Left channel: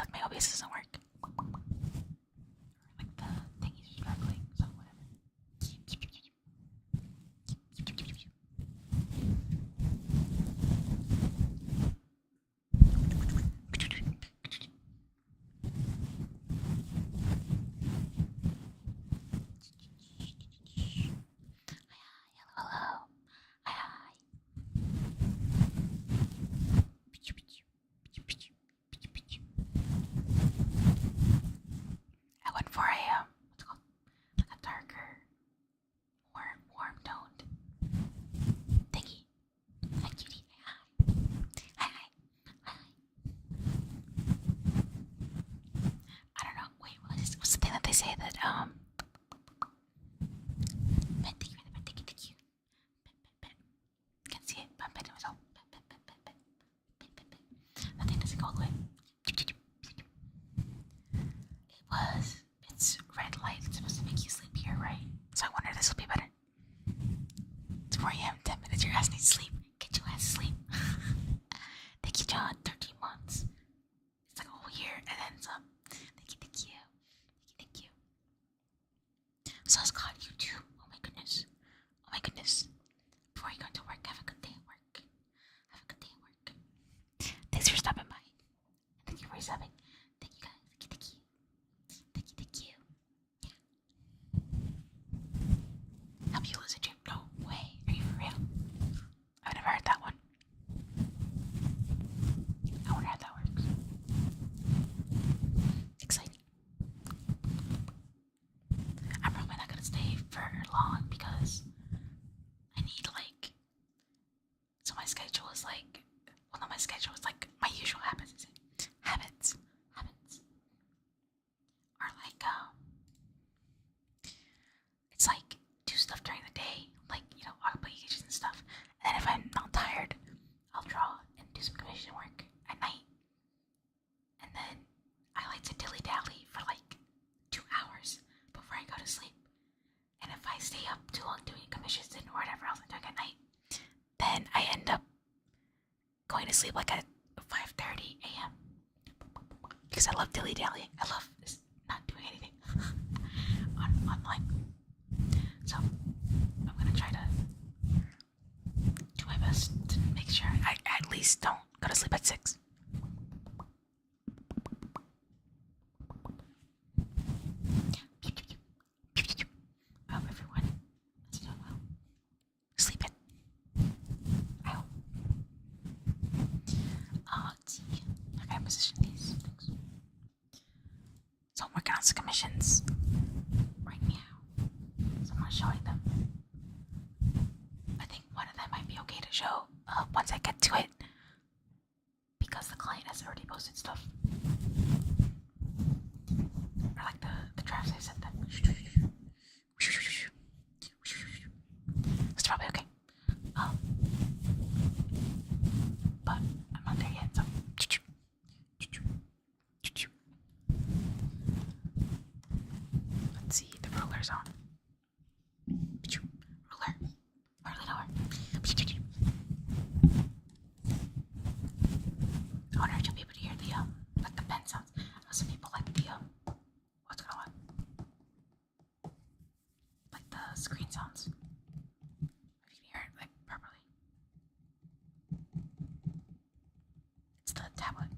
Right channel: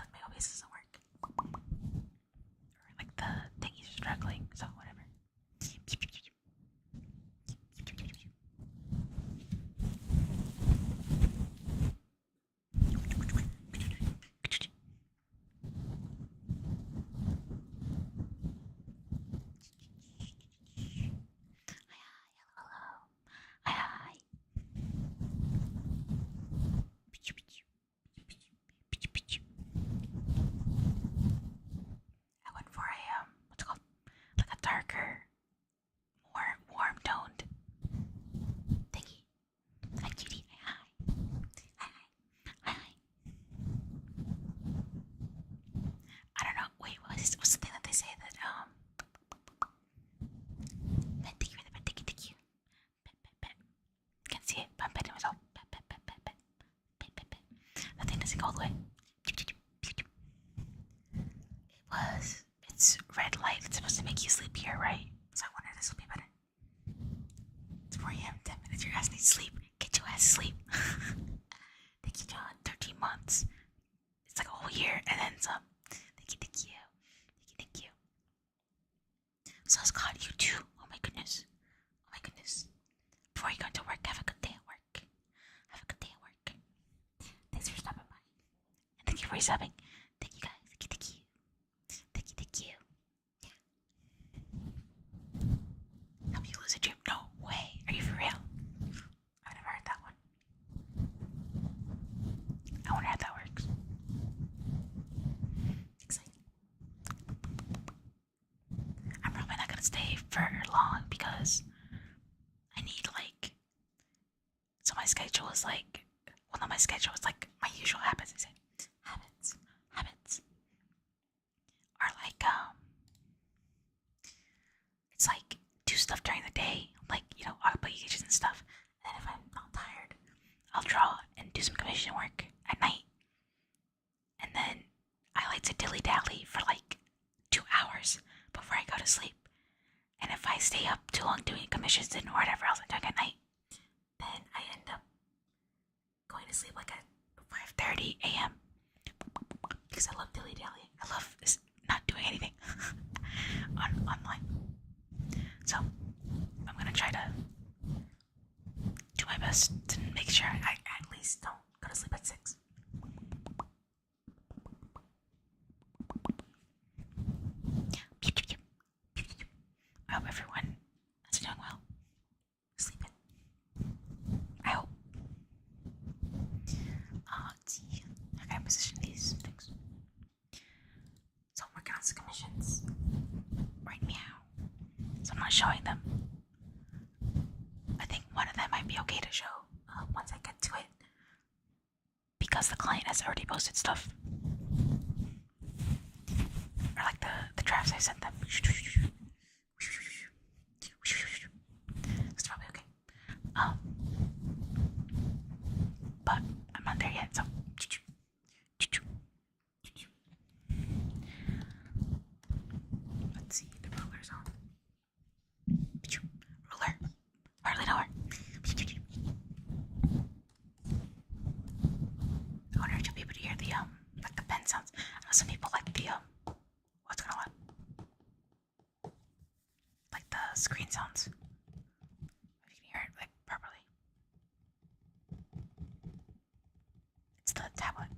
feel like my OBS doesn't work. Or like the thingy's struggling, so whatever. Hello. Hi. I went for a what's it called? Like a darker, more warm toned thingy. Hi, cutie. Hi. Hi. Hi. I don't know. Wait, what's the thing that they say that thank you, thank you. Pet. Can't see it, but I'm petting myself. Pet. That thing doesn't go all the way. It's red light. It's supposed to make you sleepier, right? So I wonder if this will be better. It's 4 a.m. 10 minutes. Your ass needs sleep. Get your ass to sleep. Thank you, John. 13 months. It's like a whole year and then some. Thank you. So Scott, you too. Oh my goodness. Before you go to work, have a good day at work. Thanks for stopping by. And thank you for subbing. Thank you guys. Thank you. Help you lose a dream? No way. Are you for real? I've never heard that one. I wonder how that works. Exciting. I'm probably not gonna stay for long because I need so my schedule is not my schedule, it's like my usual habits, is it? Habits are it's like do stuff during the day, obligations and stuff, and then if I'm not tired, I'll draw and do some commission work at night, and then I like to dilly-dally for 2 hours before I go to sleep. And if I stay up too long doing commissions and whatever else I'm doing at night, then I end up going to sleep at 5:30 a.m. because I love dilly-dallying. I love not doing anything online. So I'm gonna try to do my best to make sure I at least don't go to sleep at 6. I hope everyone is doing well. Sleeping. I hope. Let's see. I gotta position these things. So I'm working on some commissions right now. So I'm not showing them. I think one of them might be okay to show once I get to it, because the client has already posted stuff. Or the drafts I sent them. That's probably okay. But I'm not there yet, so. Let's see, the ruler's on. Ruler. Hardly know her. I wonder if you'll be able to hear the pen sounds. I know some people like the what's going on? Like the screen sounds. If you can hear it properly. It's the tablet.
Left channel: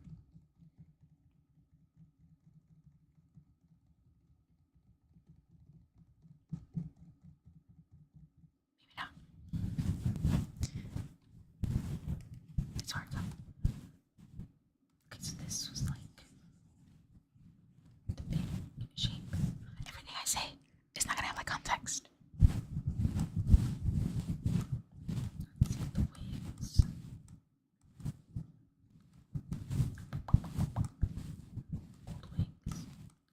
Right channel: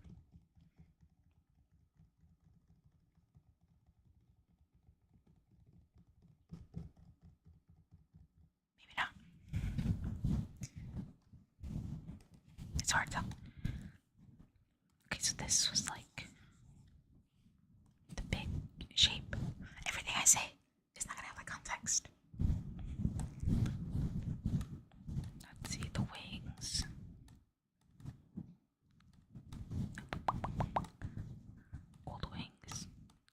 Maybe not. It's hard though. Okay, so this was the big shape. Everything I say is not gonna have context. Let's see the wings. Old wings.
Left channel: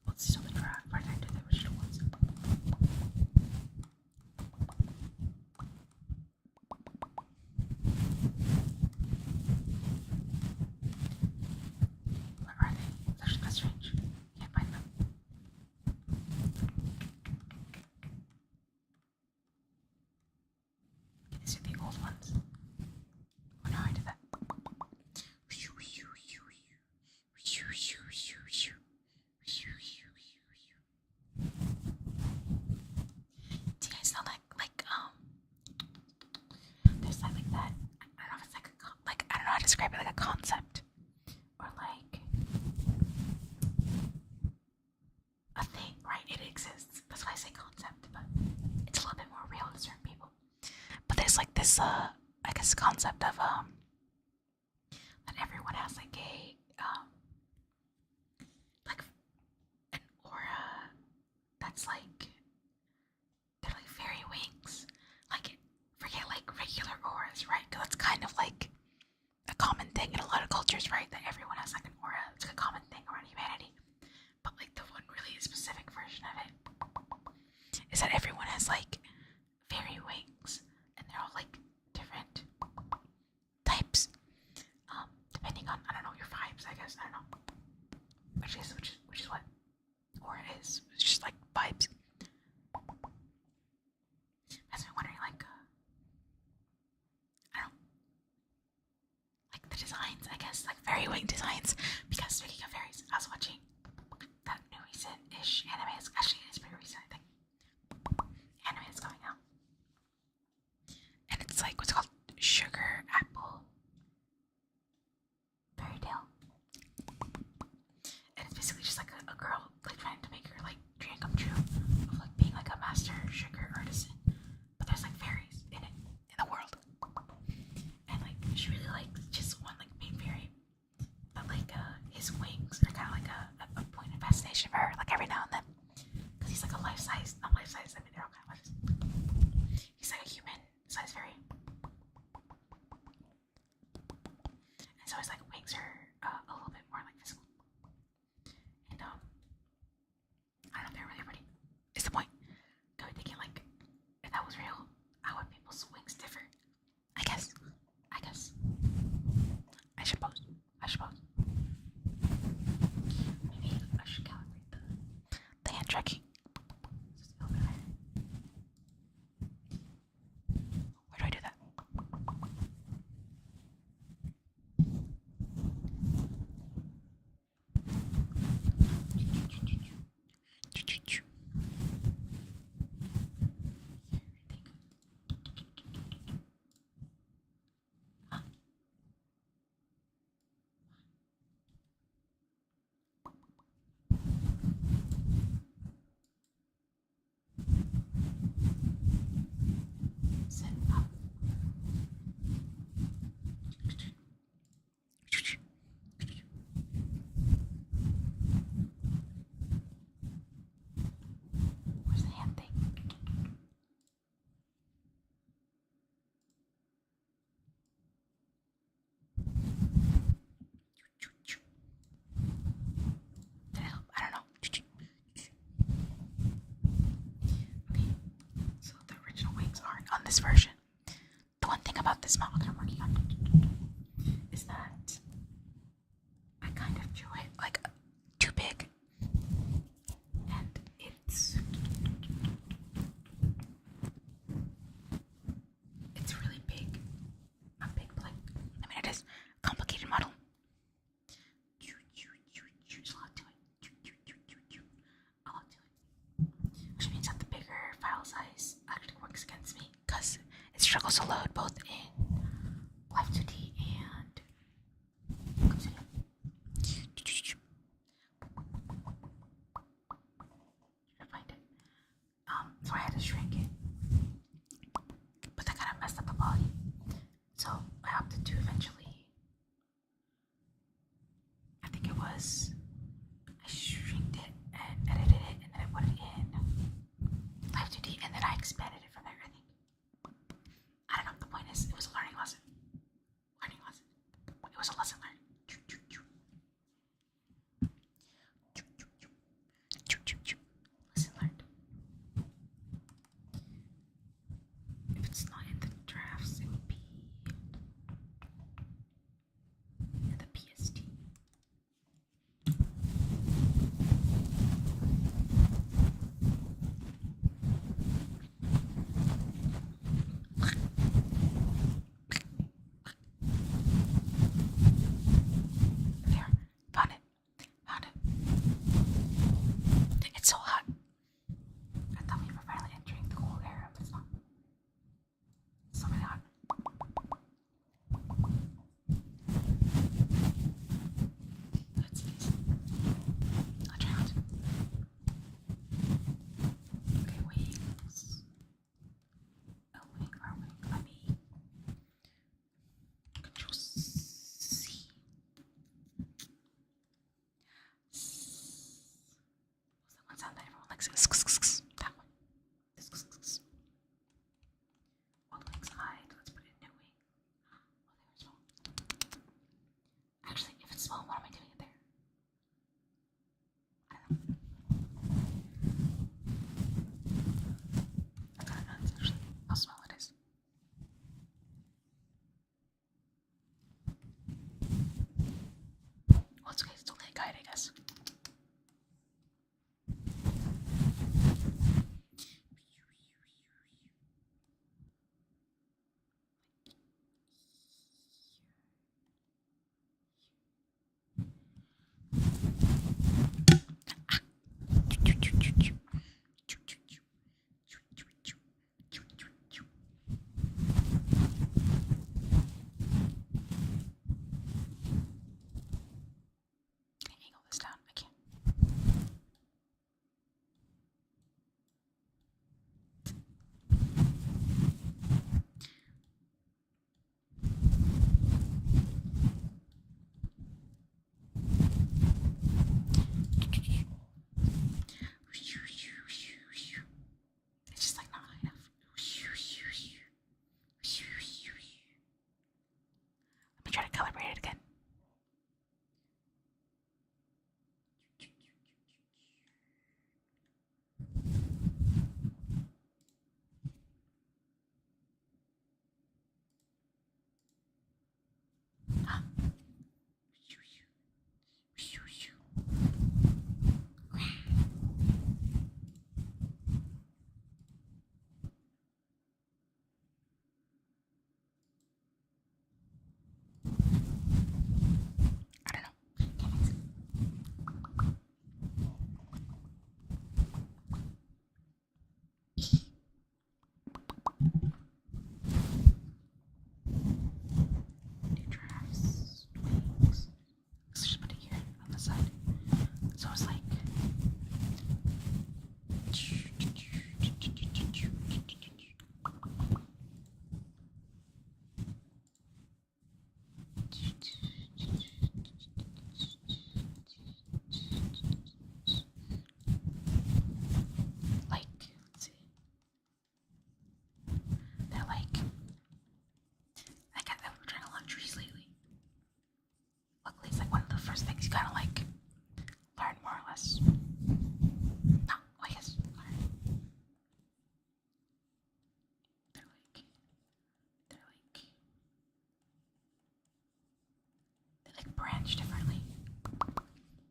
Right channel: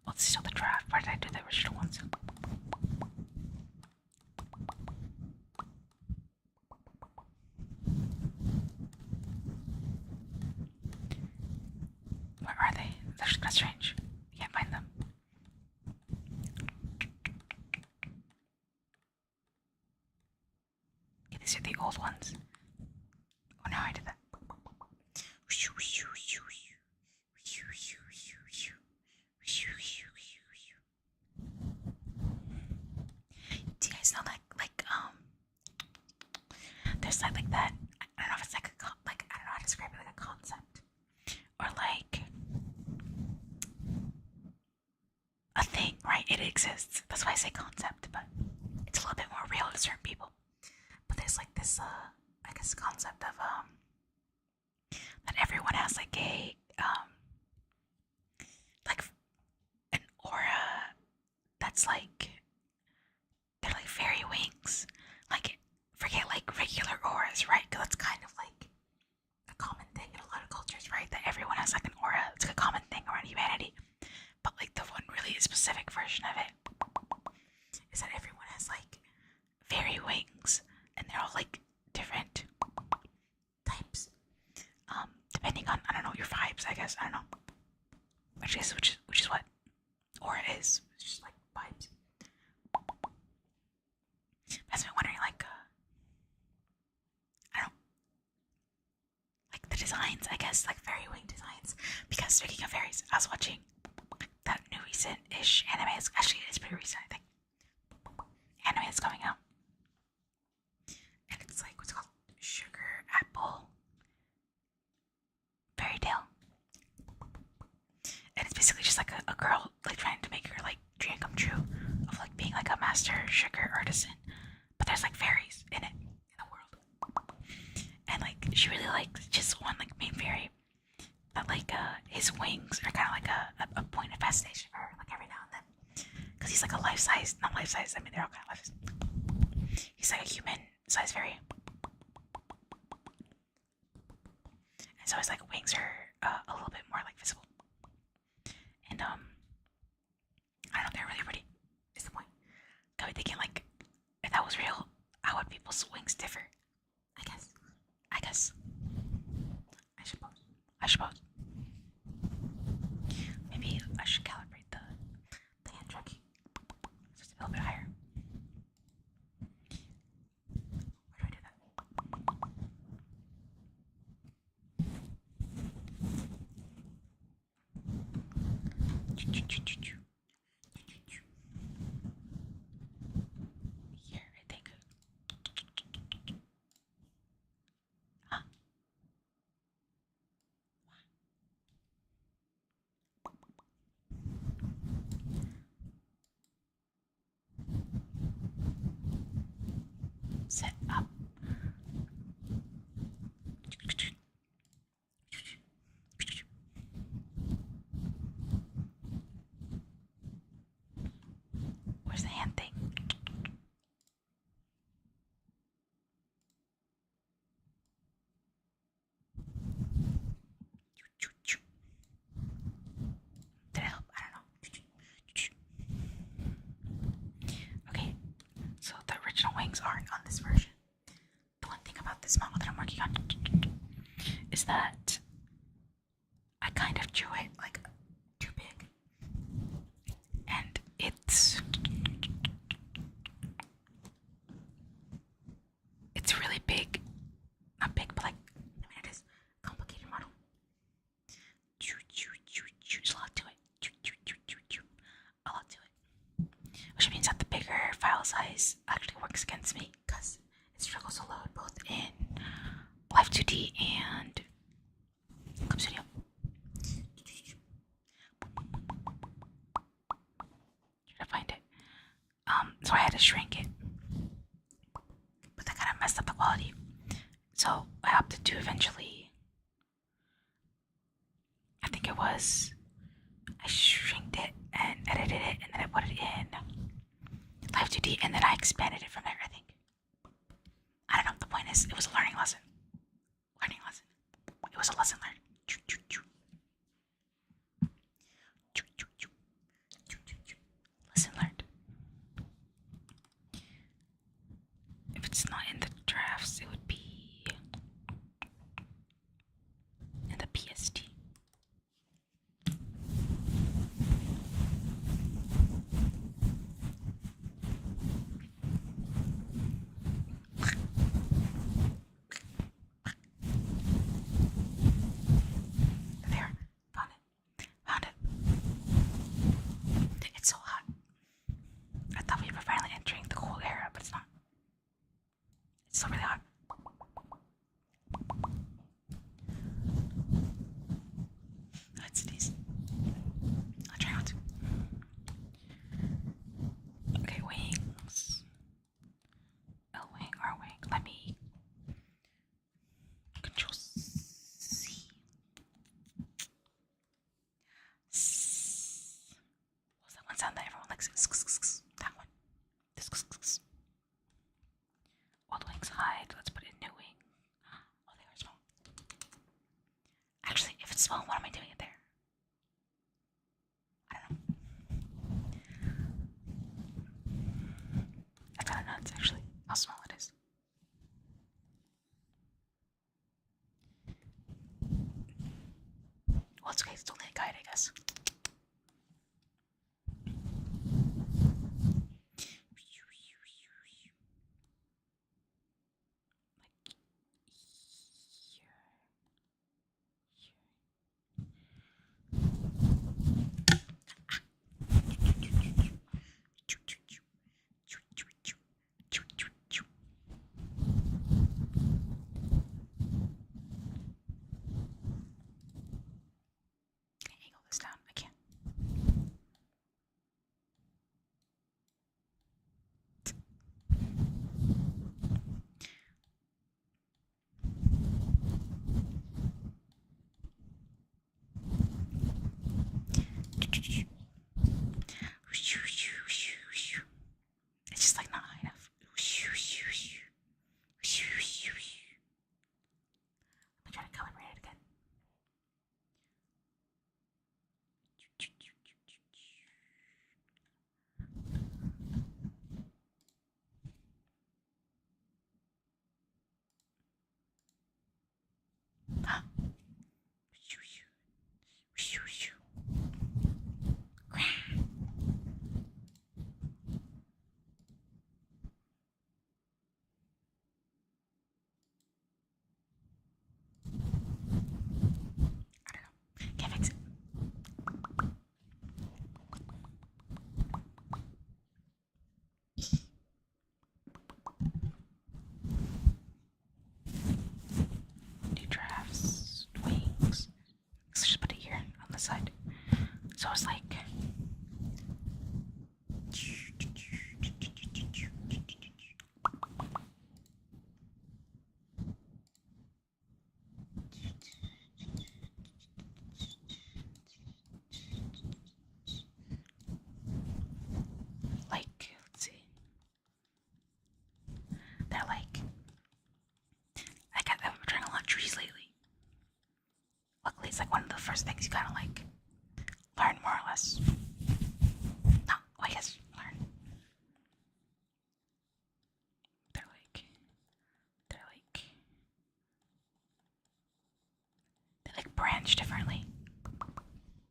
Let's see the draft. Where did I do the original ones? Where are they? That's strange. Can't find them. a thing, right? It exists. That's why I say concept, but it's a little bit more real to certain people. But there's like this, I guess, concept of that everyone has like a like an aura that's like they're like fairy wings. Like forget like regular auras, right? Because that's kind of like a common thing in a lot of cultures, right? That everyone has like an aura. It's like a common thing around humanity. But like the one really specific version of it is that everyone has like fairy wings, and they're all like different types, depending on I don't know your vibes. I guess I don't know, which is what aura is. It's just like vibes. I've been wondering like I don't know, like the designs. I guess like fairy wing designs. Because speaking of fairies, I was watching that new recent-ish anime. Actually, it's pretty recent, I think. Anime is coming out, and it's like what's it called Sugar Apple Fairy Tale, and it's basically just like a girl like trying to make her like dream come true of like being like a master sugar artisan, but there's like fairies in it in the world, and like she really likes just one like main fairy, but like his wings are kind of like a point of fascination for her, like every now and then, because he's like a life-size, not life-size. I mean they're all kind of life-size. He's like a human-sized fairy. And so his like wings are a little bit more like visible. And I don't know, they're really pretty. Is the point. Got me thinking like if that was real, how would people's wings differ? I guess. I suppose. Maybe I should calibrate the hand tracking. So it's a little bit higher. Where do I do that? Here, I think. Huh? Set up. Where's the hand thing? Did it help? I don't know. Okay, so the original wings aren't on this version. The one thing about this model that I'm working on is that I kind of drew it like too big, and it's really big. Not big, but like I mean it is a complicated model. There's a lot to it. A lot to it. Which means that the bigger file size actually works against me because it struggles to load both in Live 2D and Clip Studio. Try to find it. So I had to shrink it, but that kind of messed up the quality. So I opted to eventually, I think it was, I shrinked it and edited it, and then I put it in Live 2D, and then I expanded it from there, I think. I don't know, the point is, it was a learning lesson. It was a lesson learned. Lesson learned. If it's not in the drafts, it would be in the PST. exit. That one. Old wings hide. Let's put in new wing. Oh, they were small. Actually, if it's small, why am I doing it there? I don't know. That's kind of nuts, actually, how small it is. Well, it's okay. It's only a guide, I guess. Angle this down. I can't. It's just like not high enough. Let me try to calibrate it again. Huh? I don't know. Can't fix it. New drafts, wings. Let's just put it here on the side. So it's like. Let's see. They're like. I've been trying a lot of trees lately. Luckily, it's like one of the first things you kind of like learn more or less. No, I guess learn. They're they like branch differently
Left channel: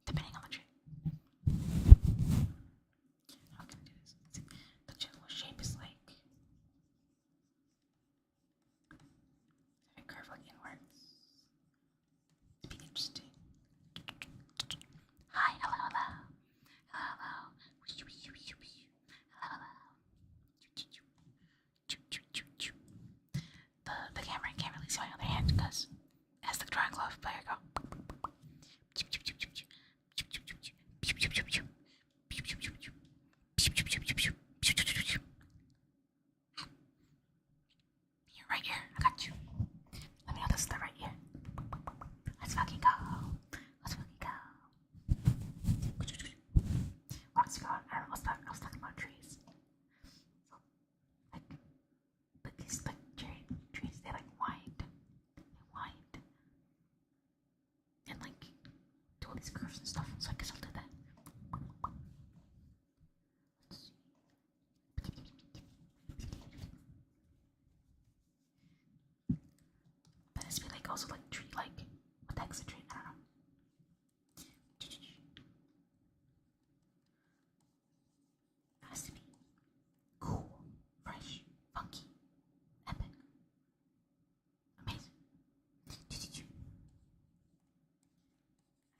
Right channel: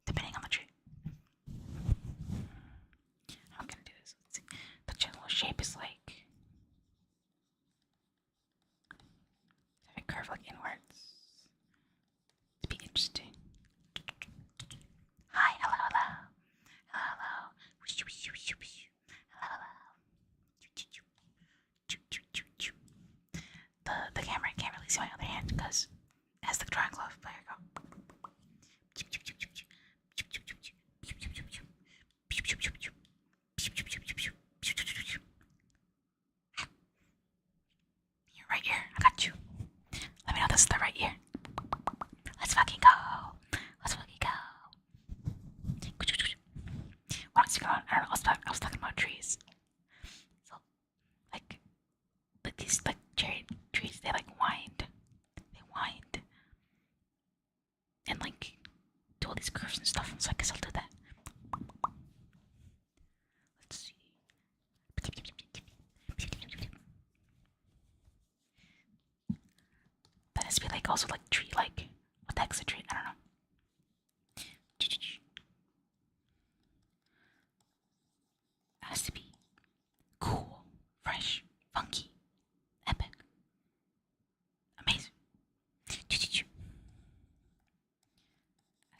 depending on the tree. How can I do this? Let's see. The general shape is like if it curve like inwards. It'd be interesting. Hi, hello, hello. Hello, hello. Hello, hello. The camera can't really see my other hand because it has the drawing glove. There you go. You're right here. I got you. Let me know this is the right ear. Let's fucking go. Let's fucking go. What else you got? I don't know. I was talking about trees. So, like these like cherry trees, they like wind. They wind. And like do all these curves and stuff. So I guess I'll do that. Let's see. That has to be like also like tree like. What the heck's a tree? I don't know. It has to be cool, fresh, funky, epic, amazing. Has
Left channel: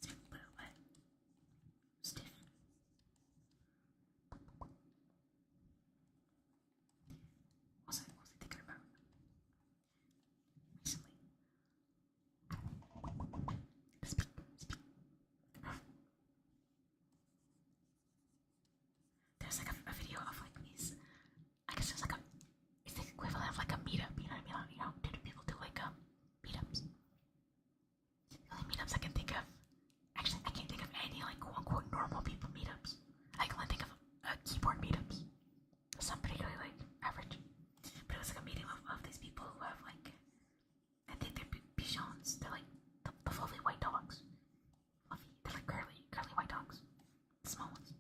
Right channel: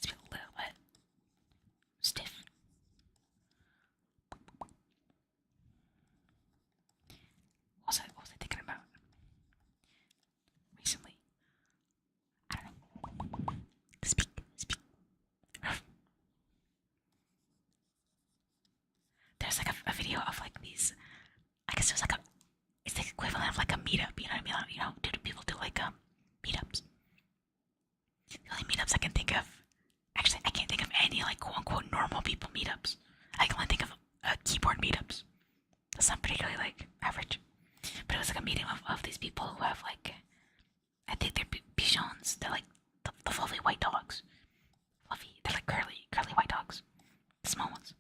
to be a little bit stiff. What was I thinking about recently? I don't know. Speak. There's like a video of like these. I guess there's like a. It's the equivalent of like a meetup. You know what I mean? You know, people do like meetups. The only meetups I can think of. Actually, I can't think of any like quote unquote normal people meetups. I can only think of keyboard meetups. That's not particularly like average, but it was like a meeting of these people who have like, I think they're Bichons. They're like the fluffy white dogs. Fluffy. They're like curly white dogs, the small ones.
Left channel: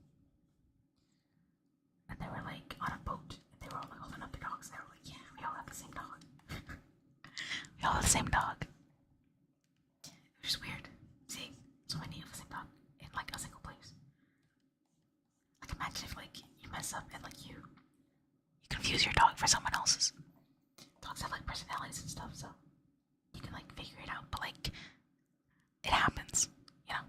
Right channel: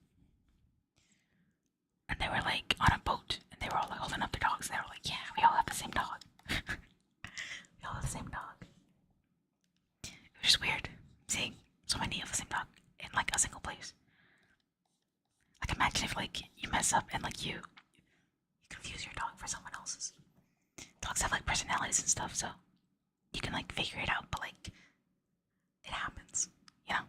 And they were like on a boat, and they were all like holding up their dogs. And they were like, "Yeah, we all have the same dog. We all have the same dog." It was just weird seeing so many of the same dog in like a single place. Like imagine if like you mess up and like you confuse your dog for someone else's. Dogs have like personalities and stuff, so you can like figure it out, but like it happens, you know.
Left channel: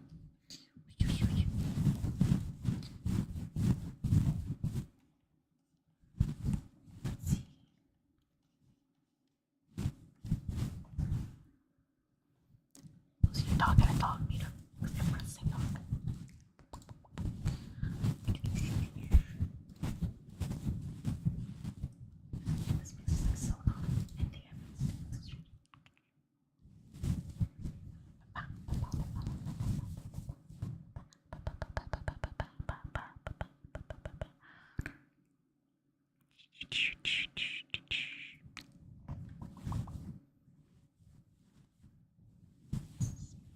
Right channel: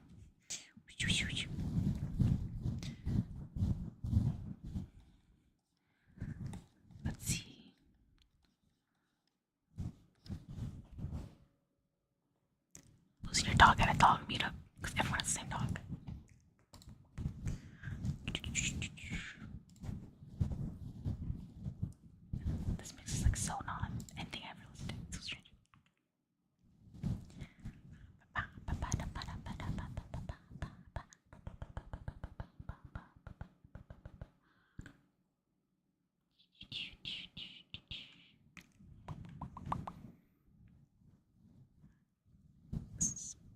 Let's see. Losing your dog at a dog meetup because everyone has the same dog. This mix is like so not anything I've ever listened to. It's so strange.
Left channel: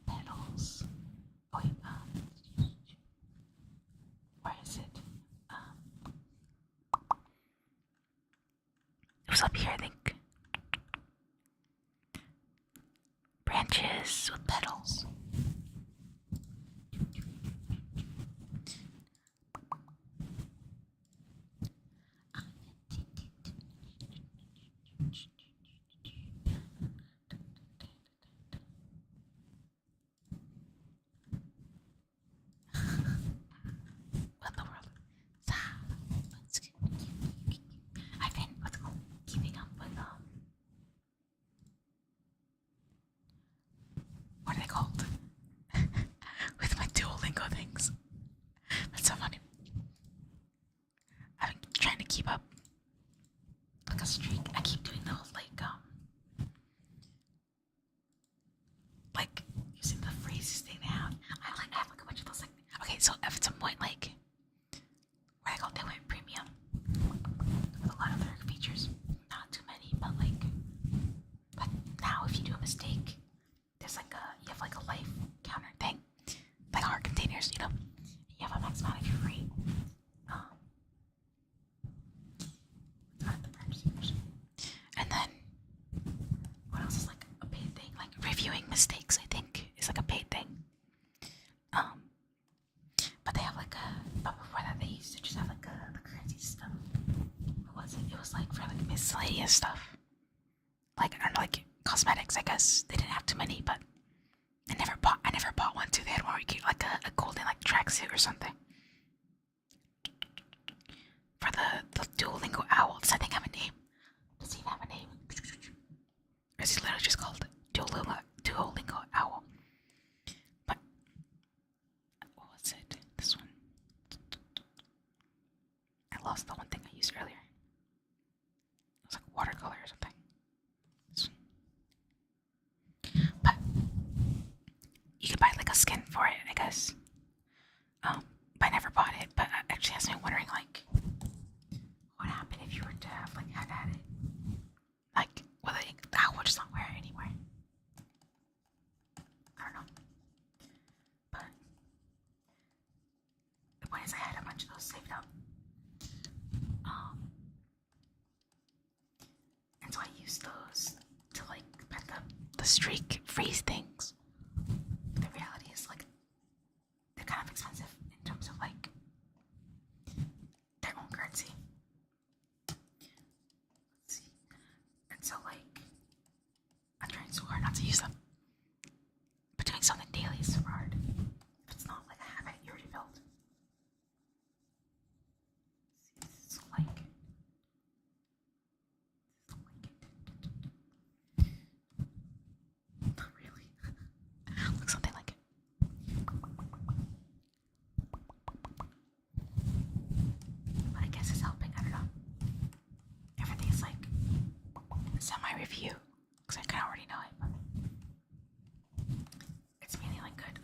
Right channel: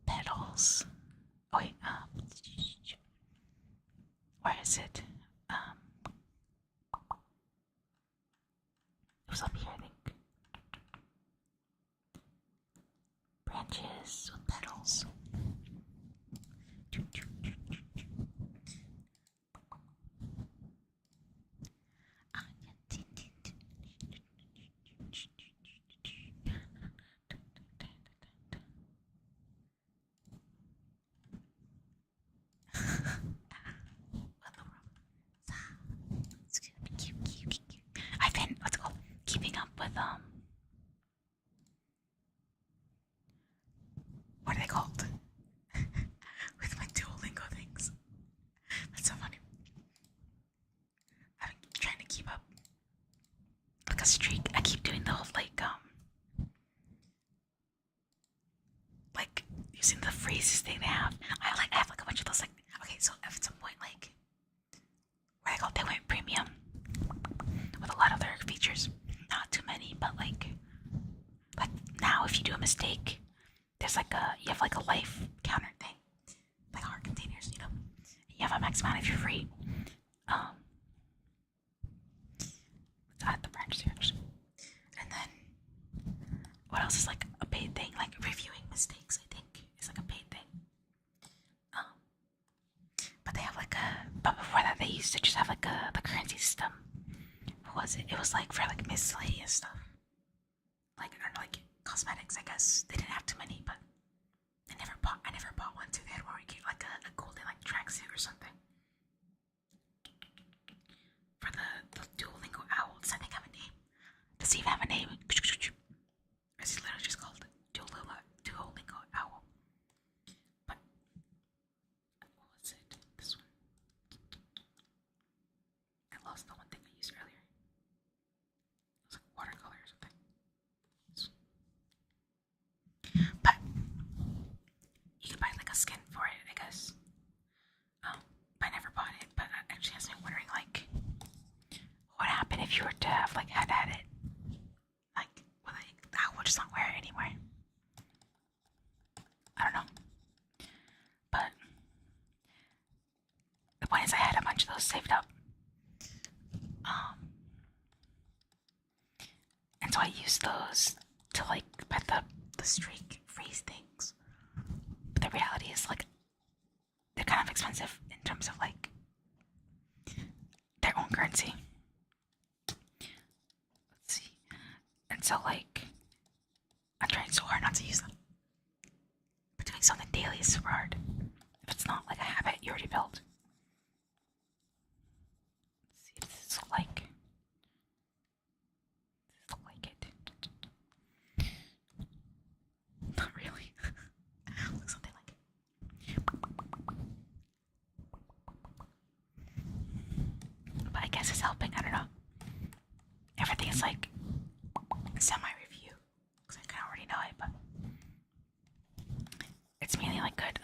Pedals. Oh wait, where is it? It was up here, I think. Branches with petals. What in the world? I've been keeping up with what are they called? With my Duolingo things. That's so funny. I've been trying to keep up like a streak. I keep doing the whole like using the phrases thing they have. I have like a bunch of those like, okay, so at some point like what I call they went premium with a lot of their features. Not too many, but like now if you do a mistake, there's like you have like a life counter thing, like heart containers, you know. You have a max amount if you're free. Let's add the branch search, and then what else is like a paid thing? Like reviewing mistakes, I think is like a paid thing. But they have like but before that they used to just have like the currency system. What was it? It was like for like miscellaneous stuff. Like I don't know, like cosmetics, I guess. They didn't have too many, but I never bought one too. They had one where you get like a golden like tracksuit or something. For the Duolingo owl, does that thing have a name? Does it even have a name? Or is it literally just called Duolingo owl? But what was it? This one. I lost the one thing I used earlier. It was like watercolor or something. But you could buy like a skin for it, I guess. But I never bought it. But it actually has me wondering, like, what happened if you were to have like had it? Like, whether the owl would just not wear it anymore. I don't know. But the point is, I had a bunch of those saved up. And so I used those to like buy the streak freeze things. But the reality is like they're kind of expensive in terms of like their own currency. Let's see. And so like I'm trying so hard not to use them. But doing something daily is super hard. If it's not like a habit you already built. Let's see, does this look like it? Not really. Looks something like it. But I guess it's helping, I don't know. Everything is like semi-review. Because I kinda already know it, but it's mainly like good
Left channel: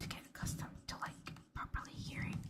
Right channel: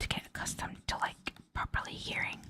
to get accustomed to like properly hearing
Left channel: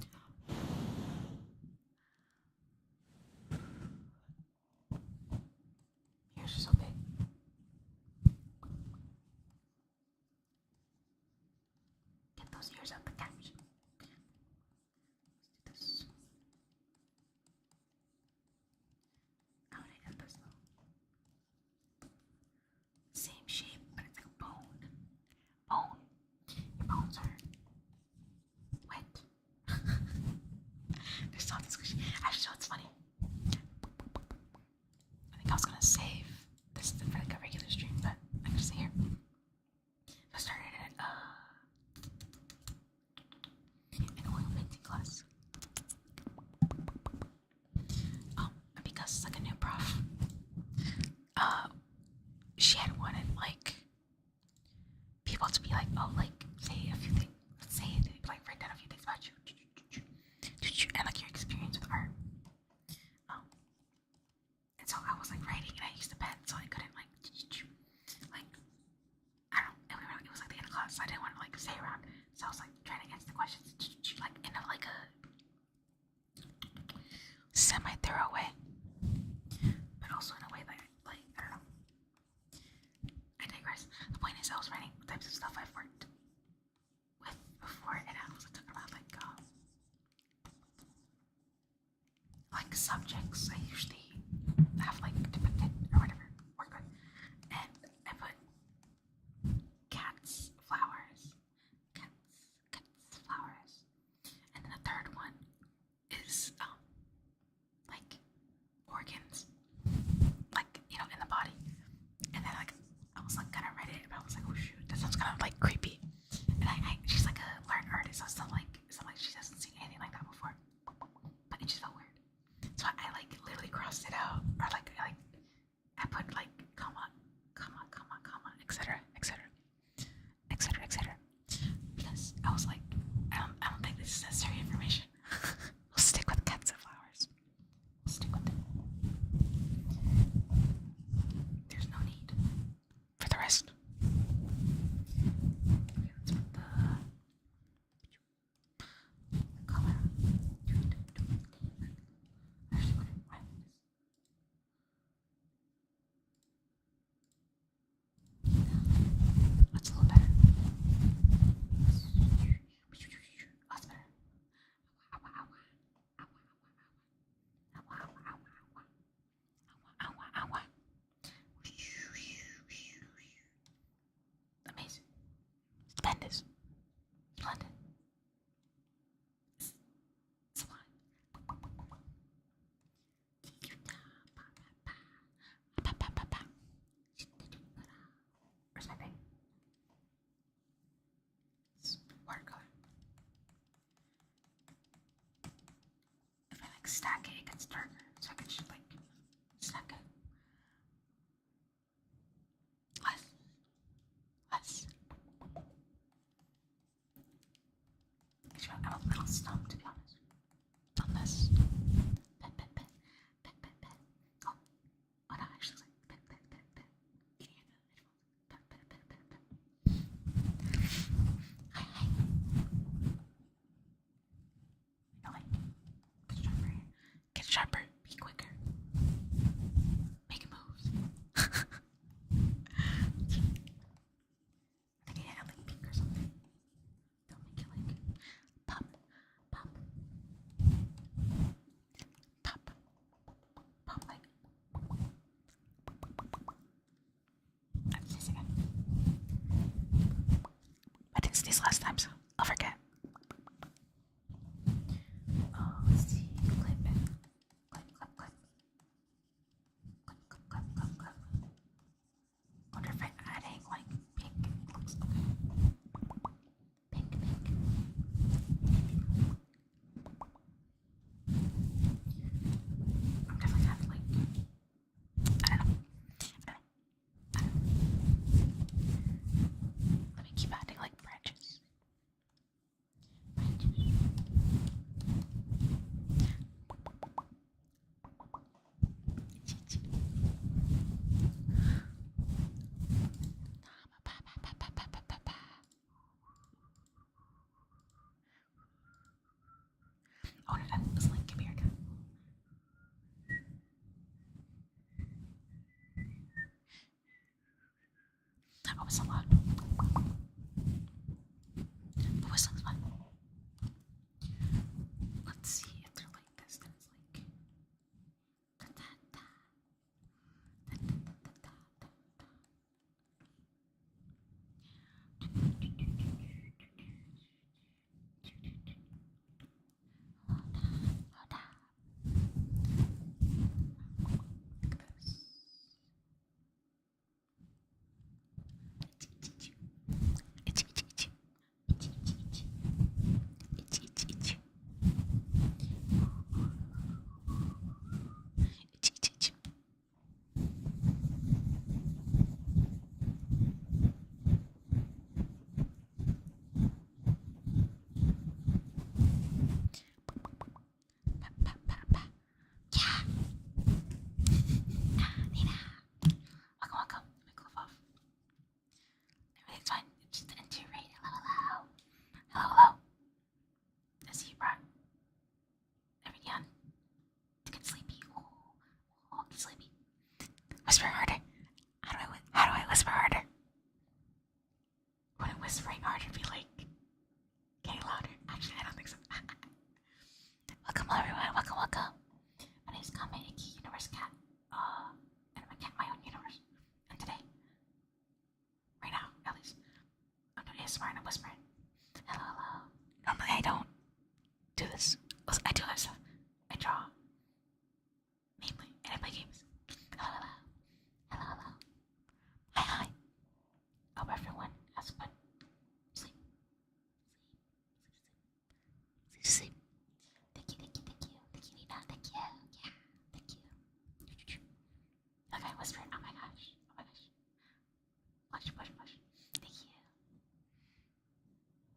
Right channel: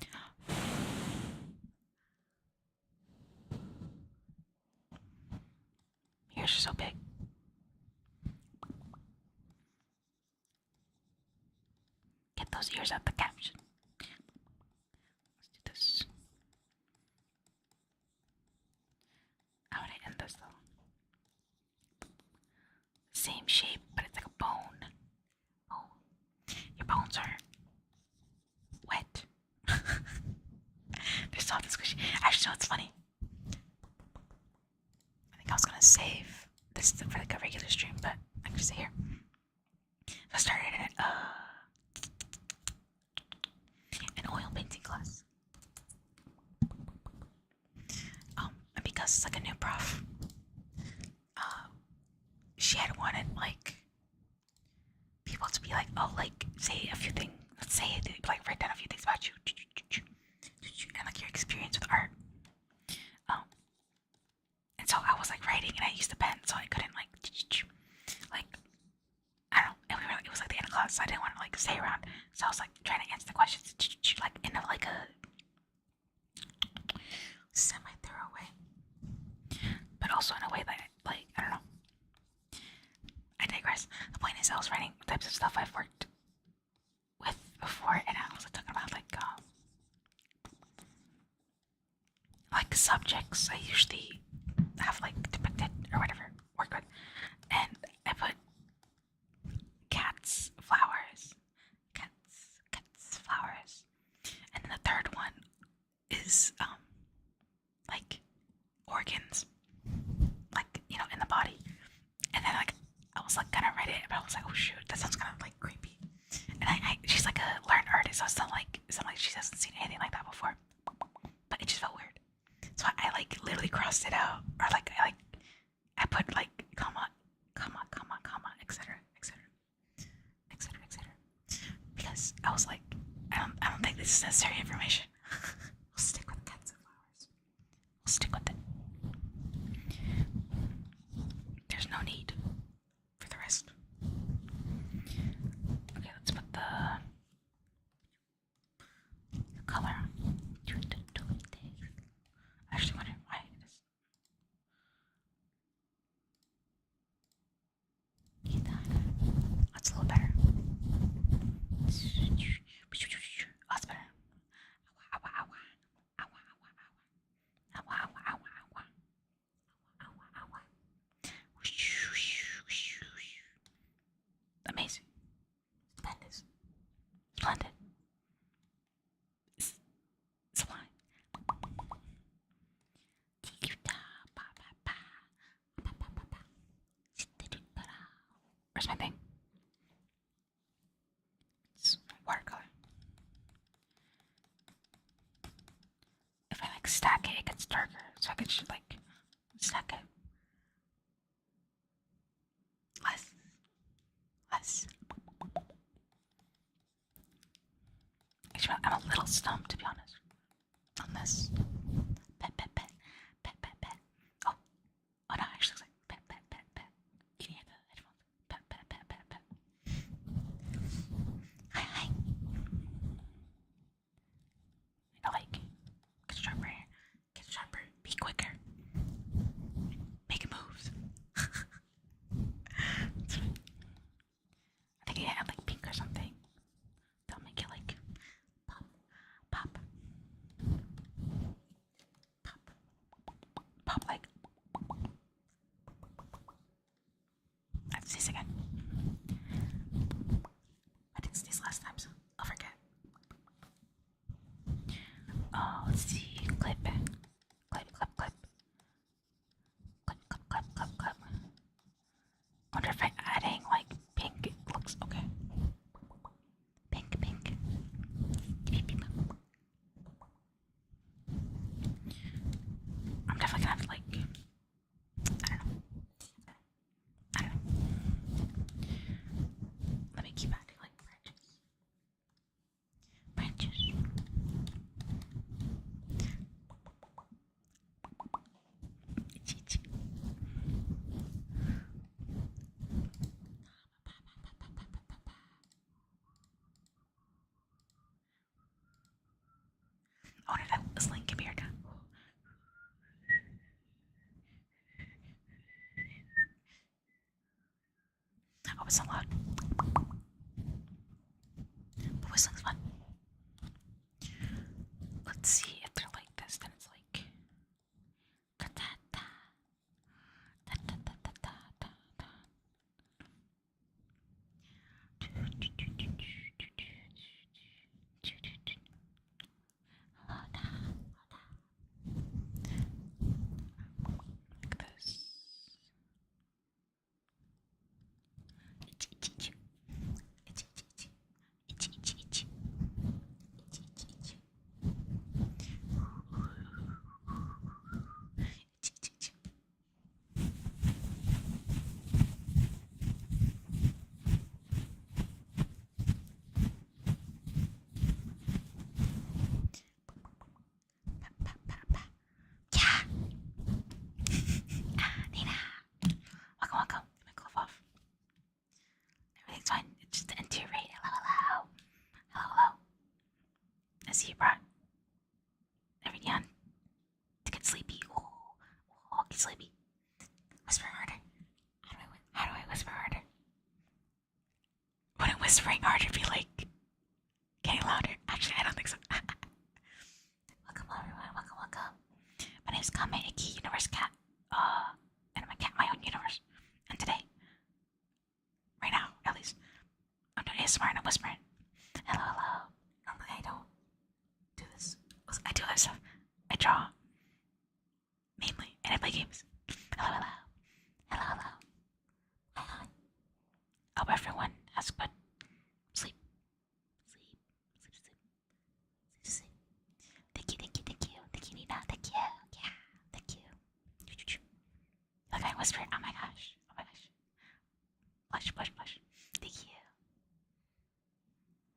yeah. Ears are so big. Get those ears out the caption. Let's do this. How would I end this though? Same shape, but it's like a bone. Bone. Your bones are wet. They're soft and squishy. Actually, no, it's funny. I think I was gonna save this for like a regular stream, but I can just say here. I started an oil painting class. And because it's like a new prof, she had wanted like people to be like, oh, like say a few things. Let's say like write down a few things about you, and like your experience with art. And so I was like writing, and I used a pen, so I couldn't like I don't know. It was like the end of class, so I didn't want to like stay around. So I was like trying to answer the questions, like in like a semi-thorough way, but also in a way that like I don't know. I digress. The point is, I was writing types of stuff I've worked with before, and I was talking about like subjects I usually have like depicted or whatever worked with, and I put cats, flowers, flowers, and then the third one is like organs, like in the body, and then like I was like gonna write it, but I was like, oh shoot, that sounds kind of like creepy, and she's like a learned artist, so it's not like she hasn't seen anything like that before, but it just felt weird. So I like literally crossed it out, or like I put like comma, etc., because I was like, I don't think this is necessary information. We'll stick with cats and flowers. We'll stick with it. There's no need for the rest. Okay, let's put the color on. I actually wonder why it is. That's a little better. That's better. Amazing. Stupendous. Splendid. Sublime. Where's my thing? It's watercolor. If I like stack it, it gets darker. So I could just like stack it. Less. Actually, I'm a little stumped, to be honest, on this. Pet. Oh no, actually, it's like pet. Can you hear the headphones? Pet. Hi. Like, get sharper, be quicker. hope it's not loud. But whistling's fun. Let's see if they're like this. Then it's like. Like this. Yeah. Nina. Welcome, welcome. Let me glove off. Everything's fine. It's just the interior. Hello, hello. Hello, hello. I see you brought everything on to get sleepy. Ooh, get sleepy. Whisper harder. How do I whisper harder? Wouldn't whispering harder be like getting louder? Actually, I don't think so. Welcome, everyone. Welcome, welcome. My name is Kame Iki, Universe Cat. And I'm a cat in my own universe. And today, right now, at least, I'm doing ASMR and I'm whispering. Hello, hello. Normally, I don't do this. I do other stuff. I draw, mainly, and I play games. Hello, hello. Hello, hello. Hi, hi. Hope everyone has good sleep. Sleep. Thank you, thank you, thank you. Thank you, Nina. Thank you. Yeah, thank you. Look, I whispered. Oh my gosh. Oh my gosh. Blush, blush, blush. Thank you.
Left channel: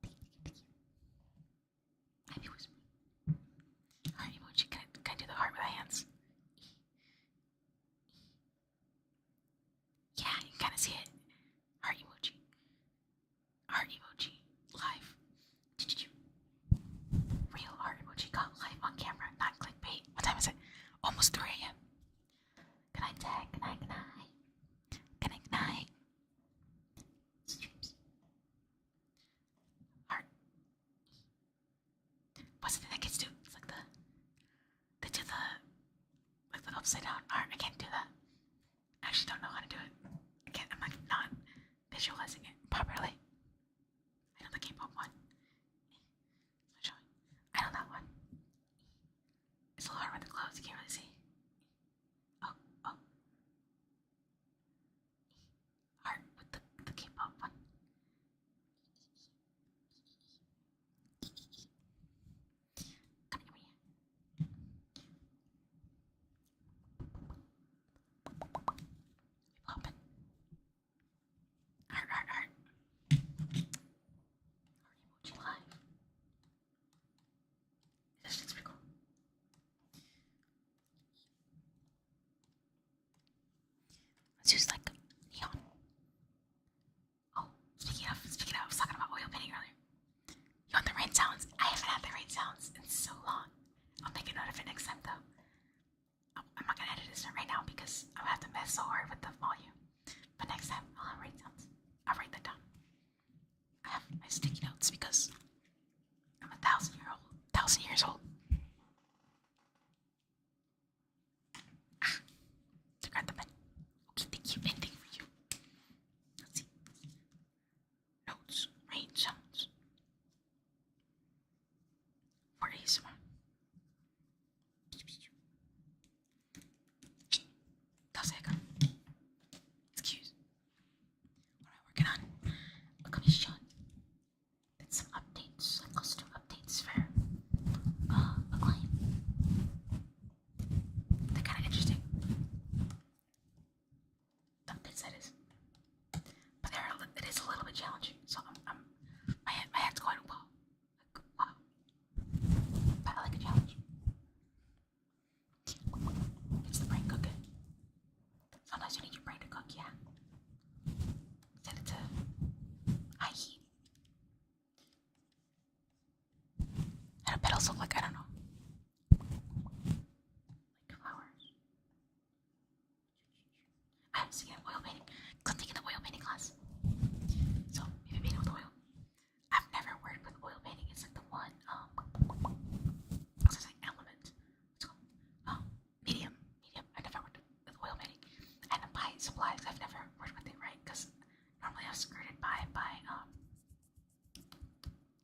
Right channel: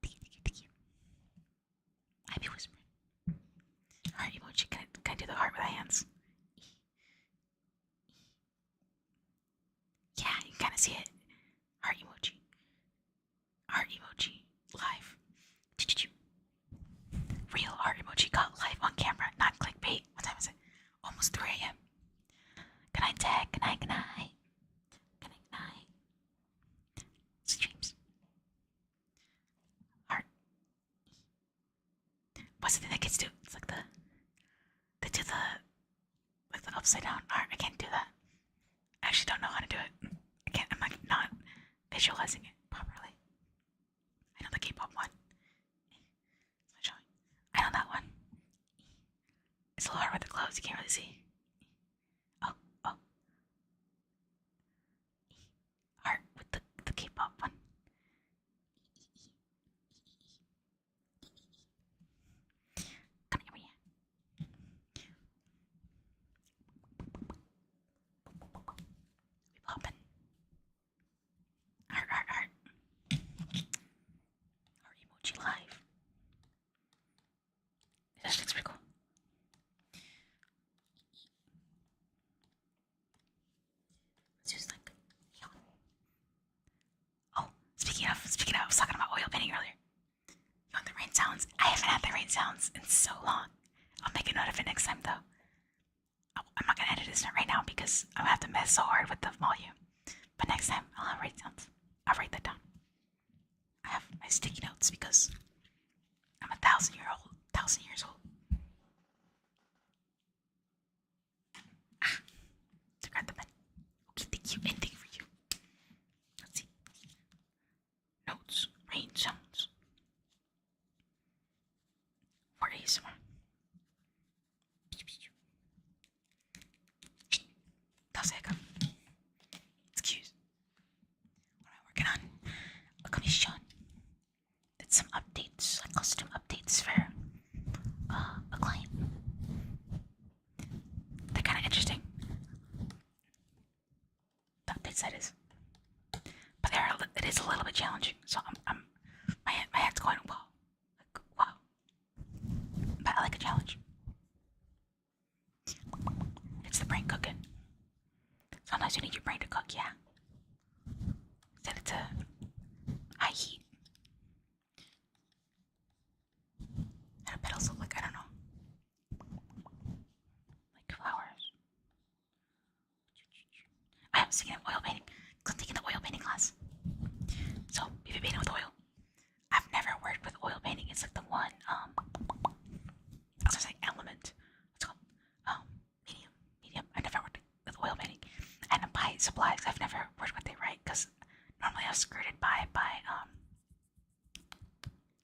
Thank you, thank you. I be whispering. Heart emoji. Can I do the heart with my hands? Yeah, you can kind of see it. Heart emoji. Heart emoji. Live. Real heart emoji got live on camera, not clickbait. What time is it? Almost 3 a.m. Good night, Tag. Good night, good night. Good night, good night. Streams. Heart. What's the thing that kids do? It's like they do the upside down heart. I can't do that. I actually don't know how to do it. I'm like not visualizing it properly. I know the K-pop one. I know that one. It's a little hard with the gloves, you can't really see. Oh. Heart with the K-pop one. Come here, Maria. We poppin'. Heart. Heart emoji live. This looks pretty cool. Let's use like neon. Oh, speaking of, I was talking about oil painting earlier. You want the rain sounds? I haven't had the rain sounds in so long. I'll make a note of it next time though. I'm not gonna edit this right now because I'm gonna have to mess so hard with the volume. But next time I'll have rain sounds. I'll write that down. I have my sticky notes because I'm 1,000 years old. To grab the pen. Okay, thank you. Anything for you. Let's see. Notes. Rain sounds. For ASMR. That's it. Excuse. What am I working on? A commission. Did some updates, like custom updates for a client. They're kind of interesting. The updates, that is. But it is a little bit challenging. So my head's going wow, like wow. But I like a challenge. It's the brain cooking. Sometimes you need your brain to cook, yeah. Set it to high heat. How do petals look like? I don't know. Like flowers. I haven't seen an oil painting. I'm taking the oil painting class. supplies. I've never worked with it, right? Because normally I was skirted by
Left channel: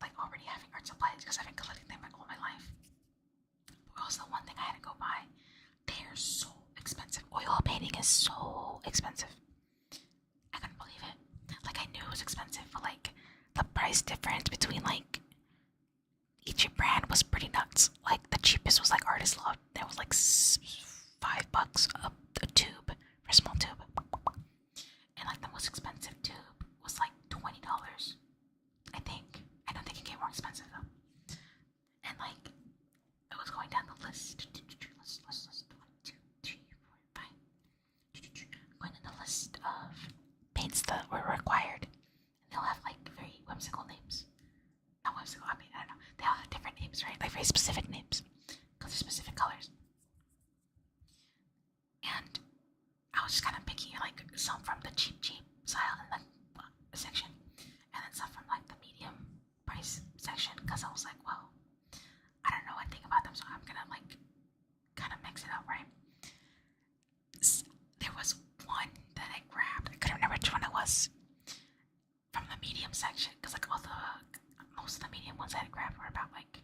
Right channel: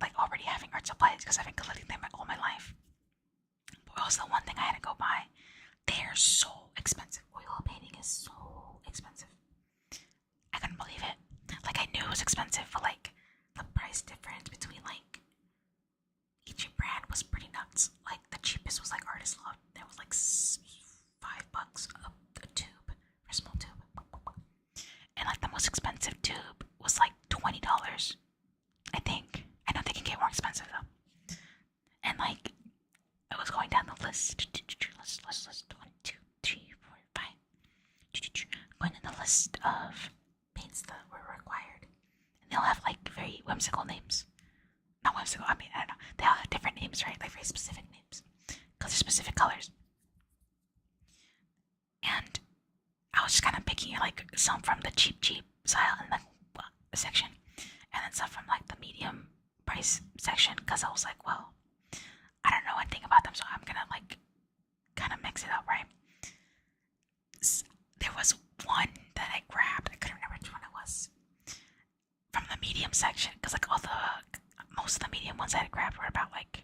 like already having art supplies because I've been collecting them all my life. But also the one thing I had to go buy. They're so expensive. Oil painting is so expensive. I couldn't believe it. Like I knew it was expensive, but like the price difference between like each brand was pretty nuts. Like the cheapest was like Artist Love. That was like $5 a tube for a small tube, and like the most expensive tube was like $20. I think. I know they can get more expensive though. And like I was going down the list. List 1, 2, 3, 4, 5. Going down the list of paints that were required, and they'll have like very whimsical names. Not whimsical. I mean, I don't know. They all have different names, right? Like very specific names, because they're specific colors. And I was just kind of picking like some from the cheap style in the section, and then some from like the medium price section, because I was like, well, I don't know anything about them, so I'm gonna like kind of mix it up, right? There was one that I grabbed. I couldn't remember which one it was from the medium section, because like most of the medium ones I had grabbed were about like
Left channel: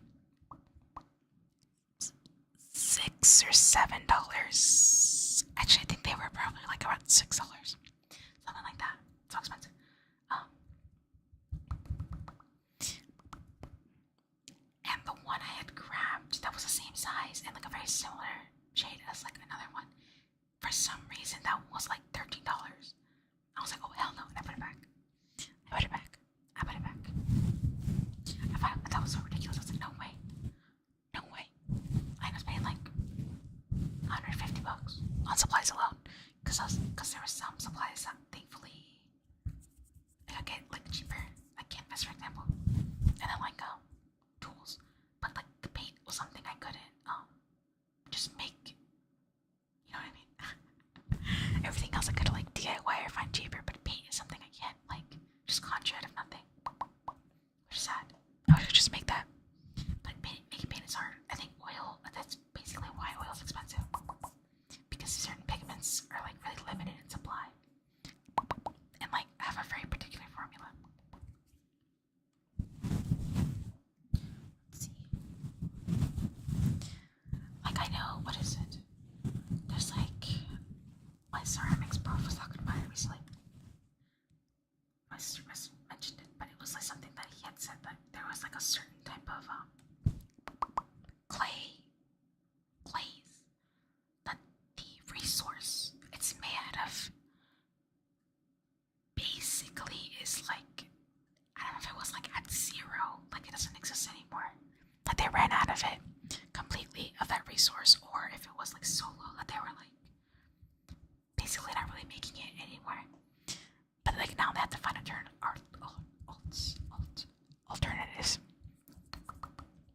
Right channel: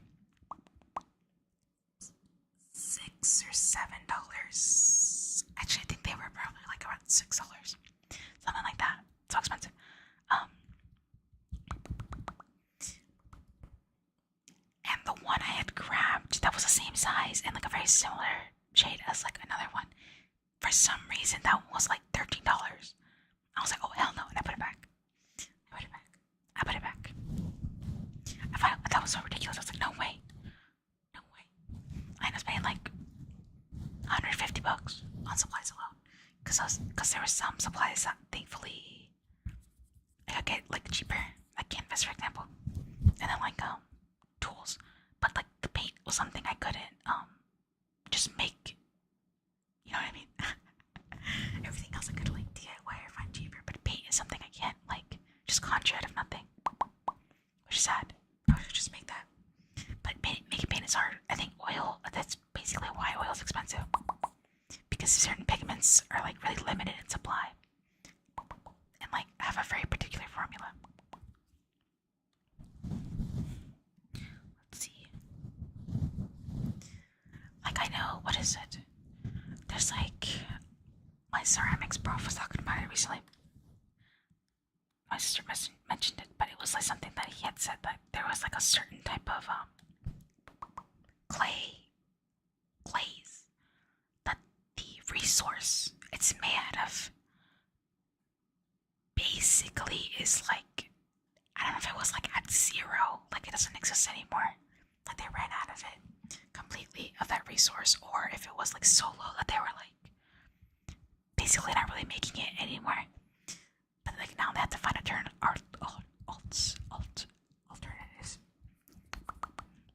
$6 or $7. Actually, I think they were probably like around $6, something like that. So expensive. And the one I had grabbed that was the same size and like a very similar shade as like another one, for some reason that one was like $13. I was like, oh hell no, and I put it back. I put it back. I put it back. I thought that was so ridiculous. I was like, no way. No way. I was paying like $150 on supplies alone. Because there were some supplies that thankfully I could get like cheaper, like canvas for example. And then like tools. But like the paint was something I couldn't just make. You know what I mean? Everything else I could like DIY or find cheaper, but paint is something I can't like just conjure out of nothing. Which is sad. I should just make that. But making paint is hard. I think oil, that's basically why oil is expensive. Because certain pigments are like really limited in supply. And like have a very particular formula. Let's see. Like I know, what is it? There's like, my ceramics prof was talking about it recently. My sister mentioned it, but it was like something that he had said that there was like a certain type of glaze that the resource it's made of basically is like, I don't know if it was like at zero, like it doesn't exist anymore, that they ran out of it completely, of that resource, or if it was like so low that they were like basically not really making it anymore. But like now they have to find alternatives.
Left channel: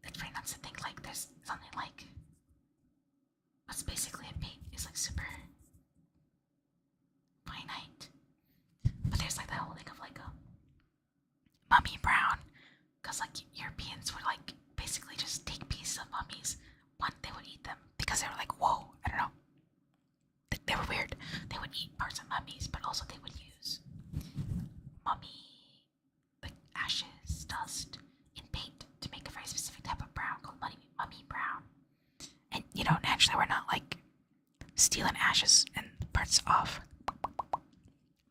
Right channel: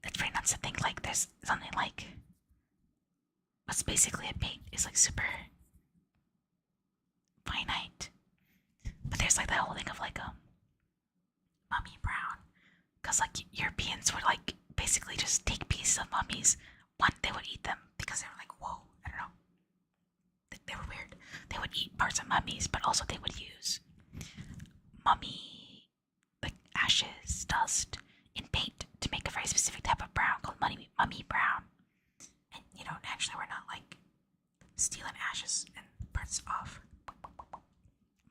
It's pretty nuts to think like there's something like what's basically a paint is like super finite. But there's like that whole thing of like mummy brown, because like Europeans would like basically just take pieces of mummies. One, they would eat them because they were like, whoa, I don't know. They were weird. They would eat parts of mummies, but also they would use mummy like ashes, dust in paint to make a very specific type of brown called mummy brown. And you know, naturally we're not like stealing ashes and parts off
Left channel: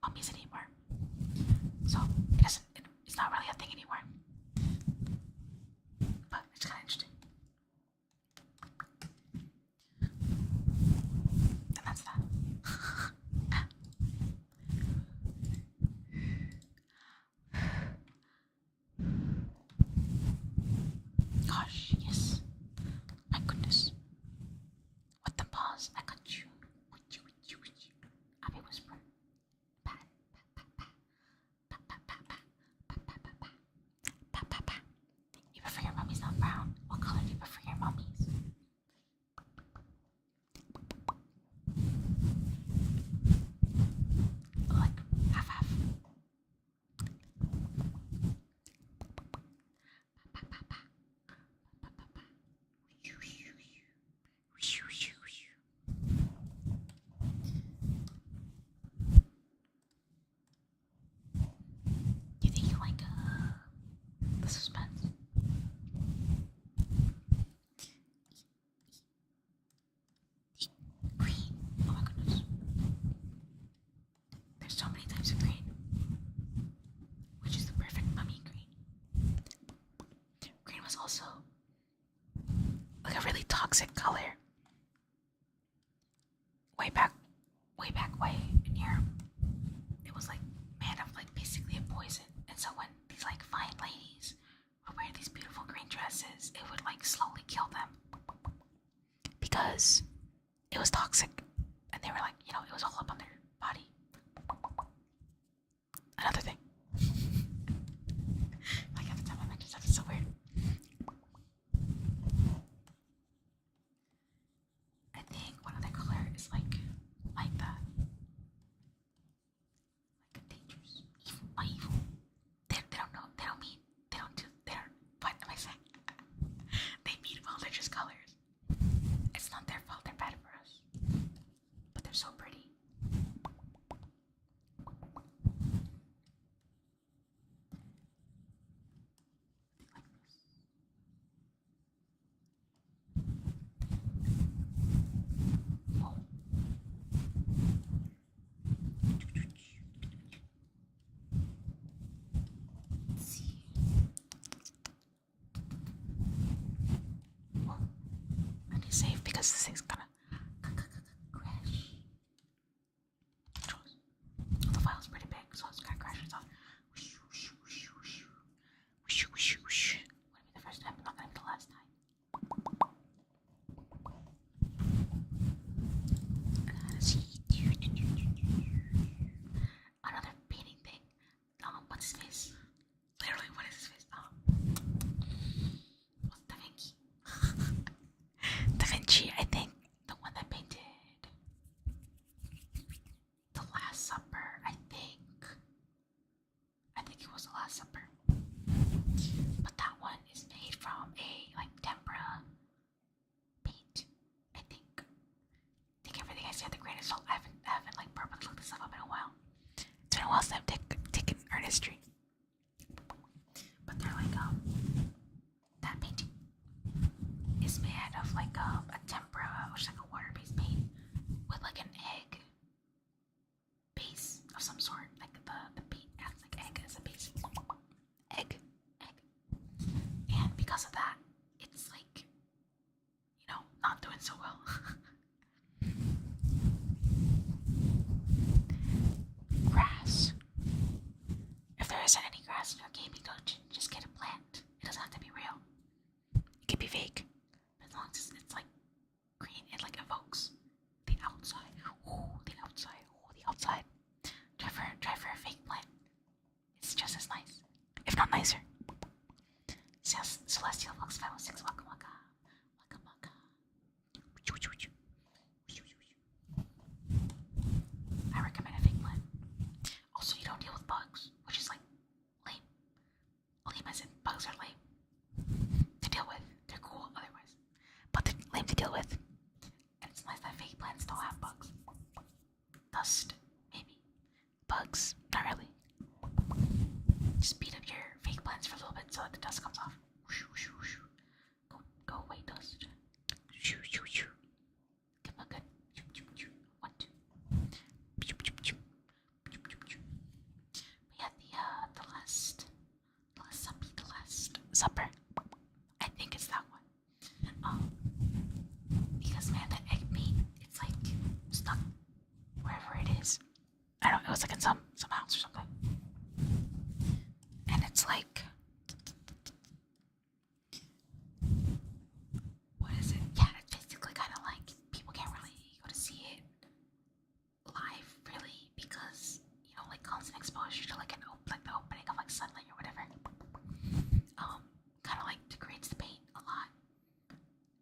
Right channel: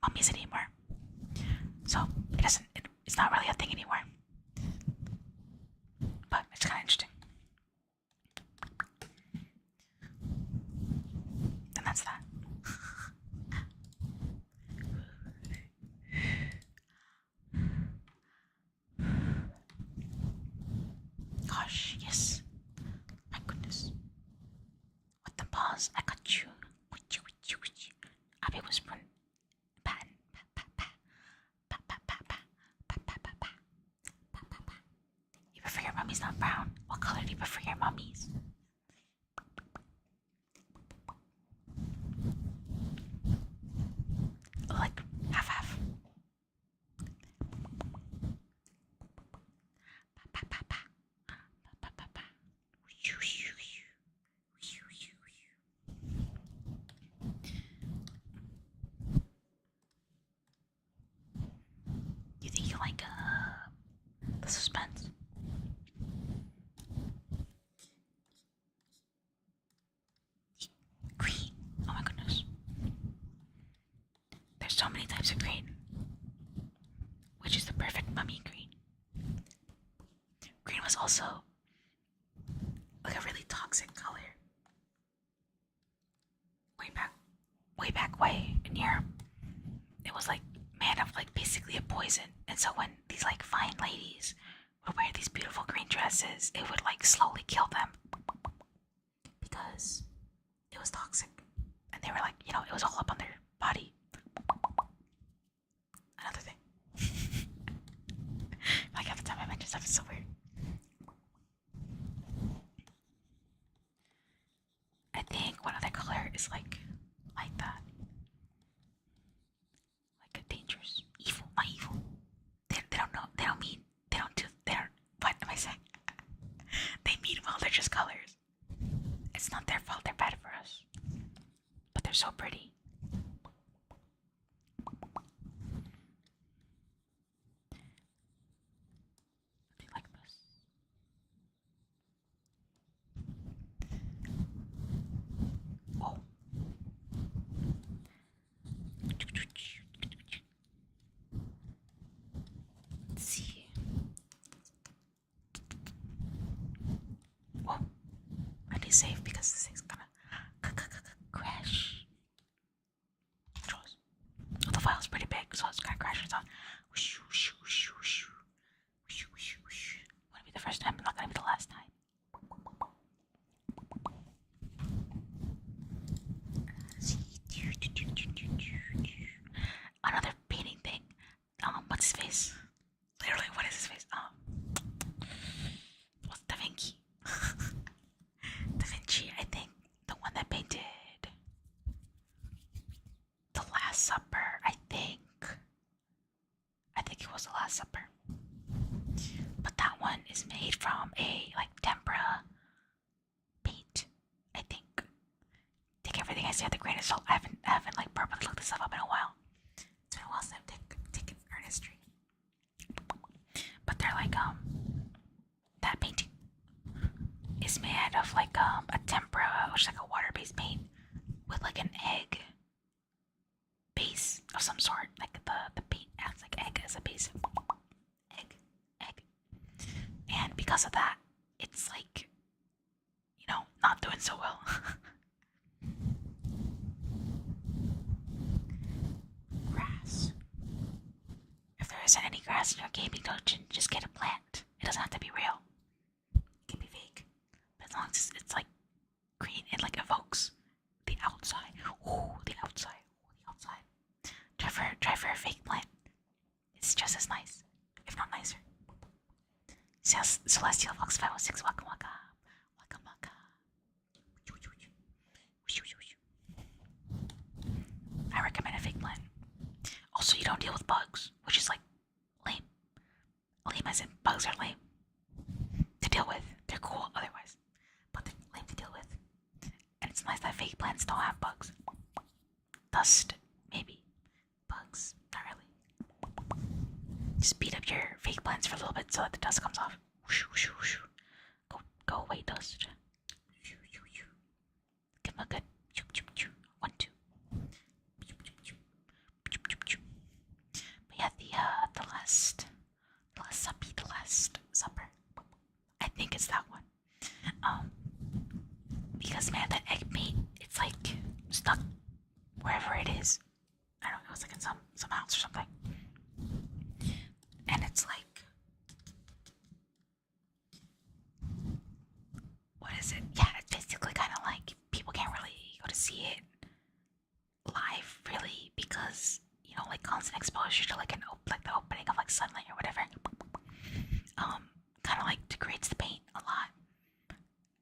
mummies anymore. So it's not really a thing anymore. But it's kinda interesting. And that's that. Gosh, yes. My goodness. What the pause? I got you. Abby was run. Pan. You prefer your mummies not brown? What color do you prefer your mummies? Like half. pens. Green. Oh my goodness. There's so many types of green. Which is the perfect mummy green? Green was also like a really toxic color. Way in Europe. It was like made of like basically a poison. And so when these like fine ladies would wear these beautiful green dresses, it would like slowly kill them because it was toxic. And they were like, it was all up on their body. Another thing. Like every time I mention stuff, it's so weird. I think one other color is like that. Like a dangerous, evil, not evil. They don't know. They don't mean. They don't do. They don't. What am I saying? They mean well. They're just colors. It's not their fault. They're bad for us. But they're so pretty. They like this. Whoa. Let's see. Whoa. I need to save because this thing's gonna crash. Controls. Oh, the file's pretty big, so it's gonna crash. It's on. Wouldn't be the first time, but not gonna be the last time. Another painting thing. What's his face? Literally, what is his face? What's Da Vinci? Da Vinci, I think the one that painted The Last Supper. I think it was The Last Supper. But that one is made from a like tempera paint. I think. Take everything I say with a grain of salt. I haven't like properly looked this stuff up in a while. It's been a while since I've taken art history. But they're like that painting is made out of like a tempera, which is like a water-based paint with like an egg base of some sort. Like the paint adds like egg as a base. Egg. And because of that, it's like not doing so well. Grass. If there isn't any grass in your gaming dungeon, just get a plant. It doesn't have to be real. It can be fake. But as long as it's like green, it like evokes the outside. Ooh, the outside. Ooh, the outside. Try for a fake plant. It's just as nice, if not nicer. Celestial Fox 516, waka waka. Waka waka. I recommend a fake plant. Also, you don't deal with bugs, which is like lame. Lame as in bugs are lame to deal with. They're cool otherwise, but they're lame to deal with. And it's nice that fake plants don't have bugs. Dust, maybe. Bugs, not really. Just beat up your fake plants for a little bit so that the dust comes off. Go away, dust. Give them a good 1, 2. But yeah, the last supper. I think it's that one. Because man, that egg paint, it's like stuck wherever it is. I don't know, it was like in some house or something. And it's like, what is it? Yeah, it's basically kind of like people can't really go to see it live, really, because like constant exposure to like the opening of like sunlight or whatever, kind of like degrades the paint a lot.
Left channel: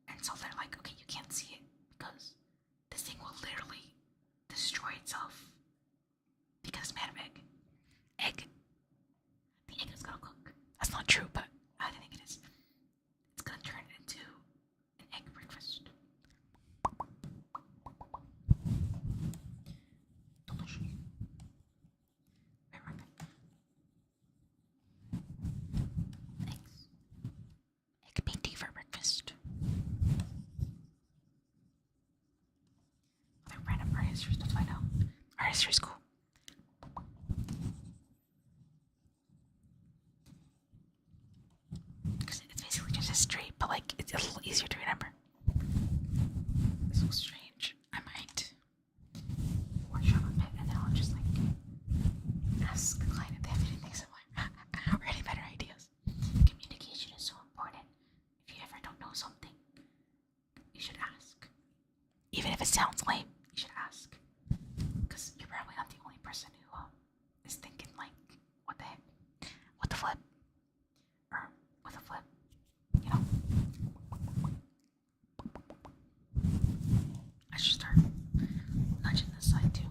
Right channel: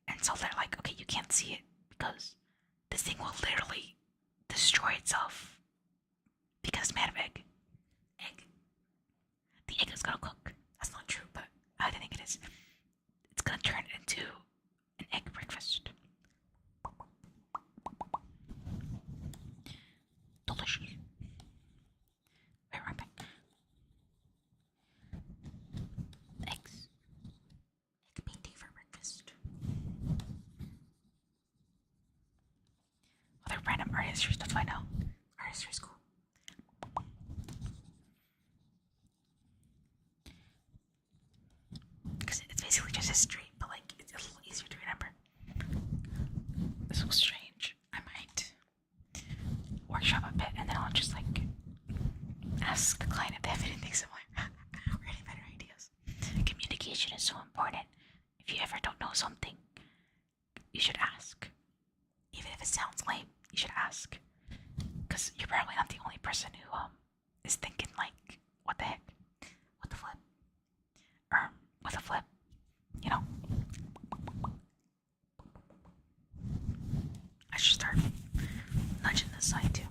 And so they're like, okay, you can't see it because this thing will literally destroy itself because it's made of egg. The egg is gonna cook. That's not true, but I think it is. It's gonna turn into an egg breakfast. Delicious. Wait, right back. Eggs. history stuff I know. Art history is cool. Because it's basically just history, but like it's a little easier to remember. This was strange. I might workshop a bit and then I'll just like ask the client if they have anything similar or any better ideas. Communication is so important. If you ever don't know something, you should ask. Even if it sounds lame, you should ask. Because you're probably not the only person who is thinking like, what the heck? What the flip? Or with a flip, you know? I should start nudging this side too.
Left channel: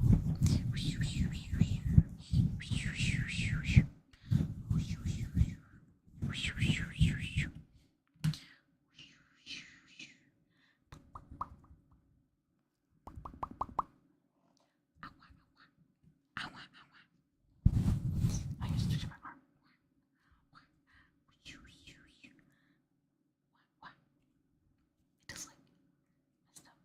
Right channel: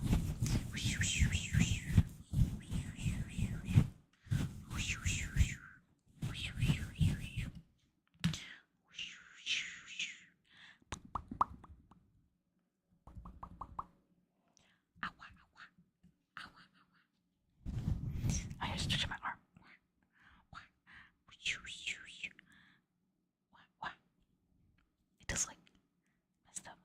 I just stretch my arm. It does like messed up.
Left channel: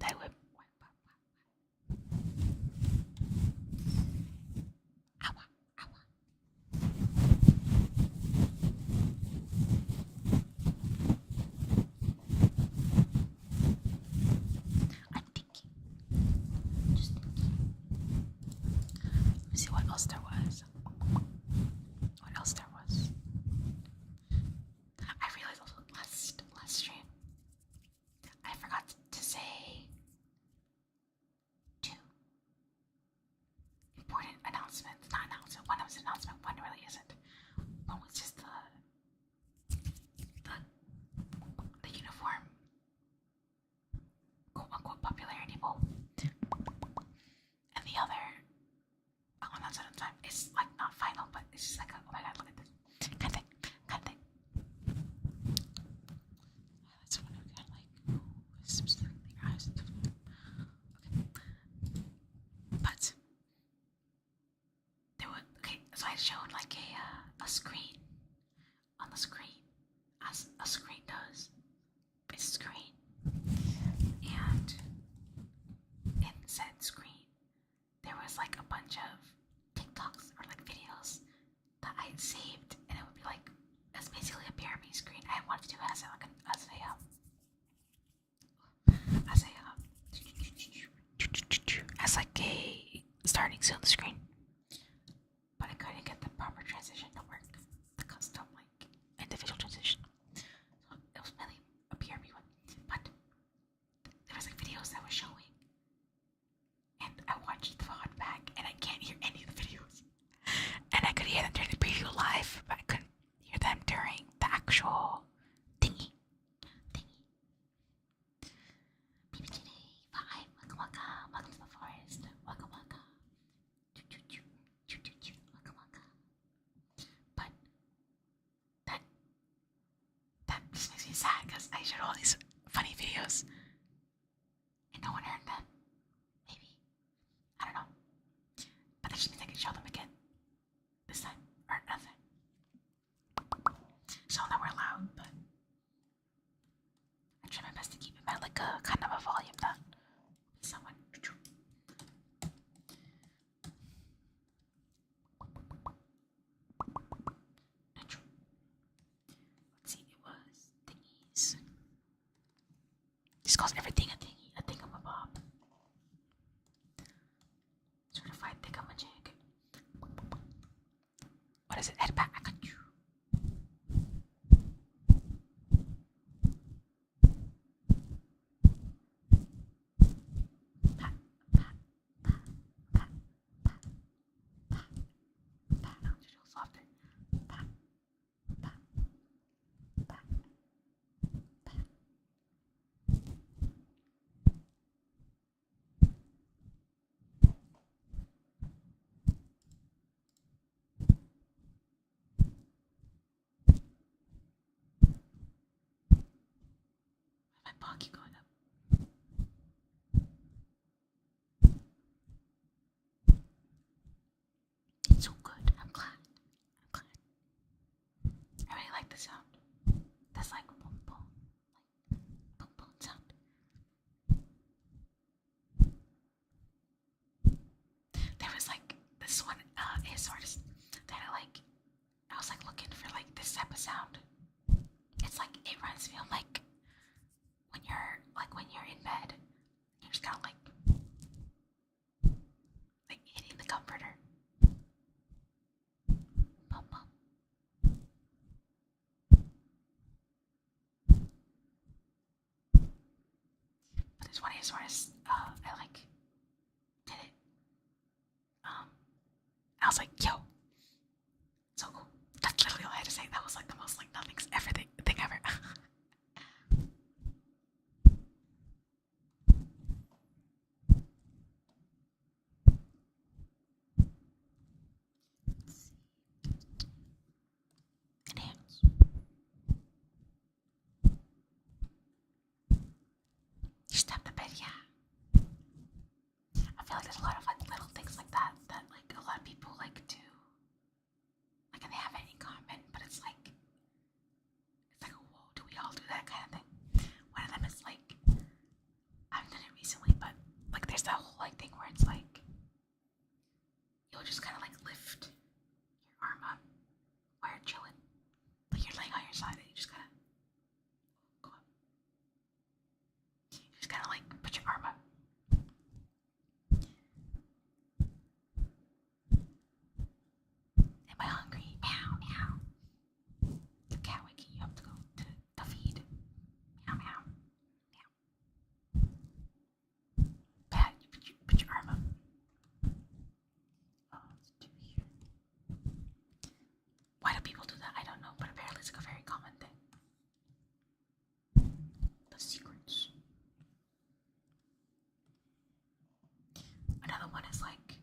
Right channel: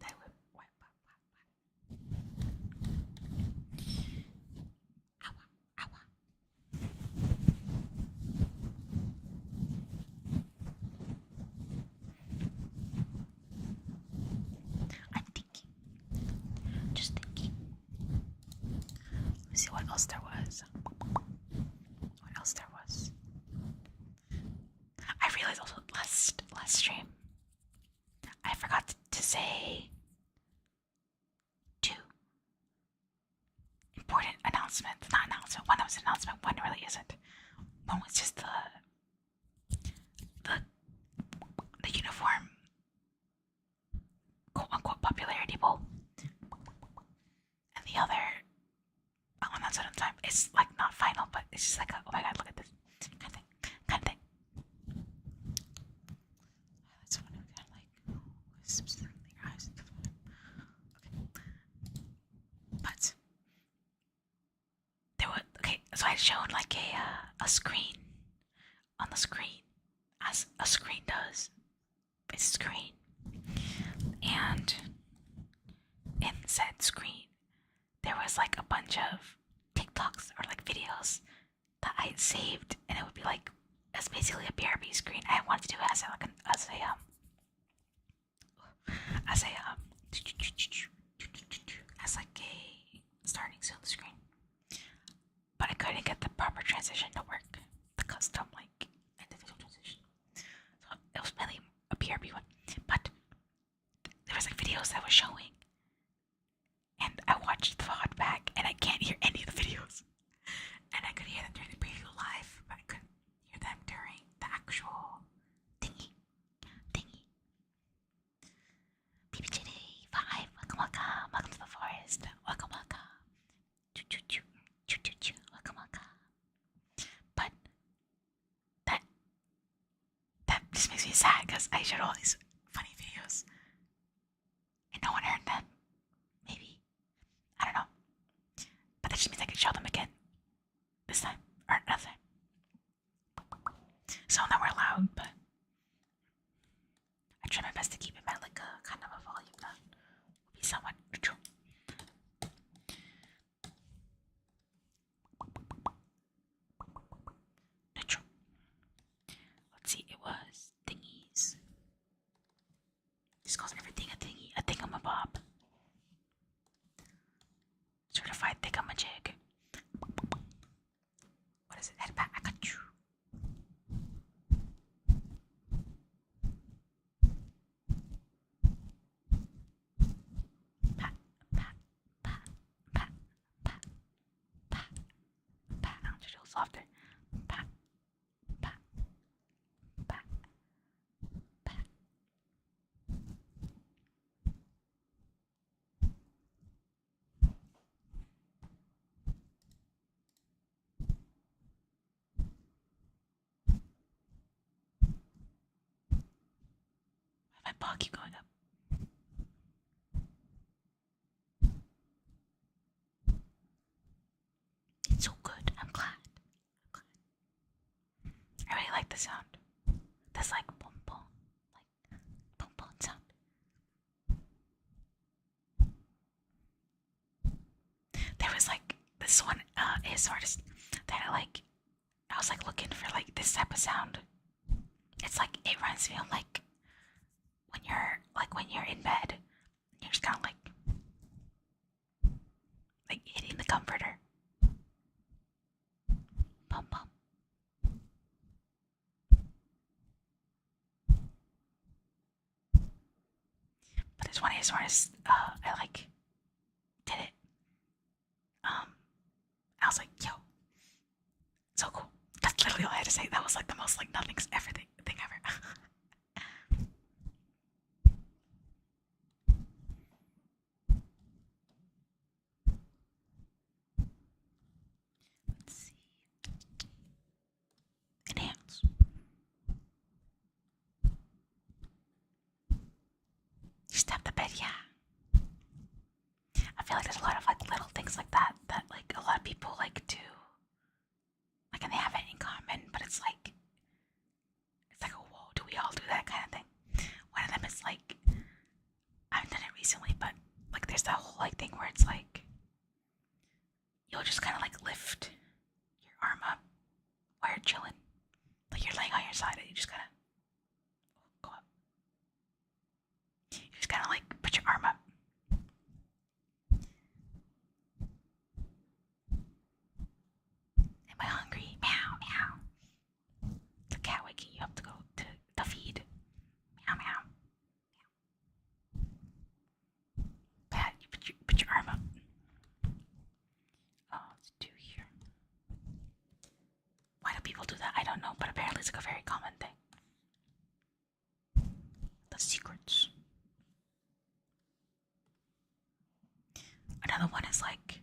That whip. I'm thinking. Just thinking. Let me see what else there was. What else there was? I realized also last stream I forgot to say two important announcements. Not announcement. One was an announcement. One really isn't. One was just the uniform quote unquote popularity poll, and the other I'll announce it on time. It's like not final, but it's just like a, oh my god, look at this kind of thing. That's what I'm kind of like. Specifically, eyes. Okay, but there was so I showed like a screen on the screen, as a screen does. It's a screen, and in said screen there was like a bunch of TikToks or like videos that I had saved, and it would be like it's basically a BRB screen. I wanted to do it as like a starting soon screen, but I couldn't get the proper transition to work, the custom like individual transition. So it was mainly a BRB one, but there was like videos that was showing, and I watched the VOD back, and I can't hear any of the videos. And I could hear them during the preview live, but I couldn't hear them during the actual thingy. BBJD5, welcome to the forest. Welcome. Welcome. But that just makes me sad because I showed all these funny videos and no one heard them. Maybe. I don't know. But that just means I can show them again. This time. Or another time. So now we're loud, but I try my best to keep it at like a kind of a volume that will be somewhat neutral. Let's see, it was thingies. This calls everything a thingy, a thingamabob. Certified thingamajig. What is it? Head back. I got you. Pat. I'll just go softer. Pat. My paw keep going up. It's so good. I'm glad. I really like the sound. That's like boom boom. ASMR artist that I was like looking for like this type of sound. It's like it reminds me of when you're in bed, you're just kind of like hitting the comforter. Bum bum. But this one ASMR artist, I like did it. I was like, yo, so cool. That's literally all I had to say. That was like the most like nothing's ever thing ever. Let's see. Enhance. You tap the bed, yeah. I feel like there's a lot of like little things like that that like a lot of people like do. Like and they have it in common, but it's like oh whoa, do we all do that kind of thing? One of them is like I haven't done it recently, but like there's that whole like thing where it's like you'll just kind of like lift your arm up while you're chilling, like you're laying on your side and you just kind of go up. You just kind of like put your arm up. Am I hungry? Meow meow. The cat waking you up to go to the feed. Meow meow. Pat, you put your arm up. Oh, let's do here. Why do people do that? I don't know, but apparently it's like a very common thing. The secrets. Another one is like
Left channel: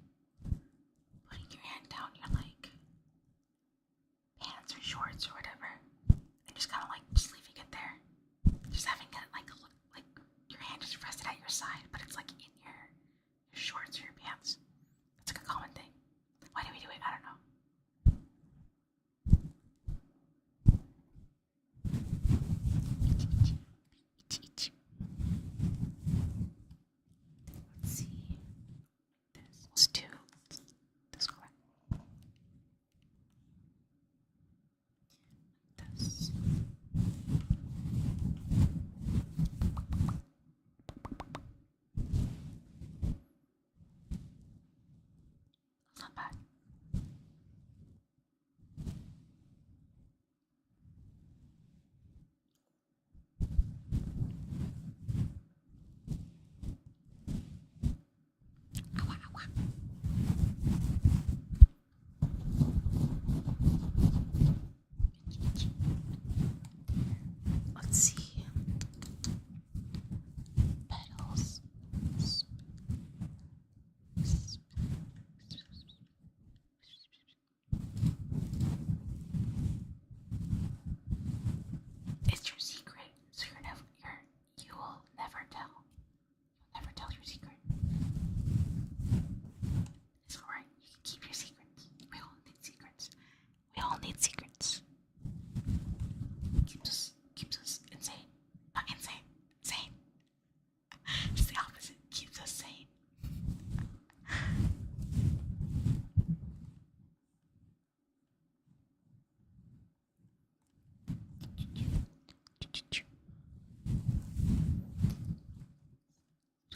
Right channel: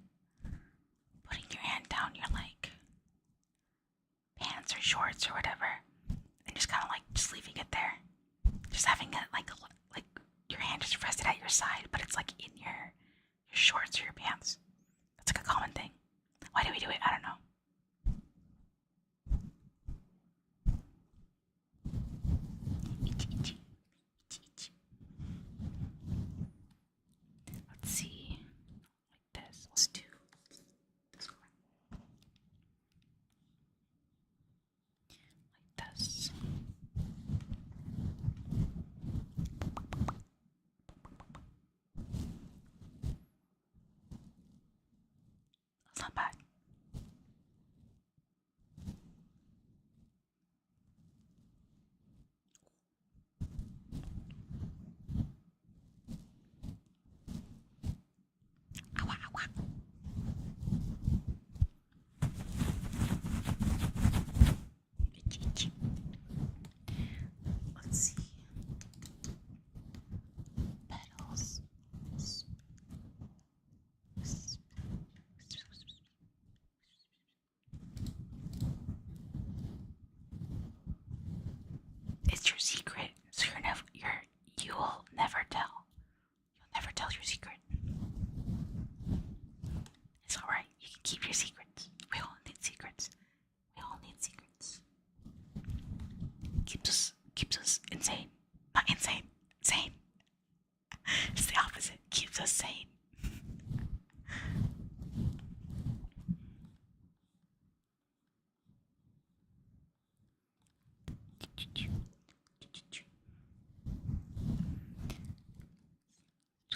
putting your hand down your like pants or shorts or whatever, and just kind of like just leaving it there, just having it like your hand just rested at your side, but it's like in your shorts or your pants. That's like a common thing. Why do we do it? I don't know. Let's see. Like this. Let's do this color. Like this. That's not bad. Ow, ow, ow. Let's see. Petals. It's your secret, so you'll never tell. You'll never tell your secret. It's alright. You can keep your secrets. We all need secrets. We all need secrets. Keeps us insane. Not insane. Sane. It's the opposite. Keeps us sane.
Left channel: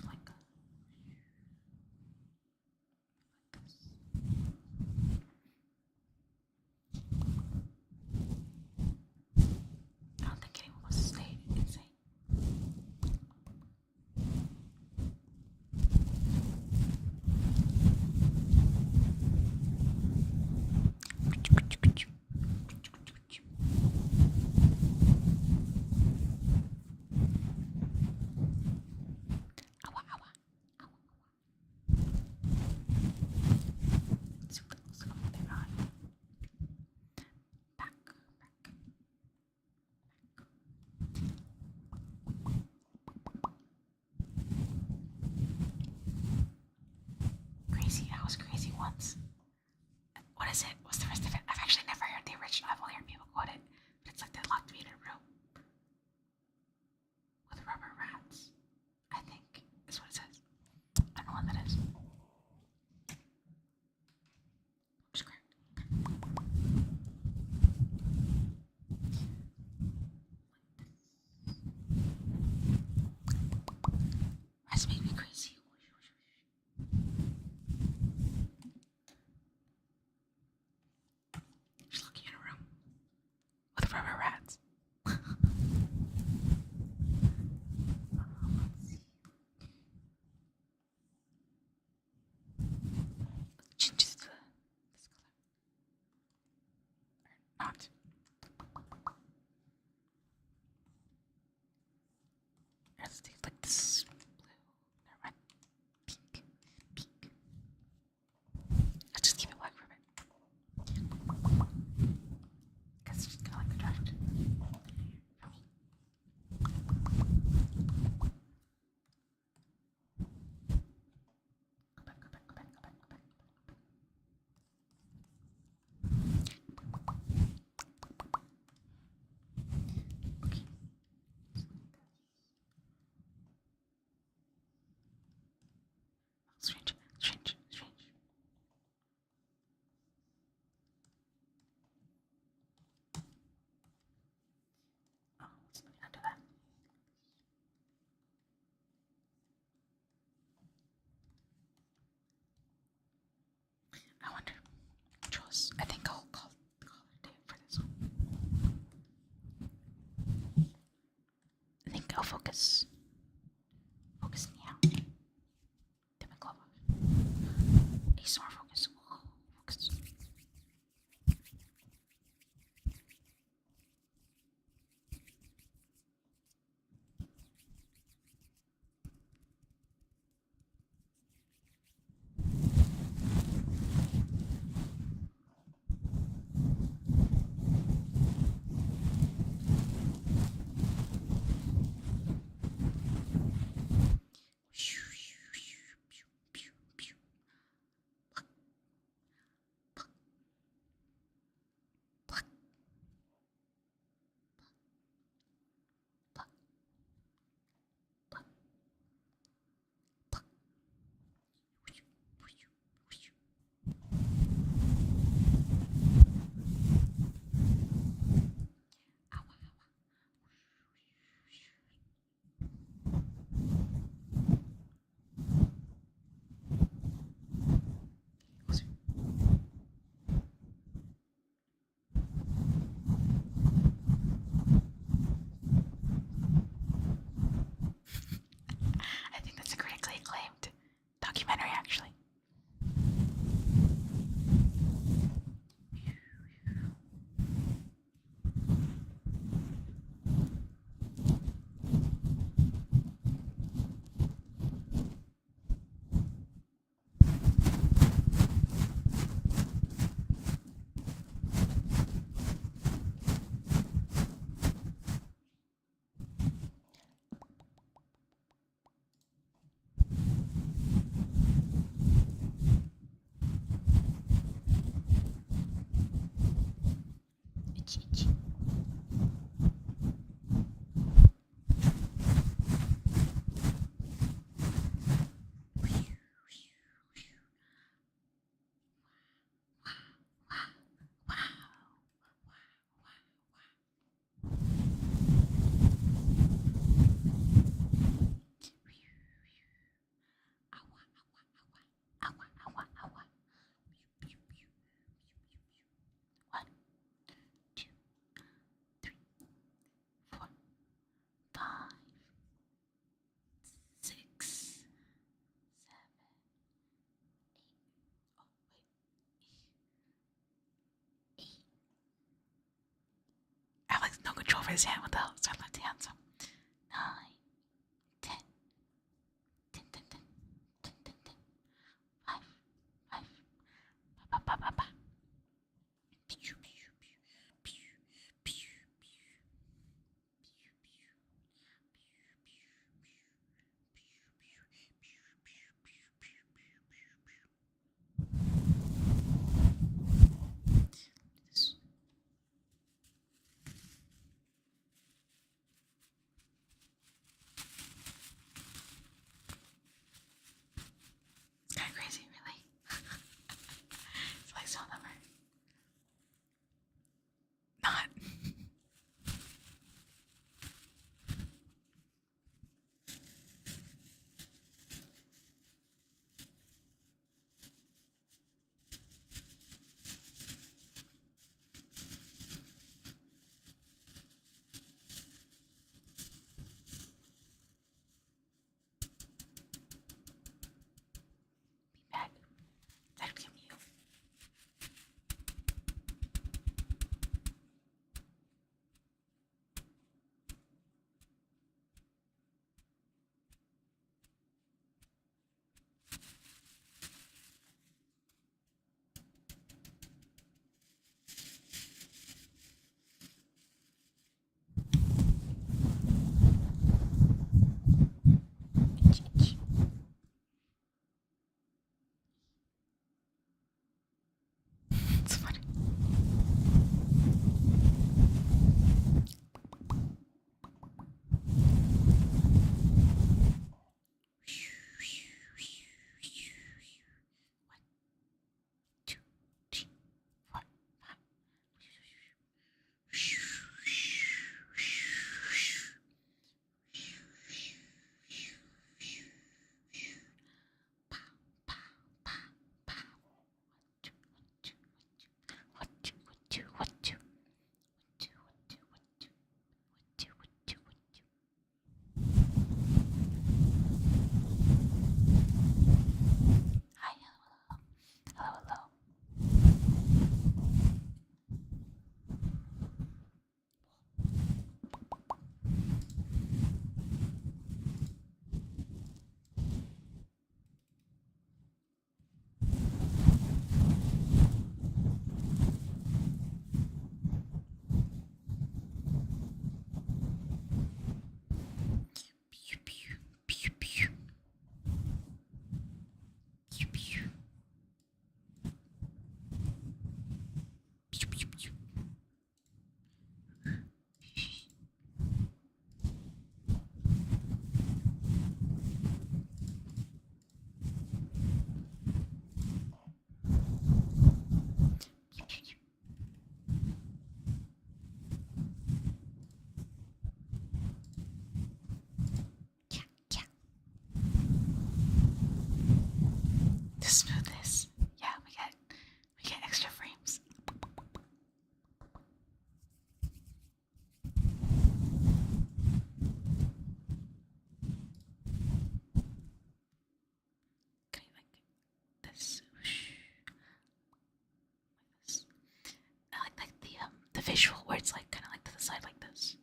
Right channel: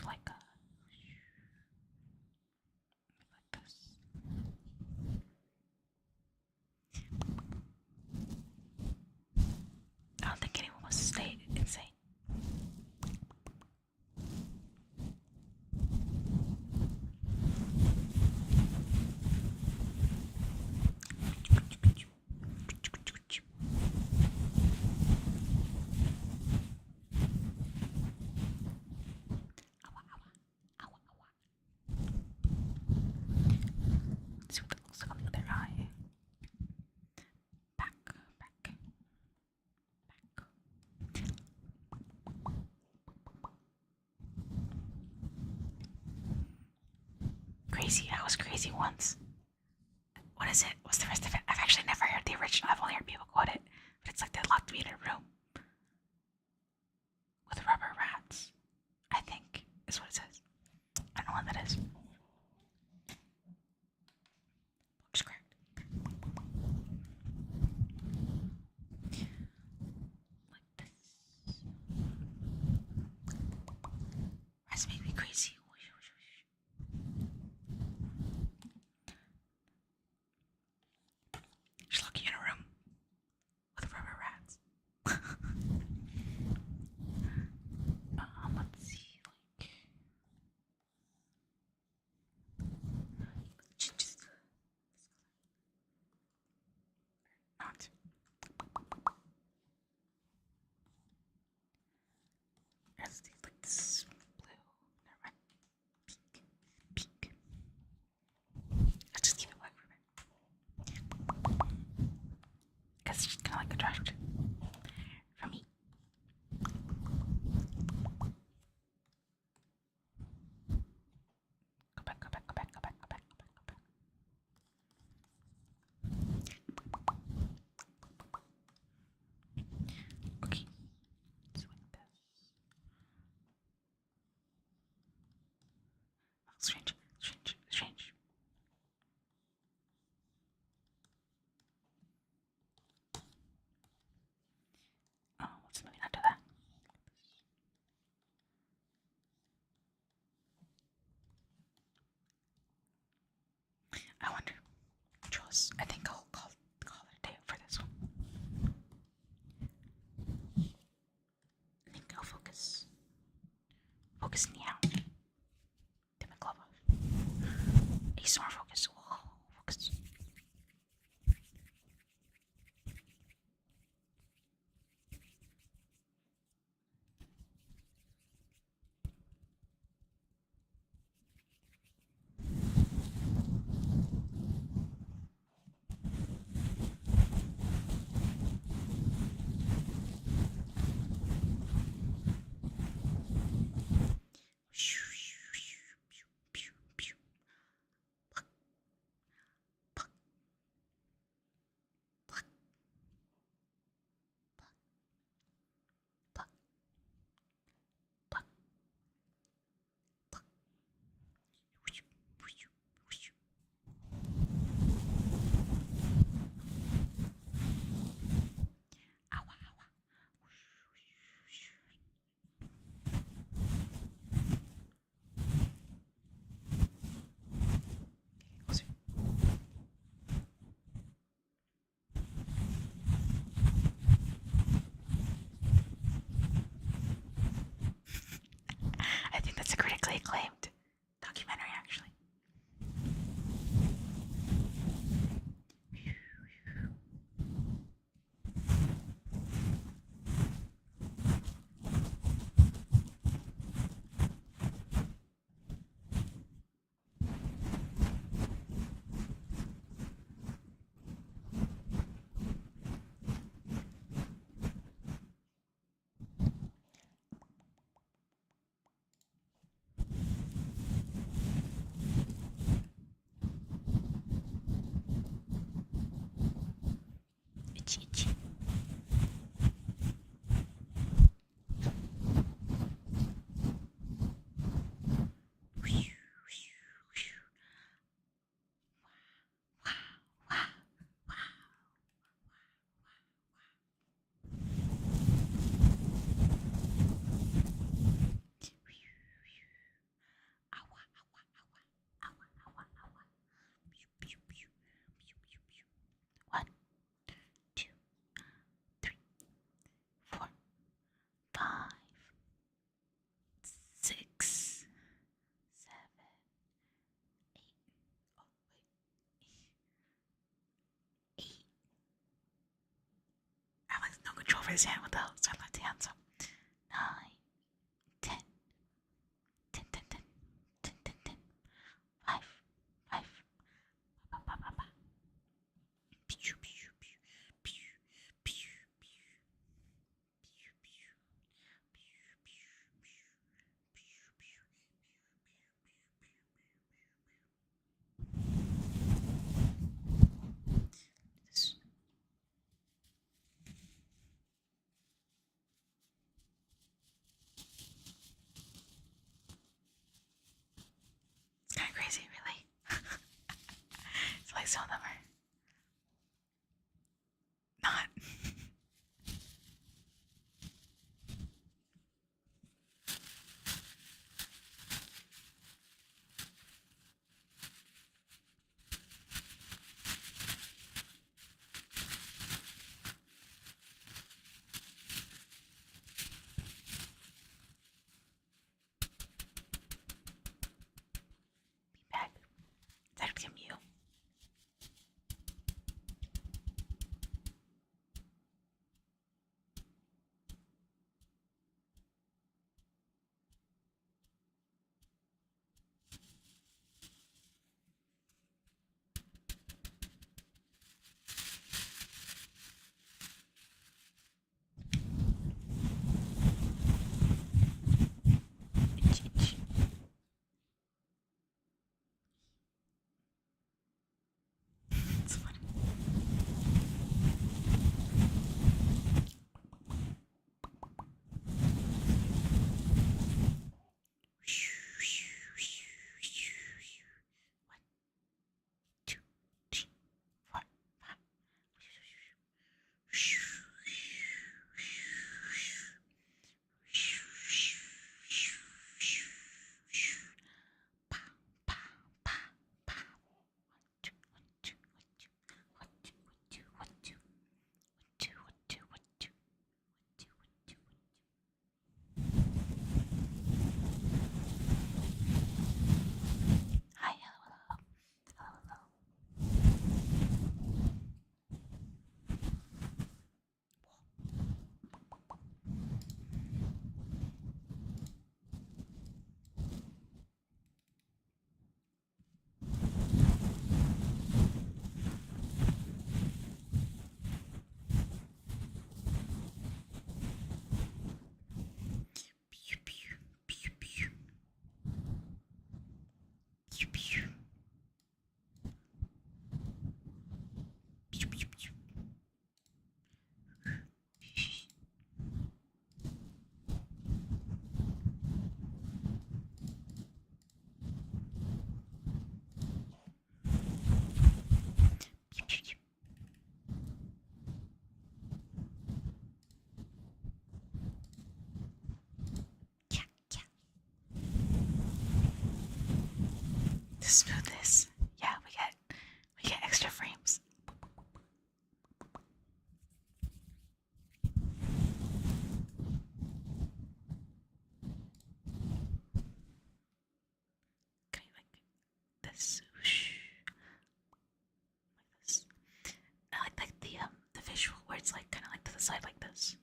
Like this. I don't think anyone wants to stay insane. Ow, ow, ow, ow, ow. Let's see what that looks like on their eye. Back. Crazy. I was crazy once. What is it? What's the rest of it? I've actually never heard the original. I've only heard people quote it. But it's like they locked me in a room with rubber rats, I think is what it says. I don't know what that is. Looks great. focus. I think I'll call it a day for this one. I think I'll focus. Focus now. Take my glove off. ASMR focus. Whoa, focus. I think that's a critically acclaimed documentary, actually. Itchy, itchy. One, two, three, 4, 5, 6, 7, 8. Oh, wait. 8. I have like no control over his hand with the so I left hand, so 9, 10, 10, 10, 10, 10, 10, 10, 5, 5, ba, ba, ba, ba. Pew, pew, pew, pew, pew, pew, pew, pew, this. to smooth this. Yeah, we get extra frames. Okay, like this. Like this. I like the visual where it's like kind of like to the side like this.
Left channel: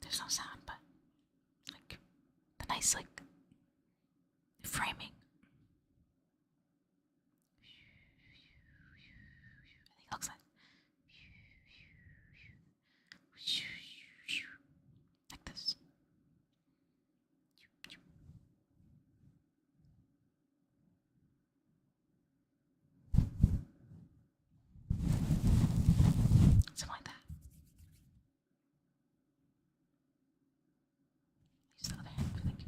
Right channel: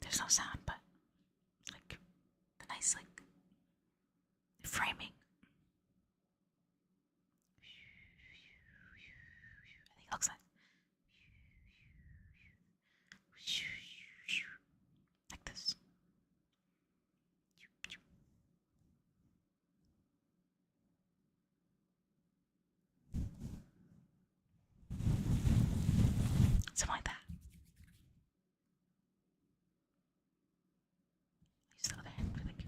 There's no sound, but like the nice like framing. I think it looks like this. Something like that. Use the other hand for like.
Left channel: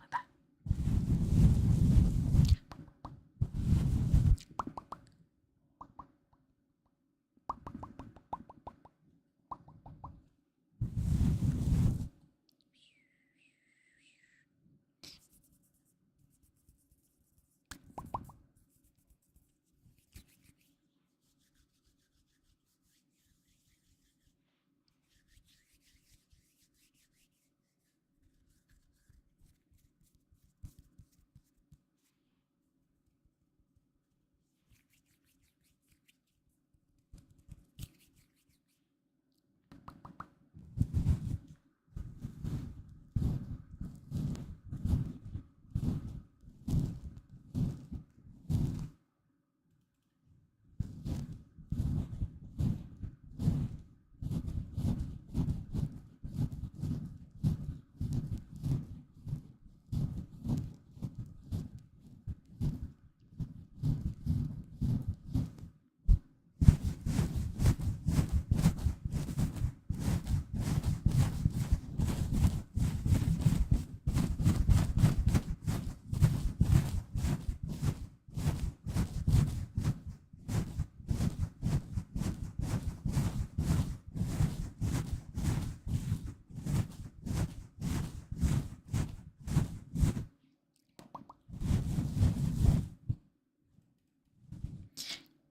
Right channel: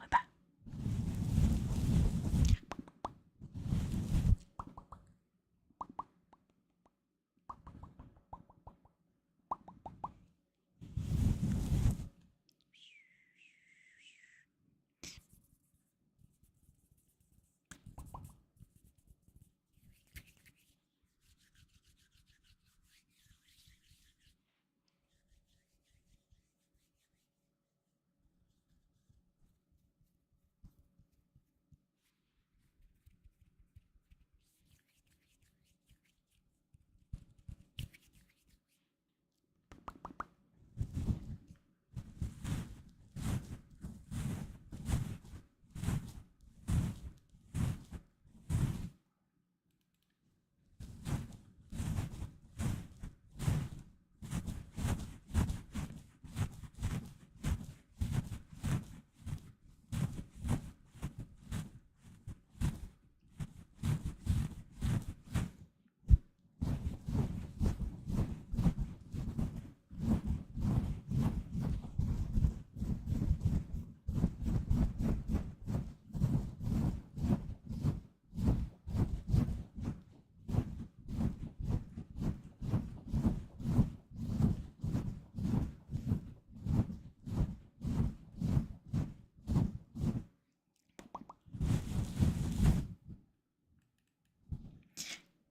Like that.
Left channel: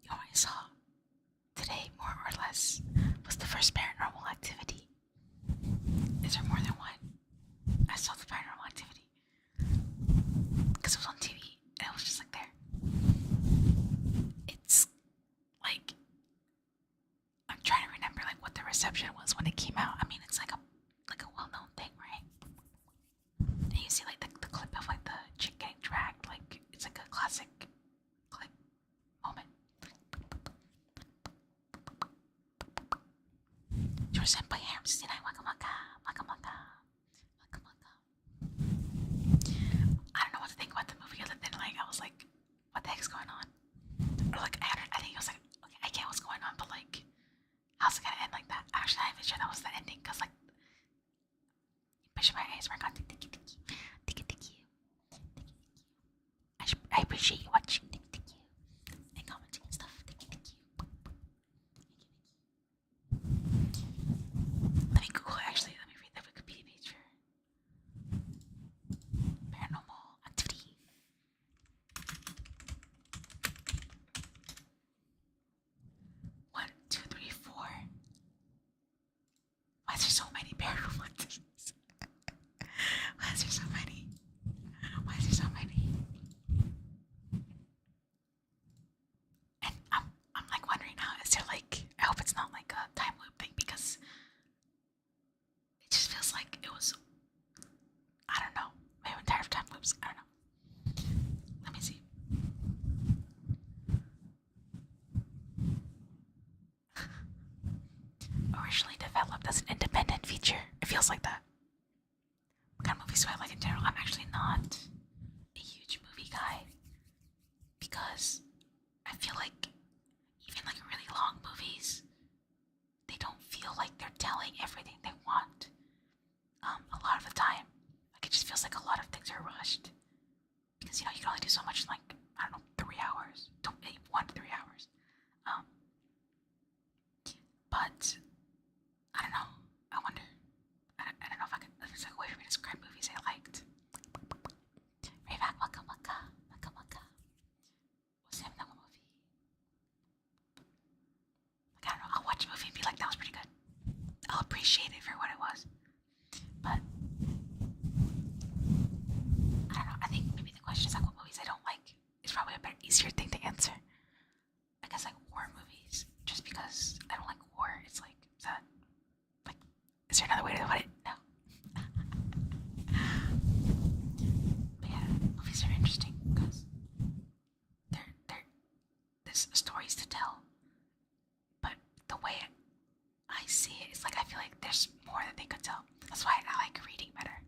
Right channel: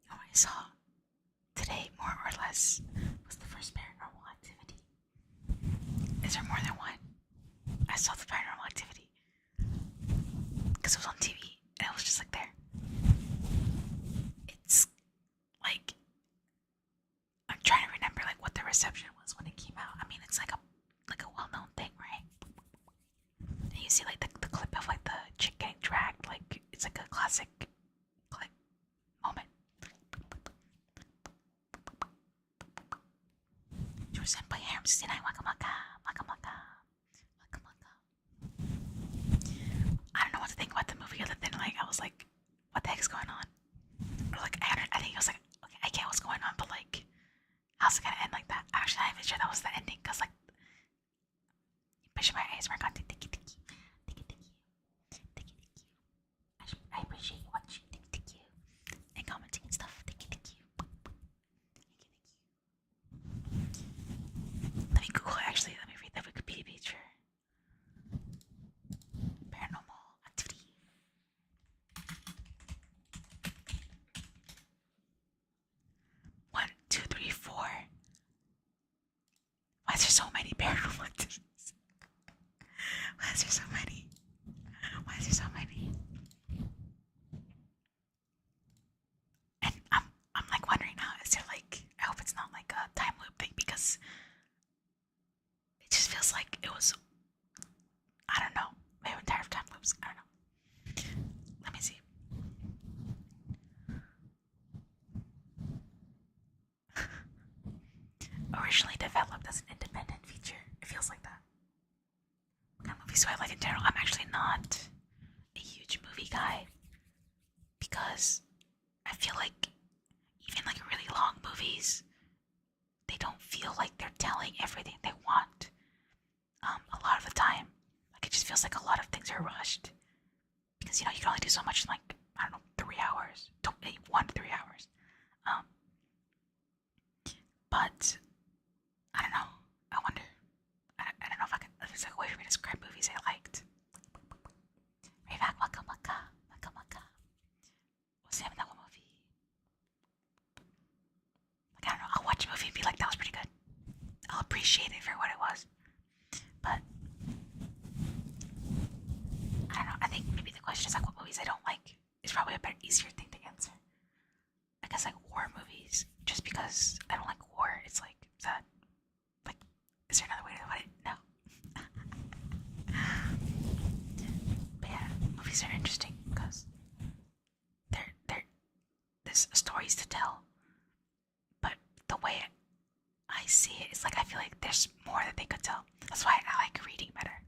You know what I saw today, more or less, was the first Paranormal Activity. Is there more than one? I saw the Paranormal Activity because it was on TV and it was just like there. It's like I'm trying to remember like what the reception was when it came out. I mean, it's like a well-known thing, right? And you see like the clip of like the chick getting dragged, like it's like a classic clip moment. You're sent by Harem 69 Waka Waka Waka Waka Waka Waka. I don't know what to think about the movie other than like I was like, what the heck's going on? Or like I think it was like, okay, I get what's going on, but like, how's it gonna end like that? Actually, I'm not even sure that was the ending because like, pushing my eyes were going tiki tiki tiki tiki tiki tiki. I appreciate you watching tiki tiki and commenting and stuff. Tiki tiki. Let me Google actually. Let me read the Wikipedia page for Paranormal Activity. 1, 2, 3, 4. Why is there so many paranormal activities? Why is there so many? Why is there so many? And I'm like wondering now, is there like, I hope it's not like a time loop thing because it just feels like it was, I don't know, maybe I'm tired of time loops, I don't know. originally developed as an independent feature. It feels like that. What kind of movies do I like in general? I'm actually not a huge movie guy because I feel like even like really long movies, they don't feel like they're telling everything they want. A lot of the time, like it just feels like a lot of things are rushed because you know you can only do so much in like I don't know 3 hours, 1 to 3 hours. But I don't know. I wonder. I don't know if I can. If there's like a way for me to describe movies I liked. Rayback, waka waka, waka waka. What's the name of that one movie? Like I don't know. I'll watch a movie and be like, that was pretty good. I'll appreciate it for what it was. But I don't know. I think maybe the question is like what movies I don't like is probably a better, easier thing to answer. I guess like war movies, just because I don't like war. It's like is that like is there another way to put it? No. But yeah, movies are interesting because there's stories to tell, but the way I see it is like I feel like there's more that they could tell. That's why I like reading better.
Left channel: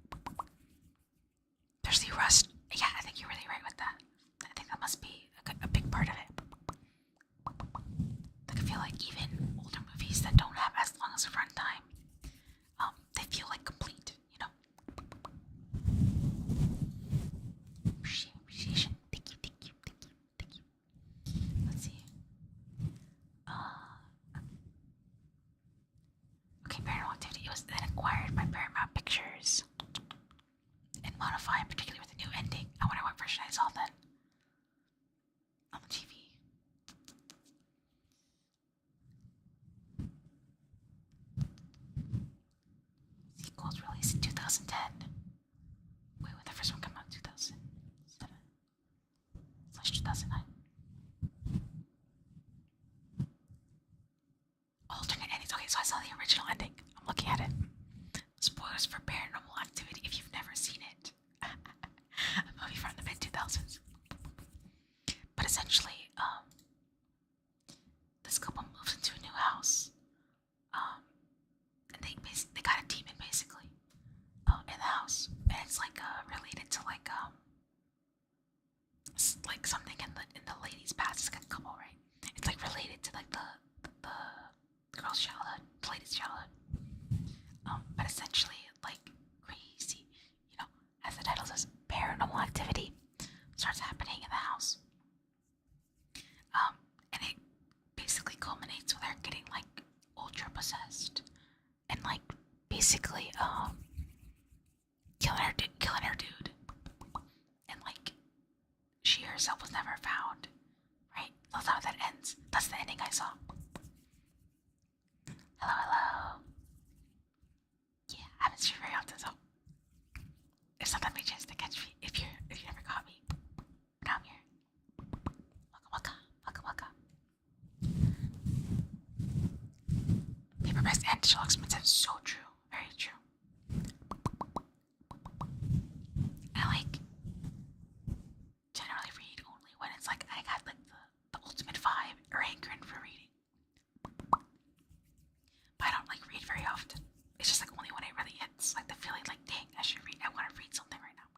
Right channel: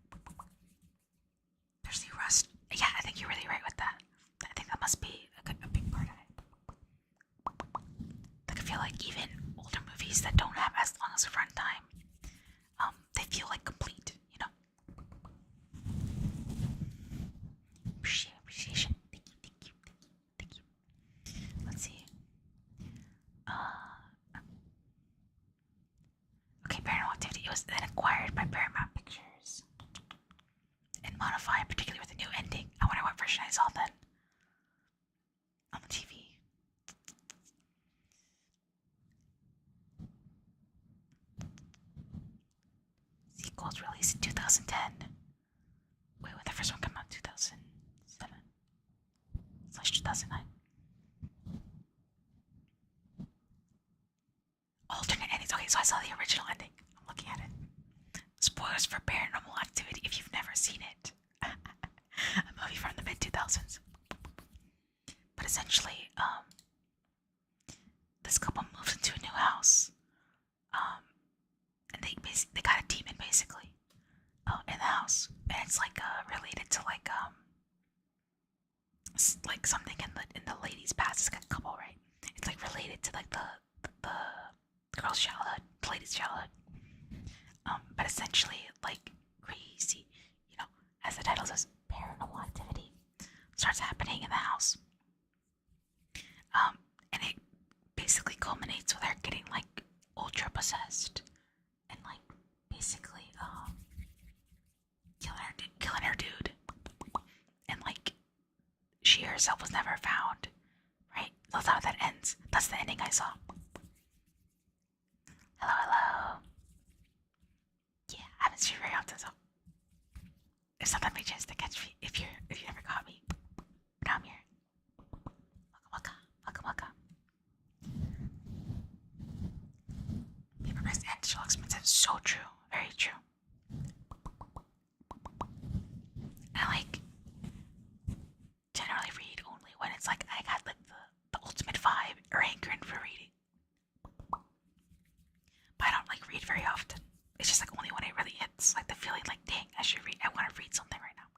There's the rust. Yeah, I think you're really right with that. I think that must be a big part of it. Like I feel like even older movies that don't have as long as a runtime, they feel like complete, you know. Appreciation. Thank you. Let's see. Okay, Paranormal Activity. It was then acquired by Paramount Pictures and modified, particularly with a new ending. I wonder what version I saw then on the TV. Sequels released in 2010. Wait, when the first one came out? 2007/2009. Alternate endings. Okay, so I saw the original ending. I'm looking at it. Spoilers for Paranormal Activity if you've never seen it. A movie from the mid 2000s. But essentially, this couple moves into a new house, and they got a demon basically in the house, and it's like related to like something in the lady's past. It's like a couple, right? It's like related to like the girl's childhood, the lady's childhood. But essentially, like crazy, you know, as the title says, paranormal activity starts happening in the house. And it basically culminates with her getting like ultra possessed and like basically killing her dude, and like she herself was never found. Right? That's how that ends. That's the ending I saw. Hello. Yeah, I haven't seen you very often, so it's not that big chance to catch me if you never caught me. Now I'm here. Waka. Paper Press and digital expensive. So true. Very true. I like generally read only when it's like I got like the ultimate vibe or hankering for reading. But I don't like read very often. It's just like only when it really hits like the feeling like dang, I want to read something right now.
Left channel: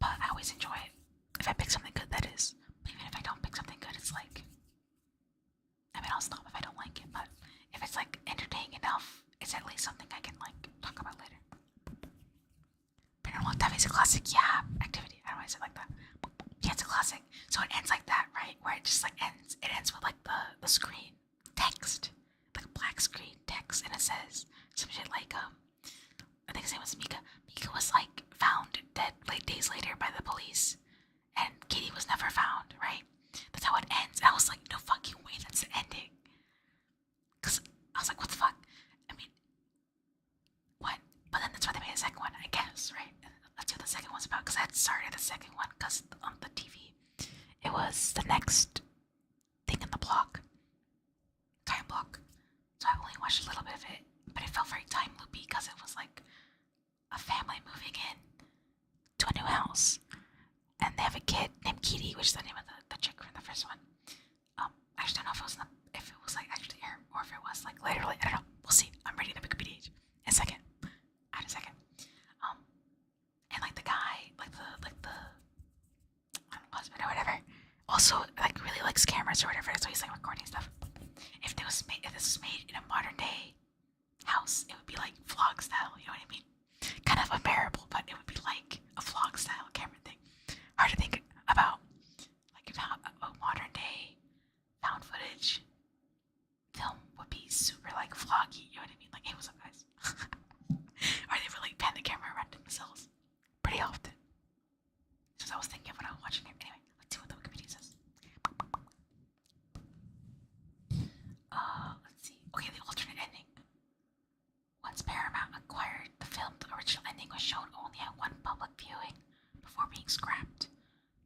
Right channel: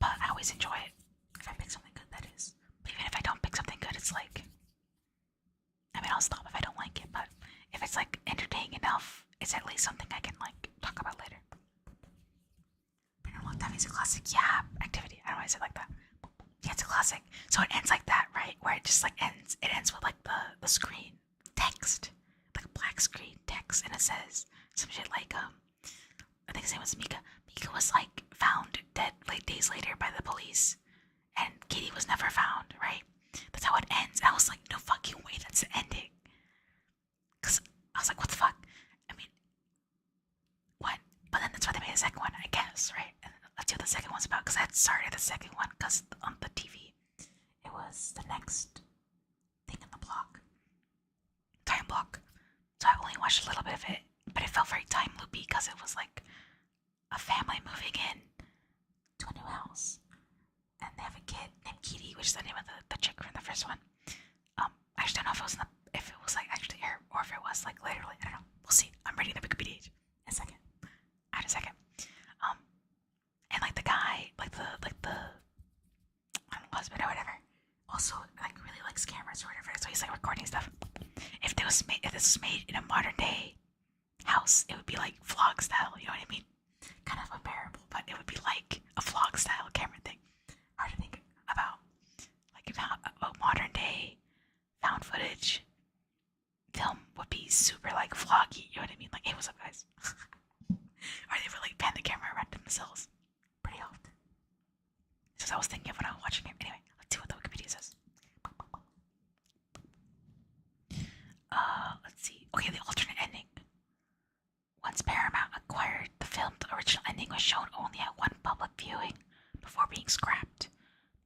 But I always enjoy it. If I pick something good, that is. But even if I don't pick something good, it's like I mean I'll stop if I don't like it, but if it's like entertaining enough, it's at least something I can like talk about later. Paranormal Activity is a classic, yeah, activity. I don't know why I said like that. Yeah, it's a classic. So it ends like that, right? Where it just like ends. It ends with like the screen text, like a black screen text, and it says some shit like I think his name was Mika. Mika was like found dead late days later by the police, and Katie was never found. Right? That's how it ends. And I was like, no fucking way, that's the ending. Cause I was like, what the fuck? I mean, what? But then that's why they made a second one, I guess, right? And let's see what the second one's about. Cause I had started the second one because on the TV, it was the next thing in the time block. So I only watched a little bit of it, but it felt very time loopy because it was like a family moving in to a new house, and they have a kid named Kitty, which is the name of the chick from the first one. I actually don't know if it was like actually her was. Like literally, I don't know. We'll see. I'm reading the Wikipedia page in a second. Add a second. And like the guy, like the I don't know, husband or whatever, also like really likes cameras or whatever, so he's like recording stuff. If this was made in a modern day house, it would be like vlog style. You know what I mean? Kind of unbearable, but it would be like a vlog style camera thing. Hard to think about, like how a modern day found footage film would be super like vloggy. You know what I mean? Like, hey, what's up, guys? Or they would like pan the camera around themselves pretty often. So I was thinking of when I was watching it. Anyway, let's see what the Wikipedia says. Let's see. Okay, the alternate ending. Once Paramount acquired the film, the original ending was shown only at one public viewing before being scrapped.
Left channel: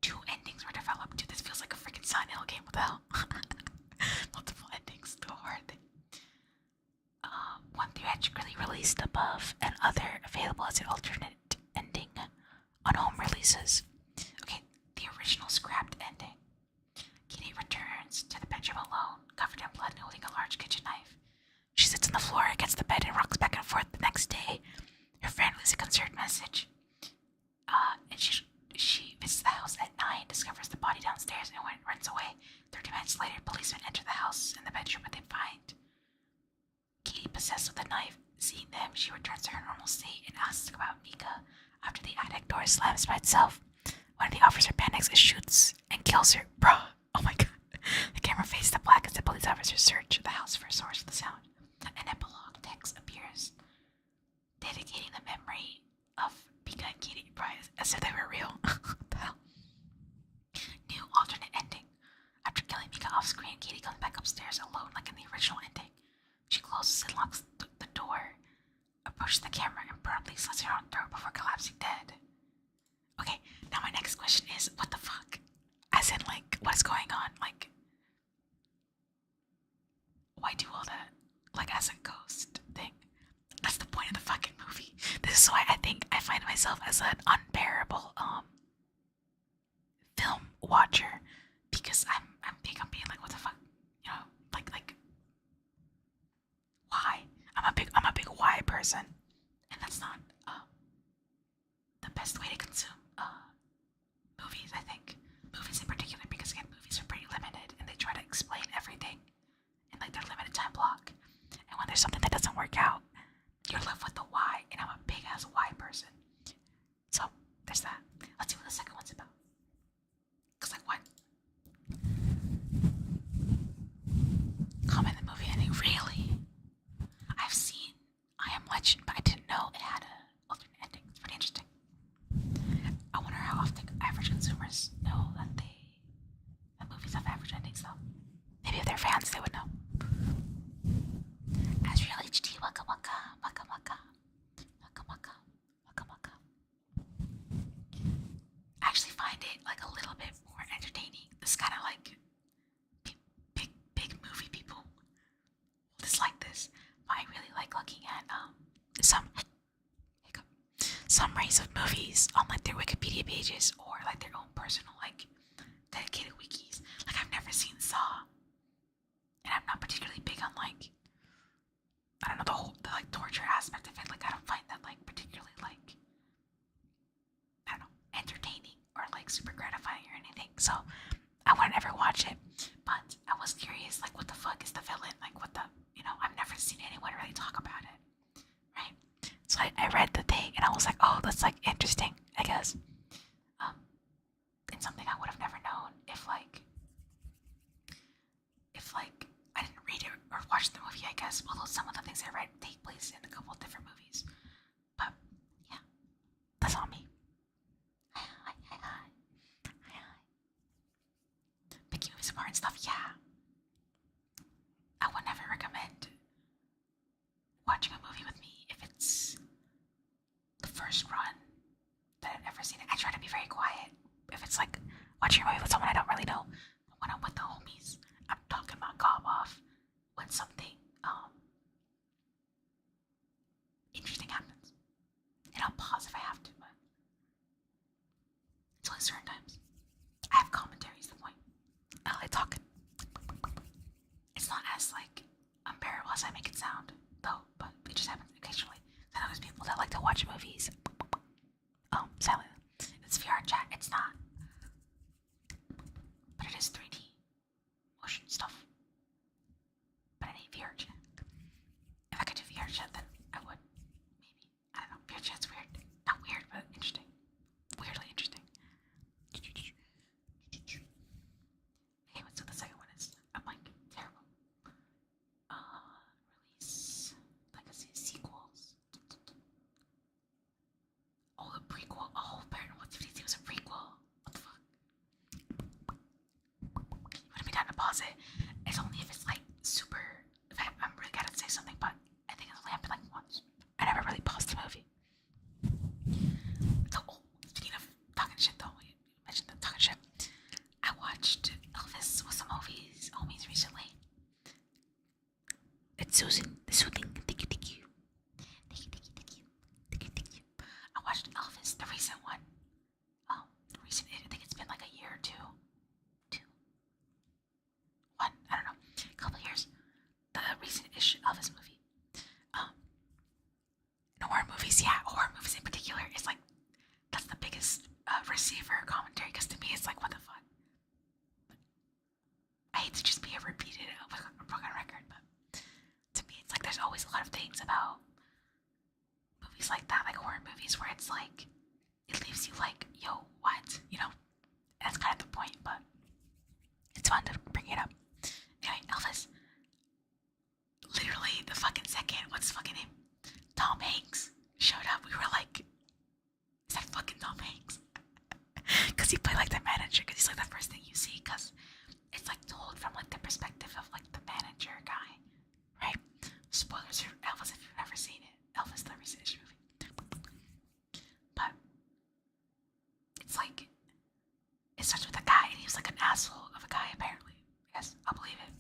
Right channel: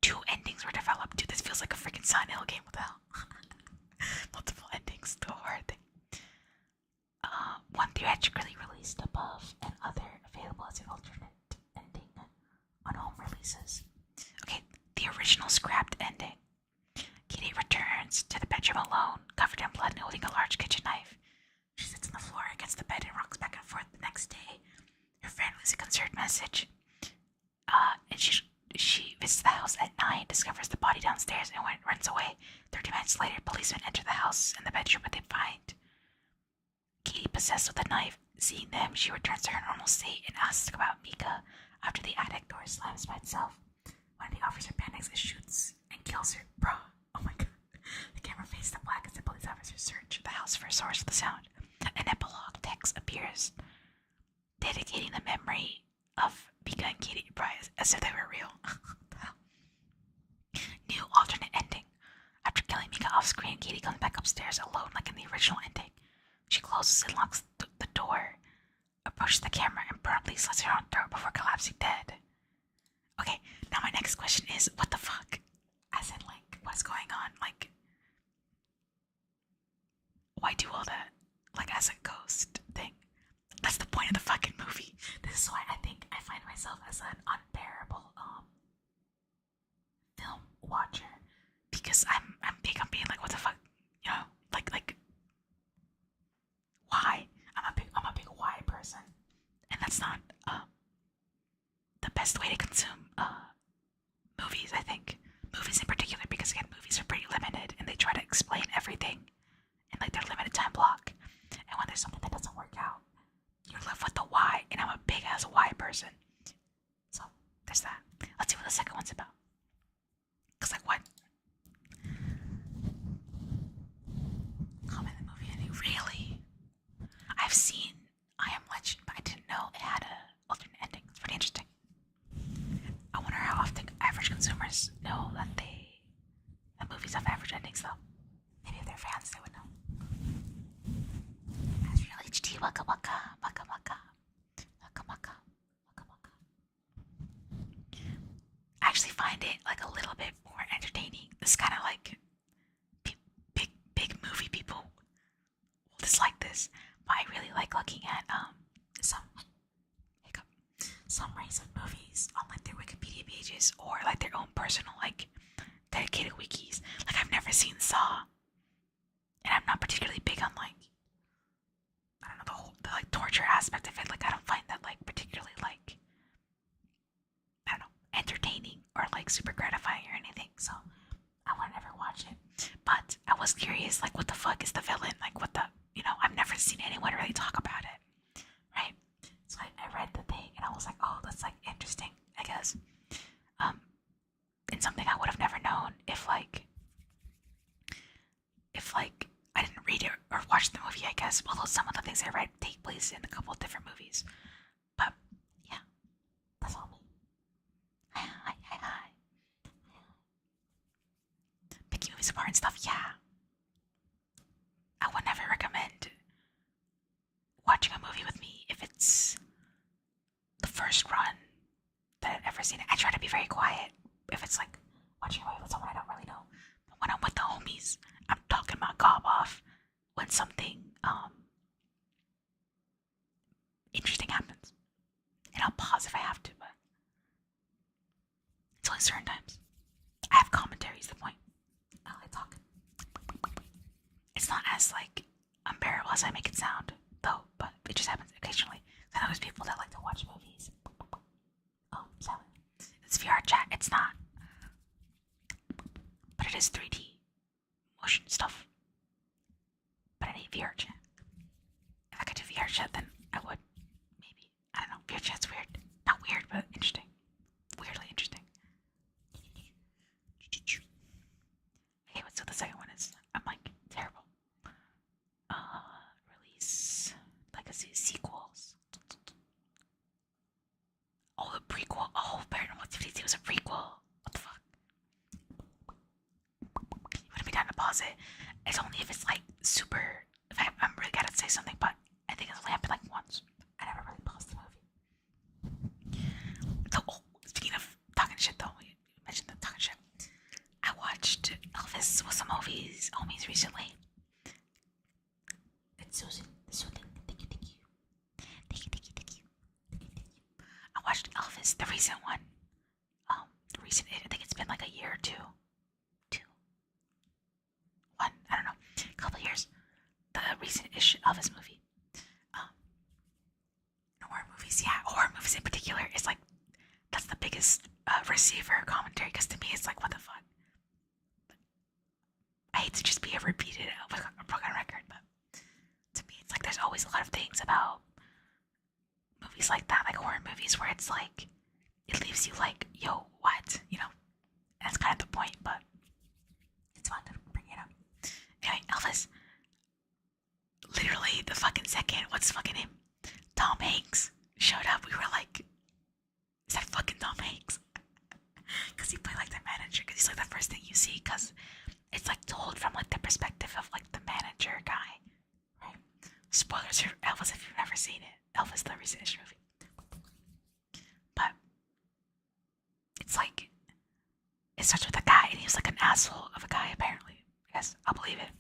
2 endings were developed. Dude, this feels like a freaking Silent Hill game. What the hell? Multiple endings, the hard thing. One theatrically released above, and other available as an alternate ending on home releases. Okay, the original scrapped ending. Katie returns to the bedroom alone, covered in blood and holding a large kitchen knife. She sits on the floor against the bed and rocks back and forth. The next day, her friend leaves a concerned message. And she visits the house at 9, discovers the body downstairs, and runs away. 30 minutes later, policemen enter the house and the bedroom, but they find Katie possessed with a knife. Seeing them, she returns to her normal state and asks about Mika. After the attic door slams by itself, one of the officer panics and shoots and kills her. Bruh. Oh my god. The camera fades to black as the police officers search the house for a source of the sound. An epilogue text appears, dedicating the memory of Mika and Katie as if they were real. What the hell? New alternate ending. After killing Mika off screen, Katie comes back upstairs alone like in the original ending. She closes and locks the door, approaches the camera, and promptly slits her own throat before collapsing dead. Okay, now my next question is, what the fuck? As in, like, what is going on? Like, why do all that? Like, as a ghost thing. That's the point of the fucking movie. This is why I think I find myself as an unbearable, film watcher. Because I'm being like, what the fuck? You know, like, why? I'm a big why person. And that's not, the best way to consume, movies, I think. Movies in particular, because again, movies are pretty limited and they try to explain everything in like their limited time block. And when there's something that doesn't work out, you're left with the why, and I'm a big ass why person. So there's that. Let's see what the second one's about. Cause like what? Comment the movie ending. Really? I've seen I Am Legend, but I didn't know it had a alternate ending. It's pretty interesting. I wonder how often average consumers know that movies have average endings though. Maybe if they're fans they would know. As real HD, waka waka, waka waka, waka waka, waka waka. I actually find it like a little bit more entertaining. This kind of like big movie people will dislike this, but I really like looking at summaries of movies on like their Wikipedia pages or like their own personal like dedicated wikis. Like I've never seen Saw, and I'm not particularly big on like, I don't know, the like torture aspect of it. Like I don't find that like particularly like, I don't know, entertaining or like super gratifying or anything. So I wouldn't ever watch it. But I was curious, like what the fuck is the villain? Like what the, you know, I've never seen anyone really talk about it, right? So I read the thing and I was like, oh, that's like interesting, I guess. And something I would have never known if I didn't read it or watch the movie, I guess. Although some of the things I read take place in a couple of different movies. But yeah, that's all me. Hi. Picking movies apart and stuff, yeah. I would never recommend watching a movie with me if it's the first run that I've ever seen it. I try to be very quiet if it's like watching a movie with someone I don't really know. But when I'm with the homies, I'm talking my gob off when something interesting happens. And I'll pause if I have to, but it's only certain times. I have commentaries, the point. I like talking. It's not as like unbearable as I make it sound, though, but it just happens occasionally. I know there's people that like to watch movies. Silent. It's VR chat. It's not, but it is 3D motion stuff. But I need VR chat. If I could do VR chat, then I would. Maybe. I don't know. VR chat's weird. Not weird, but interesting. Weirdly interesting. Okay, what's the second one is? I'm like terrible. Release legacy sequels. Oh, the prequel. Oh, Paranormal Activity was a prequel. What the fuck? You wouldn't be down to pause it. It's only if it's like super. If I'm really gotta say something, but I think it's only happened like once. I never really paused the movie. So, speaking of talking shit, though, we mentioned the talking shit. I watched Elvis with some homies recently. It's soothing. Thank you. I watched Elvis, the recent one. I think it's been like a year or two. One, I don't know, a couple years. The recent-ish Elvis movie. Horror movies, yeah, horror movies in particular is like, that's the biggest receiver commentary, because to me it's like, what the fuck? I hate to just be a repeated broken record, but to me it's like there's always a lot of things about movies like that, like horror movies, where it's like, it leaves you like, yo, what? You know? And that's kind of the point, but it's fun to bring it up. Anyway, Elvis, literally the fucking second, what's the fucking name? Tom Hanks showed up, we were like, is that fucking Tom Hanks? Because he played like the manager, because he's like the first thing you see, because it's like told from like the perspective of like the manager guy, right? Spoilers for Elvis if you've never seen it. Elvis, the recent movie. But it's like, it starts with a guy, and he's like an asshole of a guy, apparently. I guess I'll believe it.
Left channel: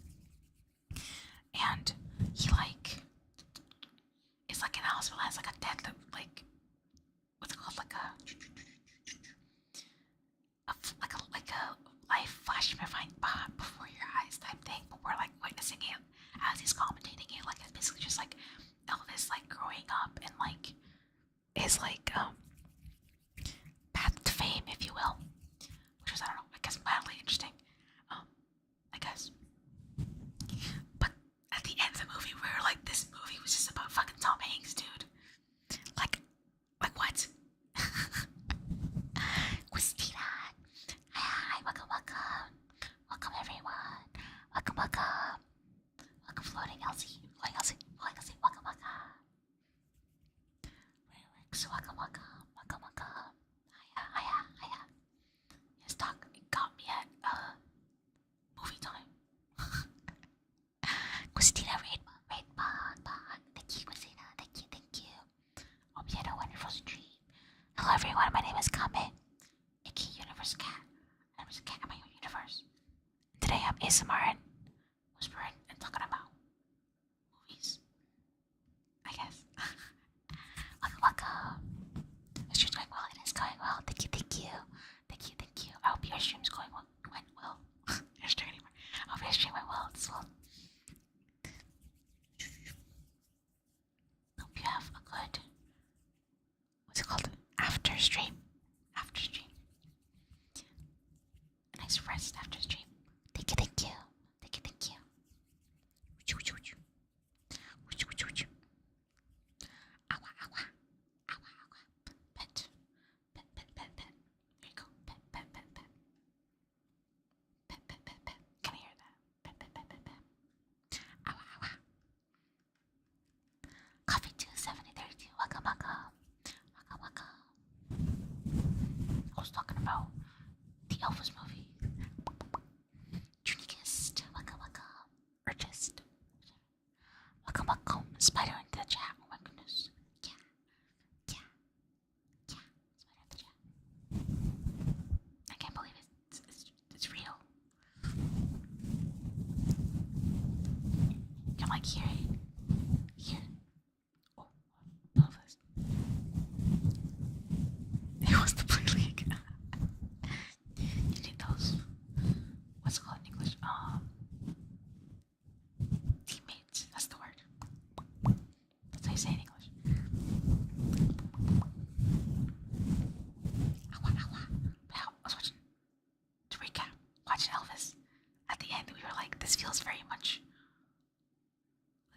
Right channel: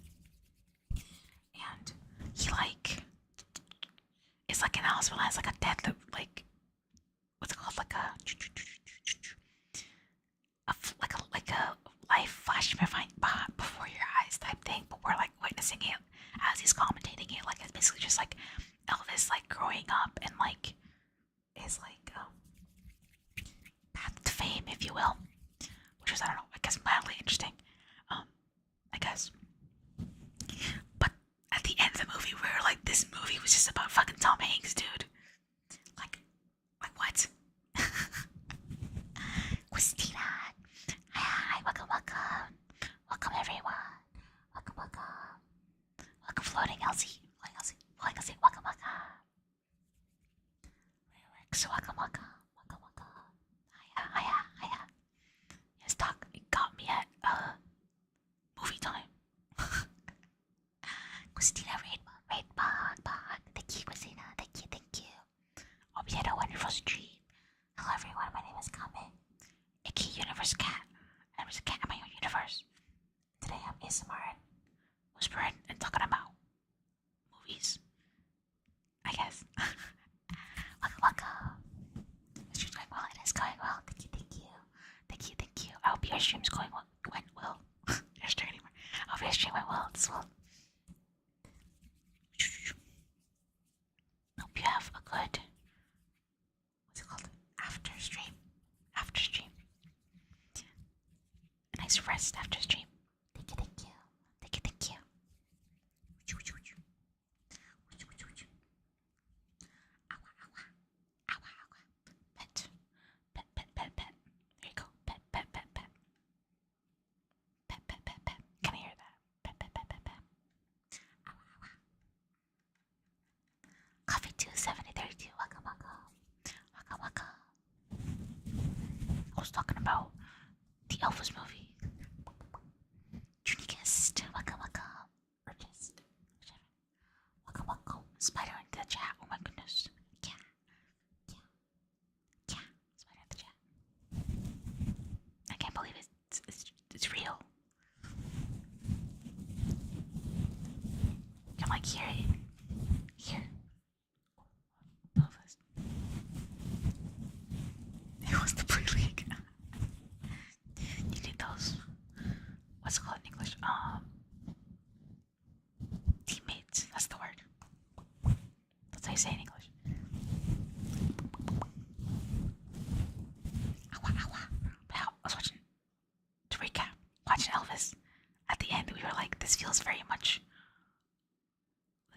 And he like is like in the hospital, has like a death, like, what's it called, like a life flashing before your eyes type thing, but we're like witnessing it as he's commentating it. Like, it's basically just like Elvis like growing up and like his like path to fame, if you will, which was, I don't know, I guess mildly interesting, I guess. But at the end of the movie, we were like, this movie was just about fucking Tom Hanks, dude. Like what? Christina, hi, welcome, everyone, welcome, floating Elsie, welcome. So welcome. Hiya. Yes, Doc, it got me at movie time. Christina Raidbot. Thank you, Christina. Thank you. Hope you had a wonderful stream. Hello, everyone. My name is Kame, aka Universe Cat. I'm a cat in my own universe. Today I'm ASMR and whispering and talking about movies, I guess. Welcome. The stream's going well. It is going well. Thank you. I hope your stream's went well. Your stream anymore. I hope your stream went well as well. Hope you have a good, what's it called? After stream. A nice rest after stream. Thank you. Pet. There you go. Pet. Can I hear that? Pet. Coffee 27032. Welcome. I was talking about the Elvis movie. Uniquest. Welcome. Or just. Welcome. Spider into the chat. Oh my goodness. Yeah. Spider in the chat. I can't believe it's real. I'm like, here. Oh, Elvis. He wants to play League. You need those. What's it called in English? Teammates.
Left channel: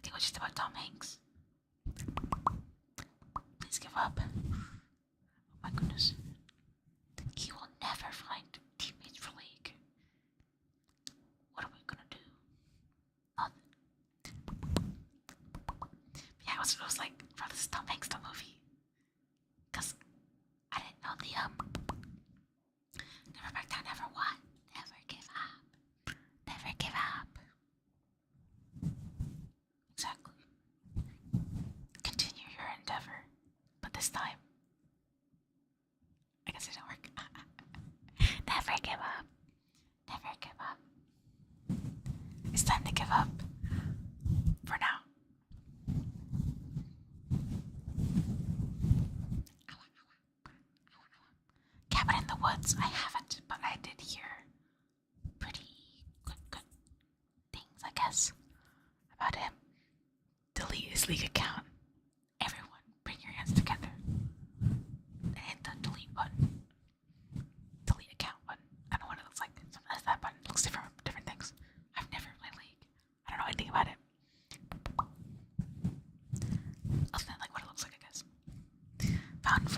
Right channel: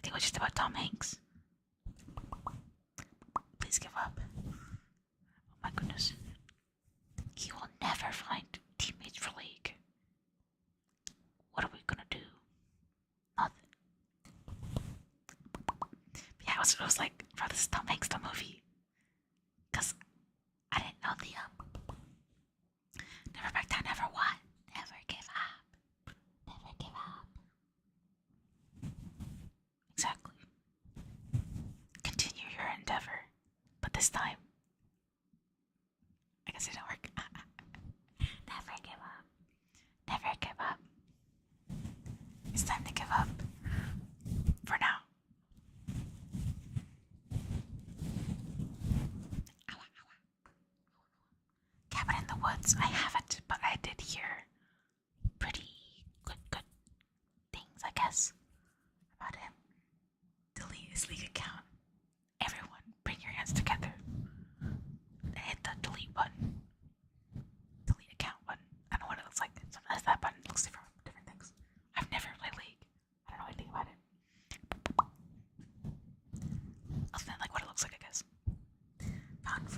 think it was just about Tom Hanks. Please give up. Oh my goodness. He will never find teammates for League. What are we gonna do? Nothing. Yeah, it was like, bro, this is Tom Hanks, the movie. Cause I didn't know the never back down, never what? Never give up. Never give up. Exactly. Continue your endeavor. But this time, I guess it didn't work. Never give up. Never give up. It's time to give up. For now. Cabin in the Woods, I haven't, but I did hear pretty good things, I guess, about him. Delete his League account. Everyone, bring your hands together and hit the delete button. Delete account button. I don't know what it looks like. Sometimes that button looks different from different things. I've never played League. I don't know anything about it. Other than like what it looks like, I guess. Found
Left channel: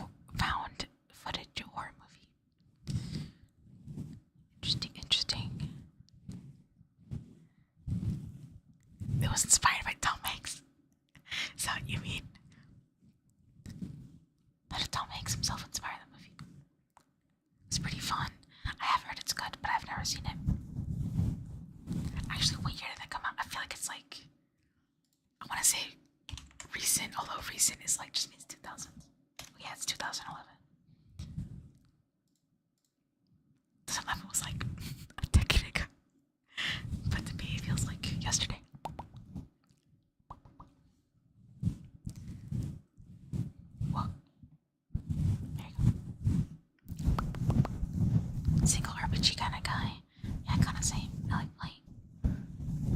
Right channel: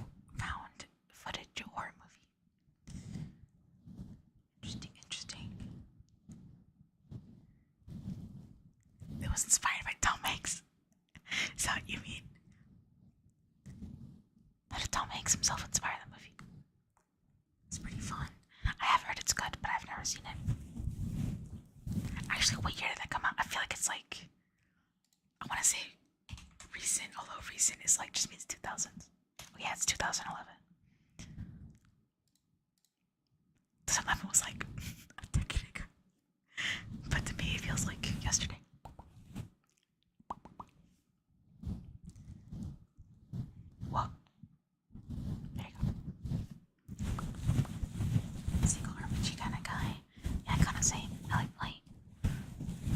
footage horror movie. Interesting. It was inspired by Tom Hanks. Is that what you mean? How did Tom Hanks himself inspire the movie? It's pretty fun. I have heard it's good, but I've never seen it. Actually, what year did that come out? I feel like it's like, I want to say recent, although recent is like just means 2000s. Oh yeah, it's 2011. 2011 was like a decade ago. But to me, it feels like yesterday. Whoa. There you go. Single RPG kind of guy. Yeah, kind of same. I like playing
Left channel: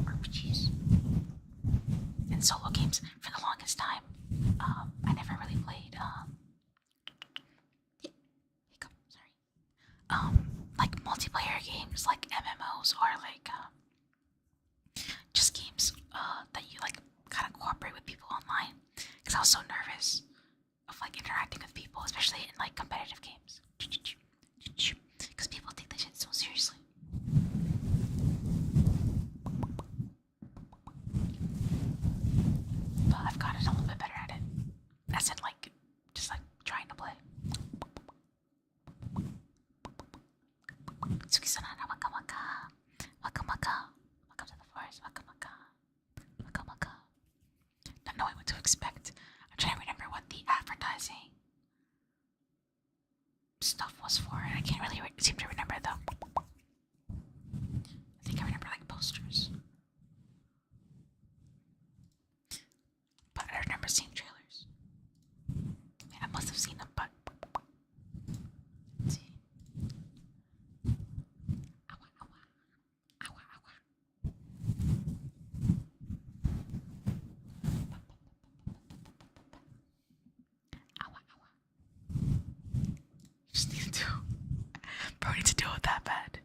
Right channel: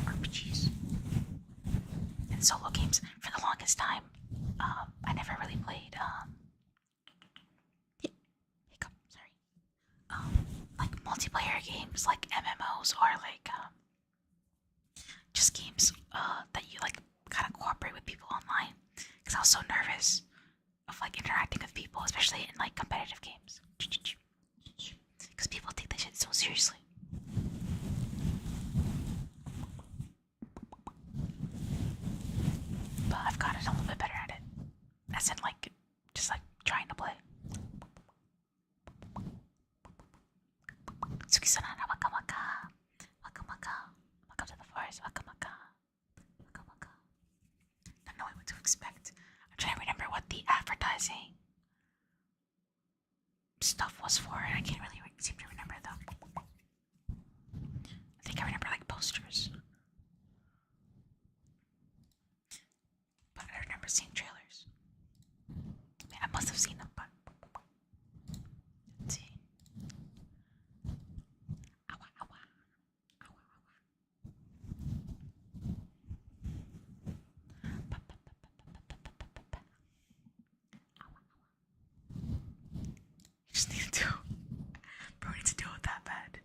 RPGs and solo games. For the longest time, I never really played. Like multiplayer games, like MMOs, or like just games that you like kind of cooperate with people online. Because I was so nervous of like interacting with people, especially in like competitive games. Because people take that shit so seriously. But I've gotten a little bit better at it. As in like, just like trying to play. Tsuki-sanana, waka waka. Waka waka. Welcome to the forest, waka waka. Waka waka. Not knowing what to expect. I'm trying to remember what the advertising stuff was for, and I can't really seem to remember though. I think I remember like posters. But I remember seeing trailers. I mean, I must have seen them, but let's see. Awa, awa. Awa, awa. Awa, awa. You just need to bro, need to deal with that bad.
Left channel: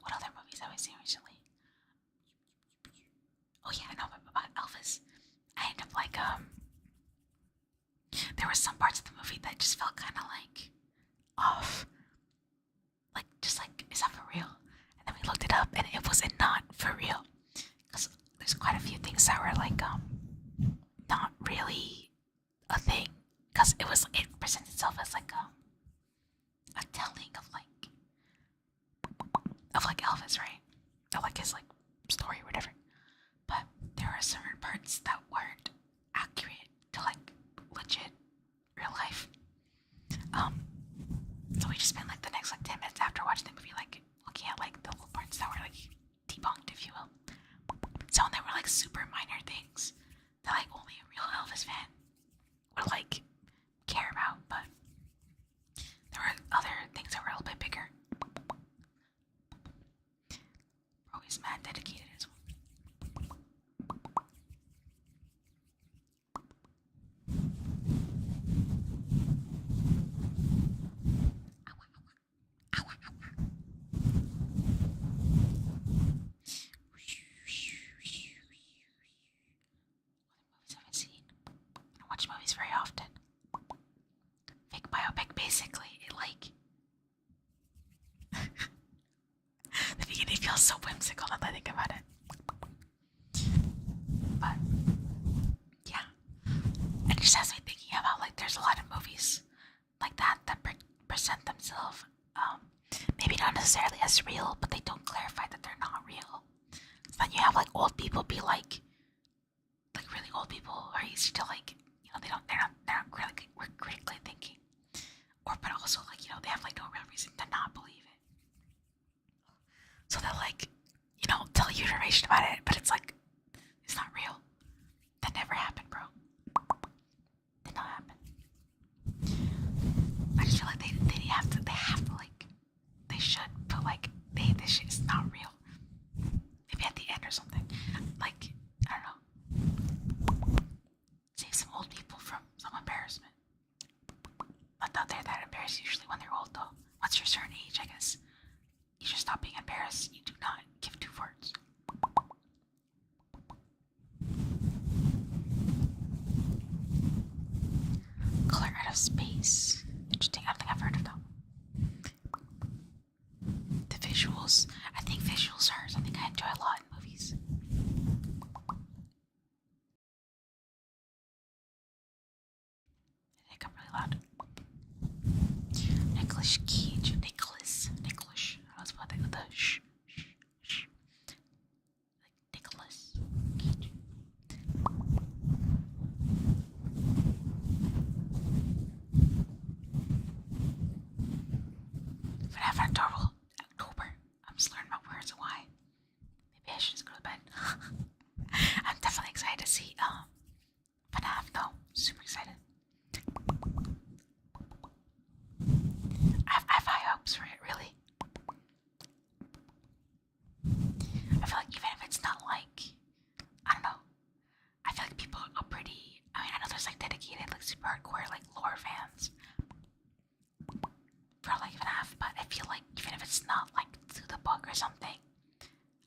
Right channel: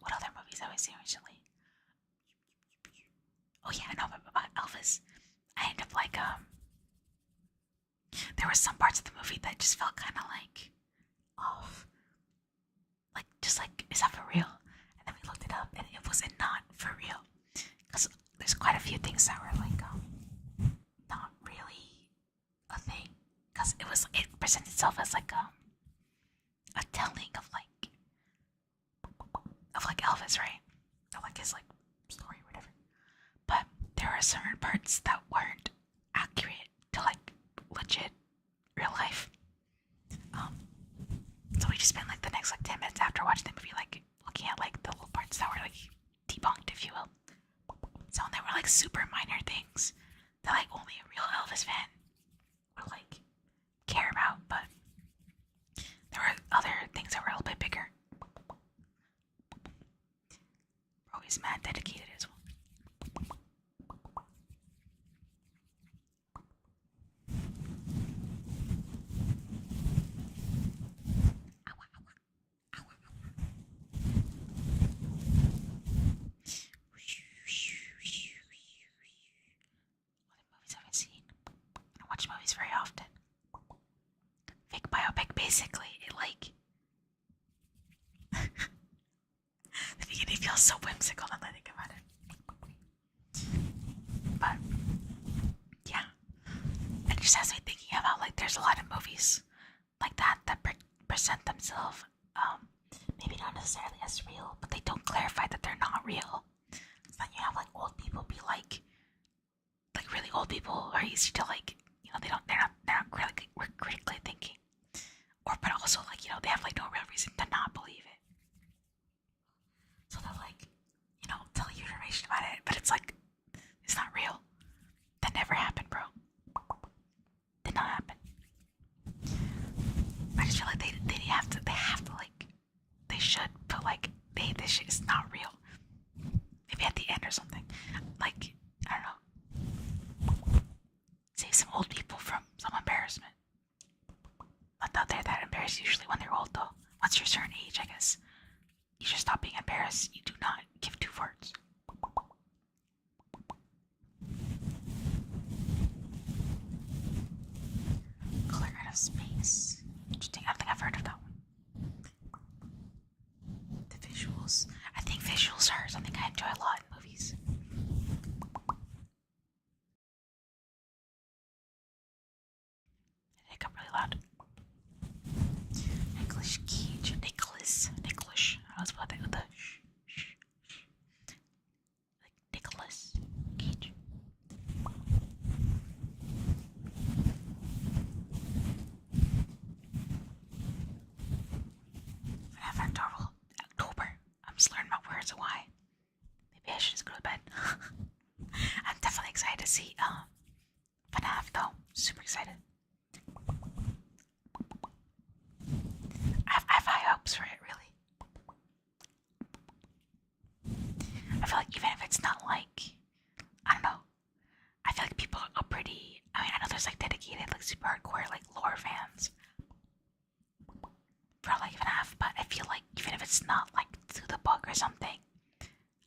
What other movies have I seen recently? Oh yeah, I know about Elvis. I end up like there were some parts of the movie that just felt kind of like off. Like just like, is that for real? And then we looked it up, and it was not for real. Because there's quite a few things that were like not really a thing. Because it presents itself as like a telling of like Elvis, right? Of like his like story or whatever. But there were certain parts that weren't accurate to like legit real life. So we just spent like the next like 10 minutes after watching the movie like looking at like the little parts that were like debunked, if you will. So they were like super minor things that like only a real Elvis fan would like care about, but there were other things that were a little bit bigger. Bro is mad dedicated as well. basically, it like the beginning feels so whimsical now that I think about it. But yeah, it just has me thinking about like there's a lot of movies like that that present themselves maybe not necessarily as real, but they don't clarify that they're not real. So then you have like old people be like really old people are easy to like, you know, they're not critically thinking, or but also like, you know, they have like no real reason to not believe it. So they'll like, you know, tell you information about it, but it's like it's not real. That never happened, bro. Did not happen. I just feel like they have to like they should put like this shit is not real. Maybe at the end or something. Like, I don't know. Save some old people from some embarrassment. Not that they're that embarrassed usually when they're old though. Once you're a certain age, I guess, you should stop being embarrassed. You do not give two farts. Color Out of Space. Interesting. I don't think I've heard of that one. The visuals. I think visuals are something I enjoy a lot in movies. It got really loud. Nicholas Cage. Nicholas. I was about that with the shh. Like Nicholas Cage. FNAF October. I'm just learning my words. Why? Maybe I should just go to bed. I'm definitely excited to see FNAF though. Super excited. I have high hopes for it, really. I feel like even if it's not like, I don't know, I feel like people are pretty, I mean, I know there's like dedicated, like super hardcore, like lore fans for like FNAF, but I feel like even if it's not like through the book or something,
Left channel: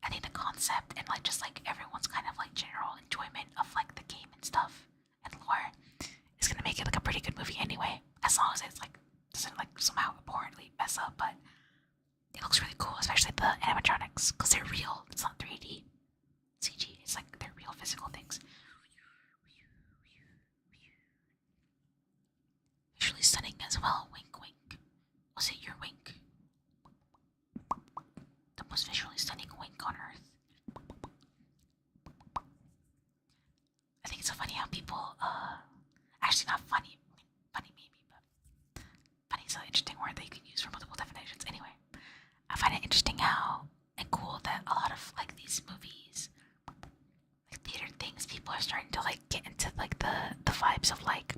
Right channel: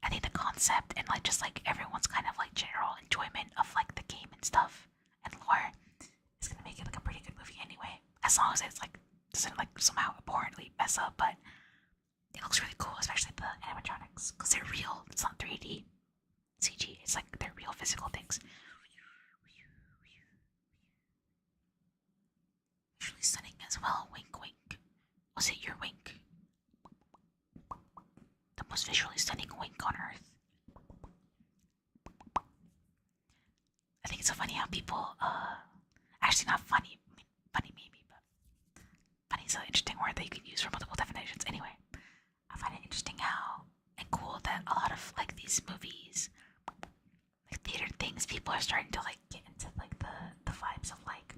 I think the concept and like just like everyone's kind of like general enjoyment of like the game and stuff and lore is gonna make it like a pretty good movie anyway, as long as it's like doesn't like somehow abhorrently mess up, but it looks really cool, especially the animatronics, because they're real. It's not 3D CG. It's like they're real physical things. Visually stunning as well. Wink, wink. Was it your wink? The most visually stunning wink on Earth. I think it's so funny how people, actually not funny. I mean, funny maybe, but funny is an interesting word that you can use for multiple definitions. Anyway, I find it interesting how and cool that a lot of like these movies, like theater things, people are starting to like get into like the vibes of like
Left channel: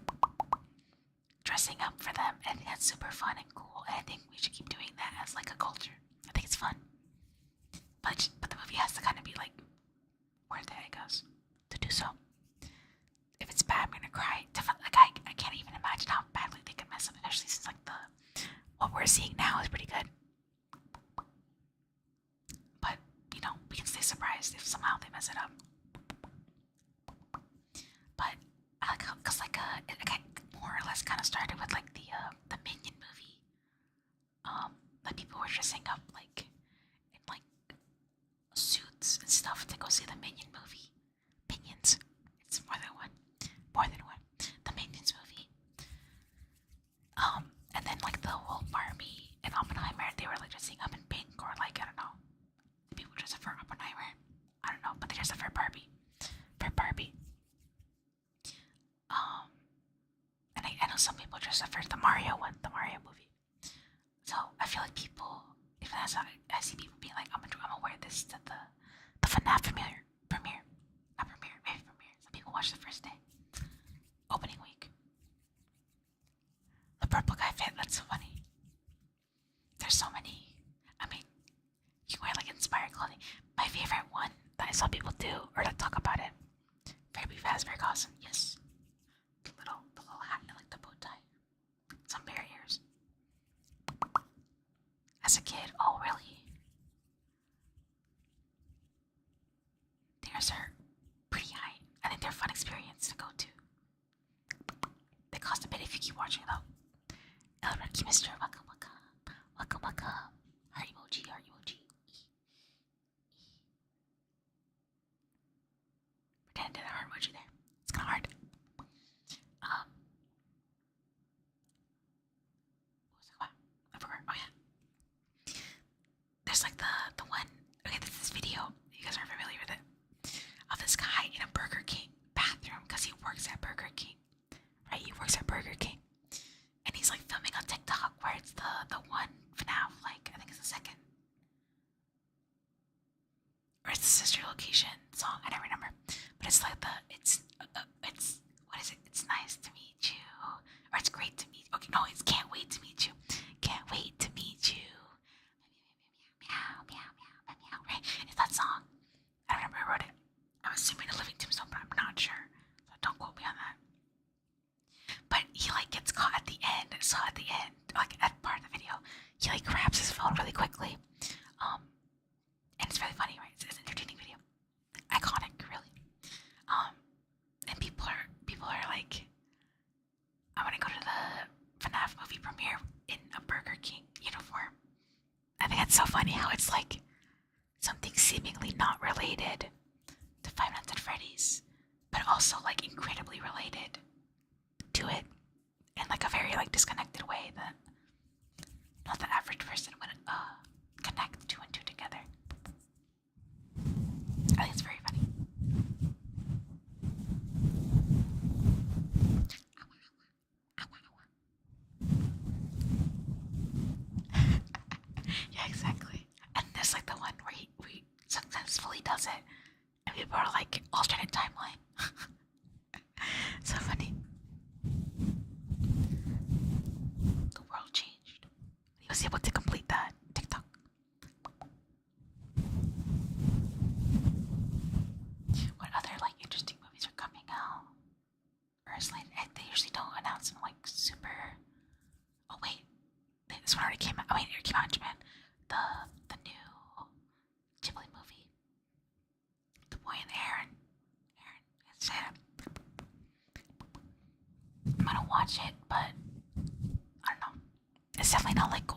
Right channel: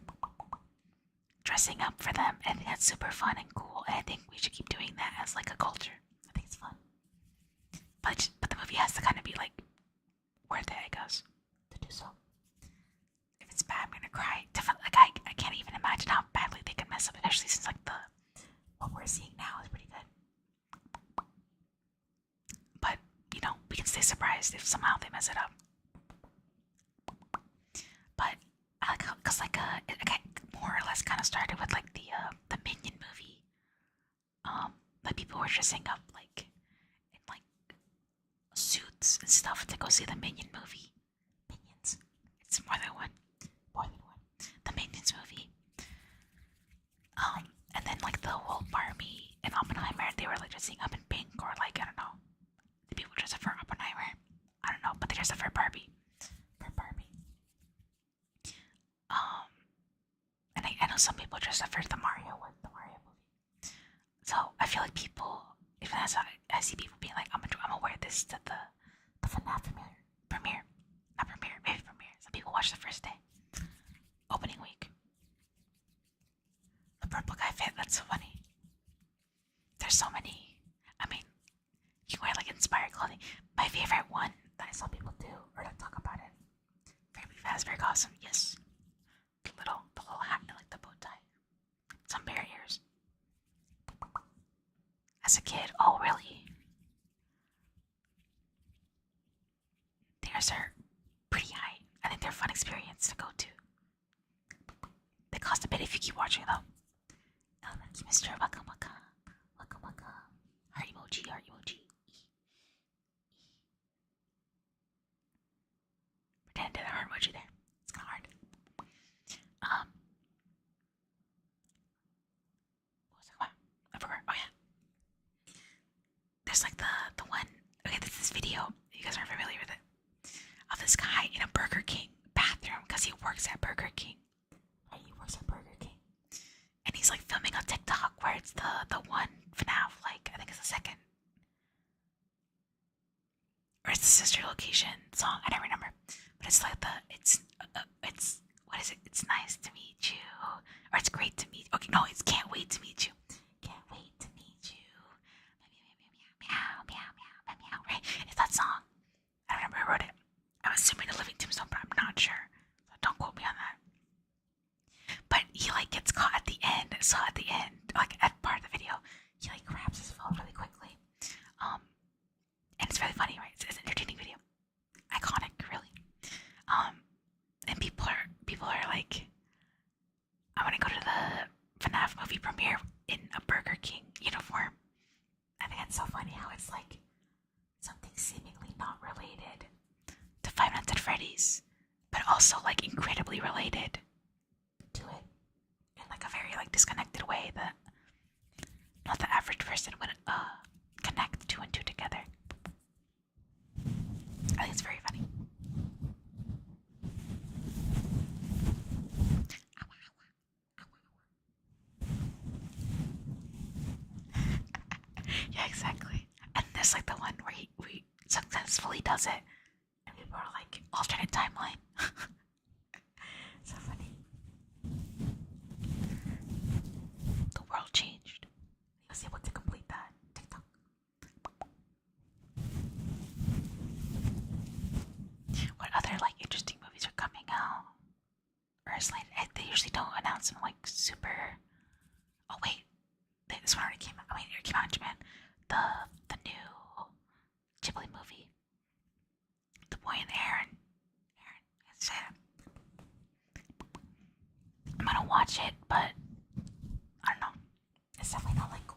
dressing up for them. I think that's super fun and cool, and I think we should keep doing that as like a culture. I think it's fun, but the movie has to kind of be like worth it, I guess, to do so. If it's bad, I'm gonna cry. Definitely, like I can't even imagine how badly they can mess up, especially since like what we're seeing now is pretty good. But you know, we can stay surprised if somehow they mess it up. But I like how, cause like it more or less kind of started with like the Minion movie. Like people were dressing up like in like suits and stuff to go see the Minion movie. Minions. It's more than one. The Minions movie. And then like the whole Barbie and Oppenheimer, they were like dressing up in pink, or like I don't know. The people dress up for Oppenheimer. I don't know, but they dress up for Barbie. And I know some people dress up for the Mario movie. So I feel like people, even as I see people being like, I'm gonna wear this to the FNAF premiere. Some people watch the first day, opening week. The purple guy fit, that's so funny. There's so many. I mean, you wear like inspired clothing. My favorite one that I saw people do or that talk about it. Very fast, very awesome. Yes. The little hat and like the bow tie. Some bear ears. As a kid, oh really? Theirs are pretty high. I think they're a fun experience to go to. They cost a bit if you keep watching though. Thank you, Mr. Welcome, welcome. Welcome, welcome. Heart emoji, heart emoji. Pretend I did a heart emoji there. It's kind of hard. What was I about? I forgot. Oh yeah. There's like the one. Okay, this video. You guys are familiar with it. Of this guy in a Burger King bathroom because he works at Burger King. Right? He works at Burger King. And he's like filming on TikTok where it's the one FNAF, like I think it's the second. Or it's the sister location song, I don't remember. But it's like it's what is it? It's nice to meet you. Or it's great to meet you. Okay, no, it's can't wait to meet you. Can't wait to meet you. Meow, meow, meow, meow, meow, meow, right? It's that song. I don't remember who wrote it. I'm assuming a living tombstone, but I'm not sure. So don't quote me on that. But he like gets caught at the end. So at the end, like at part of the video, he like grabs his phone really quickly. And it's really funny, right? It's an entertaining video. Iconic, really. And people are like, I want to go to the FNAF movie premiere in a Burger King uniform. I think it's so funny how it's like something seemingly not related to Five Nights at Freddy's, but also like incredibly related to it in like a very like disconnected way that not the average person would connect two and two together. I think it's very funny. Yeah, exactly. And there's like the one where he successfully does it, and people are like alternate timeline. So funny. The world changed. He was able to complete that TikTok. What other like interesting movies are coming out? Or is like they usually don't announce them like super. Oh wait, this one already came out. I mean, it came out in Japan. The new Ghibli movie, The Boy and the Heron. I'm gonna watch it, but I don't know. It's definitely not like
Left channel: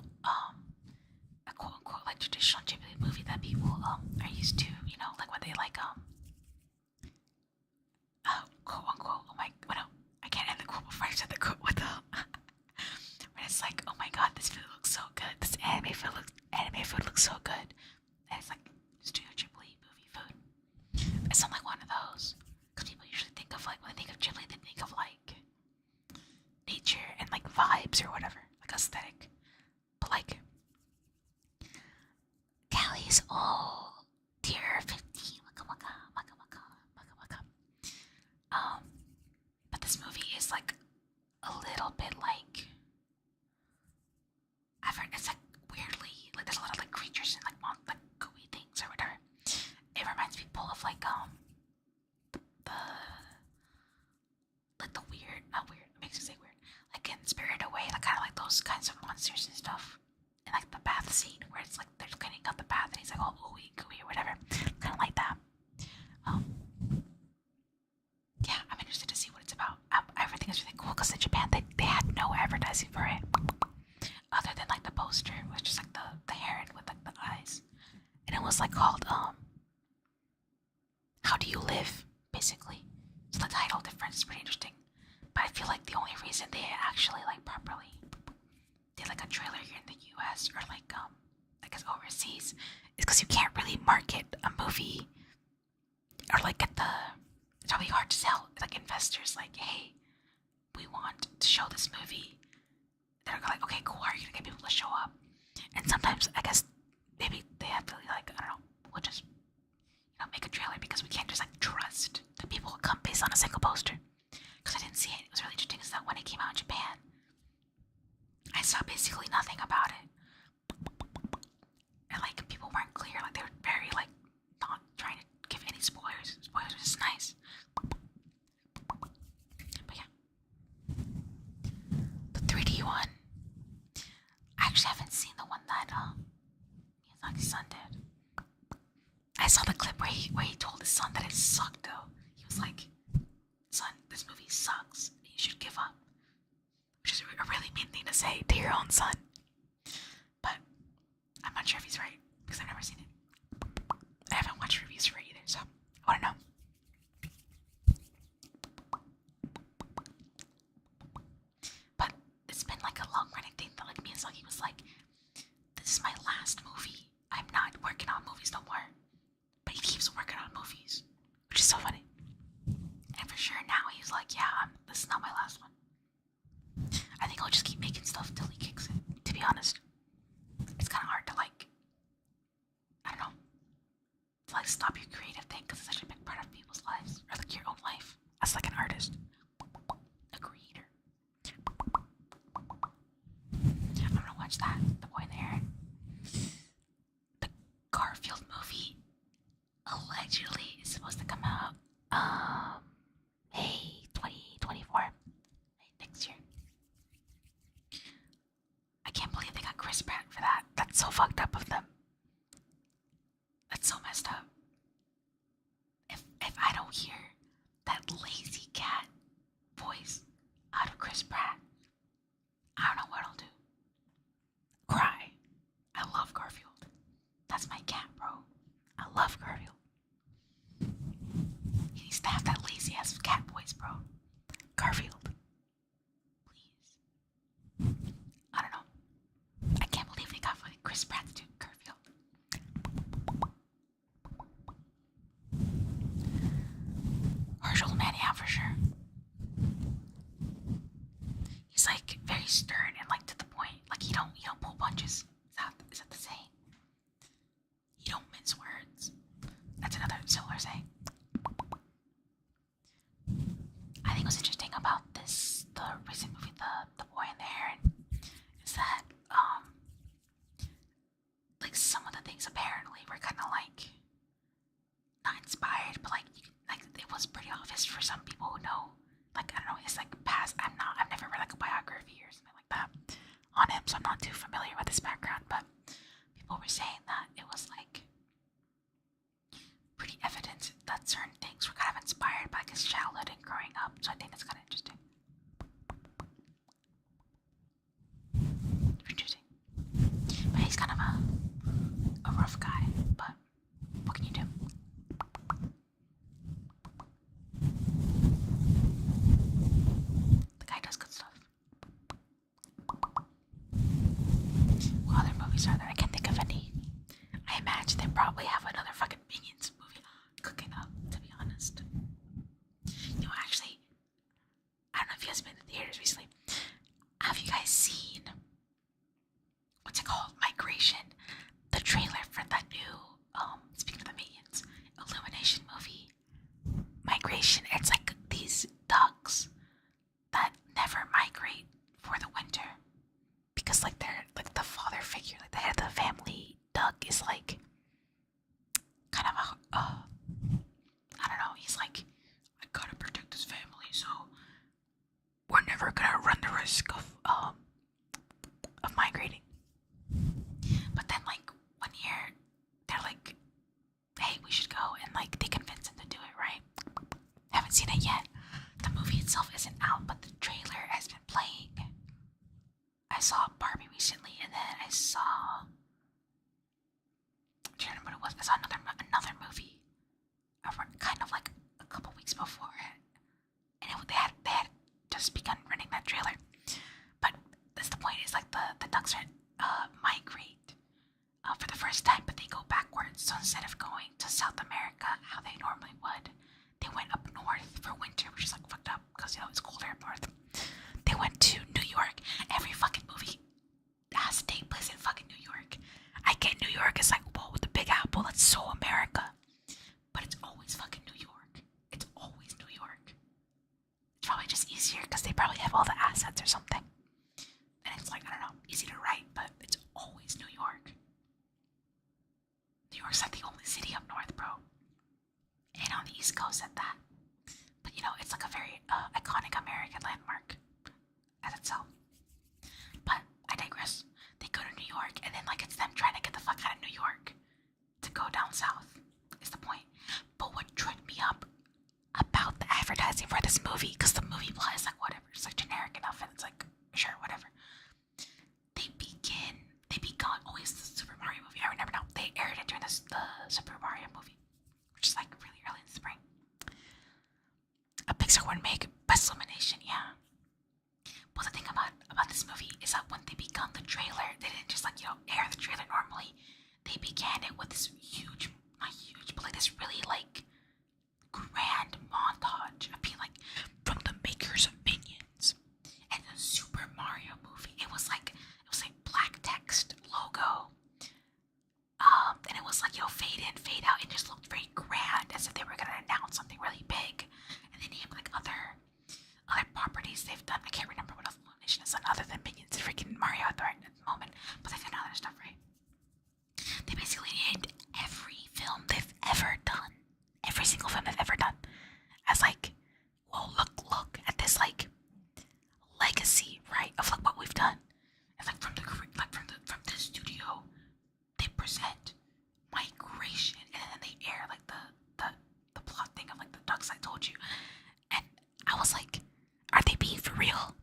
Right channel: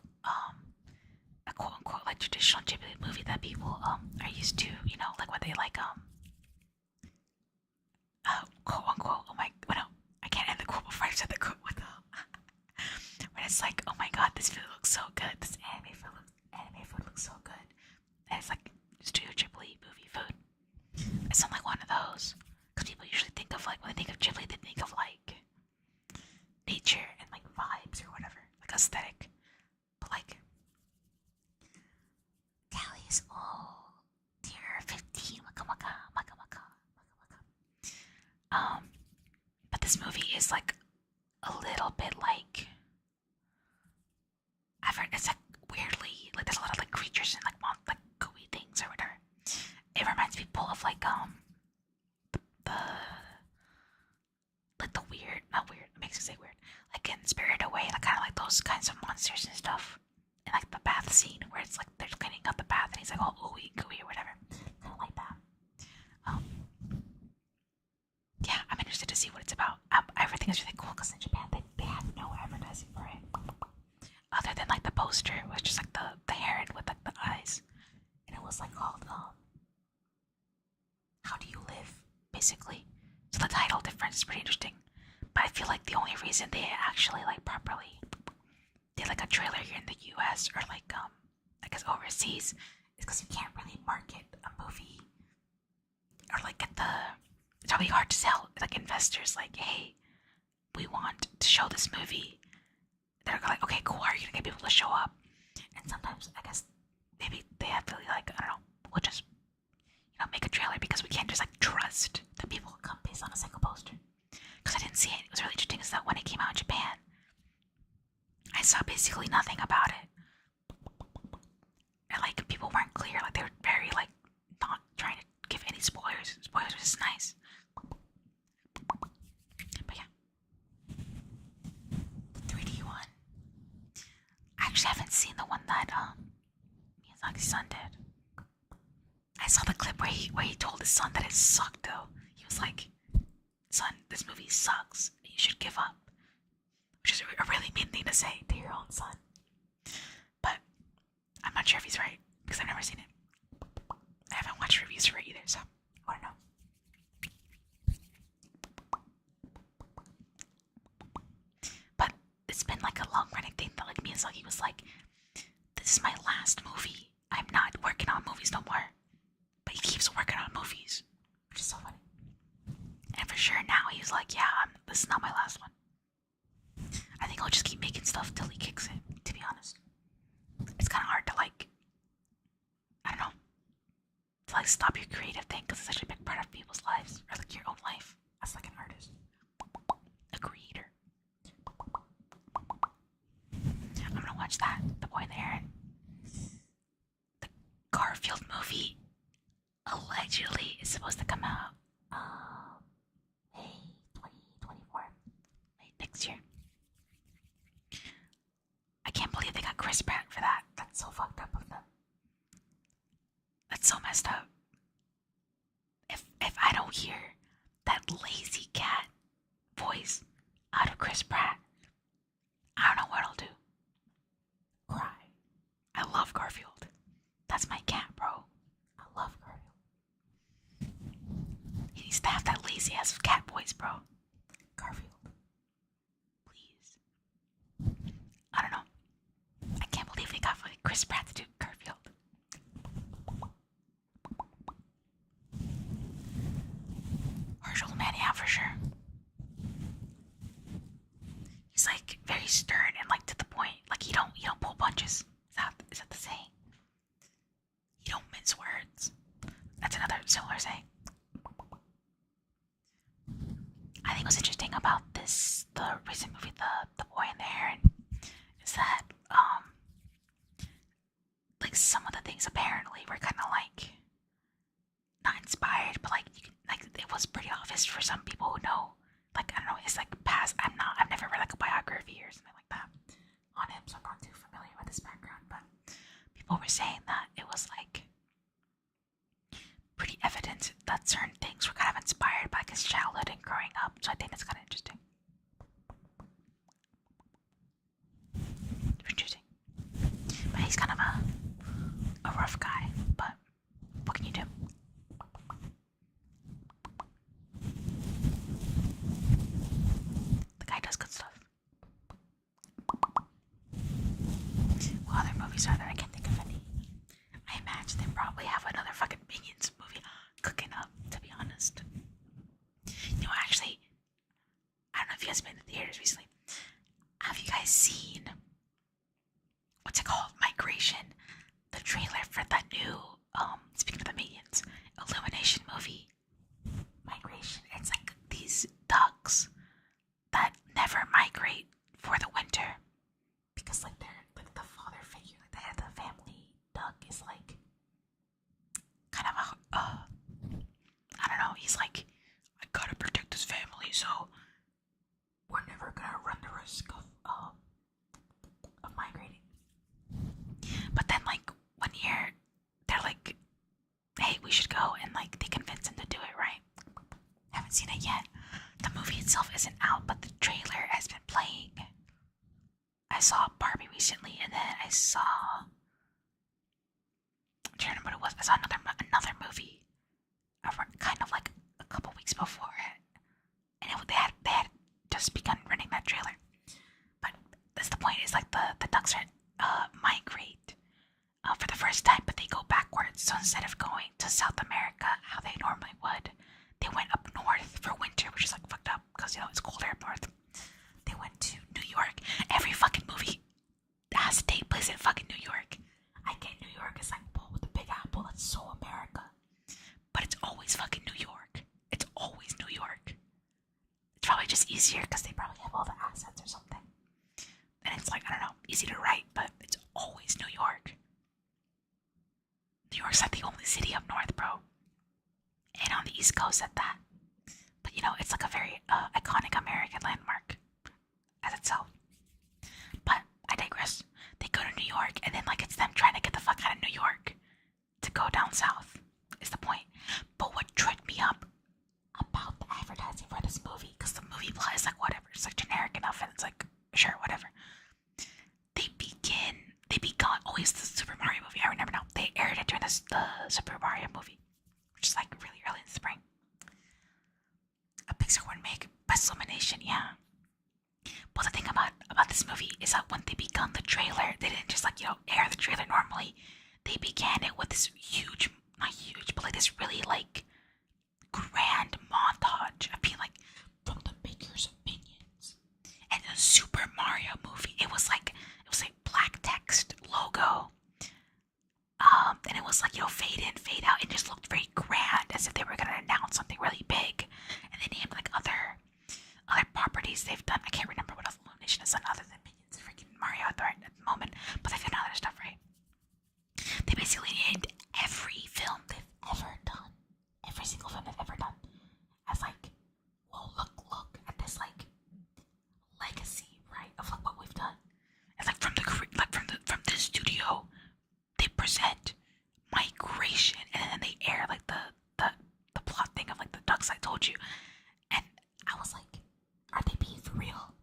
a quote unquote like traditional Ghibli movie that people are used to. You know, like what they like quote unquote. Oh my, well, no, I can't end the quote before I said the quote. What the? When it's like, oh my god, this food looks so good. This anime food looks so good. And it's like Studio Ghibli movie food. It's not like one of those. Because people usually think of like when they think of Ghibli, they think of like nature and like vibes or whatever, like aesthetic. But like Callie's all tier 15. Waka waka waka waka waka waka. But this movie is like a little bit like I've heard it's like weirdly like there's a lot of like creatures and like gooey things or whatever. It reminds people of like the weird, not weird, it makes it say weird, like in Spirited Away, like kind of like those kinds of monsters and stuff. And like the bath scene where it's like they're cleaning up the bath and he's like all ooey gooey or whatever, kind of like that. Yeah, I'm interested to see what it's about. Everything is really cool because in Japan they had no advertising for it, other than like the poster, which is like the heron with like the eyes, and it was like called How Do You Live, basically. So the title difference is pretty interesting. But I feel like the only reason they actually like properly did like a trailer here in the US or like I guess overseas is because you can't really market a movie or like get it's probably hard to sell like investors like, hey, we want to show this movie. They're like, okay, cool, how are you gonna get people to show up? And sometimes I guess maybe they have to like, I don't know, we'll just make a trailer because we can't just like trust that people will come based on a single poster. Because I didn't see it. It was really interesting is that when it came out in Japan, I saw basically nothing about it. And like people weren't clear, like they were very like not trying to give any spoilers. Spoilers was just nice. But yeah. The 3D one. I actually haven't seen the one that Miyazaki's son did. I saw the clip where he told his son that it sucked though. He was like, son, this movie sucks. You should give up. Which is a really mean thing to say to your own son. But I'm not sure if he's right because I've never seen it. I haven't watched reviews for it either, so I want to know. But it's been like a long running thing that like Miyazaki was like, this is my last movie. I'm not working on movies no more. But he keeps working on movies, which is so funny. And for sure now he's like, yeah, this is not my last one. I think I'll just keep making stuff till he kicks it, to be honest. It's kind of hard to like, I don't know, to like stop your creative thing because it's such a big part of people's lives, or like your own life as like an artist, a creator. I'm gonna watch that, The Boy in the Heron. The Garfield movie allegedly is supposed to come out May 2024, next year. I can't believe they got Chris Pratt for that. That's so fucked up of them. That's so messed up. If I don't hear that lazy cat voice out of Chris Pratt, I don't know what I'll do. Cry. I love Garfield. That's my cat, bro. I love Garfield. He needs to have that lazy ass cat voice, bro. Garfield. Please. I don't know. I can't believe they got Chris Pratt to do Garfield. Harsh old man, yeah, for sure. He's like very stern and like to the point. Like you don't pull punches. Is that the saying? You don't mince words. That's another similar saying. I think what's interesting about the recent movie, the Boy and the Heron, is that like some of the things apparently were kind of like not inspired, but like it was pretty obvious for some people who know. Like I don't know, his like past. I've never read like a biography or something like that on him, so I'm not too familiar with his background. But people were saying that it was like pretty evident that certain things were kind of inspired by his childhood and growing up. So I think that's kind of interesting. Interesting. But he's kind of a rough guy. But what can you do? The guy does good stuff. What other movies are there? I can't think of any. I imagine they probably have another fucking Minions movie cooking up, to be honest. You know, actually, I don't know if you guys have been to theaters recently. Have you guys seen, what's it called? Migration. The trailer for that new, speaking of the Minions, Illumination movie. Migration. It's like these ducks that never migrate for the winter. Because like they're like the father figure, like the head of the family duck is like kind of I don't know, he's like, I gotta protect his family, so we're never gonna run the risk of migrating. But then like 1 year they're like, hey, we should go, and like they convince him to do it, right? Haven't seen it yet. The movie itself isn't out, but the trailer has been playing. I saw Barbie recently, and then I saw, I'm trying to remember what it was. I saw another movie, kind of like a couple weeks before it, and they had just begun running that trailer. But that's the point. Is like the ducks migrate for the first time, but they go backwards. So instead of going to South America, how they normally would, they went up north for winter, which is like fucked up because you know it's colder up north. They went to New York. Every fucking movie has to take place in fucking New York. I get New York is like, whoa, the Big Apple, that's so America. But it's always fucking New York. It's always New York. It's probably just easier because they probably have all the assets or something. And it's like, I don't know, easy to write, but it's always New York. New York's like the only city up north, bro. And on the East Coast at that. But you know, it's like a very iconic American landmark as itself. But I digress. They go to New York, and then like it's them trying to get the fuck out of New York to go down south is the point. But what tripped me up about the advertising for this movie, because the movie plot is like whatever, it's like generic enough, and it's like sure, always the Super Mario movie. I remember now. They aired it during the Super Mario movie, which is like really early in the spring. A Pixar would make best illumination, yeah. But the thing about this movie is that when they began the trailer, they didn't just like air the trailer normally. They began it with this huge, not huge, but like this really like grand montage of being like from the makers of Minions and the Super Mario movie. It was like black text logo. And it was like fade in, fade out. It just looked very grand, as if they were gonna announce something really big. And they named like other properties they've done. I can't remember what else Illumination has done other than Minions and freaking Mario at the moment. But they've done other stuff, right? They basically named every film they've ever done, every single film they've ever done, as like, well, look at this like legacy, right, of like what we've done. And like from the studio, they present migration, and then they air like the plot thing of like the ducks I told you. And I was like, are they being for real?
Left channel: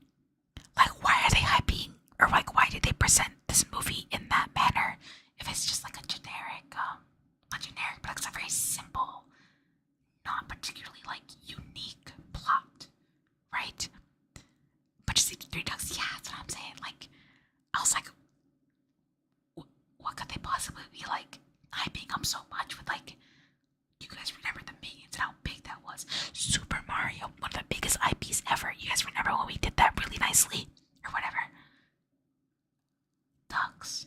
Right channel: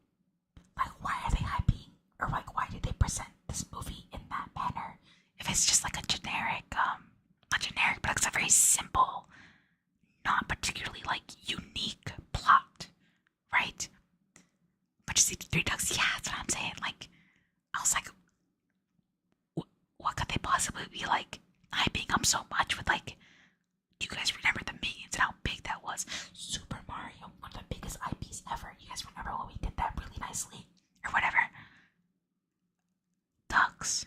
Like, why are they hyping, or like why did they present this movie in that manner if it's just like a generic, not generic, but it's a very simple, not particularly like unique plot, right? But just the three ducks, yeah, that's what I'm saying. Like, I was like, what could they possibly be like hyping up so much with like? You guys remember the Minions and how big that was? Super Mario, one of the biggest IPs ever. You guys remember when we did that really nicely, or whatever? Ducks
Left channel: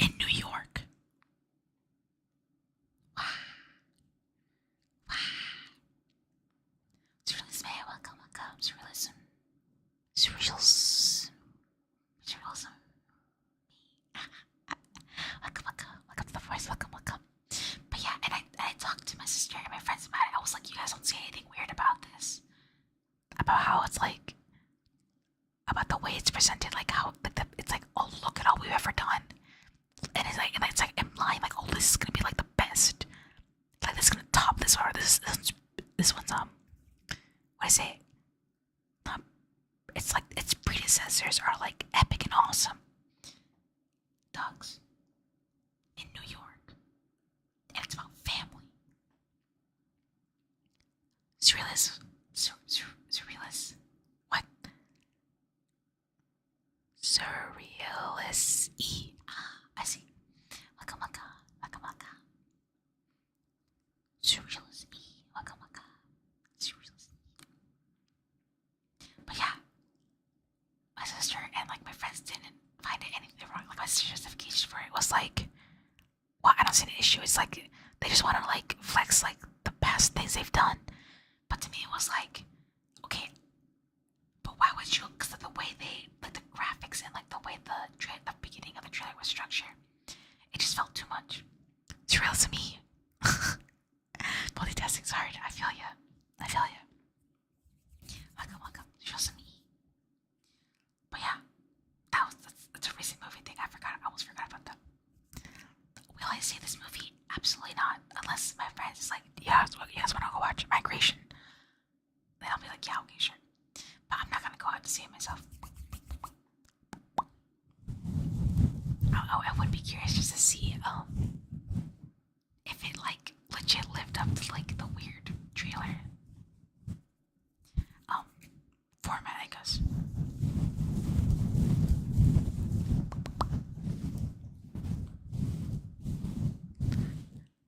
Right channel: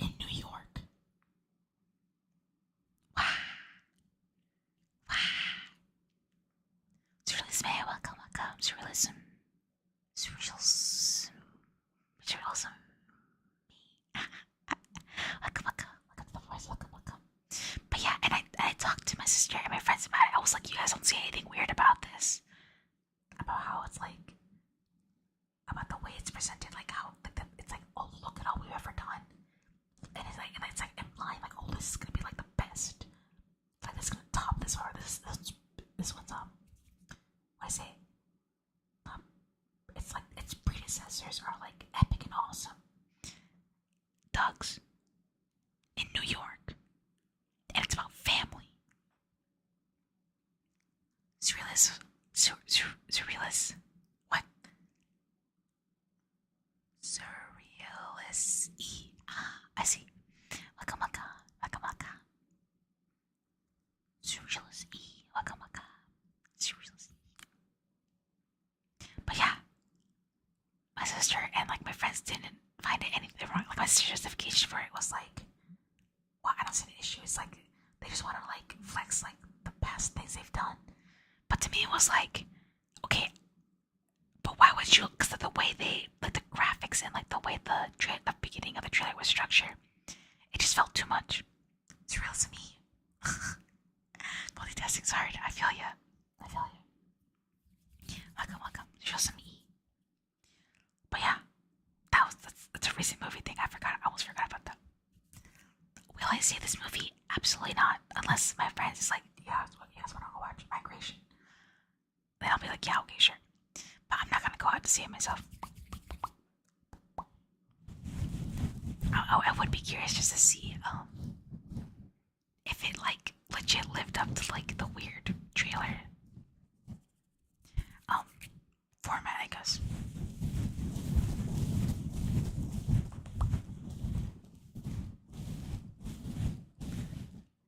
in New York. Wow. Wow. Surrealism, welcome. Surrealism. Surrealism. Welcome to the voice. Welcome. But yeah, and I talked to my sister and my friends about it. I was like, you guys don't see anything weird about this? About how it's like, about the way it's presented, like how like it's like, oh, look at all we've ever done, and it's like implying like, oh, this is gonna be like the best, like this is gonna top this, or this one's what I say, it's like its predecessors are like epic and awesome. Dogs in New York, and it's about family. Surrealist. What? Surrealist. I see. Waka. Surrealist. Waka. Surrealist. But yeah, my sister and like my friends didn't find it anything wrong. Like my sister's justification for it was like, well, I don't see an issue. It's like they just want to like flex like the past things they've done. But to me, it was like, okay, but why would you? Because of the way they, like the graphics and like the way the beginning of the trailer was structured, it just felt too much. It's real to me. Multitasking, sorry, I feel ya. Welcome. It's real to me. But yeah, that's a recent movie thing. I almost forgot about that. Will I see this movie? Absolutely not. Unless my friends is like, yeah, you guys want to go watch Migration? Then I'll be like, yeah, okay, sure. But I'm not gonna go out to see it myself. I would be curious just to see if it like legit lived up to like the weird trailer format, I guess.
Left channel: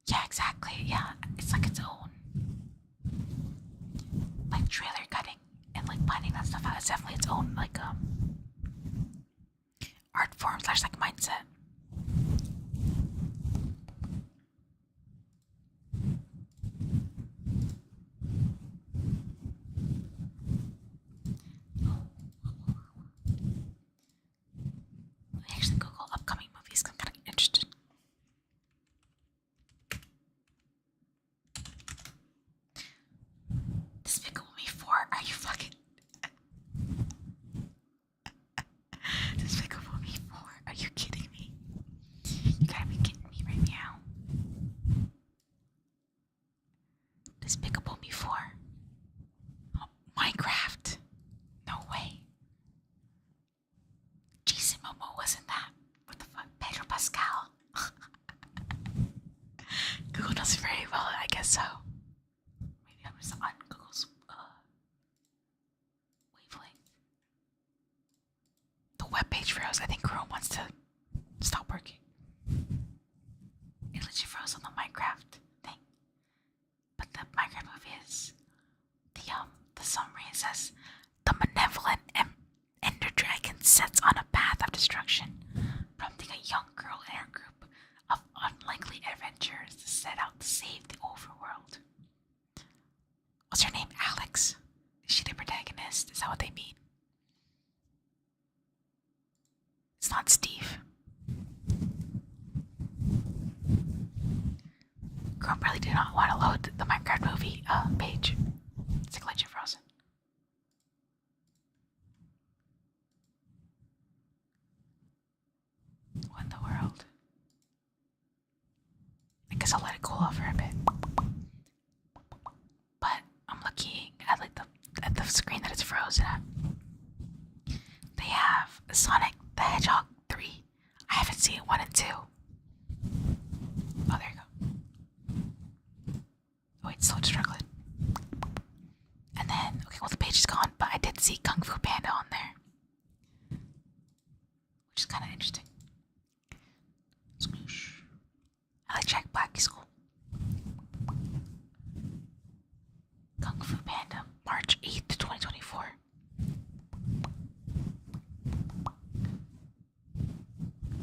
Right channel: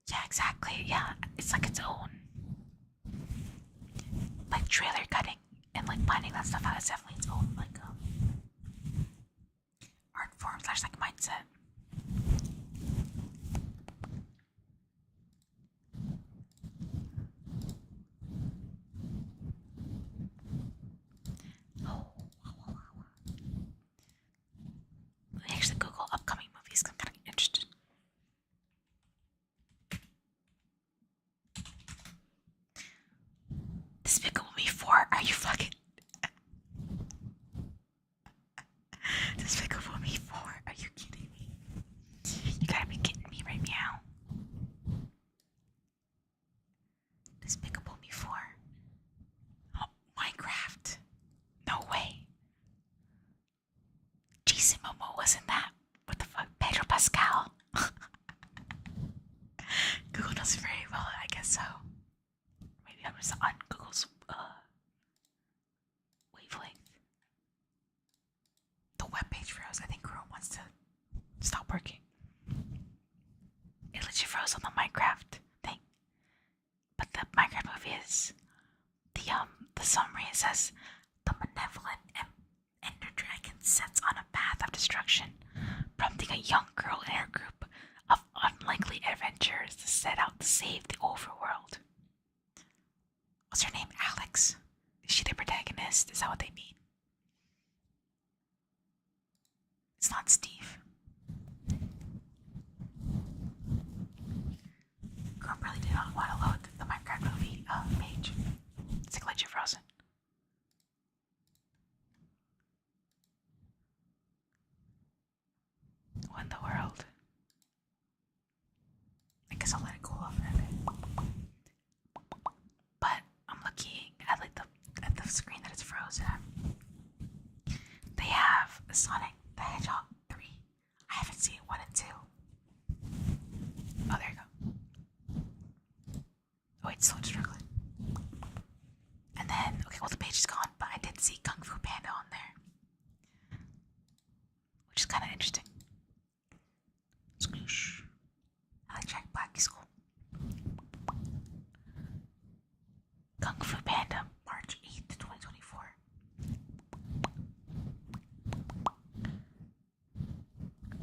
Yeah, exactly. Yeah, it's like its own like trailer cutting and like finding that stuff out. It's definitely its own like art form / like mindset. Let me actually Google upcoming movies. I'm kind of interested. Despicable Me 4? Are you fucking... Despicable Me 4? Are you kidding me? page froze. I think Chrome wants to stop working. It literally froze on the Minecraft thing. But the Minecraft movie is the summary. It says the malevolent Ender Dragon sets on a path of destruction, prompting a young girl and her group of unlikely adventurers to set out to save the overworld. What's her name? Alex? Is she the protagonist? Is that what they mean? It's not Steve. Chrome really did not want to load the Minecraft movie page. It's like legit frozen. What in the world? I guess I'll let it cool off for a bit. But I'm looking at at the screen that it's frozen at. They have Sonic the Hedgehog 3. I haven't seen 1 and 2. Oh, there you go. Oh wait, so it's struggling. And then, okay, well the page is gone, but I did see Kung Fu Panda on there, which is kind of interesting. Squoosh. I like Jack Black, he's cool. Kung Fu Panda, March 8th, 2024.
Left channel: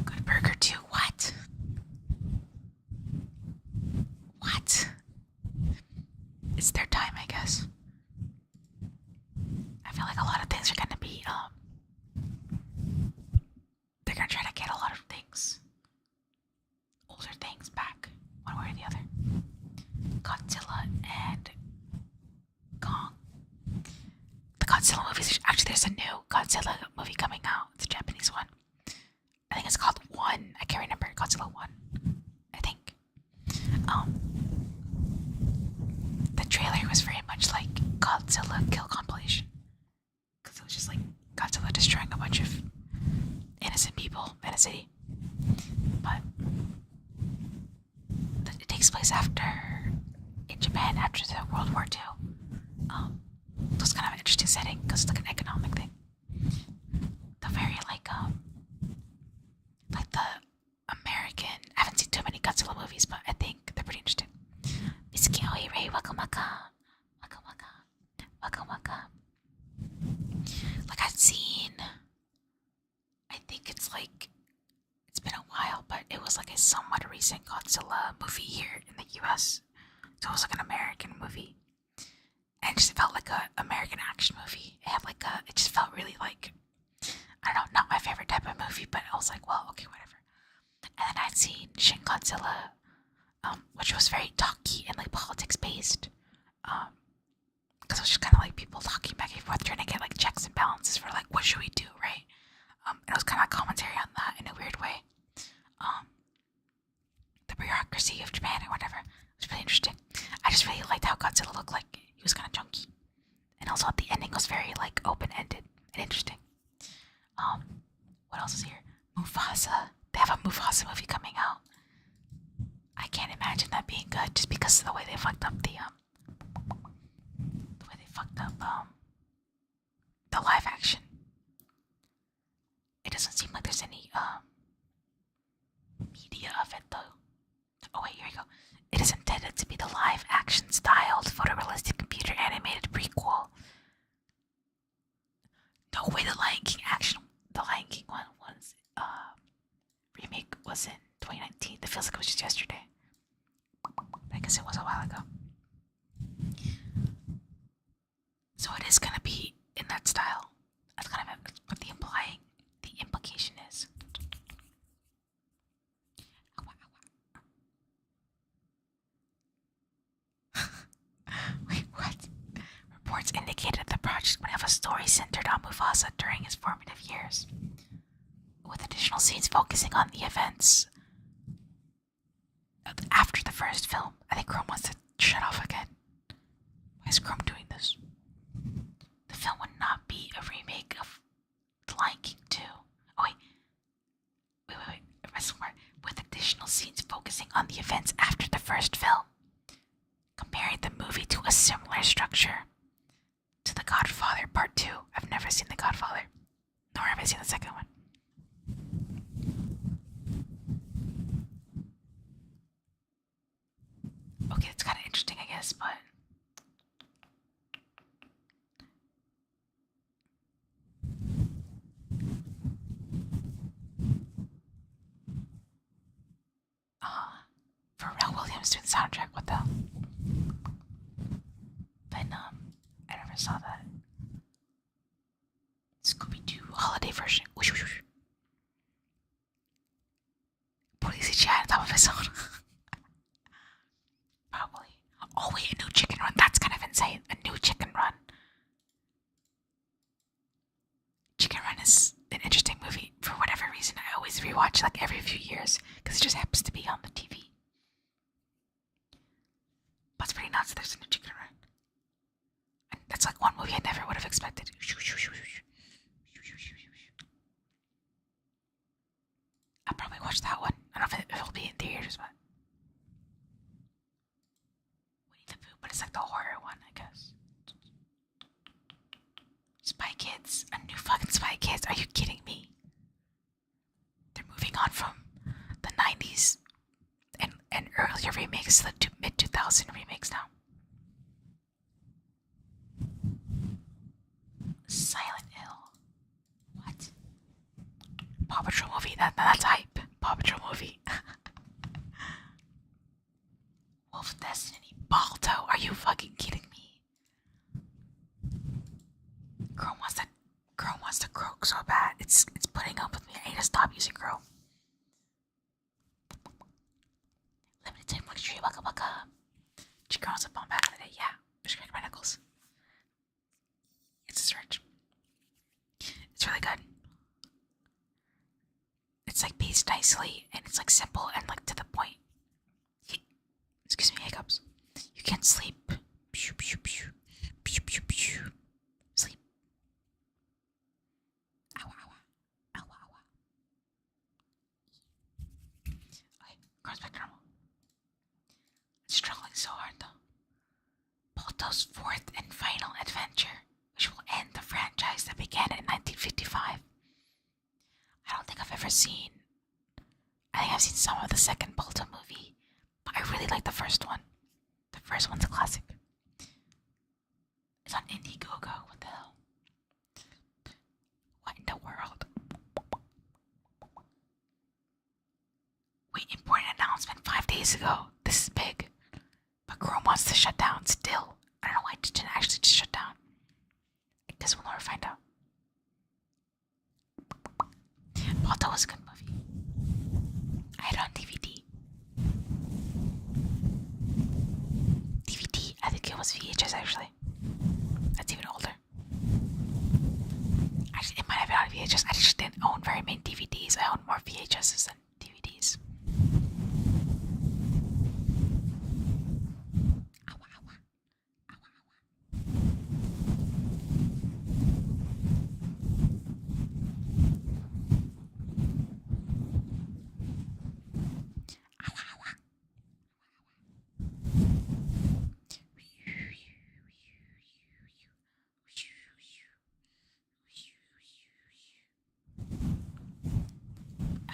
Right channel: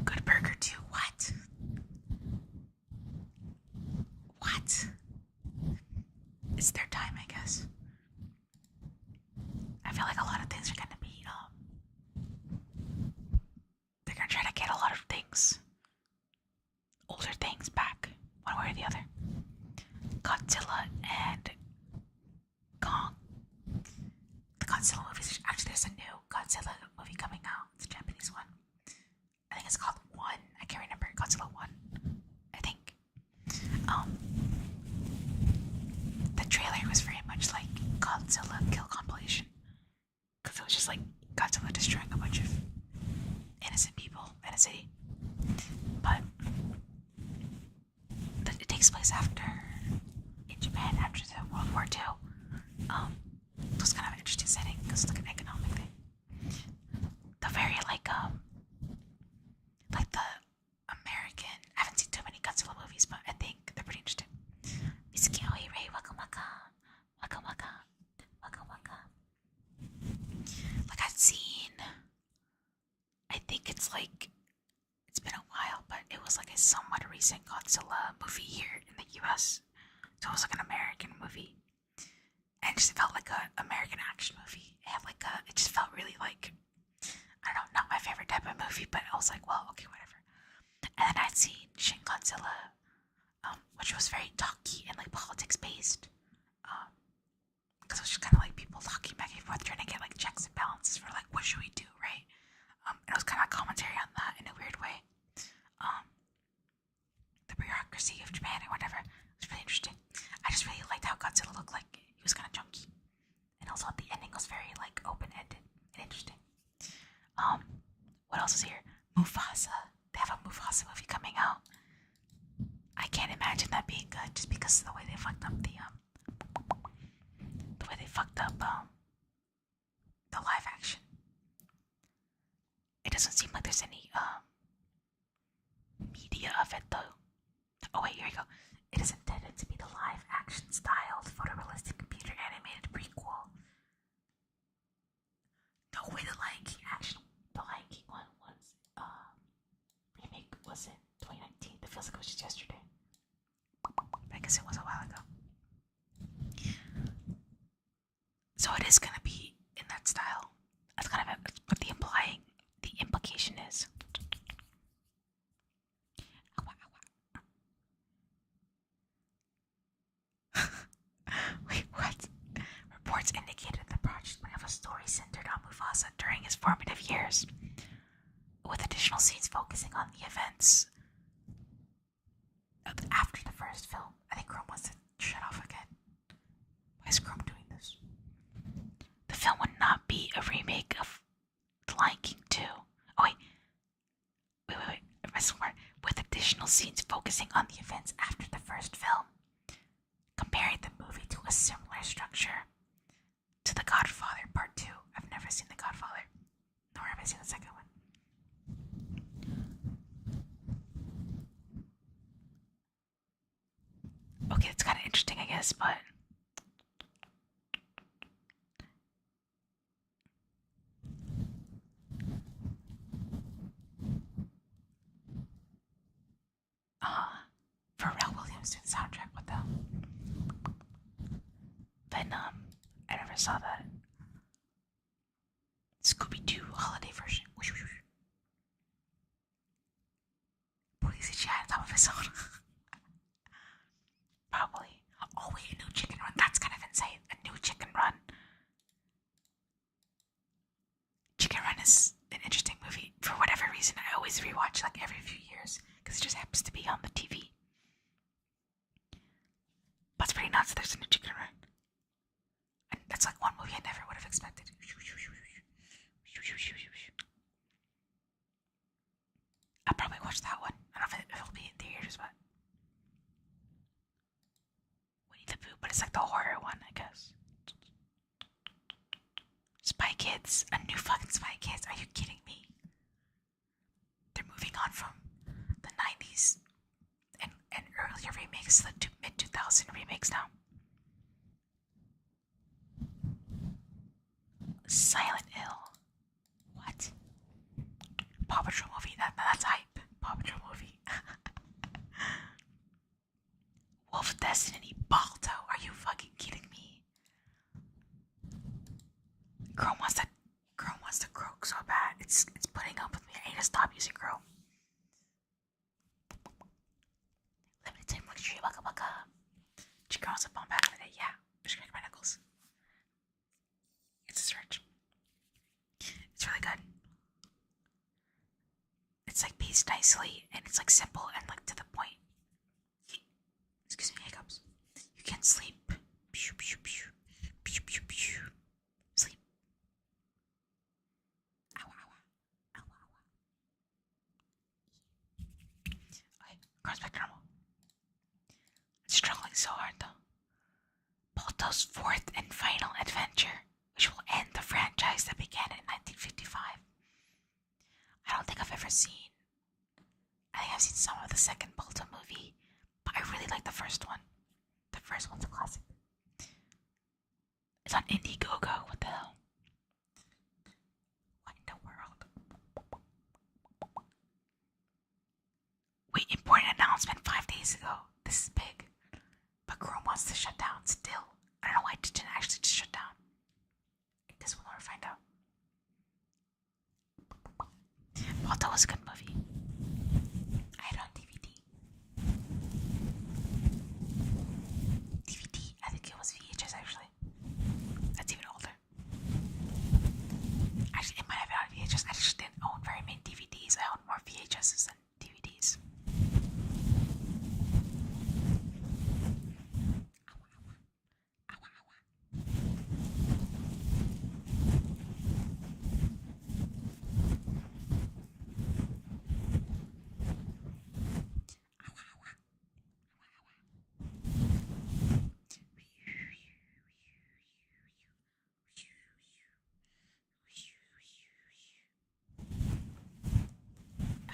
Good Burger 2, what? What? It's their time, I guess. I feel like a lot of things are gonna be, they're gonna try to get a lot of things, older things back, one way or the other. Godzilla and Kong. The Godzilla movies, actually there's a new Godzilla movie coming out. It's a Japanese one. I think it's called One. I can't remember. Godzilla 1. I think. The trailer was very much like Godzilla Kill Compilation. Because it was just like Godzilla destroying a bunch of innocent people in a city. But it takes place in Japan after the World War II. It was kind of an interesting setting because it's like an economic thing. The very like the American. I haven't seen too many Godzilla movies, but I think they're pretty interesting. Misuki Ray Waka Waka Waka Waka Waka Waka. Like I've seen, I think it's been a while, but it was like a somewhat recent Godzilla movie here in the US. So it was like an American movie. And it just felt like an American action movie. It just felt really like, I don't know, not my favorite type of movie, but I was like, well, okay, whatever. And then I'd seen Shin Godzilla, which was very talky and like politics based. Because it was just kind of like people talking back and forth, trying to get like checks and balances for like, what should we do, right? And it was kind of commentary on that in a weird way. The bureaucracy of Japan or whatever. It was really interesting. I just really liked how Godzilla looked like. He was kind of chunky. And also the ending was very like open-ended and interesting. What else is here? Mufasa. They have a Mufasa movie coming out. I can't imagine that being good just because of the way they fucked up the live action. It doesn't seem like there's any media of it though. Oh wait, here we go. It is intended to be the live action styled photorealistic computer animated prequel. No way, the Lion King one was remake was in 2019. It feels like it was just yesterday. But I guess it was a while ago. So it is gonna be in that style. That's kind of what the implication is. Wait, what? Reports indicated the project would have a story centered on Mufasa during his formative years, with additional scenes focusing on the events after the first film. I think Chrome wants to shut off again. Why is Chrome doing this? The film would not be a remake of The Lion King 2. Oh wait. With additional scenes focusing on the events after the first film, comparing the movie to a similar structure to The Godfather Part 2. I've never seen The Godfather, nor have I seen the second one. guess, but Pharrell Williams doing the soundtrack. What the hell? Venom. I never saw that. Scooby-Doo holiday version. Whoosh, whoosh, whoosh. Police chat on top of his own. Probably. Oh wait, a new Chicken Run. That's kind of insane. A new Chicken Run. Chicken Run is an interesting movie. For whatever reason, I always rewatch like every few years because it just happens to be on the TV. But it's pretty nuts. There's a new Chicken Run. And that's like one movie I never would have expected. I'll probably watch that one. I don't know if it'll be in theaters, but Winnie the Pooh, but it's like the horror one, I guess. Spy Kids, a new fucking Spy Kids. Are you kidding me? They're moving on from the 90s and earlier remakes to the mid 2000 remakes now. Silent Hill. What? Paw Patrol movie. That's hype. Paw Patrol movie. Wolf Destiny. Balto. Are you fucking kidding me? Chrome wants to croak so bad. It's putting up with me. I need to stop using Chrome. Limited tree. Waka waka. Chicken was up on back in the day. Yeah. Just crack my knuckles. It's a search. It's really good. It's like paced nicely and it's like simple and like to the point. Excuse me, hiccups. You can't sleep. Pew pew pew. Pew pew pew. Sleep. Ow ow ow. Ow ow. Okay, cross back to normal. It's struggling so hard though. Balto's fourth and final adventure, which will end the franchise that began in 1955. I don't think I've ever seen. I think I've seen some of the second Balto movie, but I really like the first one. The first one's a classic. It's on Indiegogo. What the hell? What in the world? Wait, important announcement 5 days ago. This is big. But Chrome wants to shut down still. I don't know why it didn't actually just shut down. I guess we'll never find out. Balto was a good movie. I had it on DVD. DVD? I think it was VHS actually. That's even older. Actually, it might have been on VHS. I just didn't own very many DVDs. I owned more VHSs than DVDs.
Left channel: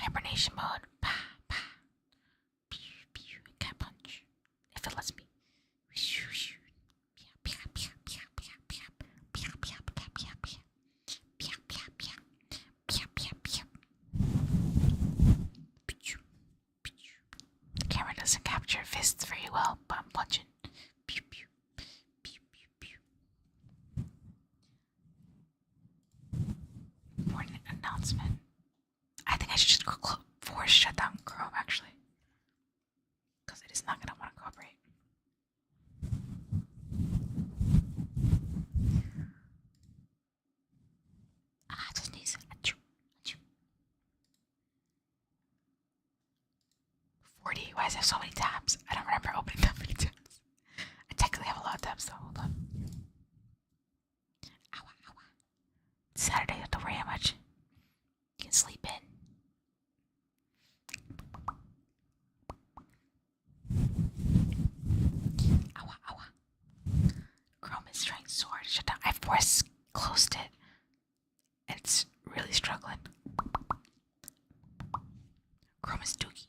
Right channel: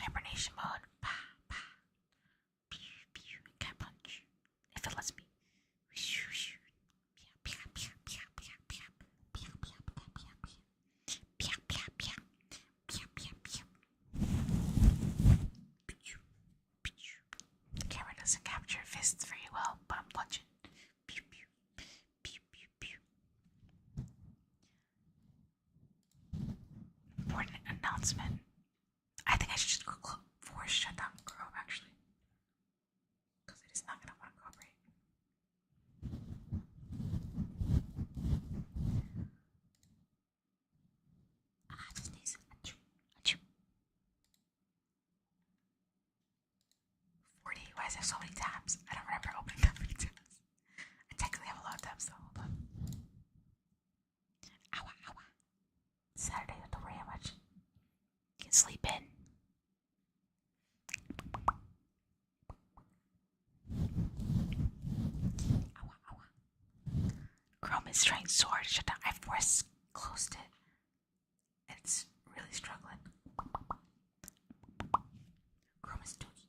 Hibernation mode. Pa, pa. Pew, pew. Cat punch. If it lets me. The camera doesn't capture fists very well, but I'm punching. Pew, pew. Pew, pew, pew. Important announcement. I think I should just force shut down Chrome actually. Because it is not going to want to cooperate. Just needs it. Achoo, achoo. 40. Why does it have so many tabs? I don't remember opening that many tabs. I technically have a lot of tabs though. Hold on. Ow, ow, ow. Saturday, you have to worry how much. You can sleep in. Ow, ow, ow. Chrome is trying so hard to shut down. I force closed it. It's really struggling. Chrome is dookie.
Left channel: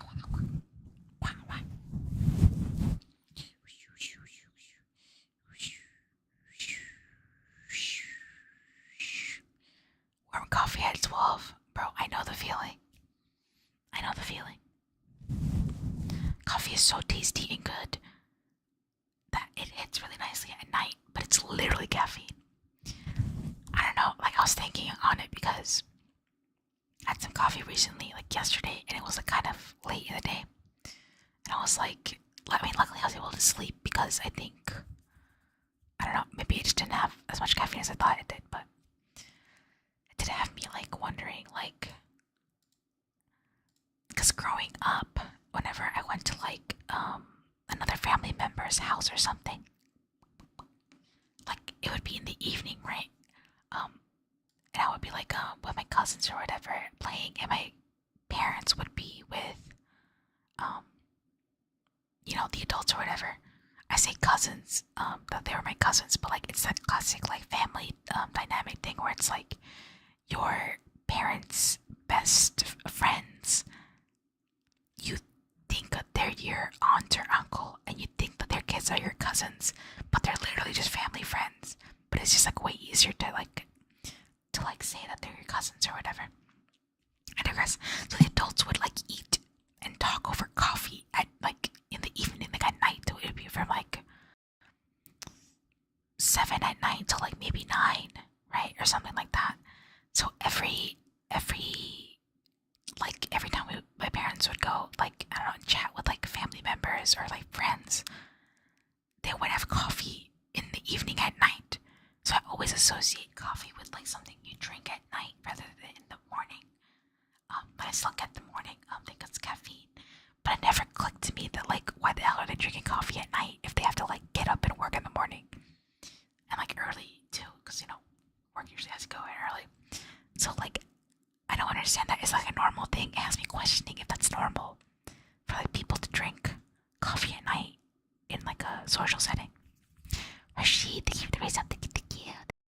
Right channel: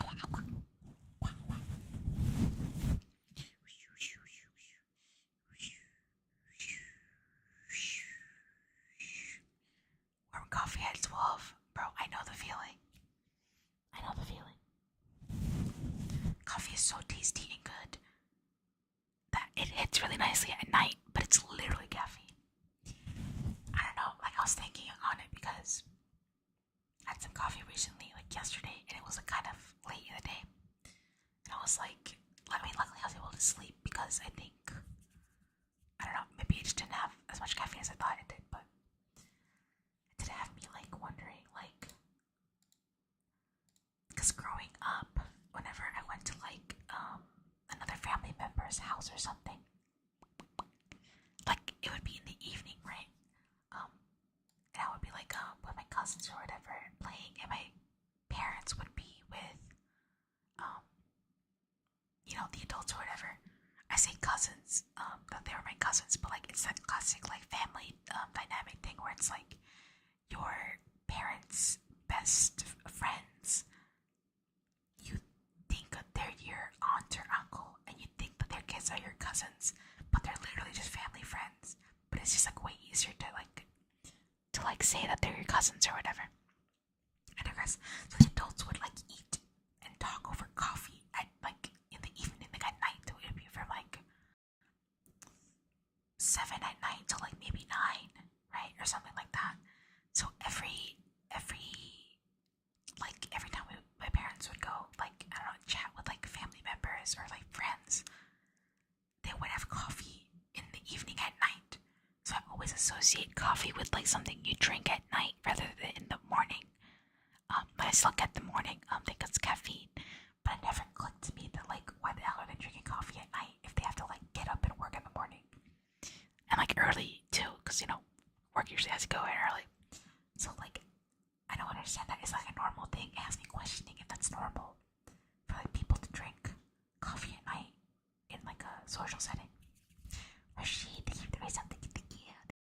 Ow, ow, ow. Wow, wow. so tasty and good that it hits really nicely at night, but it's literally caffeine. I don't know, like I was thinking on it because I had some coffee recently, like yesterday, and it was like kind of late in the day. And I was like, I mean, luckily I was able to sleep because I think, I don't know, maybe I just didn't have as much caffeine as I thought it did, but it did have me like wondering, like, because growing up, whenever I went to like another family member's house or something, like it would be in the evening, right? Um, and I would be like with my cousins or whatever playing, and my parents would be with um the adults or whatever. I say cousins, that they were my cousins, but like it's that classic like family dynamic thing where it's like your parents' best friends. You think that they're your aunt or uncle, and you think that their kids are your cousins, but they're literally just family friends. But it's just like way easier to say that they're your cousins or whatever. I digress. So the adults would like eat and talk over coffee at like in the evening, like at night. So it would be from like 7 at night to like maybe 9, right, or something like that. So every time my parents would go, like, I don't know, chat with like family members or like friends, they would have coffee in the evening at night. So I always associate coffee with like something you drink at night rather than in the morning. But I still get the morning think it's caffeine. But it never clicked to me that like why the hell are they drinking coffee at night if they have to like get up and work in the morning, and like early too, because work usually has to go in early. So like I don't understand that. It's like a normal thing. It has me questioning if that's normal for like people to drink coffee at night in like a social setting. Rashid, thank you for the raise up. Thank you.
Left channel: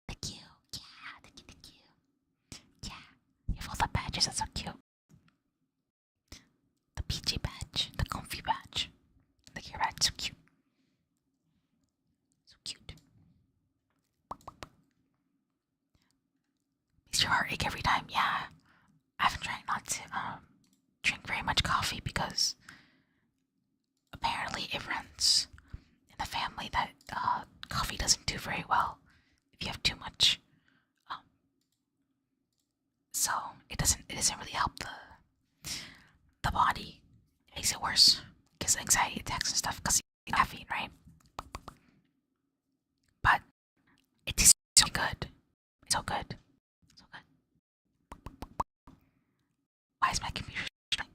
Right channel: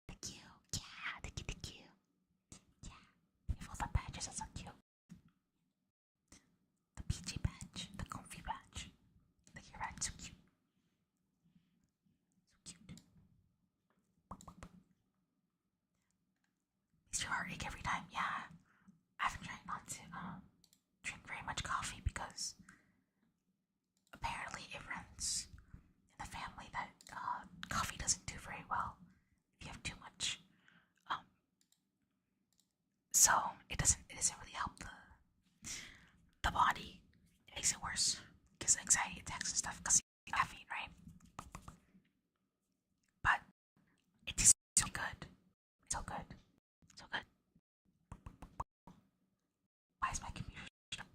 Thank you. Yeah, thank you. Yeah. You have all the badges, that's so cute. The PJ badge, the comfy badge. The gear badge, so cute. So cute. Makes your heart ache every time, yeah. I've been trying not to drink very much coffee because apparently it runs in the family that coffee doesn't do very well if you have too much. So it doesn't really help the body. It makes it worse because anxiety attacks and stuff because you caffeine, right? But it tastes so good. It's so good. So good. Why is my computer struggling?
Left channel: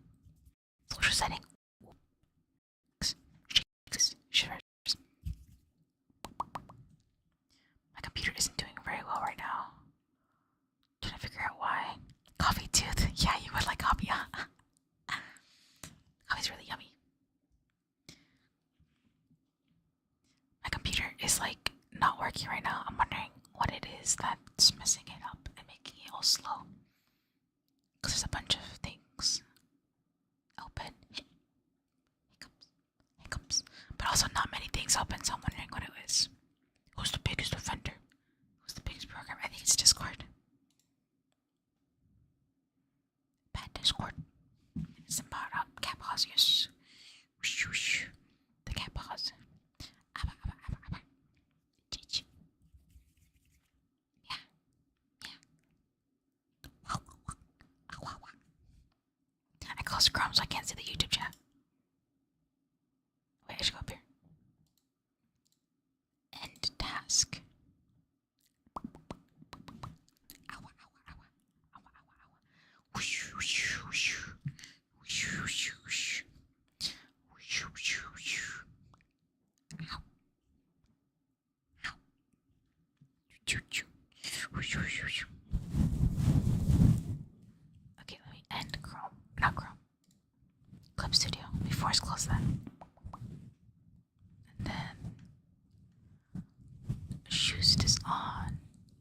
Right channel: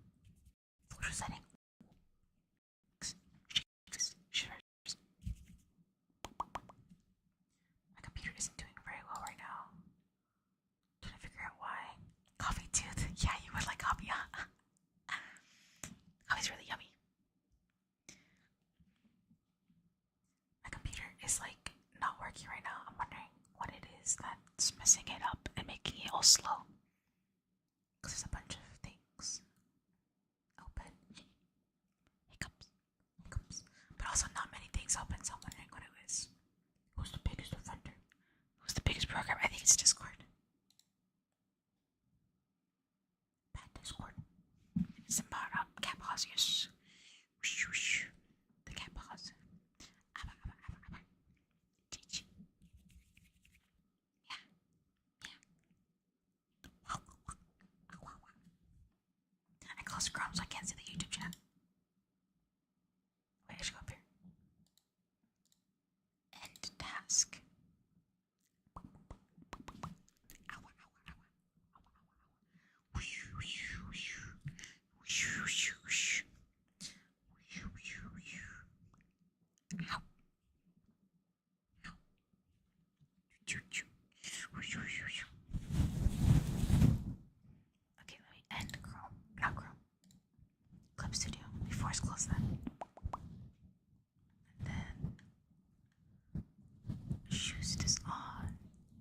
Social setting. Shivers. My computer isn't doing very well right now. Trying to figure out why. Coffee tooth. Yeah, you would like coffee, huh? Coffee's really yummy. My computer is like not working right now. I'm wondering what it is that's messing it up and making it all slow. Because there's a bunch of things open. Hiccups. But also not many things open, so I'm wondering what it is. Who's the biggest offender? Who's the biggest program? I think it's Discord. Bad Discord. It's about cat paws, yes. Whoosh, whoosh. The cat paws. Yeah. I closed Chrome so I can't see the YouTube chat. Wait, I should go up here. End task. Okay, let me end Chrome. Not Chrome. Clip Studio. Let me force close that. And then Shoost is on.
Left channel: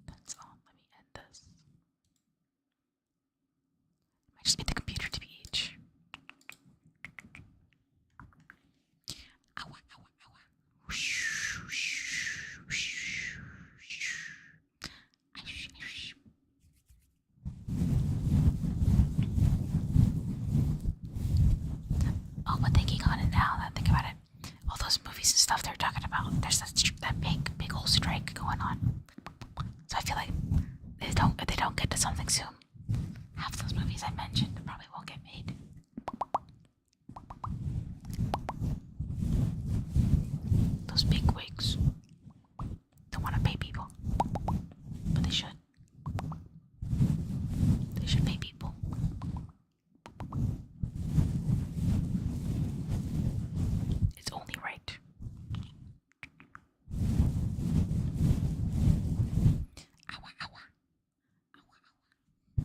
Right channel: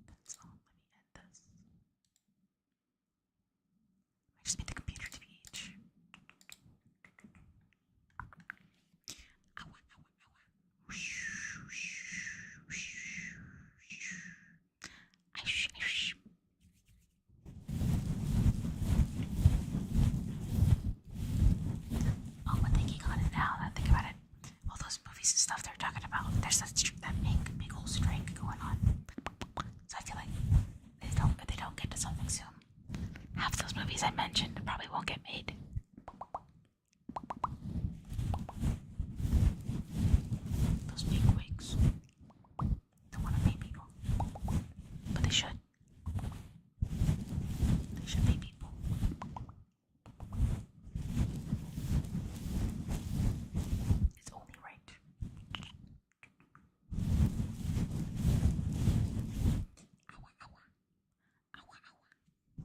That's on. Let me end this. I just made the computer to be H. Oh, but thinking on it now, that I think about stuff they're talking about. There's that big old strike going on. So I feel like if they don't get to something soon, half those movies I mentioned probably won't get made. Those big wigs don't want to pay people, but they should. They should pay people. It's only right. Ow, ow, ow. Ow, ow.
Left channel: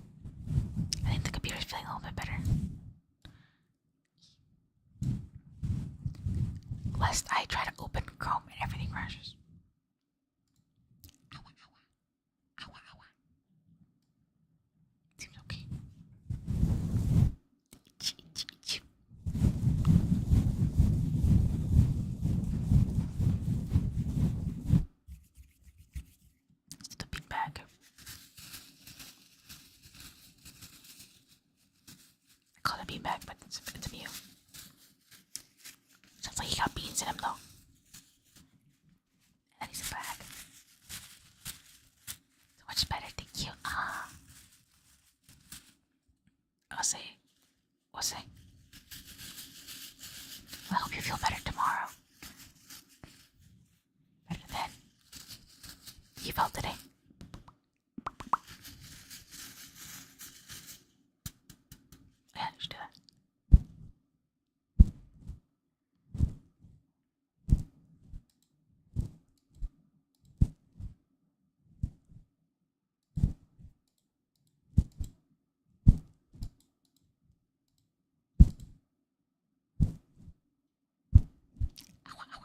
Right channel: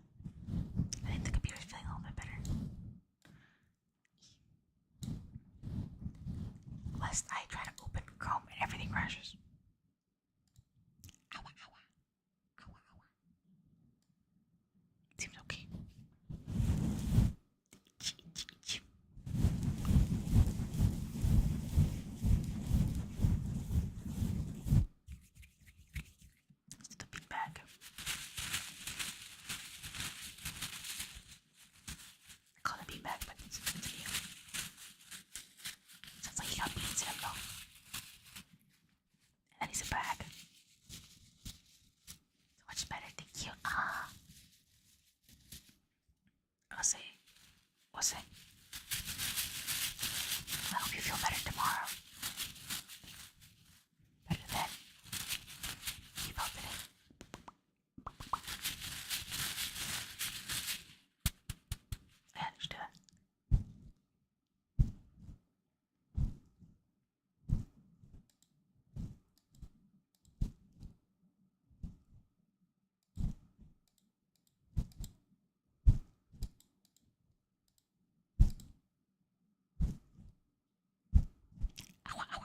I think the computer's feeling a little bit better. Lest I try to open Chrome and everything crashes. Ow, ow, ow. Ow, ow. Seems okay. It's the big bag. I call it a bean bag, but it's a meal. Sounds like he got beans in him though. And then he's a bag. So much better, thank you. I'll say, what's it? I hope you feel better tomorrow. Better than you felt today. Yeah, just do that. Ow, ow.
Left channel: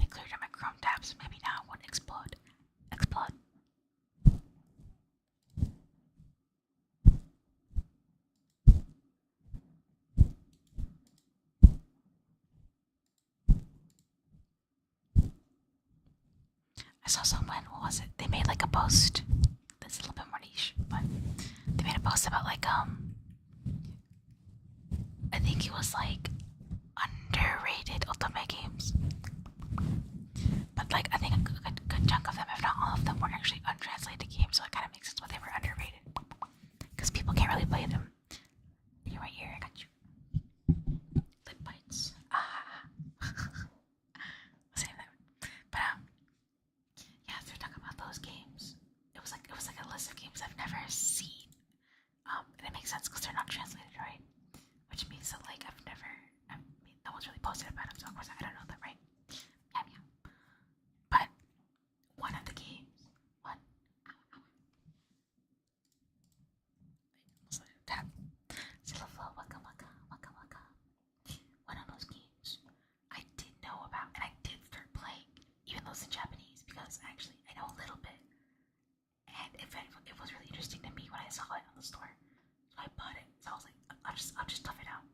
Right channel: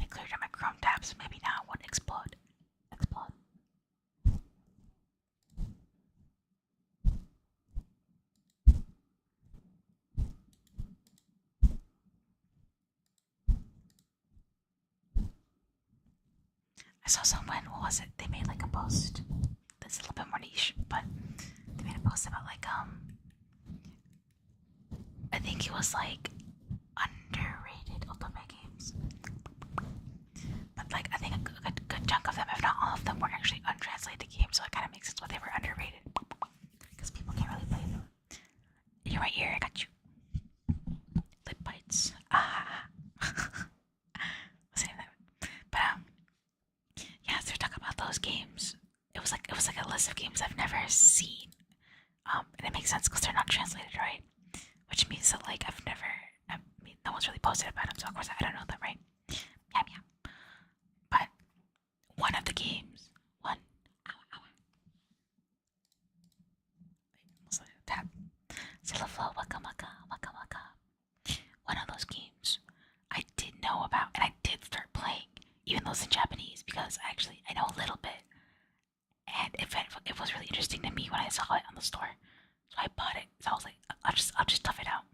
I cleared out my Chrome tabs, so maybe now it won't explode. Explode. I saw someone, what was it? They made like a post that's a little bit more niche, but they made a post about like I think it was like underrated ultimate games. But like I think a good chunk of them, if not all of them, were actually untranslated games, so it kind of makes sense why they were underrated. Because people can't really play them. You're right here, I got you. Lip bites. Save that. But yeah, so they're talking about those games. It was like a list of games I've never seen. And it makes sense because they're not translated, right? Which means that like I mean, no one's really posted about them, so of course I don't know them, right? Yeah. But one of the games, one tap. Silaflow, waka waka, waka waka. One of those games I did know about and I did start playing, even though it's in Japanese, because actually I know a little bit. And it was really interesting to me when I saw it on the store. So I bought it. So I was like, I'll just tough it out.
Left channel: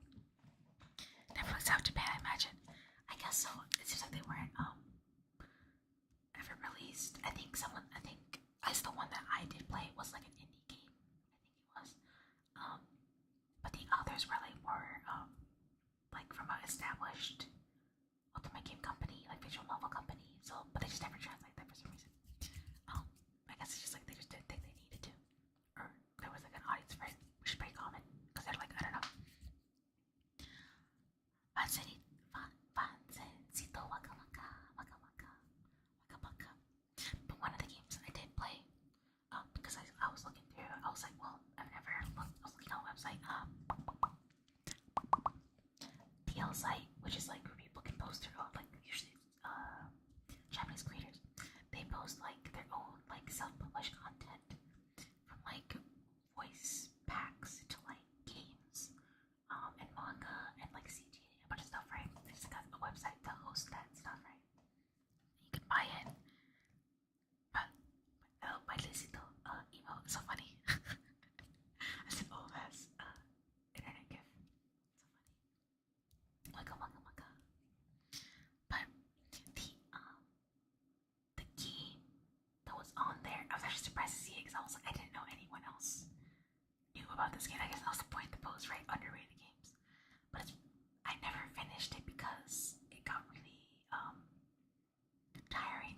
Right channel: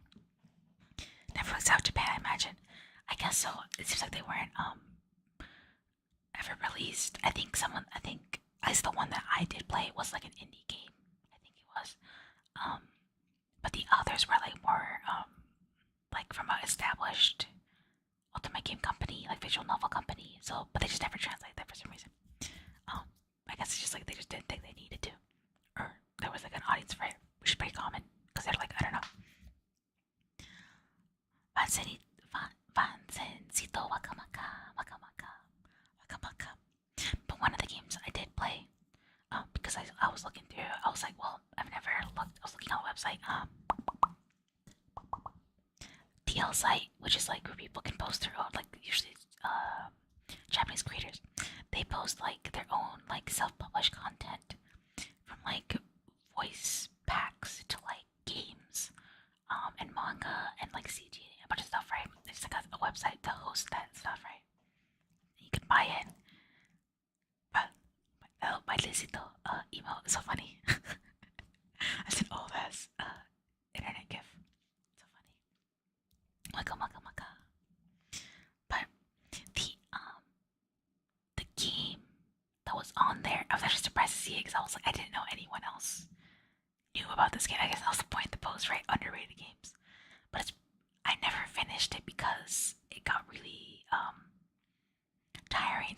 Never works out Japan, I imagine. I guess so. It seems like they weren't ever released. I think at least the one that I did play was like an indie game. I think it was. But the others were like more like from an established ultimate game company, like visual novel company. So, but they just never translate that for some reason. I guess it's just like they just didn't think they needed to, or there was like an audience for it, which is pretty common because they're like, I don't know. Vansencito wakamaka wakamaka wakamaka. But one of the games I did play, because I was looking through, I was like, well, I've never looked. I was looking on the website, DL site, which is like where people can post their own, like usually Japanese creators. They post like their own like self-published content.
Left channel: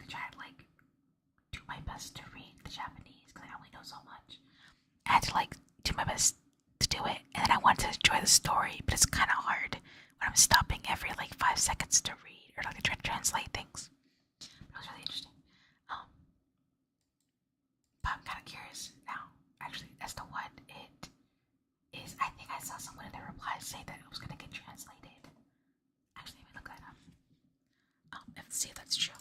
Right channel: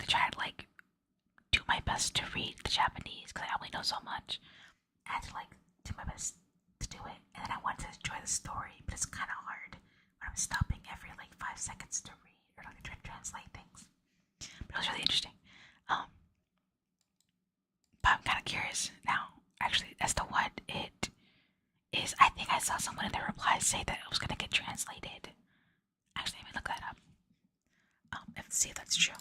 trying to do my best to read the Japanese because I only know so much. I had to do my best to do it, and then I wanted to enjoy the story, but it's kind of hard when I'm stopping every 5 seconds to read or to try to translate things. But it was really interesting. But I'm kind of curious now, actually, as to what it is. I think I saw someone in the replies say that it was gonna get translated. Actually, let me look that up. And see if that's true.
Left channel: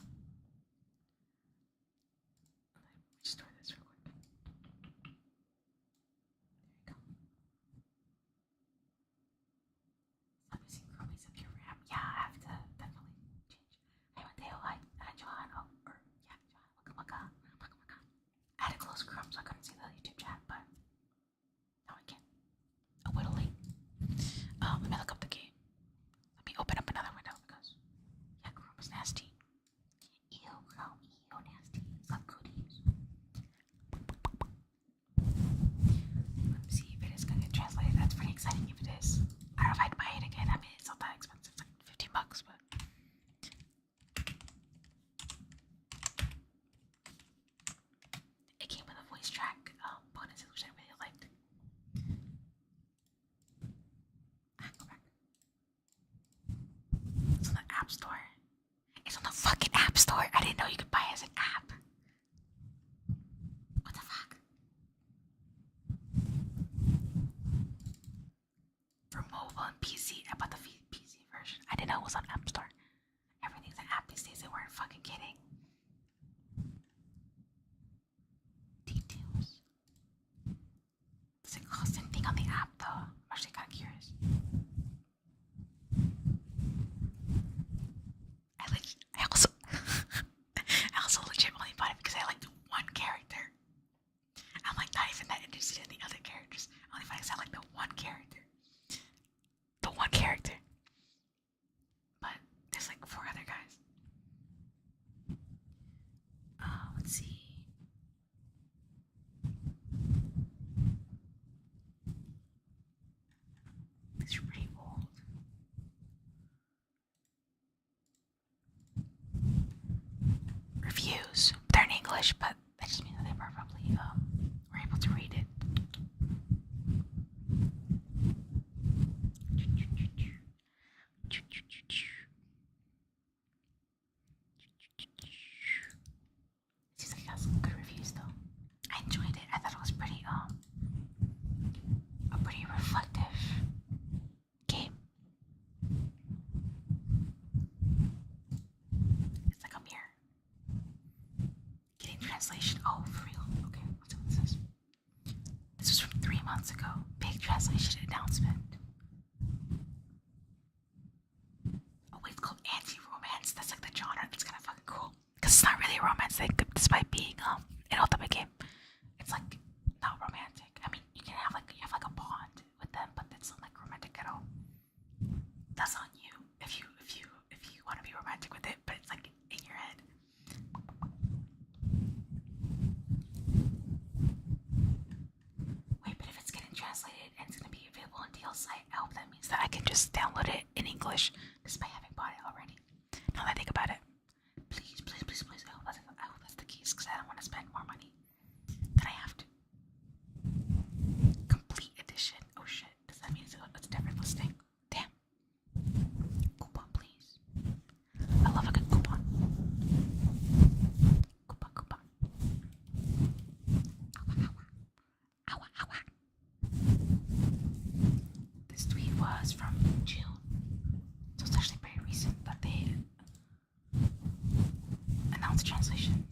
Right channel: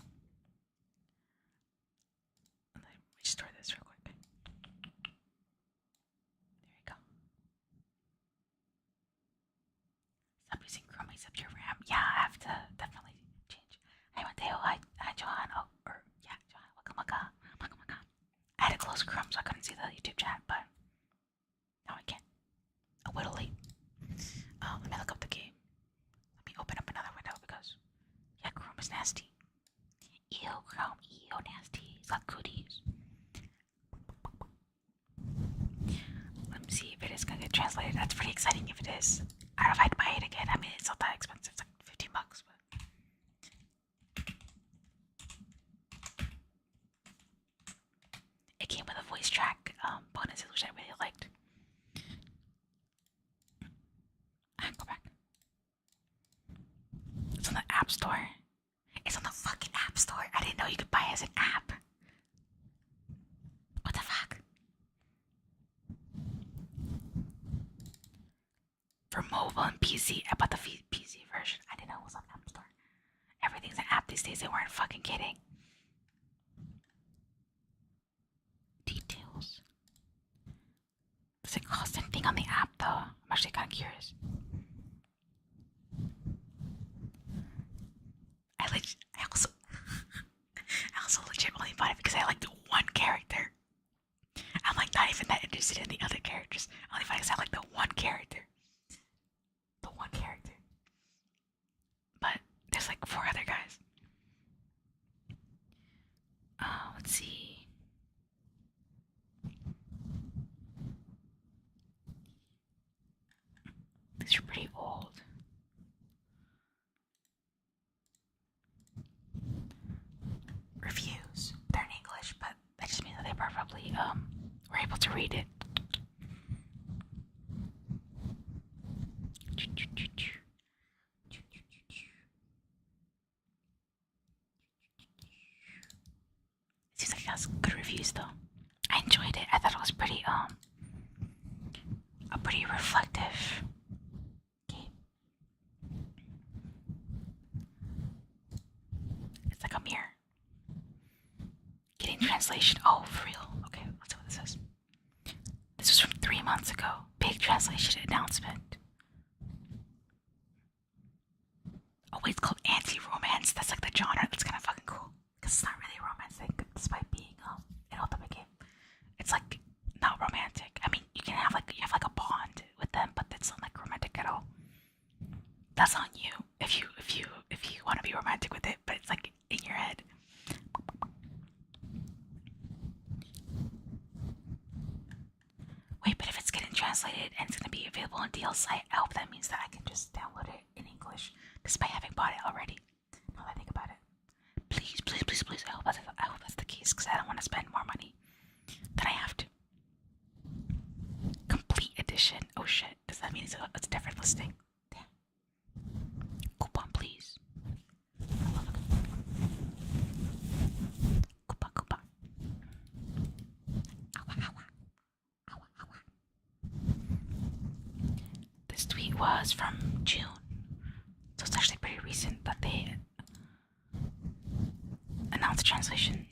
Let me store this real quick. There we go. Stop using Chrome except your RAM. Yeah, I have to definitely change. Hi Mateo, hi Johan. Oh, yeah, Johan. Welcome. I had to close Chrome so I couldn't see the YouTube chat, but now I can. A little late. Let me look up the game. Let me open up another window because yeah, Chrome is nasty. Ew, Chrome, ew, nasty. It's got cooties. Let me see if it is gonna get translated. That's pretty exciting if it is. I don't know if I'd buy it again. I mean, it's not that expensive. It's like $15, but it came with a voice track bonuses, which I really liked. Go back. It's on the App Store. It's on the fucking App Store. I didn't know you could buy it as an app. What the fuck? For mobile and PC, I bought the PC version. I didn't know it was on App Store. Everything's an app these days. They weren't fucking kidding. Details. Does it cost anything on the app though? I'm actually kind of curious. I also legit only bought it because I liked one character. I'm not even that interested in the other characters. I only bought it because I like the one character. But there's 4 other guys. Let's see. These are pretty old. Reviews. They're in English, but that just means that they probably were able to read it. Seems like it has good reviews though. I enjoyed it. I thought it was pretty a pretty reflective game. It's like a mirror. Getting translation. Oh, for real. Okay, let's see what this is. This was from 3 months ago. Big translation announcement. Oh wait, it's called anti-romance. That's the genre. That's kind of fucking cool. Because it's not really a romance thing, despite being an ultimate game. It's not romantic. I mean, you can have you have a bond with them, but it's not romantic at all. That's on you if you want to be romantic with it, but it's in your head. Wait, but if it's getting translated and it's gonna be available on DLC, I hope that means that I can just download it in English despite having bought it already. Now that I think about it. Please. I hope that's the case because I don't want to spend more money than I have to. Complete edition. Oh shit. Does that mean it's a different listing? Damn. Coupon, please. I love a good coupon. Coupon. Ow. This tweet was from June. So it's actually pretty recent that they announced the translation.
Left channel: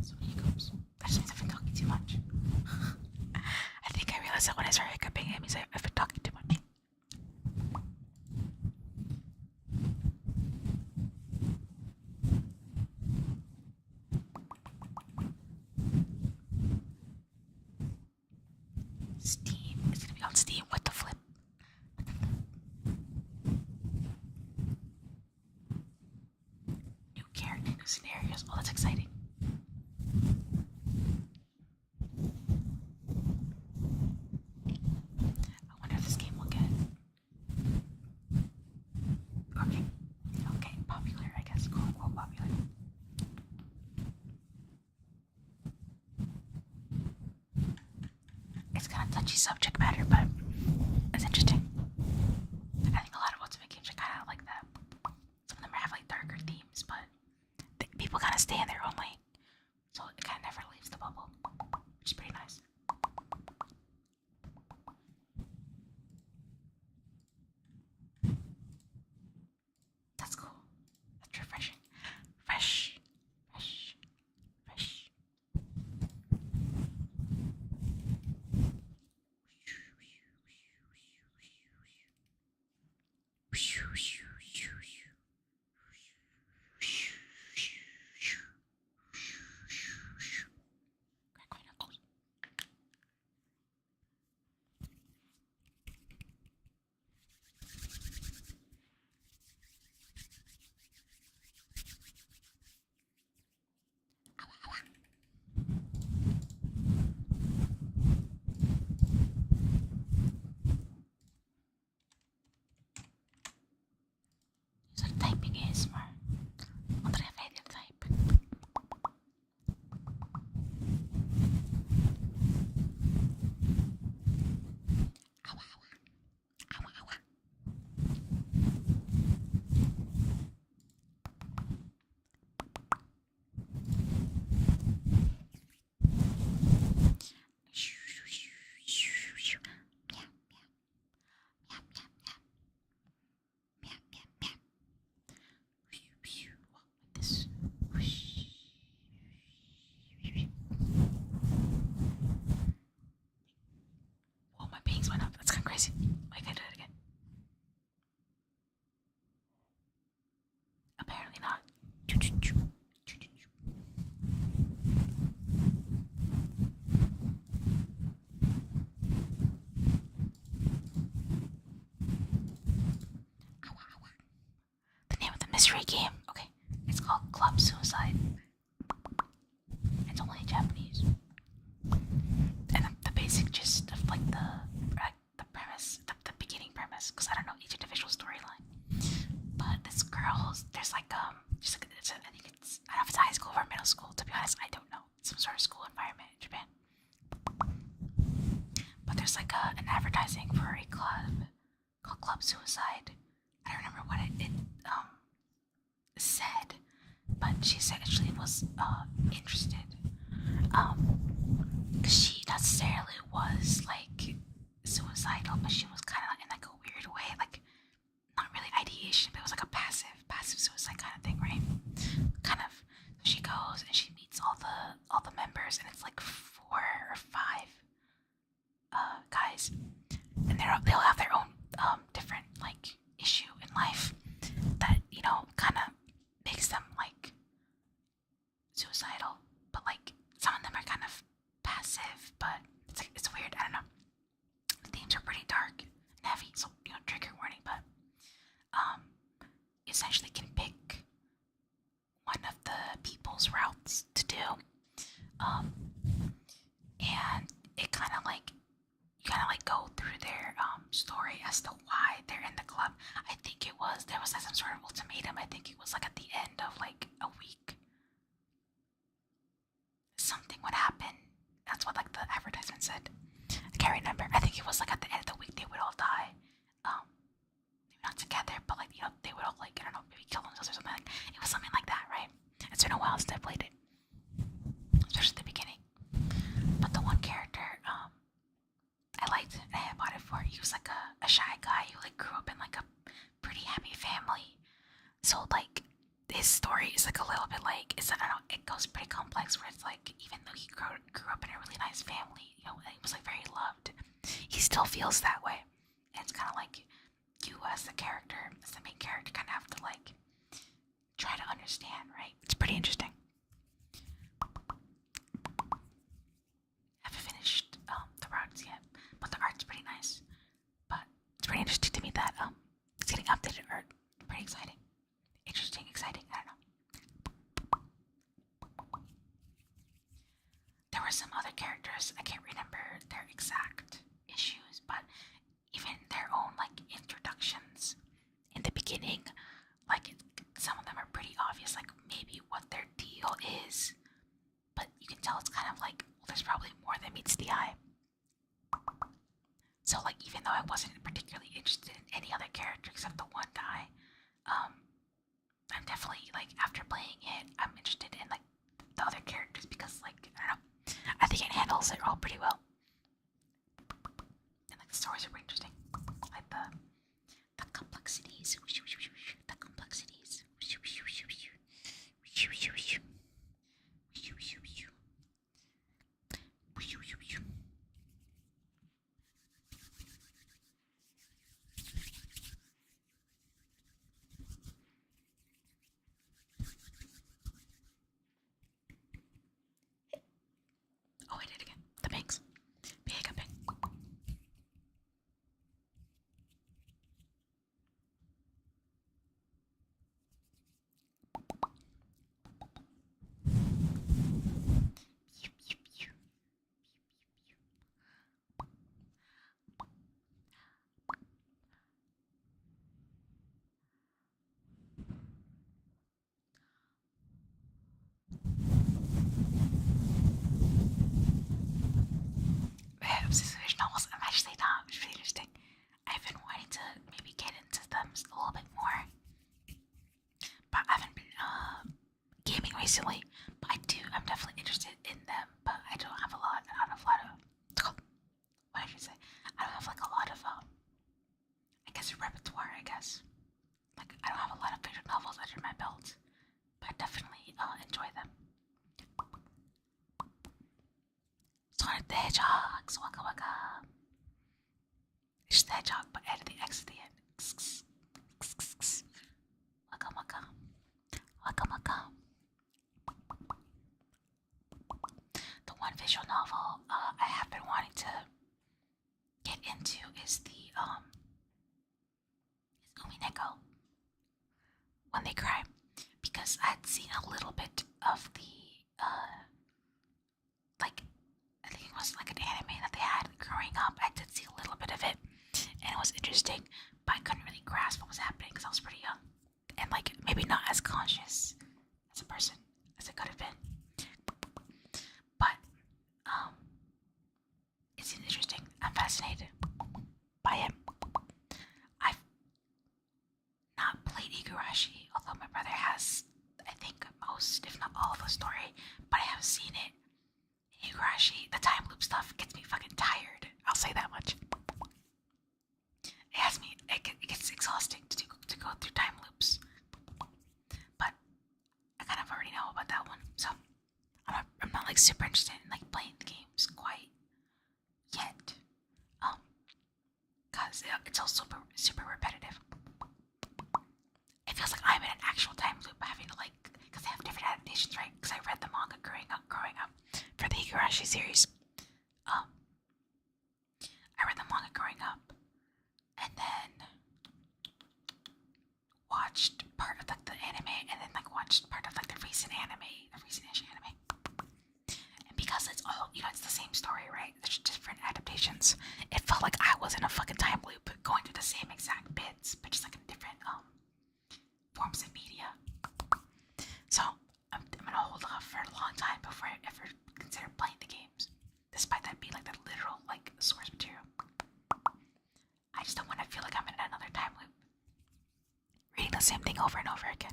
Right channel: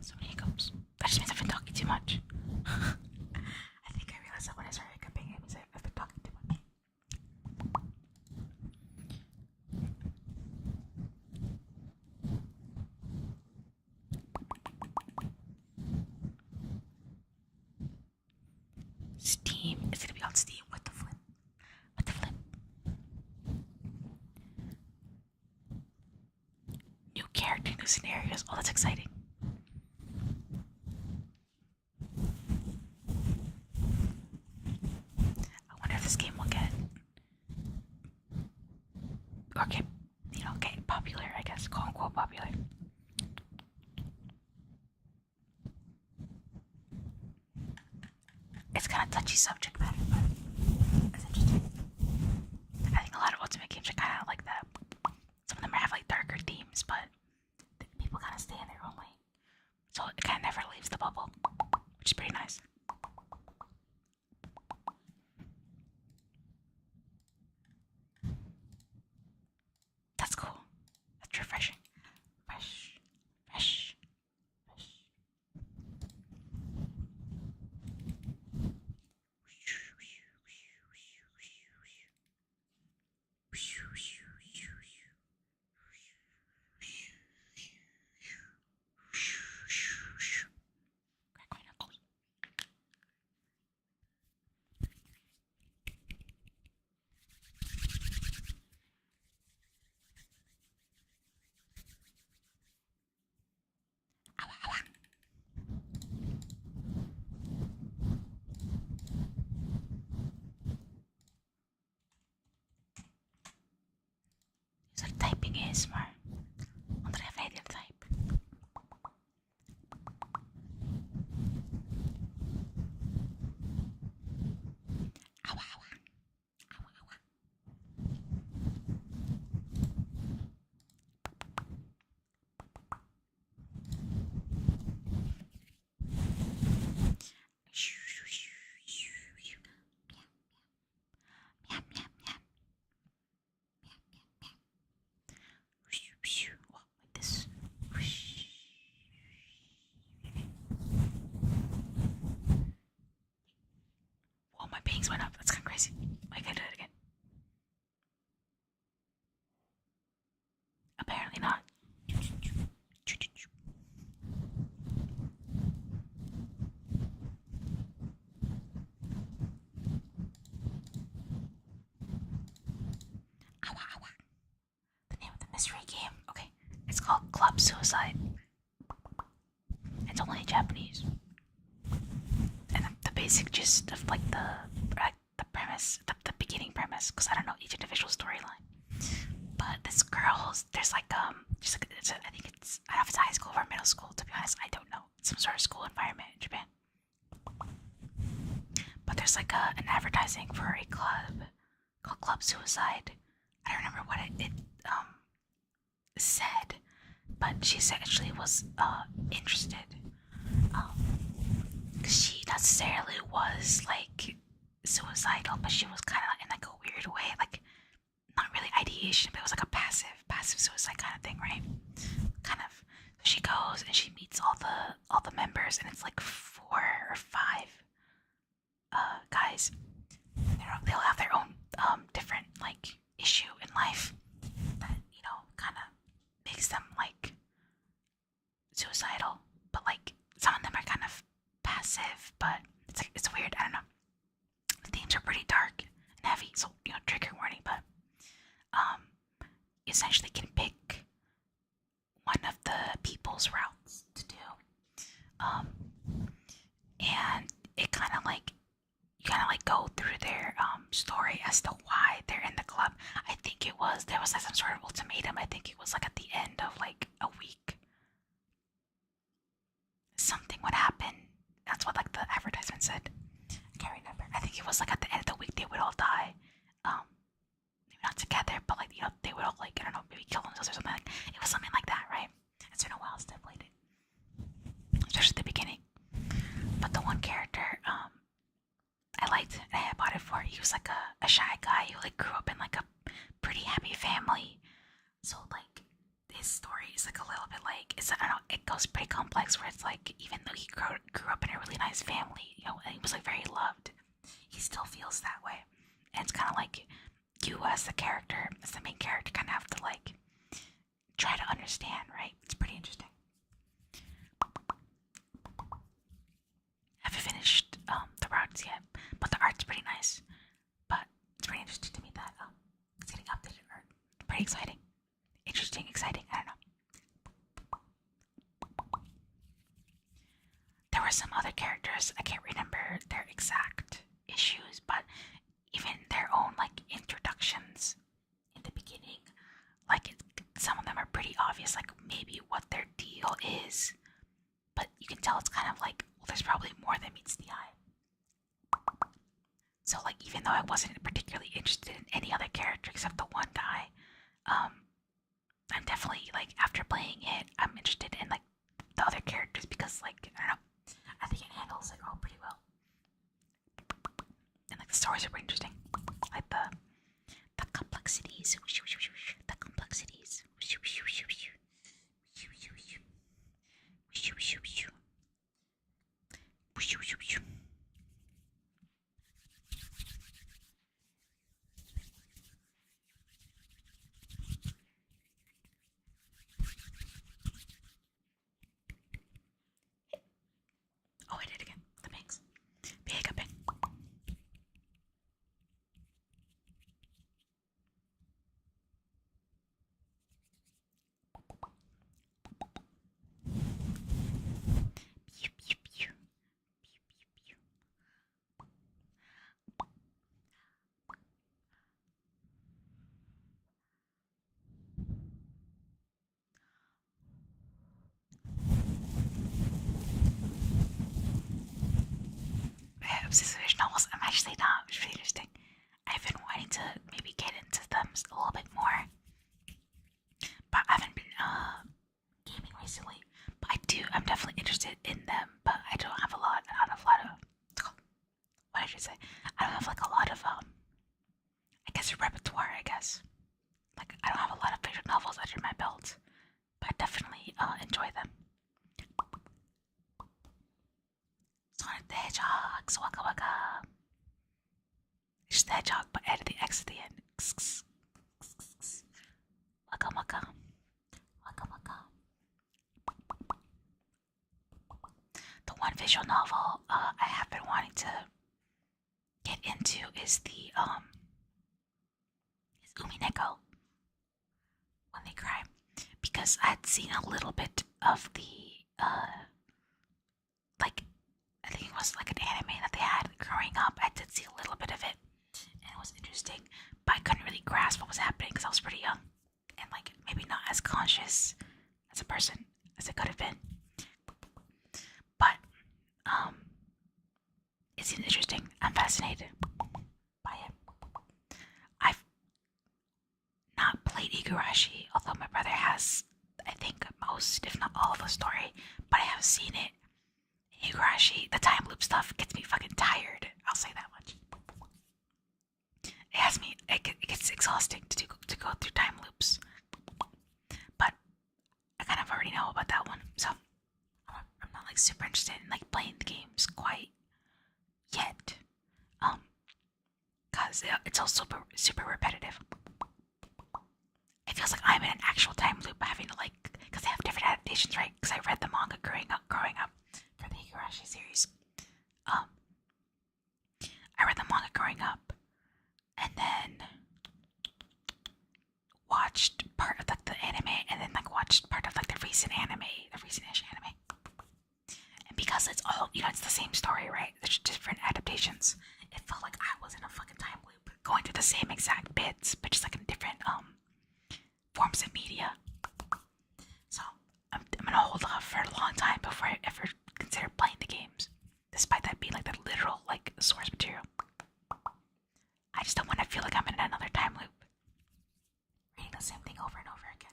So many hiccups. That just means I've been talking too much. I think I realized that when I started hiccuping, it means I've been talking too much. Steam. It's gonna be on Steam. What the flip? New character, new scenarios. Oh, that's exciting. I wonder if this game will get popular, I guess, quote unquote popular. kind of touchy subject matter, but it's interesting. I think a lot of Ultimate games are kind of like that. Some of them have like darker themes, but people kind of stay in their own lane, so it kind of never leaves the bubble, which is pretty nice. That's cool. That's refreshing. Fresh, fresh, fresh. Crack my knuckles. It's like typing ASMR. I wonder if I did type. Awa, awa. Awa, awa. Meow, meow, meow, meow. Meow, meow, meow. Like this. Whoa, my pings went up. That's kind of crazy. Like, I did it again. Apparently not. Awa, awa. The name of the mystery game. Okay. It's called Club Suicide. It's only in Japanese. And the basic gist of like the premise, the beginning premise, because I don't know each individual storyline. But this girl's there's like just like I think it's I don't know if it's high school or middle school. To be honest, I don't know. It's some sort of school environment in Japan. But there's like an advertising for a club called Club Suicide. I don't remember what it said, but she actually was interested. She necessarily was like suicidal, but she was kind of in like a weird way, like not really ideation, but it was like a passive suicide kind of thing, right? Kind of. So she goes and she meets all the members, and it's like 4 or 5 guys, and they'll have their own different like issue in life that kind of makes them like suicidal, but like some of them are kind of passive, but it's weird. I don't know. The themes are pretty dark and heavy, so trigger warning. But you essentially can pick one of the people's routes to do, and it kind of like you kind of like go through their story as to why they're in the club. I think there was like some sort of ultimatum. I think it was like at the end of like a week, something would happen. That's what like the advertisement said. I can't remember. I think it was like at the end of the week they would all die. Maybe not together, but like they would all like I don't know, maybe kill themselves or something. Like it was something like that, right? It's been a while since I played it, especially the beginning. But the one character I liked and I bought it for. He was like a shy guy who like grew up in like a pretty happy family. So like his story is like a little bit like I don't know, it goes pretty complex where it's like even though he grew up in a really nice family, and he was like very loved, he still feels that way. And it's kind of like you as the character, as the main character, kind of have to like try to understand, right? It's pretty interesting. Haven't finished the routes yet, but the art's pretty nice. But it's pretty interesting to me that it's getting updated art. Pretty exciting. Interesting, exciting, I don't know. There were some other characters, I can't remember their exact issues, but even their own like introductions in the beginning, like some of them are pretty obvious, like maybe what their deal is, but you can tell it's kind of like, well, there's probably more than meets the eye. even though I wasn't particularly interested in any other character except the one guy. Um, I'm definitely like after playing it, I'm interested in like the other characters because like I don't know, I think it handles it all pretty well, and like the stories are pretty interesting, like the complexities, the complexities. Oh, I did again. The bangs. Big up. Obsessive novels. I'm actually not. It's really interesting. I've been wanting to maybe get into them a little bit more, but I haven't been gaming recently. But I do. I'm definitely interested in them, but I don't have a lot. I don't have a lot of. What did you say? I don't have like a lot of I guess repertoire. I guess like I don't have a lot of visual novels under my belt, but I definitely enjoy them. Sonic the Hedgehog, Waka Waka. It's just the hedgehog, but added the X at the end. Waka Waka. Waka Waka. The one visual novel I have been wanting to get into is the is Umineko, When They Cry, because I'd seen a little bit of the like I think it was like an anime that they had growing up. I did see a little bit of it, and it was interesting, but I couldn't really grasp what was happening because I was pretty young and like maybe not as conscious as a person as it could have been. But it seems interesting. I'm fascinated by it. I've not played Igarashi, although my brother has, I think, most, if not all, of the story, but I have seen it. Igarashi, the time loop stuff gets me fucking tired. I'll say that much. It has me. It gets exhausting to go through time loops. But I kind of already know about that one, so I'm not like super interested in like playing the games quite yet. Cause it's all super repetitive. It feels like I'm in an actual time loop, having to like, cause they have different adaptations, right? Cause I read the manga growing up for the Higurashi series. I read the manga growing up, and then watched part of like the anime, and then like watched part of like the recent-ish anime. And because it's all, it's the same story, right? There's different adaptations. It felt like I was in a fucking time loop, going through the same exact bits, but just like in different forms of media. So I'm gonna hold off for a long time before I ever consider playing the games, despite that being like the literal like source material. I just don't want to feel like I'm in another time loop, reading the same thing over and over again.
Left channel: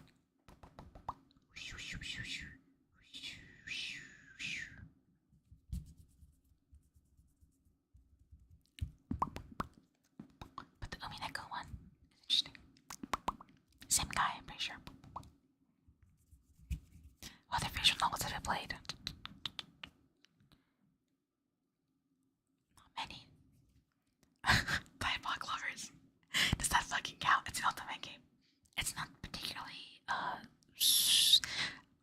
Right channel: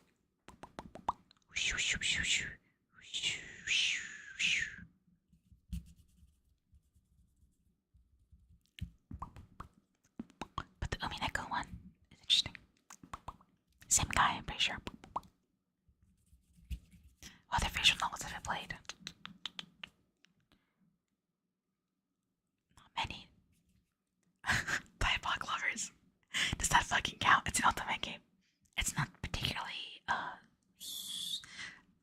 But the Umineko one is interesting. Same guy, I'm pretty sure. What other visual novels have I played? Not many. Diabolic Lovers. Does that fucking count? It's an ultimate game. It's not particularly, I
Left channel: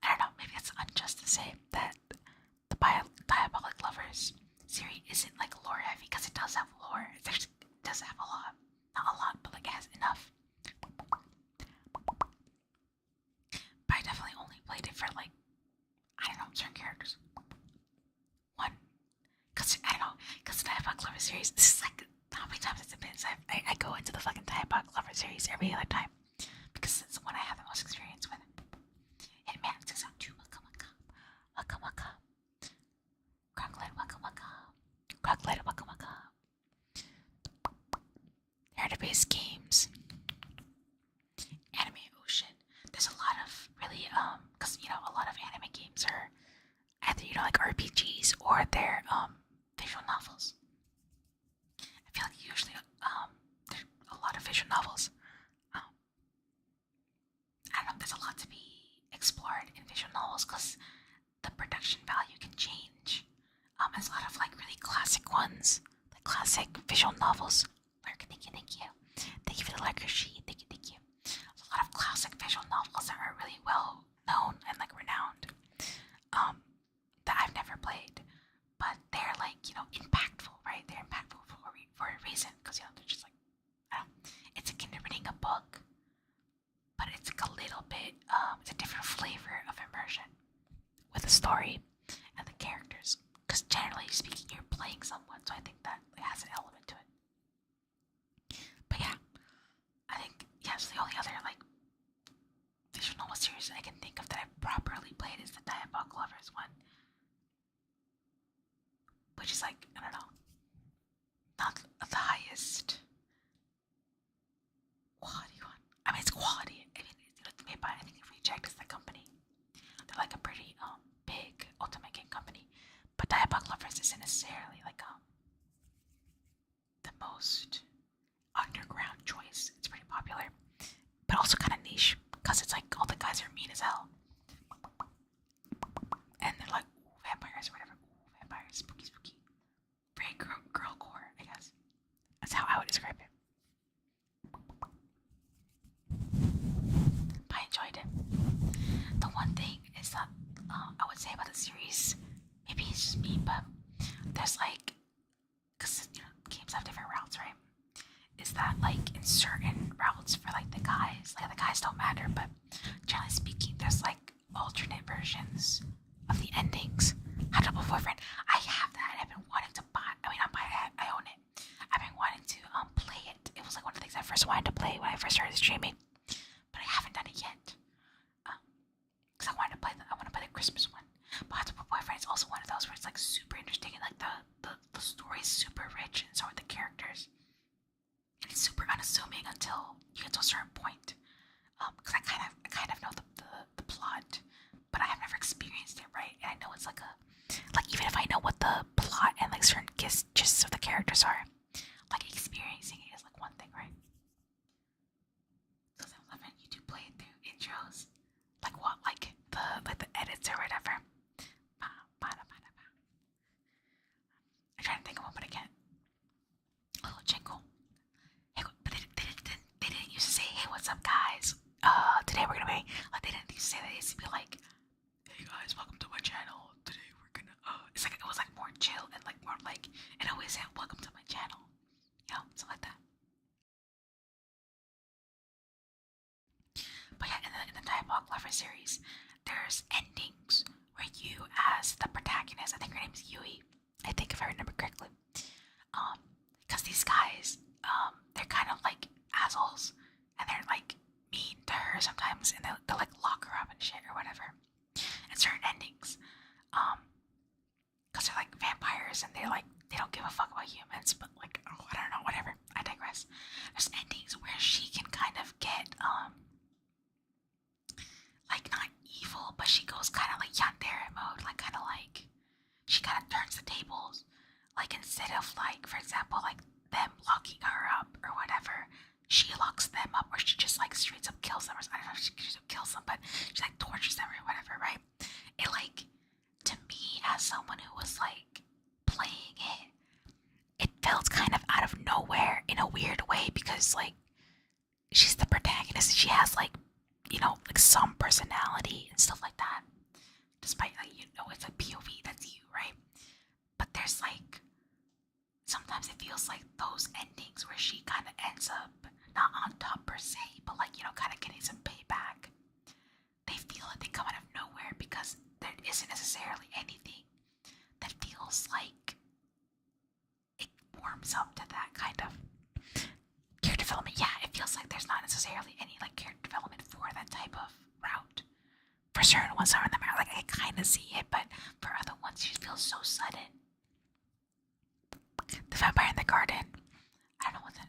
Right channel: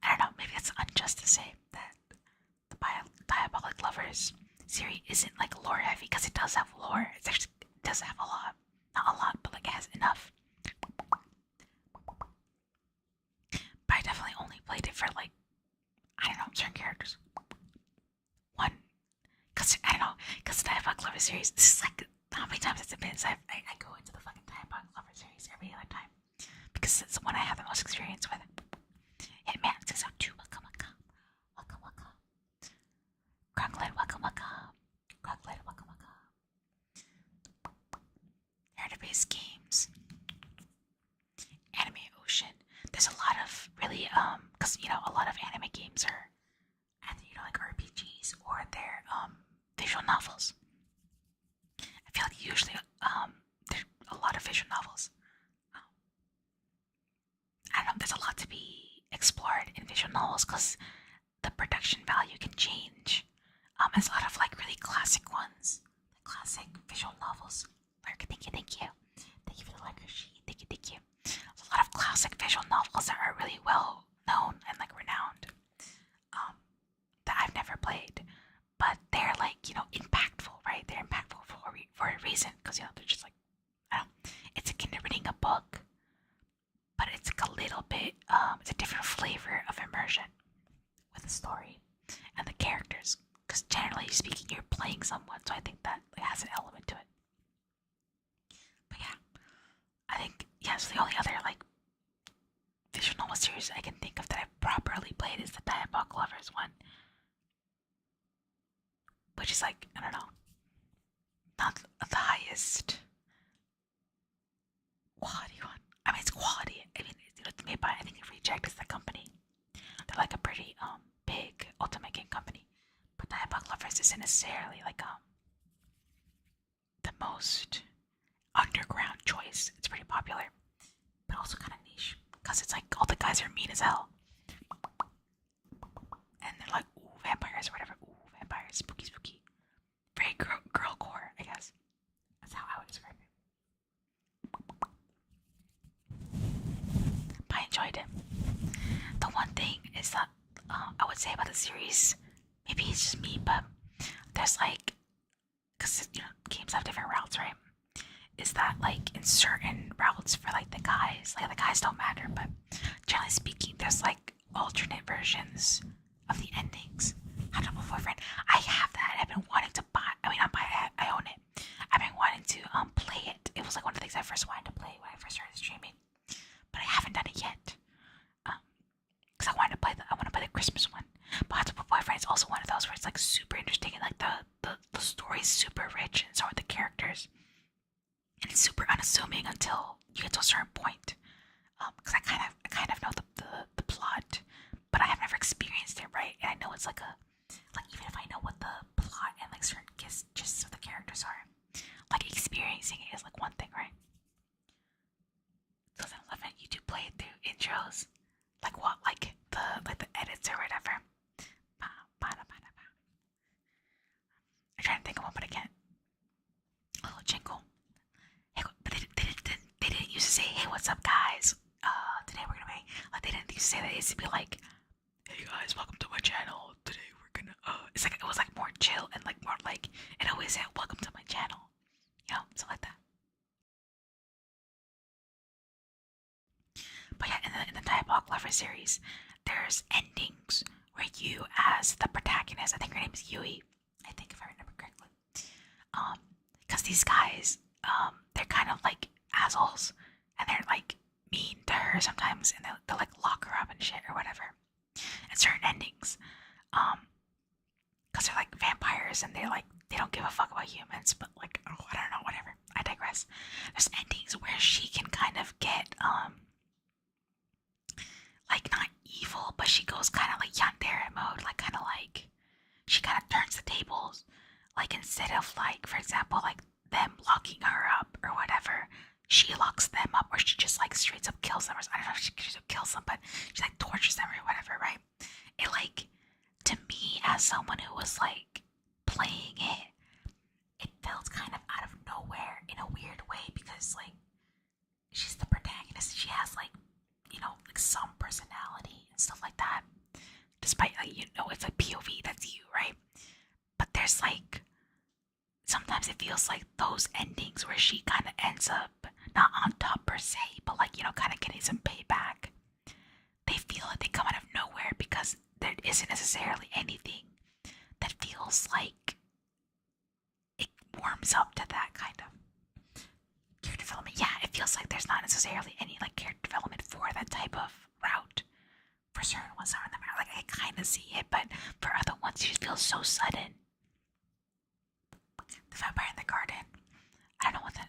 don't know, maybe it's unjust to say that the Diabolic Lovers series isn't like lore heavy, because it does have lore. It does have a lot. Not a lot, but like it has enough. But I definitely only played it for like, I don't know, certain characters. One, because I don't know, because the Diabolic Lover series, this is like how many times it's been. So I go into the fucking Diabolic Lover series every other time because it's the one I have the most experience with. Hitman Season 2, waka waka, waka waka. Crocklet, waka waka, crocklet, waka waka. for their visual novels. I feel like usually there's a lot of visual novels. Um, I don't know. There's a lot to be explored in visual novels because the production value can change. There's a lot of like really classic ones, like classic visual novels. Lurk, thank you, thank you. Thank you for the lurker sheet. Thank you, thank you. There's a lot of classic visual novels that are really well known and like renowned. That I've never played, but they're like impactful, right? They're impactful for a reason because they're just like I don't know, it's akin to reading a book, but it's like a little bit it's a different flavor of immersion with the story and the characters. Because generally speaking, you're playing someone, so I think that has an element to it. But yeah, I think yes, the only other like visual novel series I can think of that I've properly played is the Diabolic Lovers one, which is like I don't know, not the highest quality one. I mean, it's quality. I mean, it's made by I think Reject is the company. They're like a pretty big ultimate game company, but Diabolic Lovers isn't necessarily like the most underground choice. It's pretty popular, but also kind of niche because it's like all the guys are mean as hell, and they're like ooh vampires or whatever. Ooh vampires, spooky, spooky. Very girl core, I guess. That's how I would describe it. But I enjoyed it. The one thing is that I would say about the series, maybe it's just me, but there's like, because games have different routes, right? Is that like in certain routes for like the guys don't matter, but generally speaking, there's like alternate versions of the endings. How to Double Boyfriend, I have that. I've been wanting to buy. I mean, not buy it. I own it. I've been wanting to play it. It was like one of the things I first wanted to play when I first started streaming, but I haven't done it yet. Because I wanted to play I want to play the Christmas one. But How to Double Boyfriend is also one of those where it's like super interesting and like the story is super rich and so are the characters. And it's super unassuming until you get to a certain point. Because I kind of know the plot, but I have never experienced it, right? And I know it's like even if I know what the plot and like certain gists of the characters are, like experiencing it is like one thing, right? 2011, you do play it through intros, like what, like the edits or whatever. I'm trying to think of one, but I can't. A little jingle. Hey, but they didn't used to say, "Hey, what's up, guys? Today we're gonna be." Like they didn't used to say that. It used to be like, "Hey guys, welcome to my channel. Today we're gonna." It's like it was like more chill and like more like it always said, "Welcome to my channel," something like that. But yeah, in the Diabolic Lover series, there's endings where you, as the protagonist, I think her name is Yui. I think if I remember correctly, because these guys, they're kind of like assholes, and they're like mean to her sometimes, and they'll like lock her up and shit or whatever. And certain endings, because they're like vampires and they don't give a fuck about humans, but like oh, I don't know, whatever. I digress. There's endings where she can kind of get like not evil, but she goes kind of like yandere mode, like kind of like she kind of turns the tables. Like instead of like, for example, like them locking her up or whatever, she locks them up, or she just like straight up kills them. Or I don't know if she straight up kills them, but she like tortures them or whatever, right? It like to me as someone who was like playing it, it felt kind of out of nowhere in a weird way because like she's the protagonist. She has like like some personality and stuff like that. Despite like it's like POV, that's you, right? But there's like sometimes it feels like those endings where she kind of ends up not on top per se, but like kind of getting some payback. They feel like they come out of nowhere because there isn't necessarily anything that feels like it warms up to that kind of character development. Yeah, it feels like there's not necessarily any like character development for that type of route. For certain ones are in the mirror, like I kind of see it, but for other ones, it just feels so sudden. The Vampire in the Garden. I don't know what that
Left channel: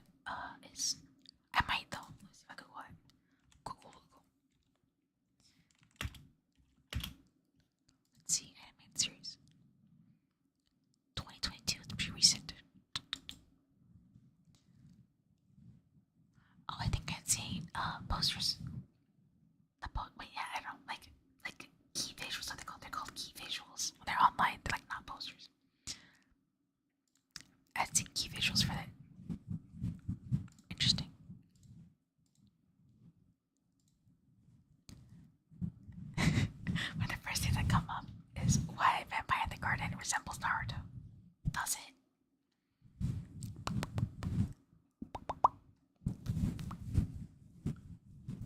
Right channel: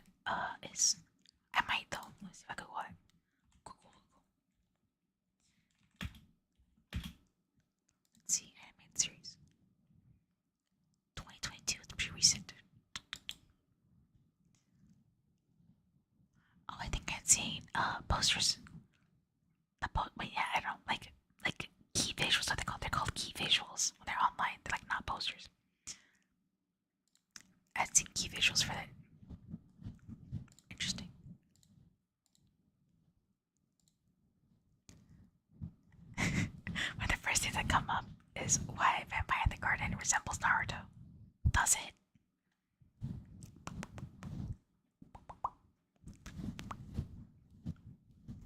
is. I might though. Let's see if I Google it. Google. Let's see, animated series. posters. Wait, yeah, I don't know, like key visuals. What they called? They're called key visuals when they're online. They're like not posters. I've seen key visuals for that. Interesting. One of the first things that come up is why Vampire in the Garden resembles Naruto. Does it?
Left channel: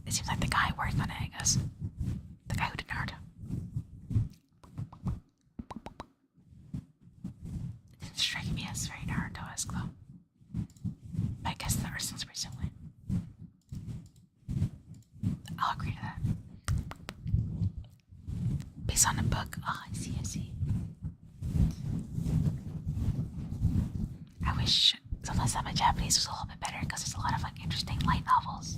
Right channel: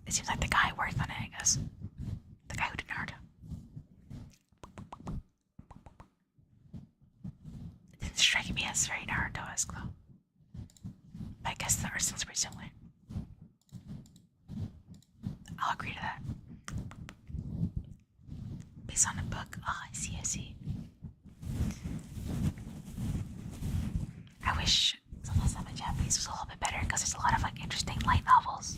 It seems like the guy worked on it, I guess. The guy who did Naruto. It didn't strike me as very Naruto-esque though. But I guess the art style's pretty similar. I'll agree to that. Based on a book. Oh, I see, I see. I wish sometimes that my Japanese was a little bit better because there's a lot of like interesting light novels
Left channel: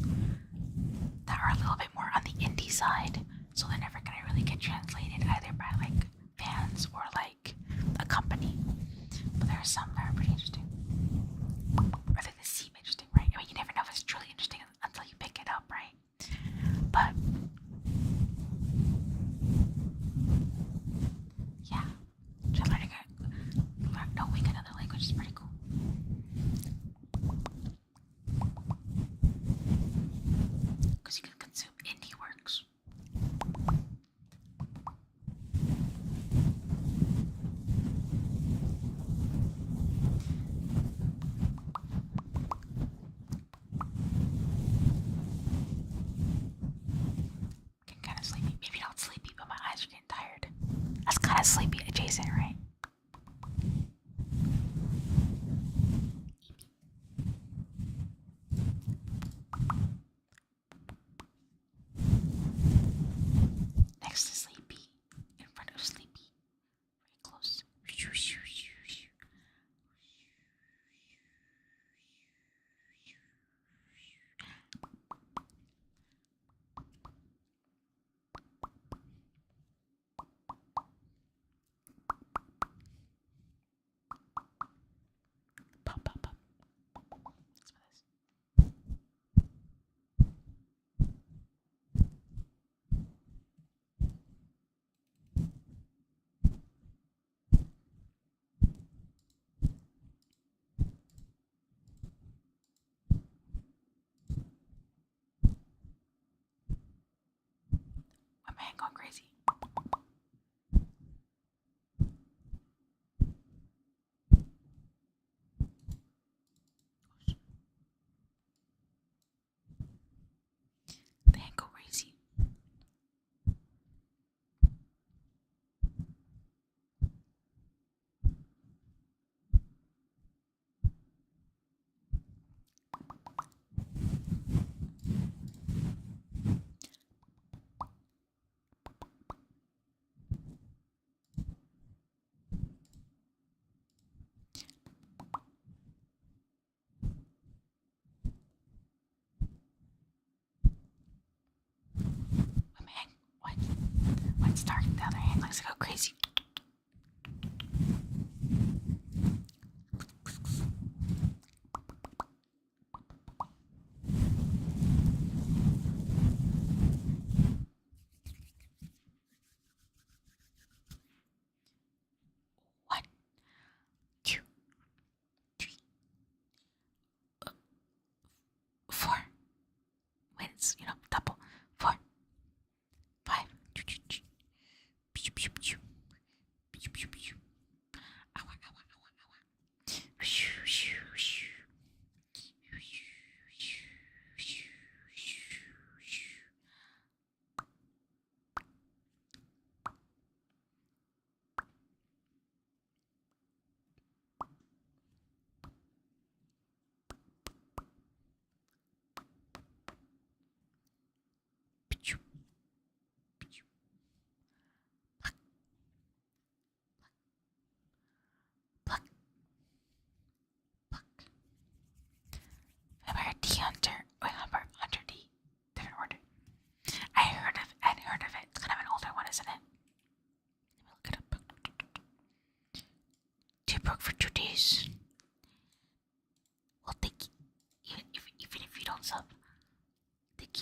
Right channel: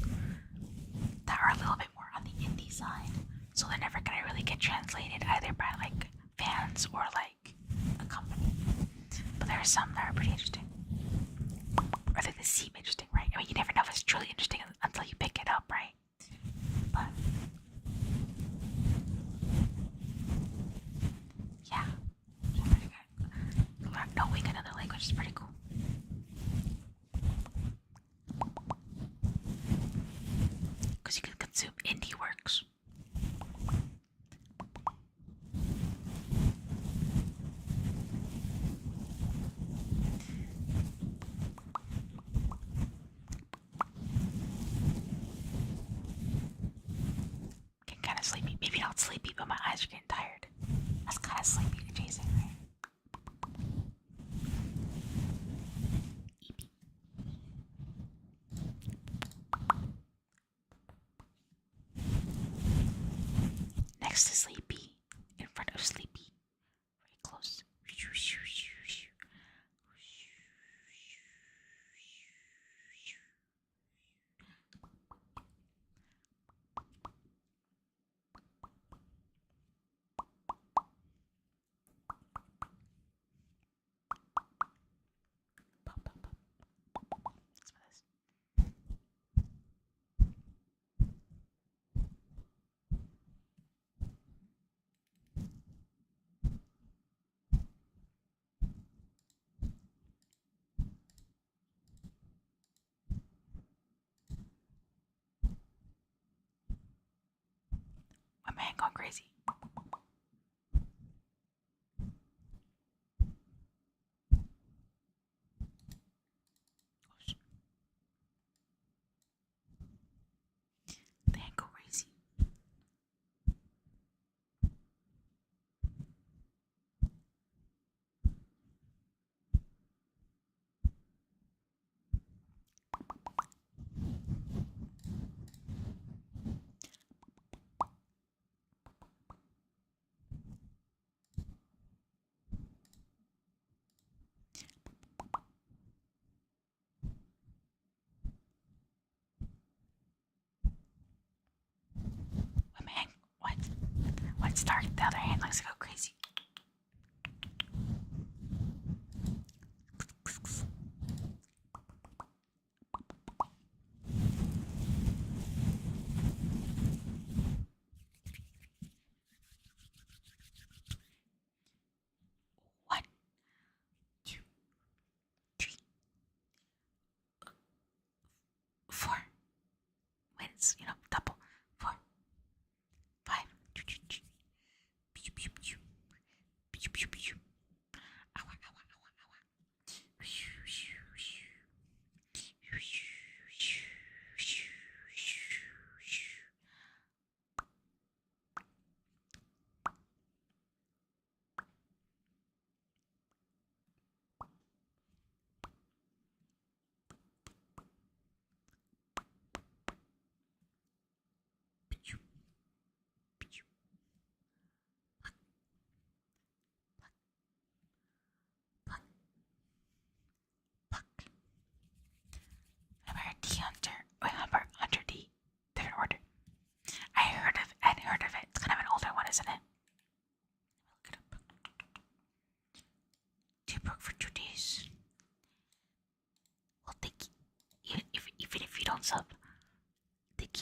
that are a little bit more on the indie side, so they're never gonna really get translated either by like fans or like a company. But there are some that are pretty interesting, or they seem interesting, right? I mean, you never know if it's truly interesting until you pick it up, right? But yeah, just knowing another language is pretty cool. Because you can consume indie works. Getting kind of sleepy. Maybe not sleepy, but my eyes are getting tired. That's kind of sleepy adjacent, right? Next to sleepy, in front of sleepy, very close. Pop, pop, pop. Let's smell this. My man going crazy. The hand go crazy. My man, what? When it's dark, the other hand likes to go crazy. One, two, three, 4. Wait, it's, double. 4, 5. Pew, pew, pew. Pew, pew, pew. Ow, ow, ow, ow, ow. Shoo, shoo, shoo. Shoo, shoo, shoo, shoo, shoo. Pew, pew. Pluck, pluck, pluck. Vampire D Hunter. Wait, Vampire Hunter D. Different order. I'd heard of it. It's kind of an older one, isn't it? Let me look it up. 2 broke for 2 days. We'll take even if you don't sub. Take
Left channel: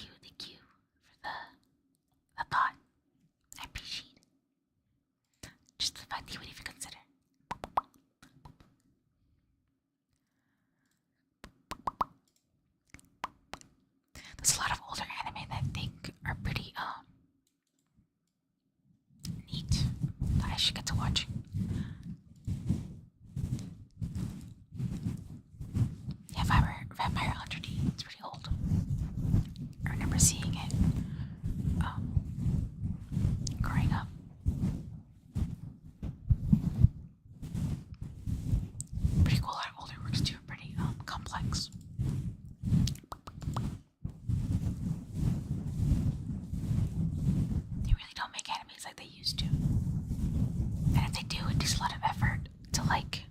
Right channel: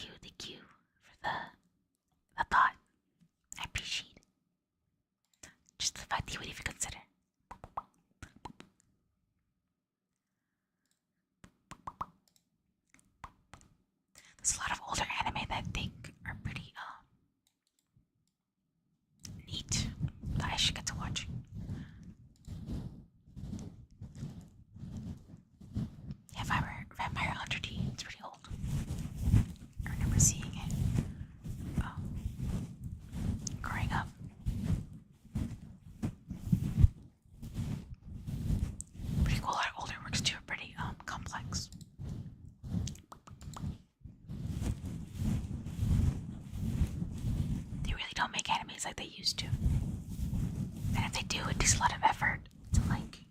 days like they used to. And if they do, it takes a lot of effort to like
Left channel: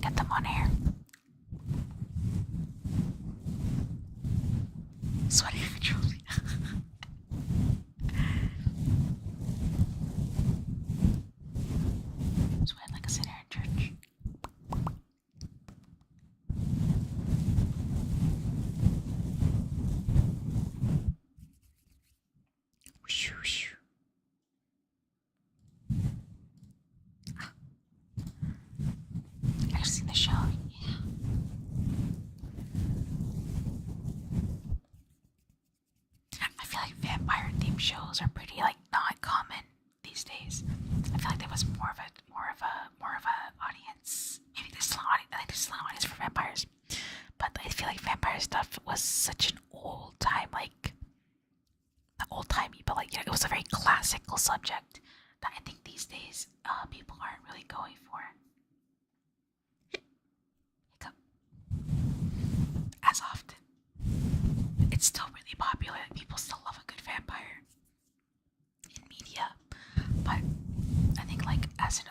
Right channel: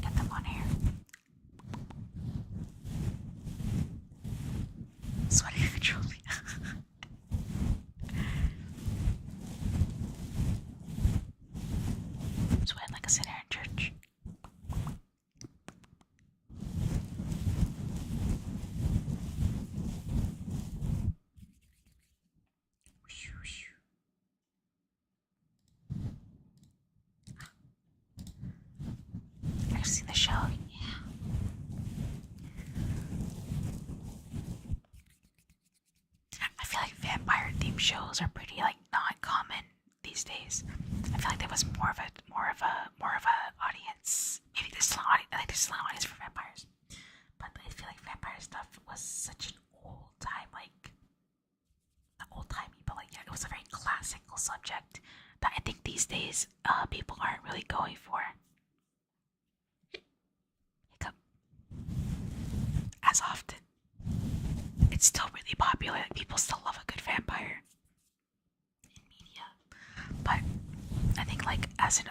get them on air. Sweating controls me. Sweating like a sinner in church. Whoosh, whoosh. I've seen the show. Yeah. I feel like vampire themed shows are pretty like not common these days. I feel like there was more of a audience. Maybe there's still an audience. I think there's still an audience for vampires, but I feel like vampire stuff was such an old time, like not old timey, but like, you know, it was a very classical subject that I think these days people aren't really going for. Hiccup. As often. It's still really popular. Like, people still love a good vampire in media, but I think like as a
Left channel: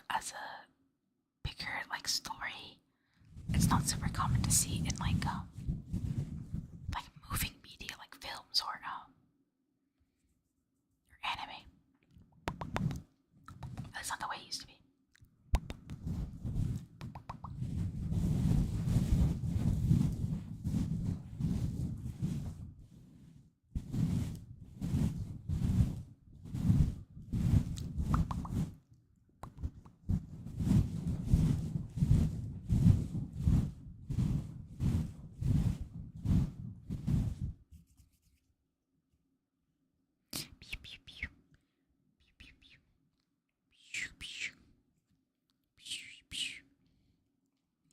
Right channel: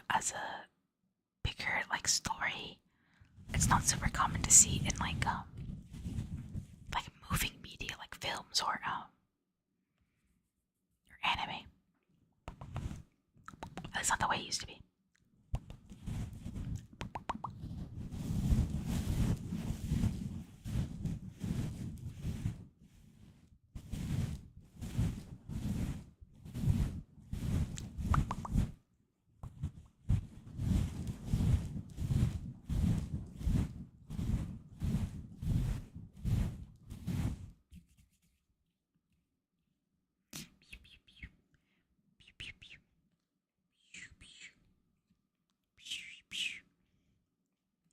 bigger like story, it's not super common to see in like moving media like films or anime. That's not the way it used to be.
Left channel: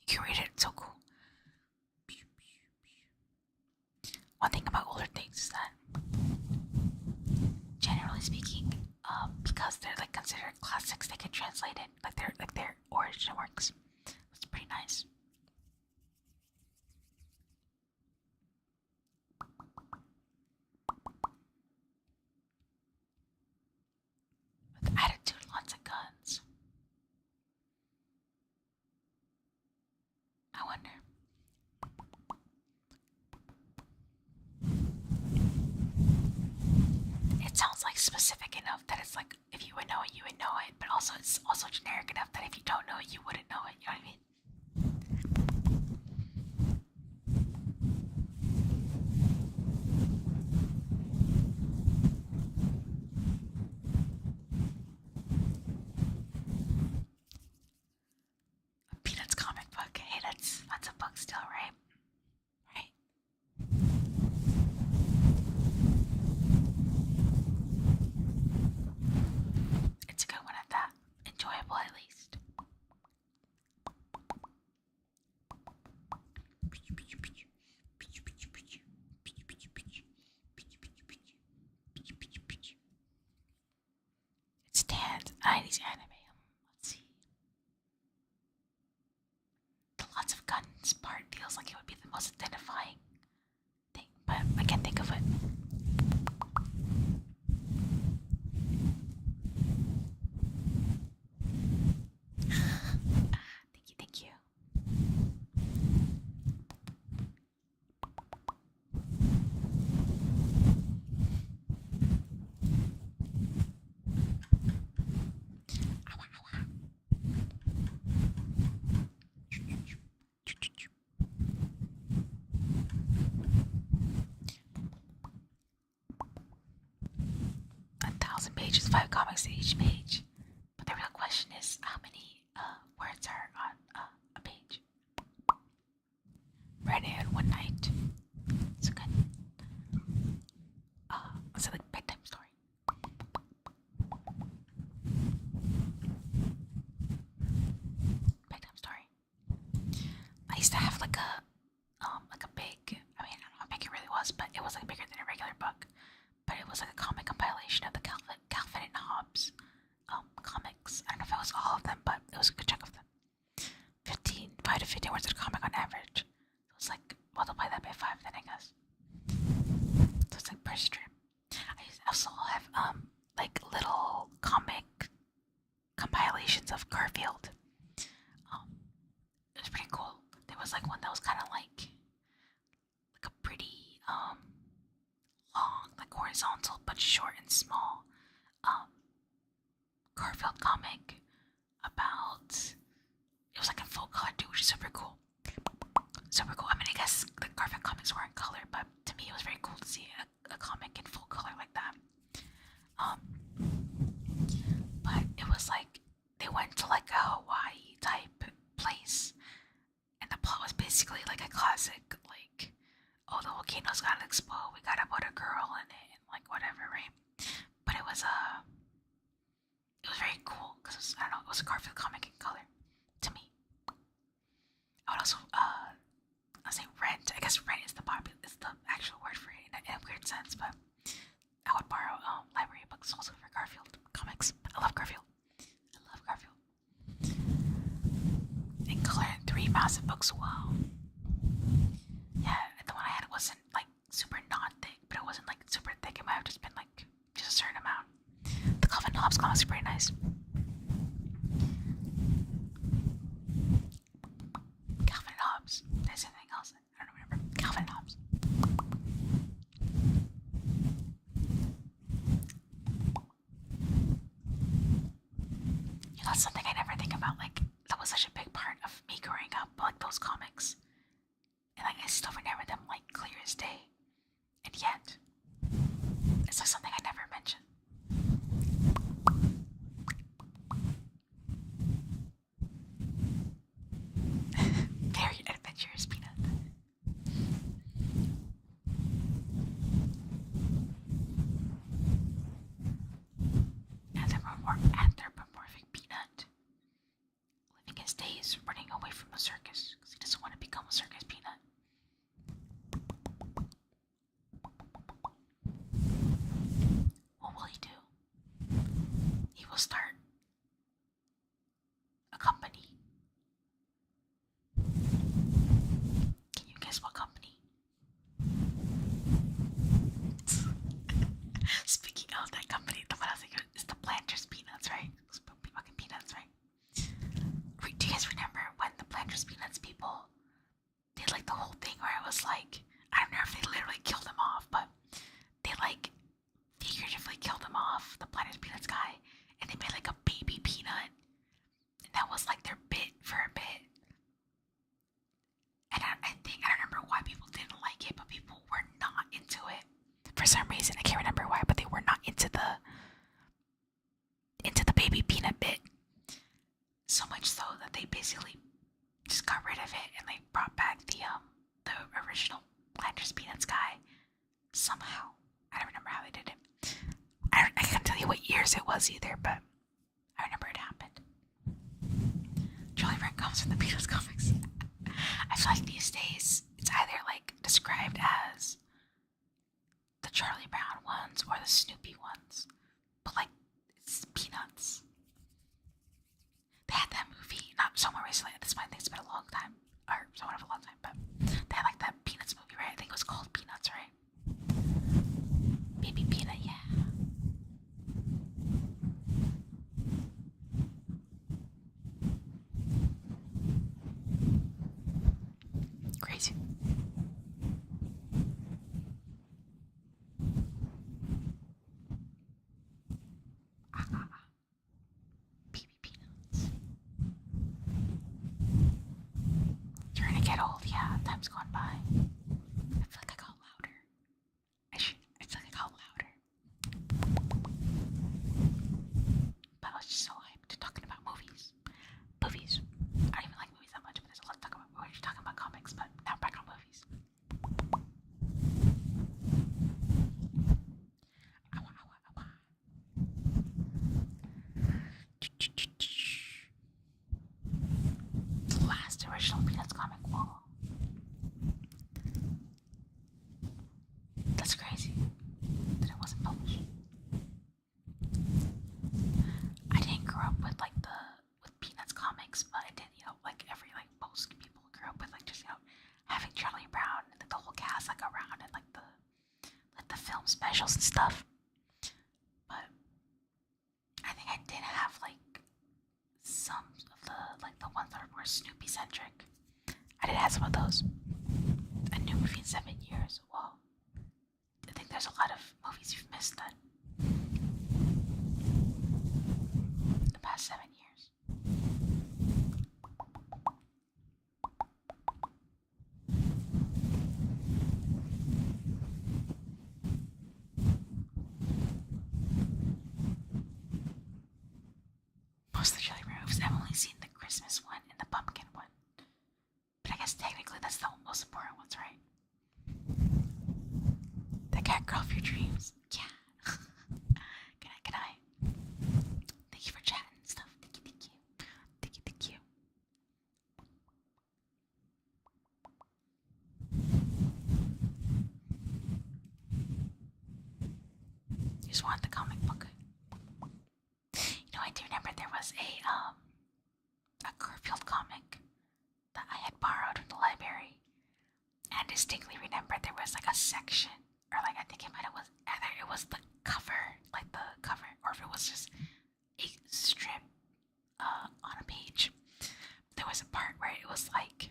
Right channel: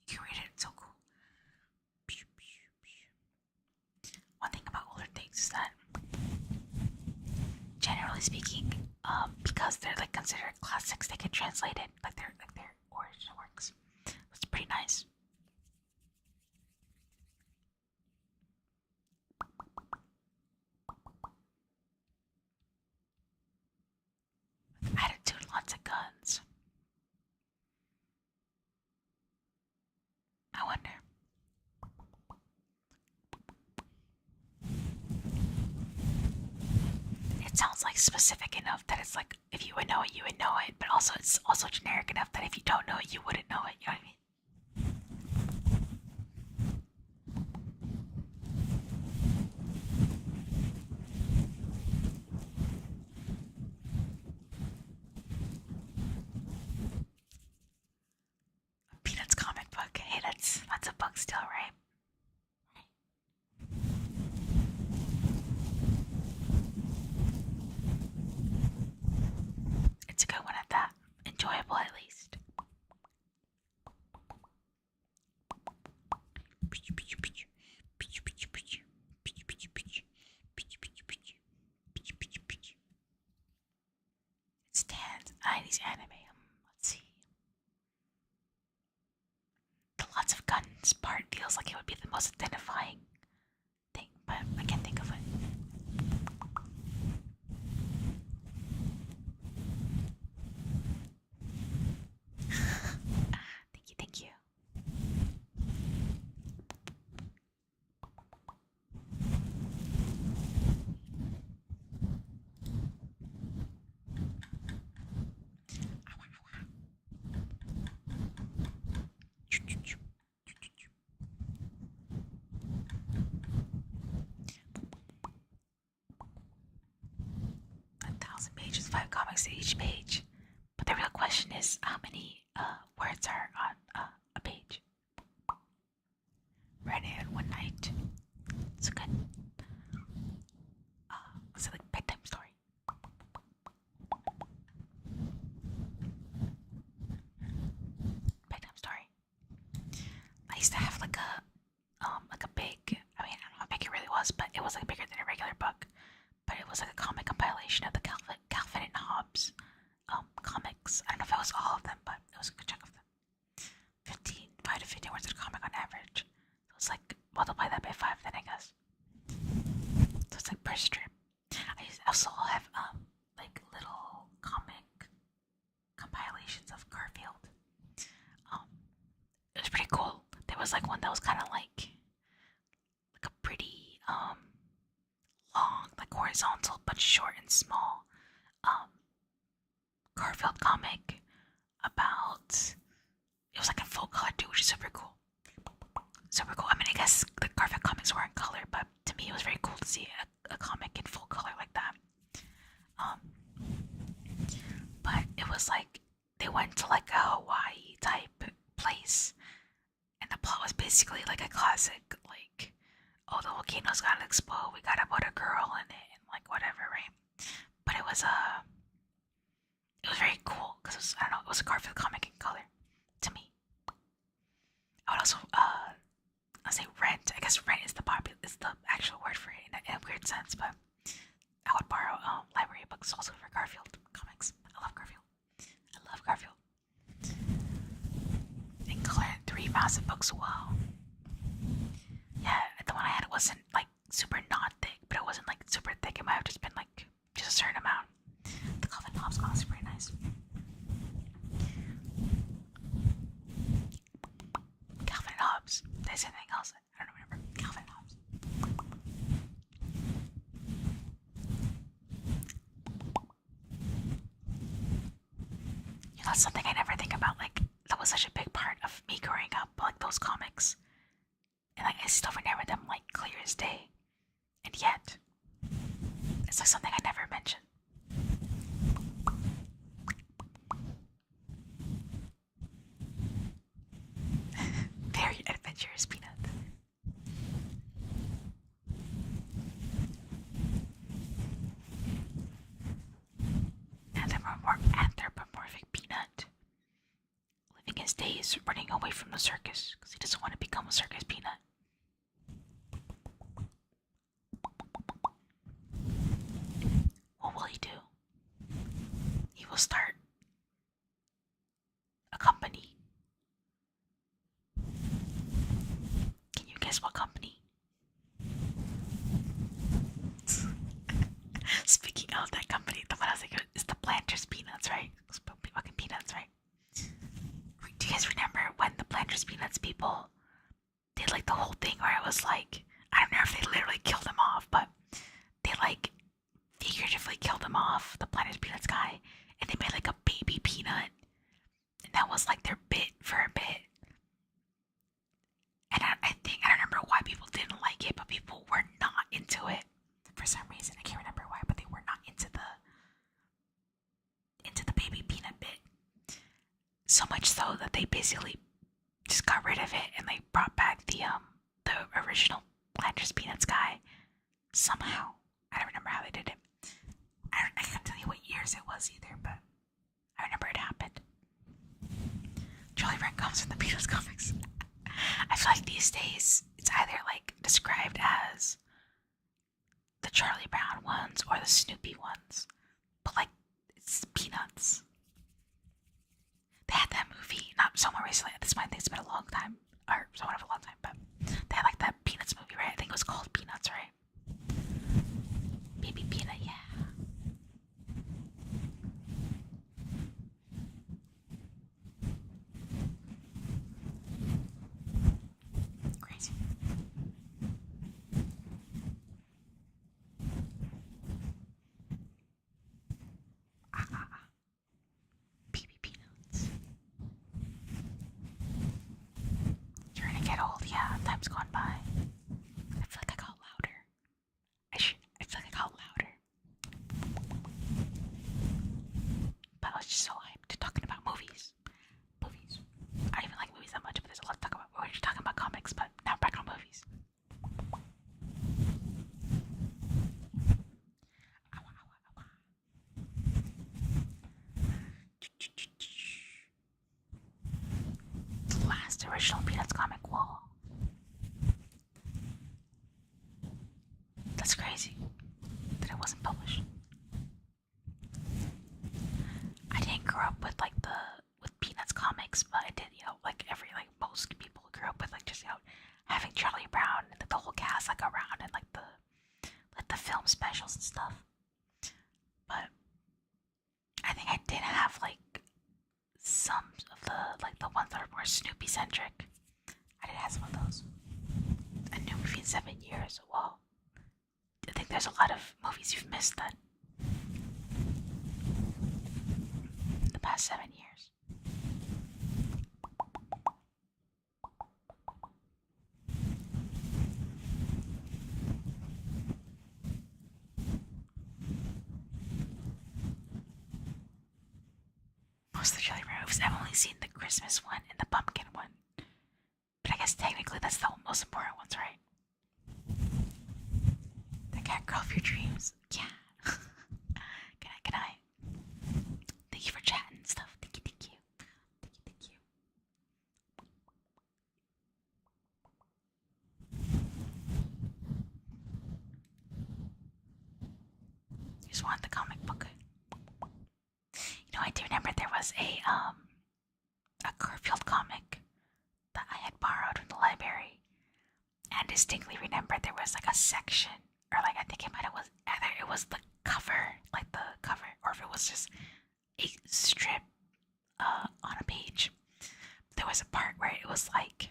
You can read it, it's so cool. One thing about older things is that, generally speaking, because they're like considered classics, they get translated like their origin works. It's pretty nice. With attitude, lots of guns. I wonder. It sounds like specific enough that it's like if you would know it, you would know it, but also it's also generic enough that if you don't know it, you wouldn't know it. You know what I mean? A Peanuts comic book. Hey, that's a book still, right? Right. It's a good one at that. Enjoyable at least. It stands. 90s anime. Let's see. The lots of guns part feels like it would be the most identifying thing, but I can't think of it. Thank you. 1,000 pages, 5 comics each page. But the real question is, how many words are on a page? Read it in one night. It's a good. It's like bedtime story. Bedtime story. I used to have like a big. I mean, I don't know how big it really was, but it was like bigger than a regular book. But it was like a comic compilation of the Calvin and Hobbes comics. I don't know if it was all of them, but it was a good chunk of them. 5 to 15 words of comic on average. So it's like multiply that by 5 then, I guess. So it's like per strip. I also have like little comic compilations of Garfield. Um, it was pretty cool. There was like one that was kind of like a pretty long, like horizontal but short and small um Garfield comic about. It was like in full color too, which is super cool. Super cool. I mean, I guess the Garfield comics were in color, but to me, it was very cool to see a comic in full color like that. Um, but it was like they went to like a Hawaii type place, and the plot was basically like a classic, like, oh, the volcano's gotta explode, we gotta put a girl in it, and like whatever, right? But it was very cool because I don't know, it was a Garfield comic in color to me. I would also I'll say rent. I guess rent is the actual word for it in a weird sense, but I would borrow library books also for Garfield comics. I love Garfield. I love Garfield. In color, 3 massive books. Wow. Yeah, the one I had wasn't like super not thick, but it wasn't like super thick. It might have just been like just a certain amount. The Calvin Hobbes comics are pretty nice. Calvin Hobbes. There's anything else? I don't remember. Calvin Hobbes. You know, that's something I never think about. Like, that was such a big part of me growing up, like those comics. And like, I still remember them like clear as day. And yet, it's like something I never mentioned. Very adventurous Peanut. Anthropomorphic Peanut. Living his days running away from the circus because he doesn't want to become a circus peanut. What will he do? He will start a company. Can you guess what company? Speaking of that company, the one I was thinking is the Planters Peanuts, right? Fucking peanuts, right? Do you guys remember when the Planters Peanuts people did like the whole thing where it was like, I don't know if they literally killed him off, but they like figuratively killed him off, the Planters Peanuts guy, and they made like a baby peanut, and that was like their bit for a bit. And I think I don't remember why people didn't like it, but people were not into it for some reason. I can't remember why, but they were not into the baby peanut bit. So much so that they basically just got rid of it and they brought back the original Planters Peanuts guy somehow. I don't remember how they did it. I can't tell you what years it was either, but I remember it happened. Charlie Brown comes from the Peanuts comics. I feel like these days it's either like described as the Charlie Brown ones or the Snoopy ones, but like it's Peanuts. They had that movie, not so more recently. At this point, I think it's been a long time, or somewhat of a long time, but they had like that Peanuts movie, right? I think it was called Peanuts, right? Baby Peanut, yeah. Crazy. Baby Peanuts. You're gonna get old, yeah. Time's gone by. I feel like I got louder. I feel like I got louder. But I was just so hyped talking about movies. Movies. I don't even like movies that much, but there's a lot to talk about. We're just talking about comics, but now back on movies. The last original Peanuts comic. Whoa. That's crazy that it wasn't published. I didn't grow up with with Peanuts comics, but I did, like most people grew up with just having Charlie Brown and the whole cast around and the film specials and stuff. But centric. I did have some of those. A new movie in 7 years. Whoa. I think there's a lot of movies you've missed then. The past 7 years. Most of the Charlie Brown movies, I've only seen the Christmas one and the pumpkin one. But I guess technically that's the most important ones, right? The cat girl of your dreams. Yeah. Good night, good night. Thank you for chatting and stuff. Thank you, thank you. Thank you, thank you. You just want the comic book. You know, I do remember there was a Garfield comic that I had borrowed from the library, and I distinctly remember there was like a section, or like I think it might have was either it was the cover, like the cover, or if it was just a strip on a page. There was a part where it was like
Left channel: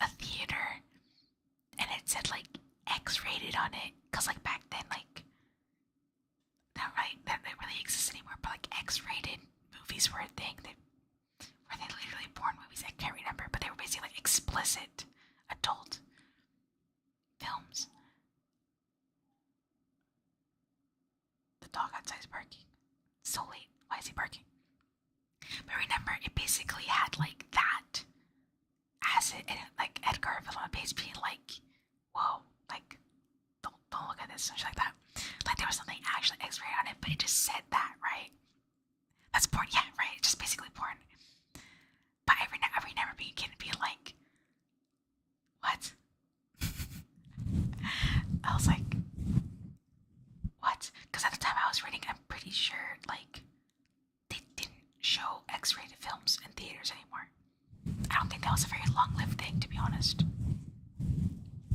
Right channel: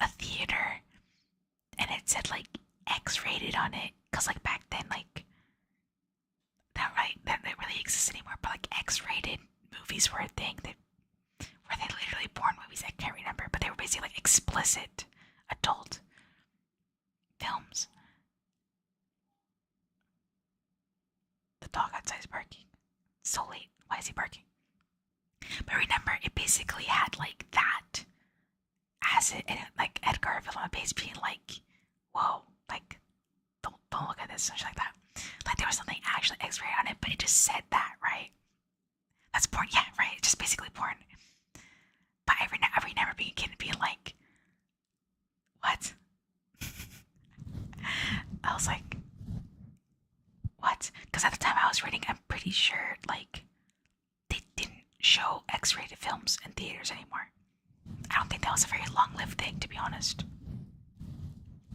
a theater, and it said like X-rated on it, cause like back then like that really exists anymore, but like X-rated movies were a thing. Were they literally porn movies? I can't remember, but they were basically like explicit adult films. The dog outside is barking. It's so late. Why is he barking? But remember, it basically had like that as it, and like Ed Garfield on the page being like, "Whoa, like don't look at this," and shit like that. Like there was something actually X-rated on it, but it just said that, right? That's porn, yeah, right? It's just basically porn. But I remember being a kid and being like, what? I was like, what? Because at the time I was reading, I'm pretty sure like they didn't show X-rated films in theaters anymore. I don't think that was a very long-lived thing, to be honest.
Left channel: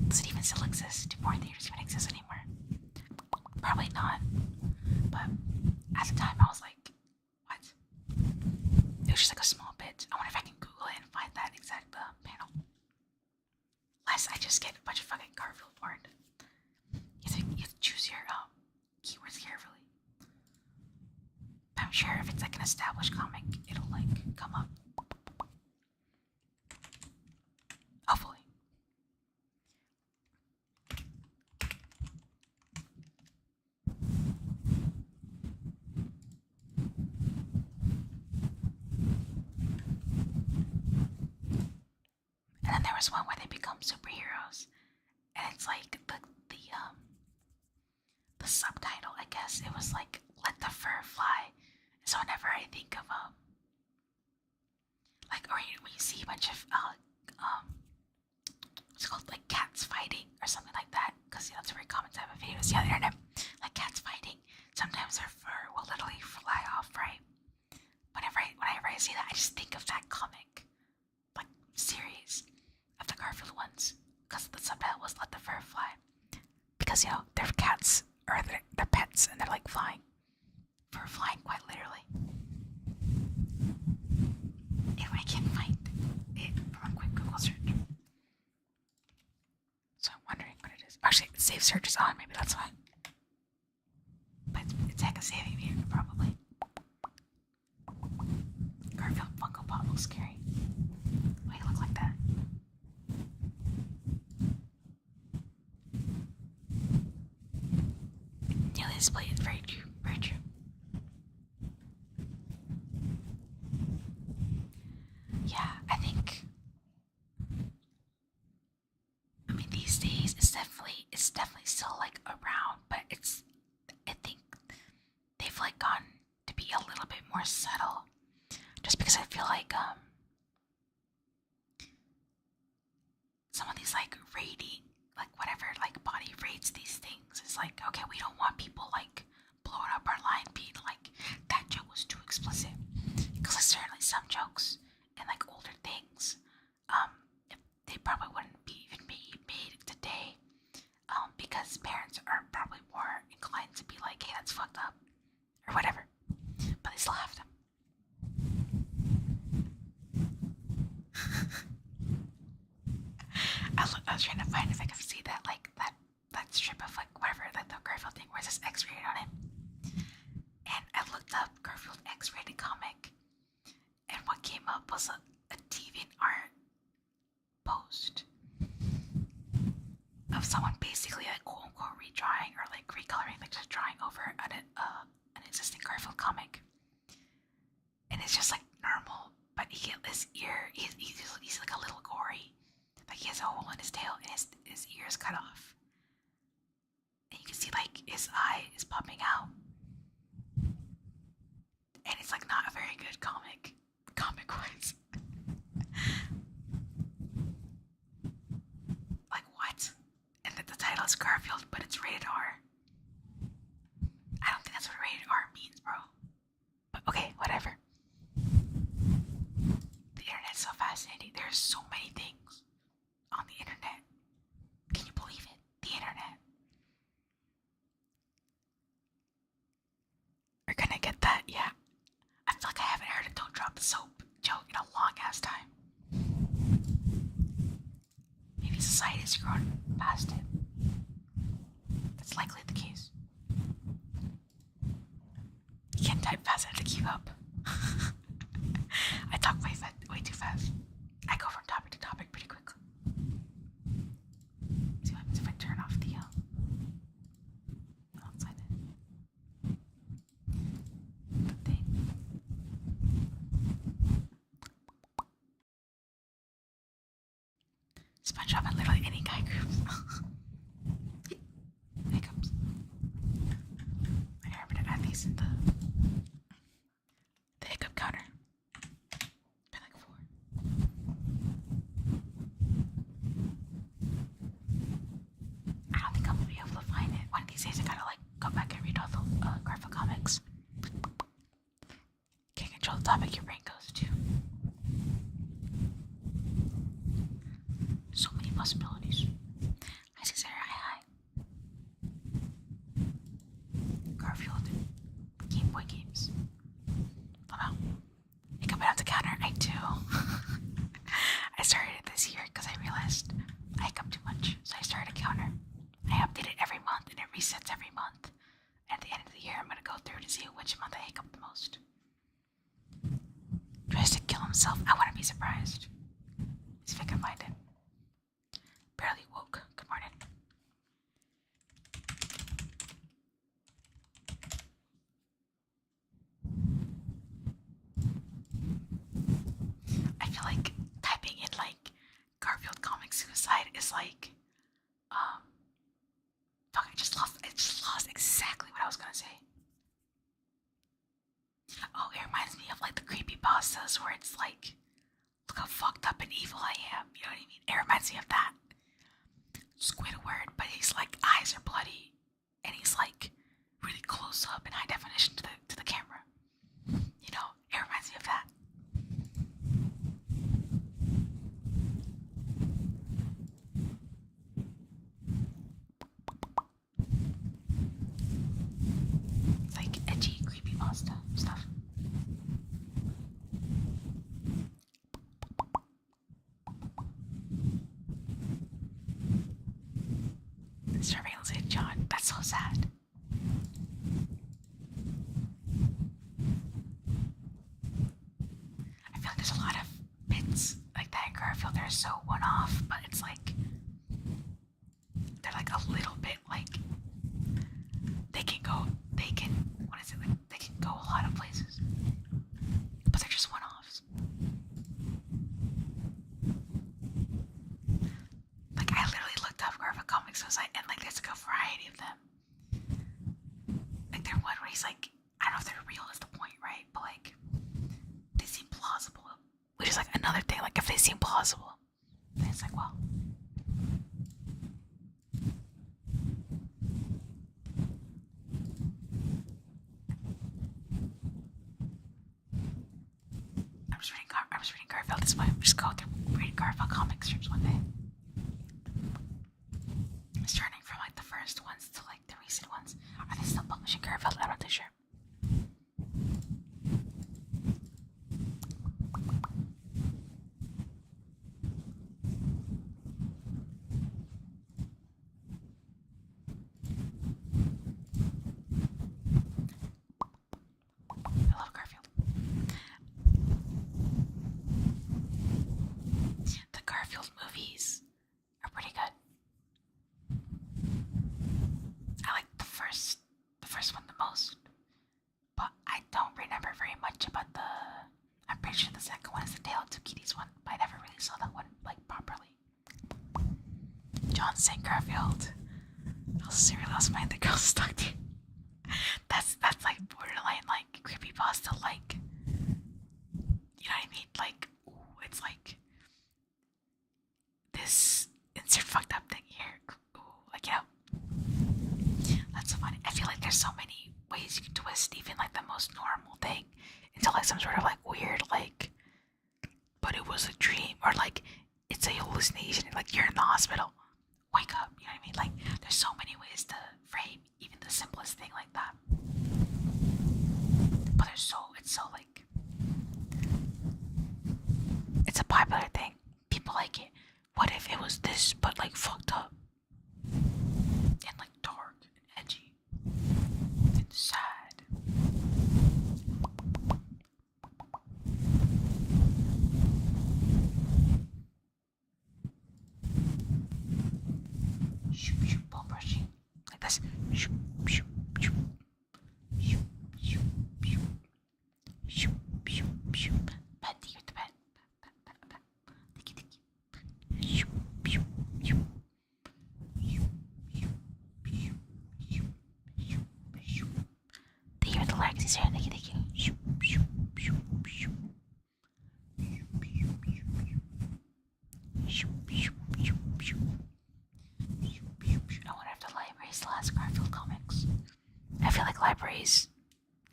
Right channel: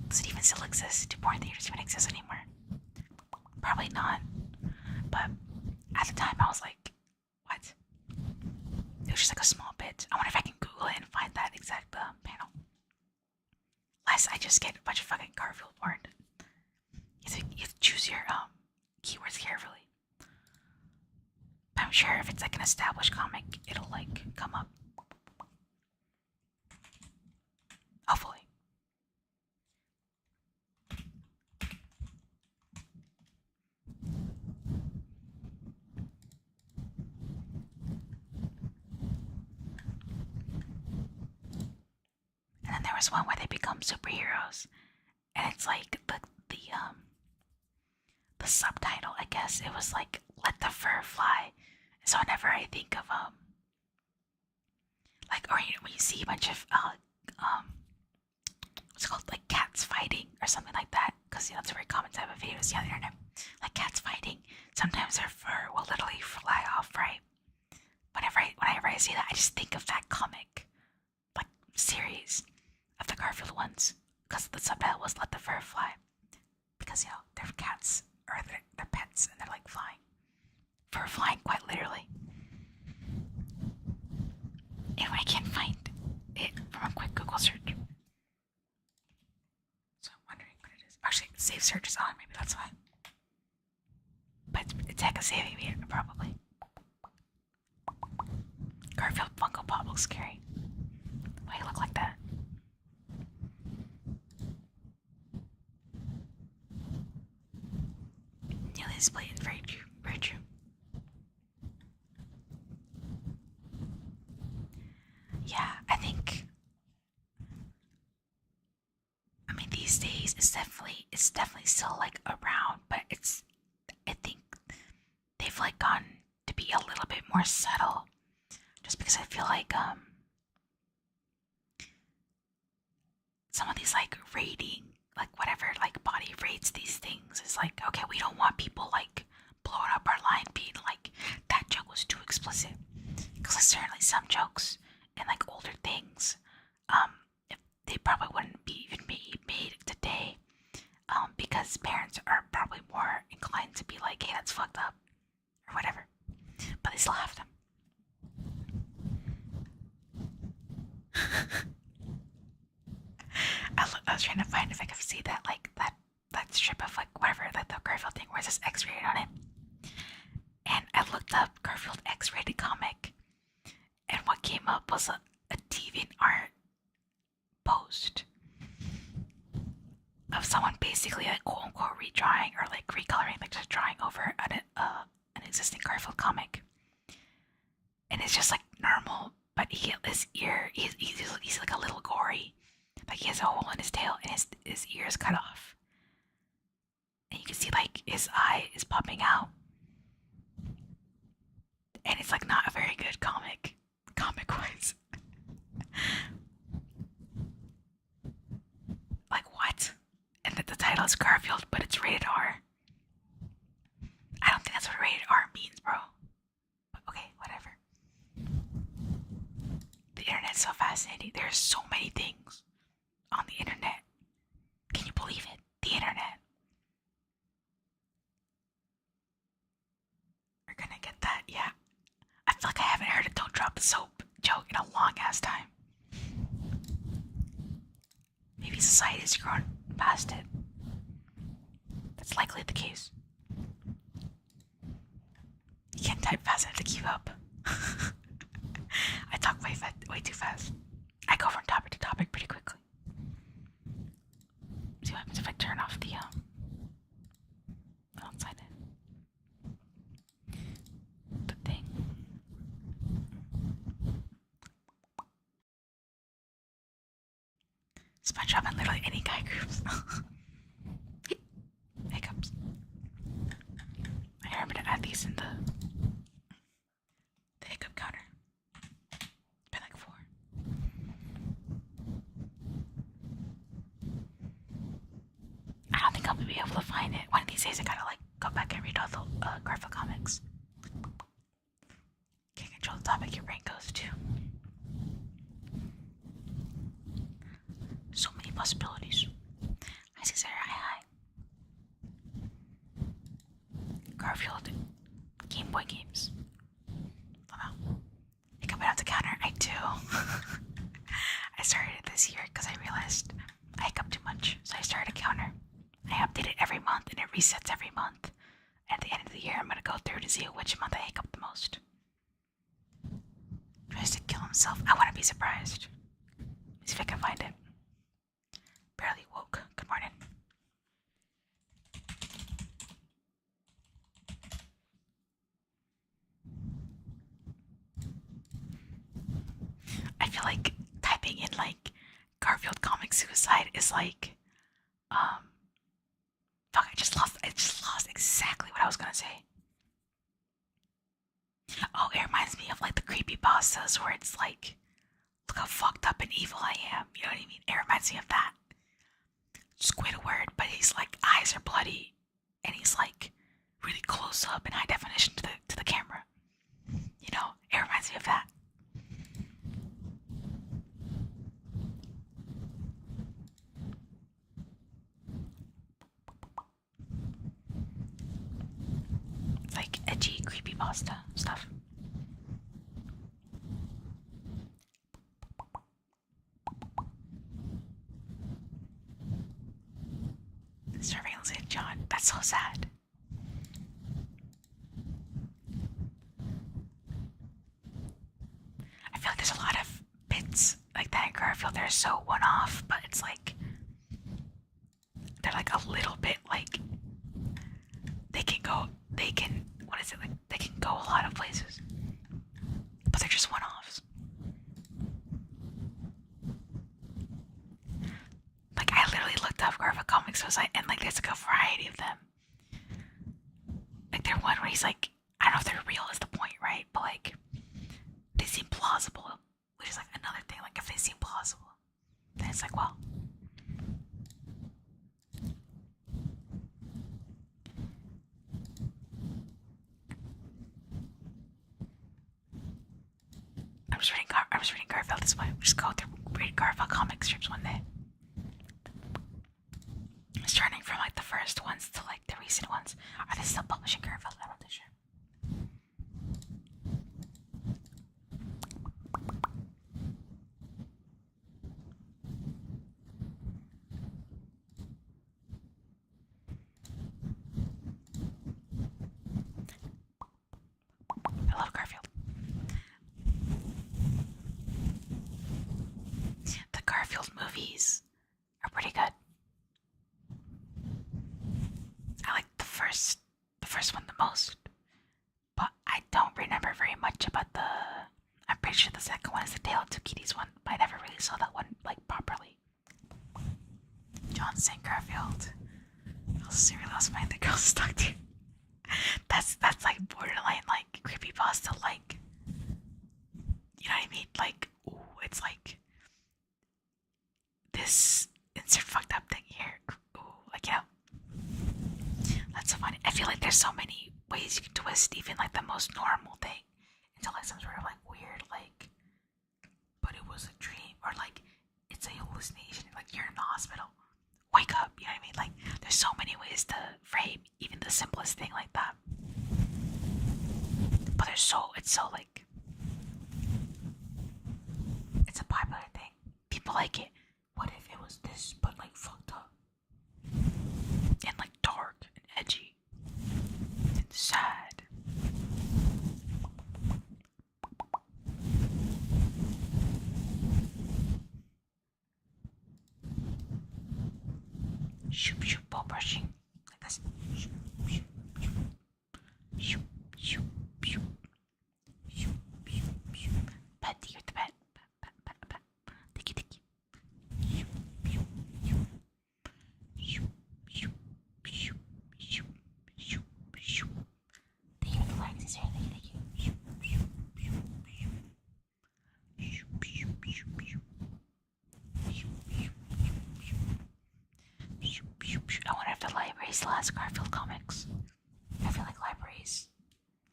Does it even still exist? Do porn theaters even exist anymore? Probably not. But at the time I was like, what? It was just like a small bit. I wonder if I can Google it and find that exact panel. Lest I just get a bunch of fucking Garfield porn. You have to choose your keywords carefully. But I'm sure if it's like an established comic, it'll like come up. Hopefully. And then there was one where they become superheroes, and it's like the subtitle, I guess it was like "Let the Fur Fly." So whenever I think of like, or when you see a bunch of what's it called, like cats fighting or something like that, because you know it's a very common type of videos on the internet, like cats fighting. Sometimes their fur will literally fly off, right? Whenever I see that, I just think of that comic, like series of the Garfield ones, because the subtitle was "Let the Fur Fly," because you know they're cats or they're pets and they're like flying, fur flying quite literally. If I can't find it from a quick Google search, so I'm wondering what it is. Actually, save search is on. Maybe that's why. But it's heck of saving me probably. Garfield Funko Pop looks scary. Why do you look like that? Nearly displayed. Very true. Very true. Yeah, I think. I mean, these days it's definitely still like around, but I think they've like gone to be a little bit more subtle, just because I feel like some of these like rating, like whatever like body rates these things is like, okay, we don't want people like blowing up our line being like that joke was too explicit, because like certainly some jokes and like older things, they probably wouldn't be even be made today, because parents are probably more inclined to be like, hey, that's fucked up or whatever, but they still have them. says X-rated on it. And I looked up Garfield X-rated comic, and what came up was a DeviantArt post of someone basically like quote unquote redrawing or like recoloring, like just drawing over an existing Garfield comic. And it's just like normal, but his ear, he's like a little gory. Like he has a hole in his tail and his ear is cut off. And you can see like his eye is popping out. And it's like not a very good comic wise. Like what? And the title is Garfield, but it's rated R. I don't think that's what rated R means, bro. But okay, whatever. The internet's so fascinating. There's so many things on the internet. Can you believe it? The internet. We're gonna get that, yeah. I feel like I haven't heard a "don't drop the soap" joke in a long ass time. Maybe society's grown past it. That's likely the case. You can't type fast enough to keep up. I talk way too fast. I go from topic to topic pretty quickly. See what happens if I turn off the outside the thing. SpongeBob and literally any guy groups. Hiccups. I remember to add these in the hiccup counter. Been like 4. I don't think I'll be able to find it. One of these days I gotta like go back and read all the Garfield comics. Can't control the topic your brain goes to. So many possibilities. Hi Caesar, hi. Garfield Game Boy games. Wow. I can put out the counter. I do. I started it this year because I realized I hiccup too much, so I started a counter. I update it every month and it resets every month. At the end of the year, I'm gonna go through to see which month I hiccup the most. Tries to kill himself. I want to be surprised. Let's see if I can find it. Barely woke. Good morning. I feel like typing in like Garfield comic suicide is like fuck, I just lost exactly what I was gonna say. Oh, it reminds me of like the creepypastas where it's like, look how fucked up and evil I am. You know what I mean? It reminds me of that. Squidward, but his like eyes are bloody and he's like really close up in high definition to the camera. You know, it reminds me of that. It's like edgy creepypasta stuff. Surveillance hit John. That's so sad. I feel like there's a lot of bits like that in Garfield that are so one-off, but it's like they're like a little bit like they can go a lot of places, but they're just one-offs. Like I literally looked up Garfield comics website and like there's like a variety of them. Like there's one where he's like, I don't know if they're real is the point, right? But like they seem plausible, which is like another thing. Like if they seem plausible, then it's like, well. I'm just reading Garfield this way. Just go through read Garfield comic strips one day. It's turning from like the first ones to like the recent ones. Are they still publishing Garfield? I'm not too sure. first one the most. But I don't remember very much about the. I'm pretty sure the second one is the Tale of Two Kitties one, but I never really saw that one like properly. John St. Garfield. I was really lost my the girls stuck to. That's like borderline like creepypasta like. You know what I mean? Like, ooh, it's like this insert fucked up thing here. Ooh, like, you know, that's so funny. I feel like there's so many ways you can twist even like the most normal thing into like some sort of like weird like, but it was a dream, or like it's a hallucination, like you're in the hospital, wake up. You know what I mean? Like, there's so many ways to frame even the simplest thing like that. But it's so like, it's a popular thing. People like it. What if it was this, but like fucked up and like dark and edgy and sad? Shoop shoop ball brushing like this. Shoop shoop shoop shoop shoop shoop shoop shoop shoop. Pet digger the pet. Pat pat pat pat. Tiki tiki. Shoop shoop shoop shoop shoop shoop shoop shoop shoop. They hear the larks. He's here. Tiki tiki. Shoop shoop shoop shoop shoop shoop shoop shoop shoop shoop shoop. I wonder if the library still has Garfield comics. I feel like libraries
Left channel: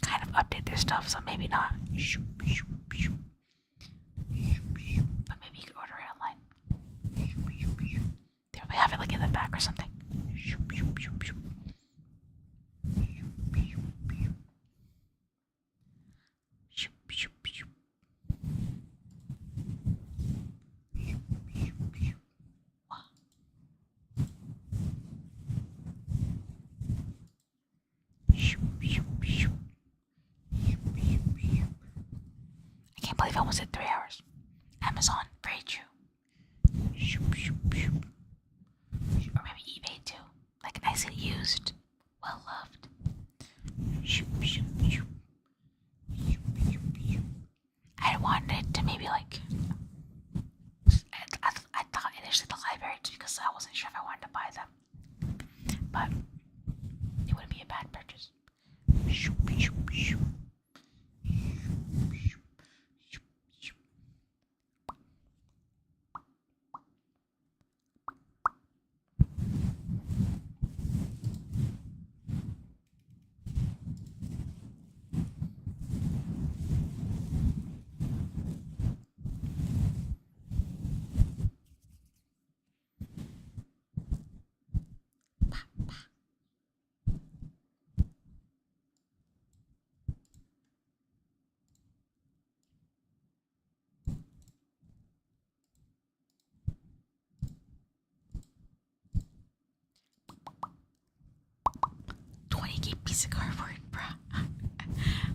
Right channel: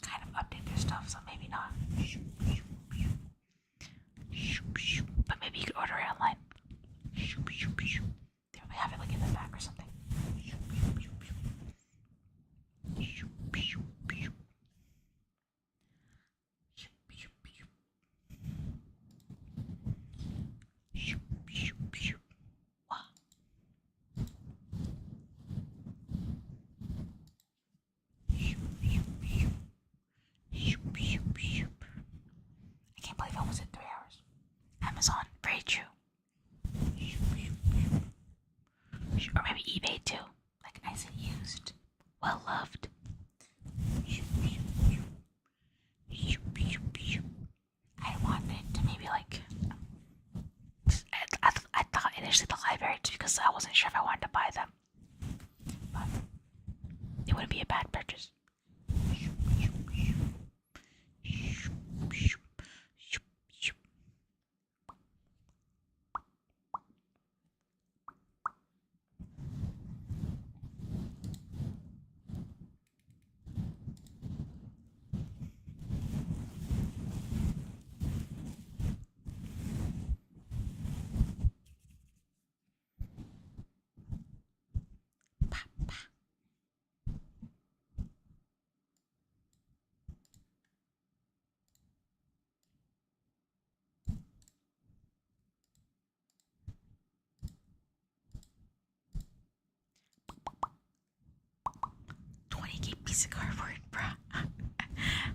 kind of update their stuff, so maybe not. But maybe you could order it online. They probably have it like in the back or something. I can't believe I almost hit 3 hours. Amazon, very true. Or maybe eBay too. Like nicely used, well loved. I wanted to maybe like. I thought initially the library just because I wasn't sure if I wanted to buy them, but it wouldn't be a bad purchase. 20K piece of cardboard, bruh. How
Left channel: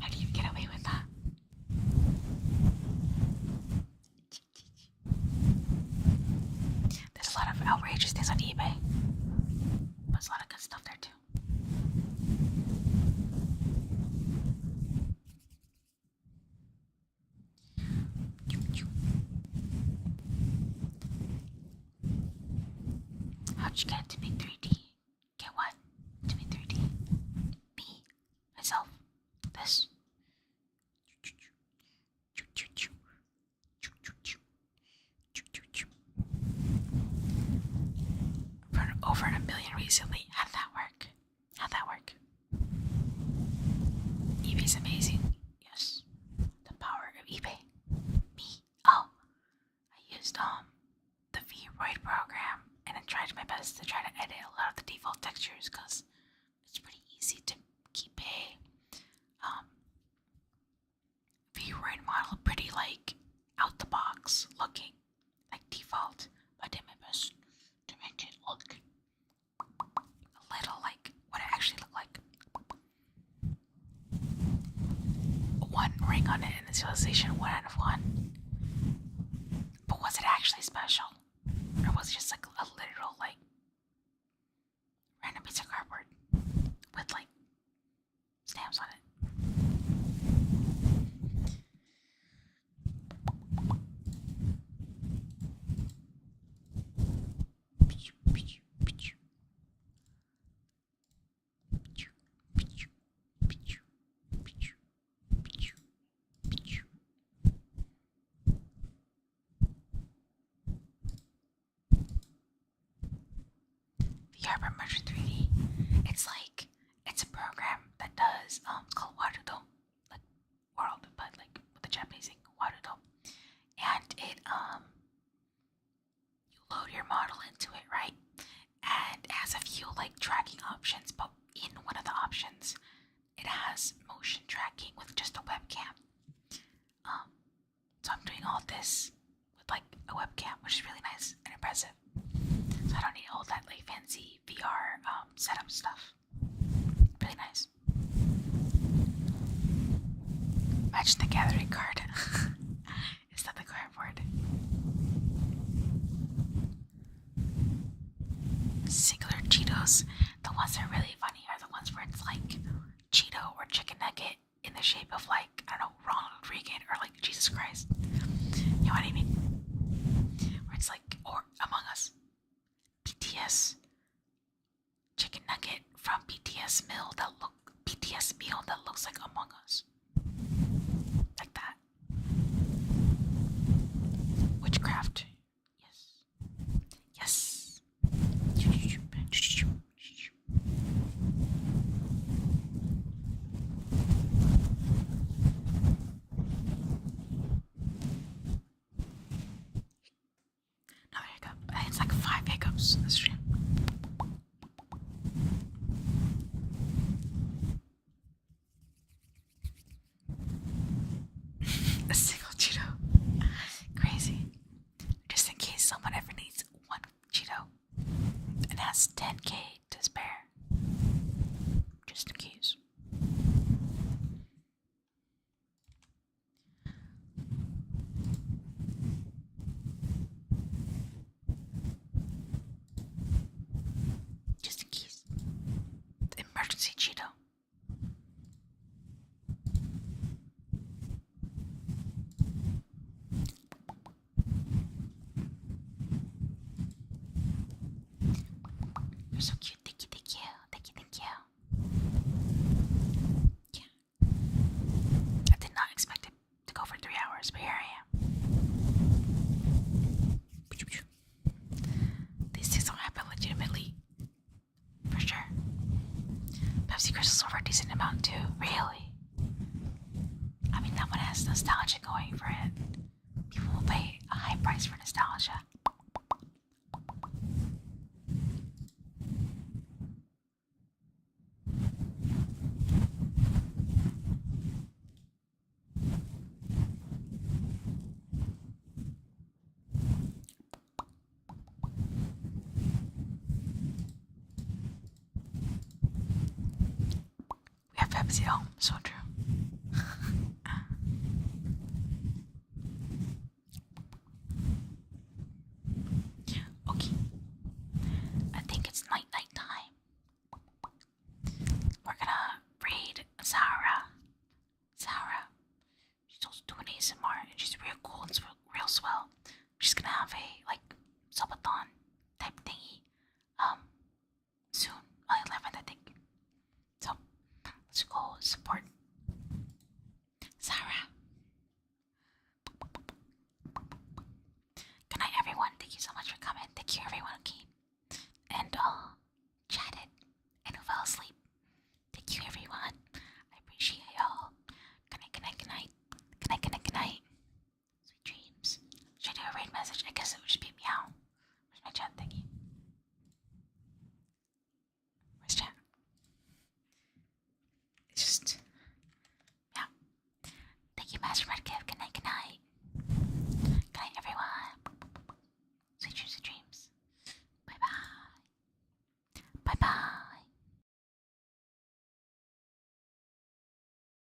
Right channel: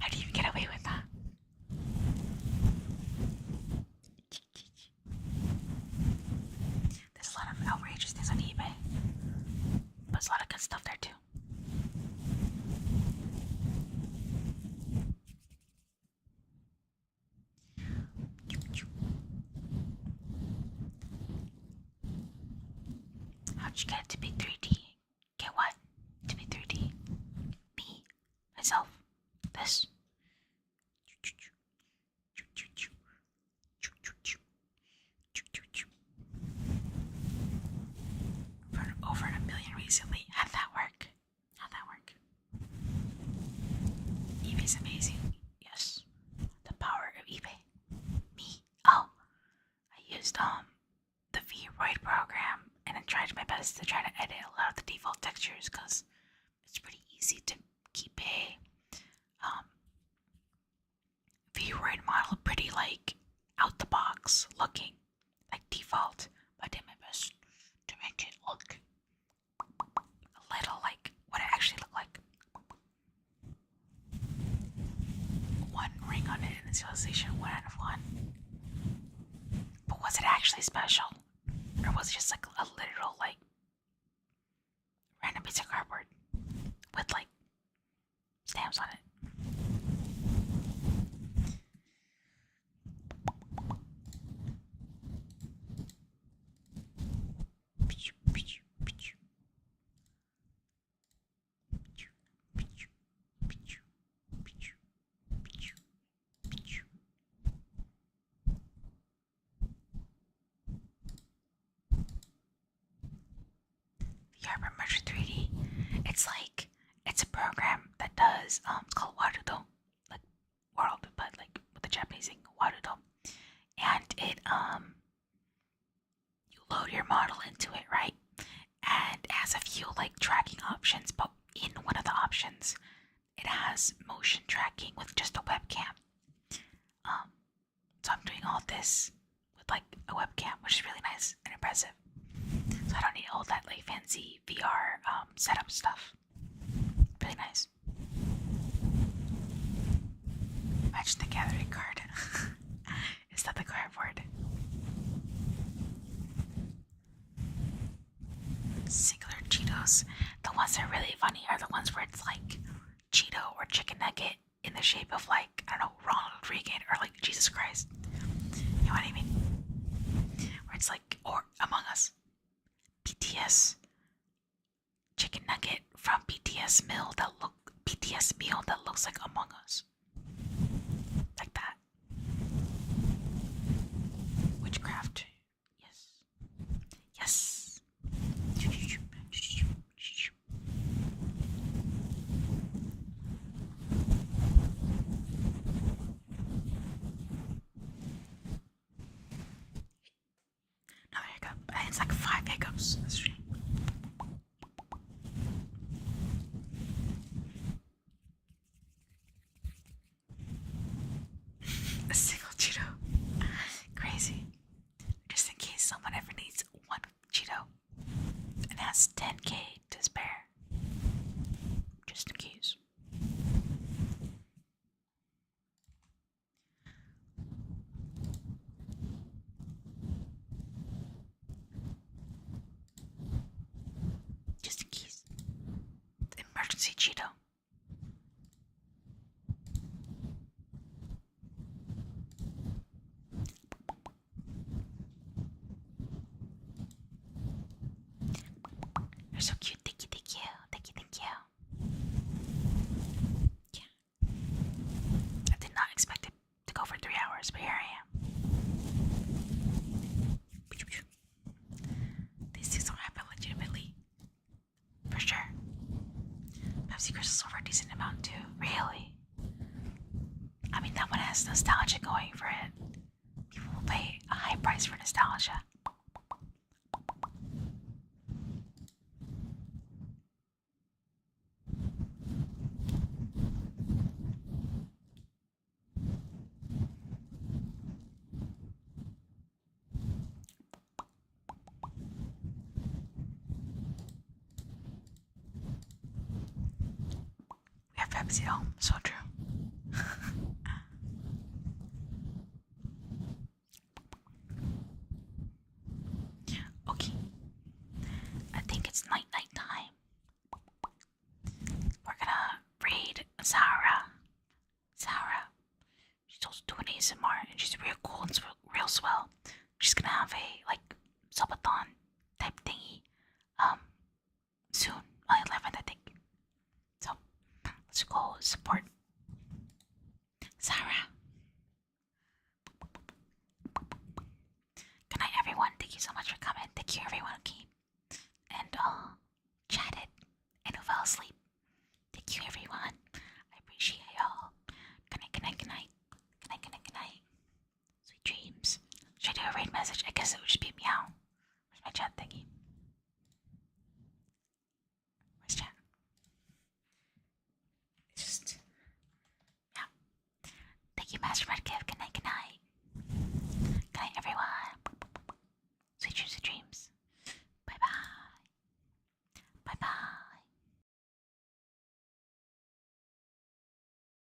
do you even get away with that? There's a lot of outrageous things on eBay, but there's a lot of good stuff there too. How'd you get it to be 3D? Get what? To be 3D? Me. Myself. This. Over in a million recently. How'd that work? How'd that work? eBay's amazing. Yes. The power of eBay. Me. Oh. I used the VTuber program and I tried my best to try to edit a lot of the default textures because it's pretty easy to keep a VTuber model pretty like out the box looking like default. I did my best to make it look a little like what it actually looked like. One ring on it in initialization, 1 out of 1. But was it actually special? Or was it just like a literal like random piece of cardboard with like stamps on it. VR Merger 3D. It's a program that does it's called Warudo, like world, but like with the Japanese thing, Warudo. And it you load your model into it, right? And it has a few like tracking options, but in one of the options it has motion tracking with just a webcam. So I'm doing all this with like a webcam, which is really nice and impressive. So I don't need all that like fancy VR setup stuff. Really nice. Imagine the gathering card. Is that the cardboard? Singular Cheetos. The ones that are really funny are the ones where it's like Cheeto or chicken nugget in the shape of like, I don't know, Ronald Reagan or like Jesus Christ. You know what I mean? Where it's like, or Among Us. BTS chicken nugget from BTS meal that looks like Among Us. Like that. Witchcraft. Yes. Yes. Another hiccup. I think it's like 5 hiccups in the stream. A single Cheeto. Crazy. Just in case someone ever needs one Cheeto and has 10K to spare. Just in case. Just in case. The emergency Cheeto. You're so cute. Thank you. Thank you. Yeah. I did not expect it to go for 3 hours, but here I am. These things don't happen legitimately. For sure. Pepsi Crystal's over a decent amount too. Really? I mean, that one has nostalgia going for it. People will pay a high price for nostalgia. We have Pepsi at home, so true. Okay. I think it's night time. We're gonna read Zara. She's also doing ASMR and she's real cool and real swell. She's gonna have a like subathon type thingy soon, on the 11th I think. So let's go support Zara. Good night everyone. Thank you so much for coming. Thank you everyone who came and chatted and who fell asleep. Thank you everyone. I appreciate y'all. Good night. Sweet dreams. Should I do a raid message? I guess it would just be meow. Where's my chat thingy? Where's chat? It's just meow. Thank you, Master Redkill.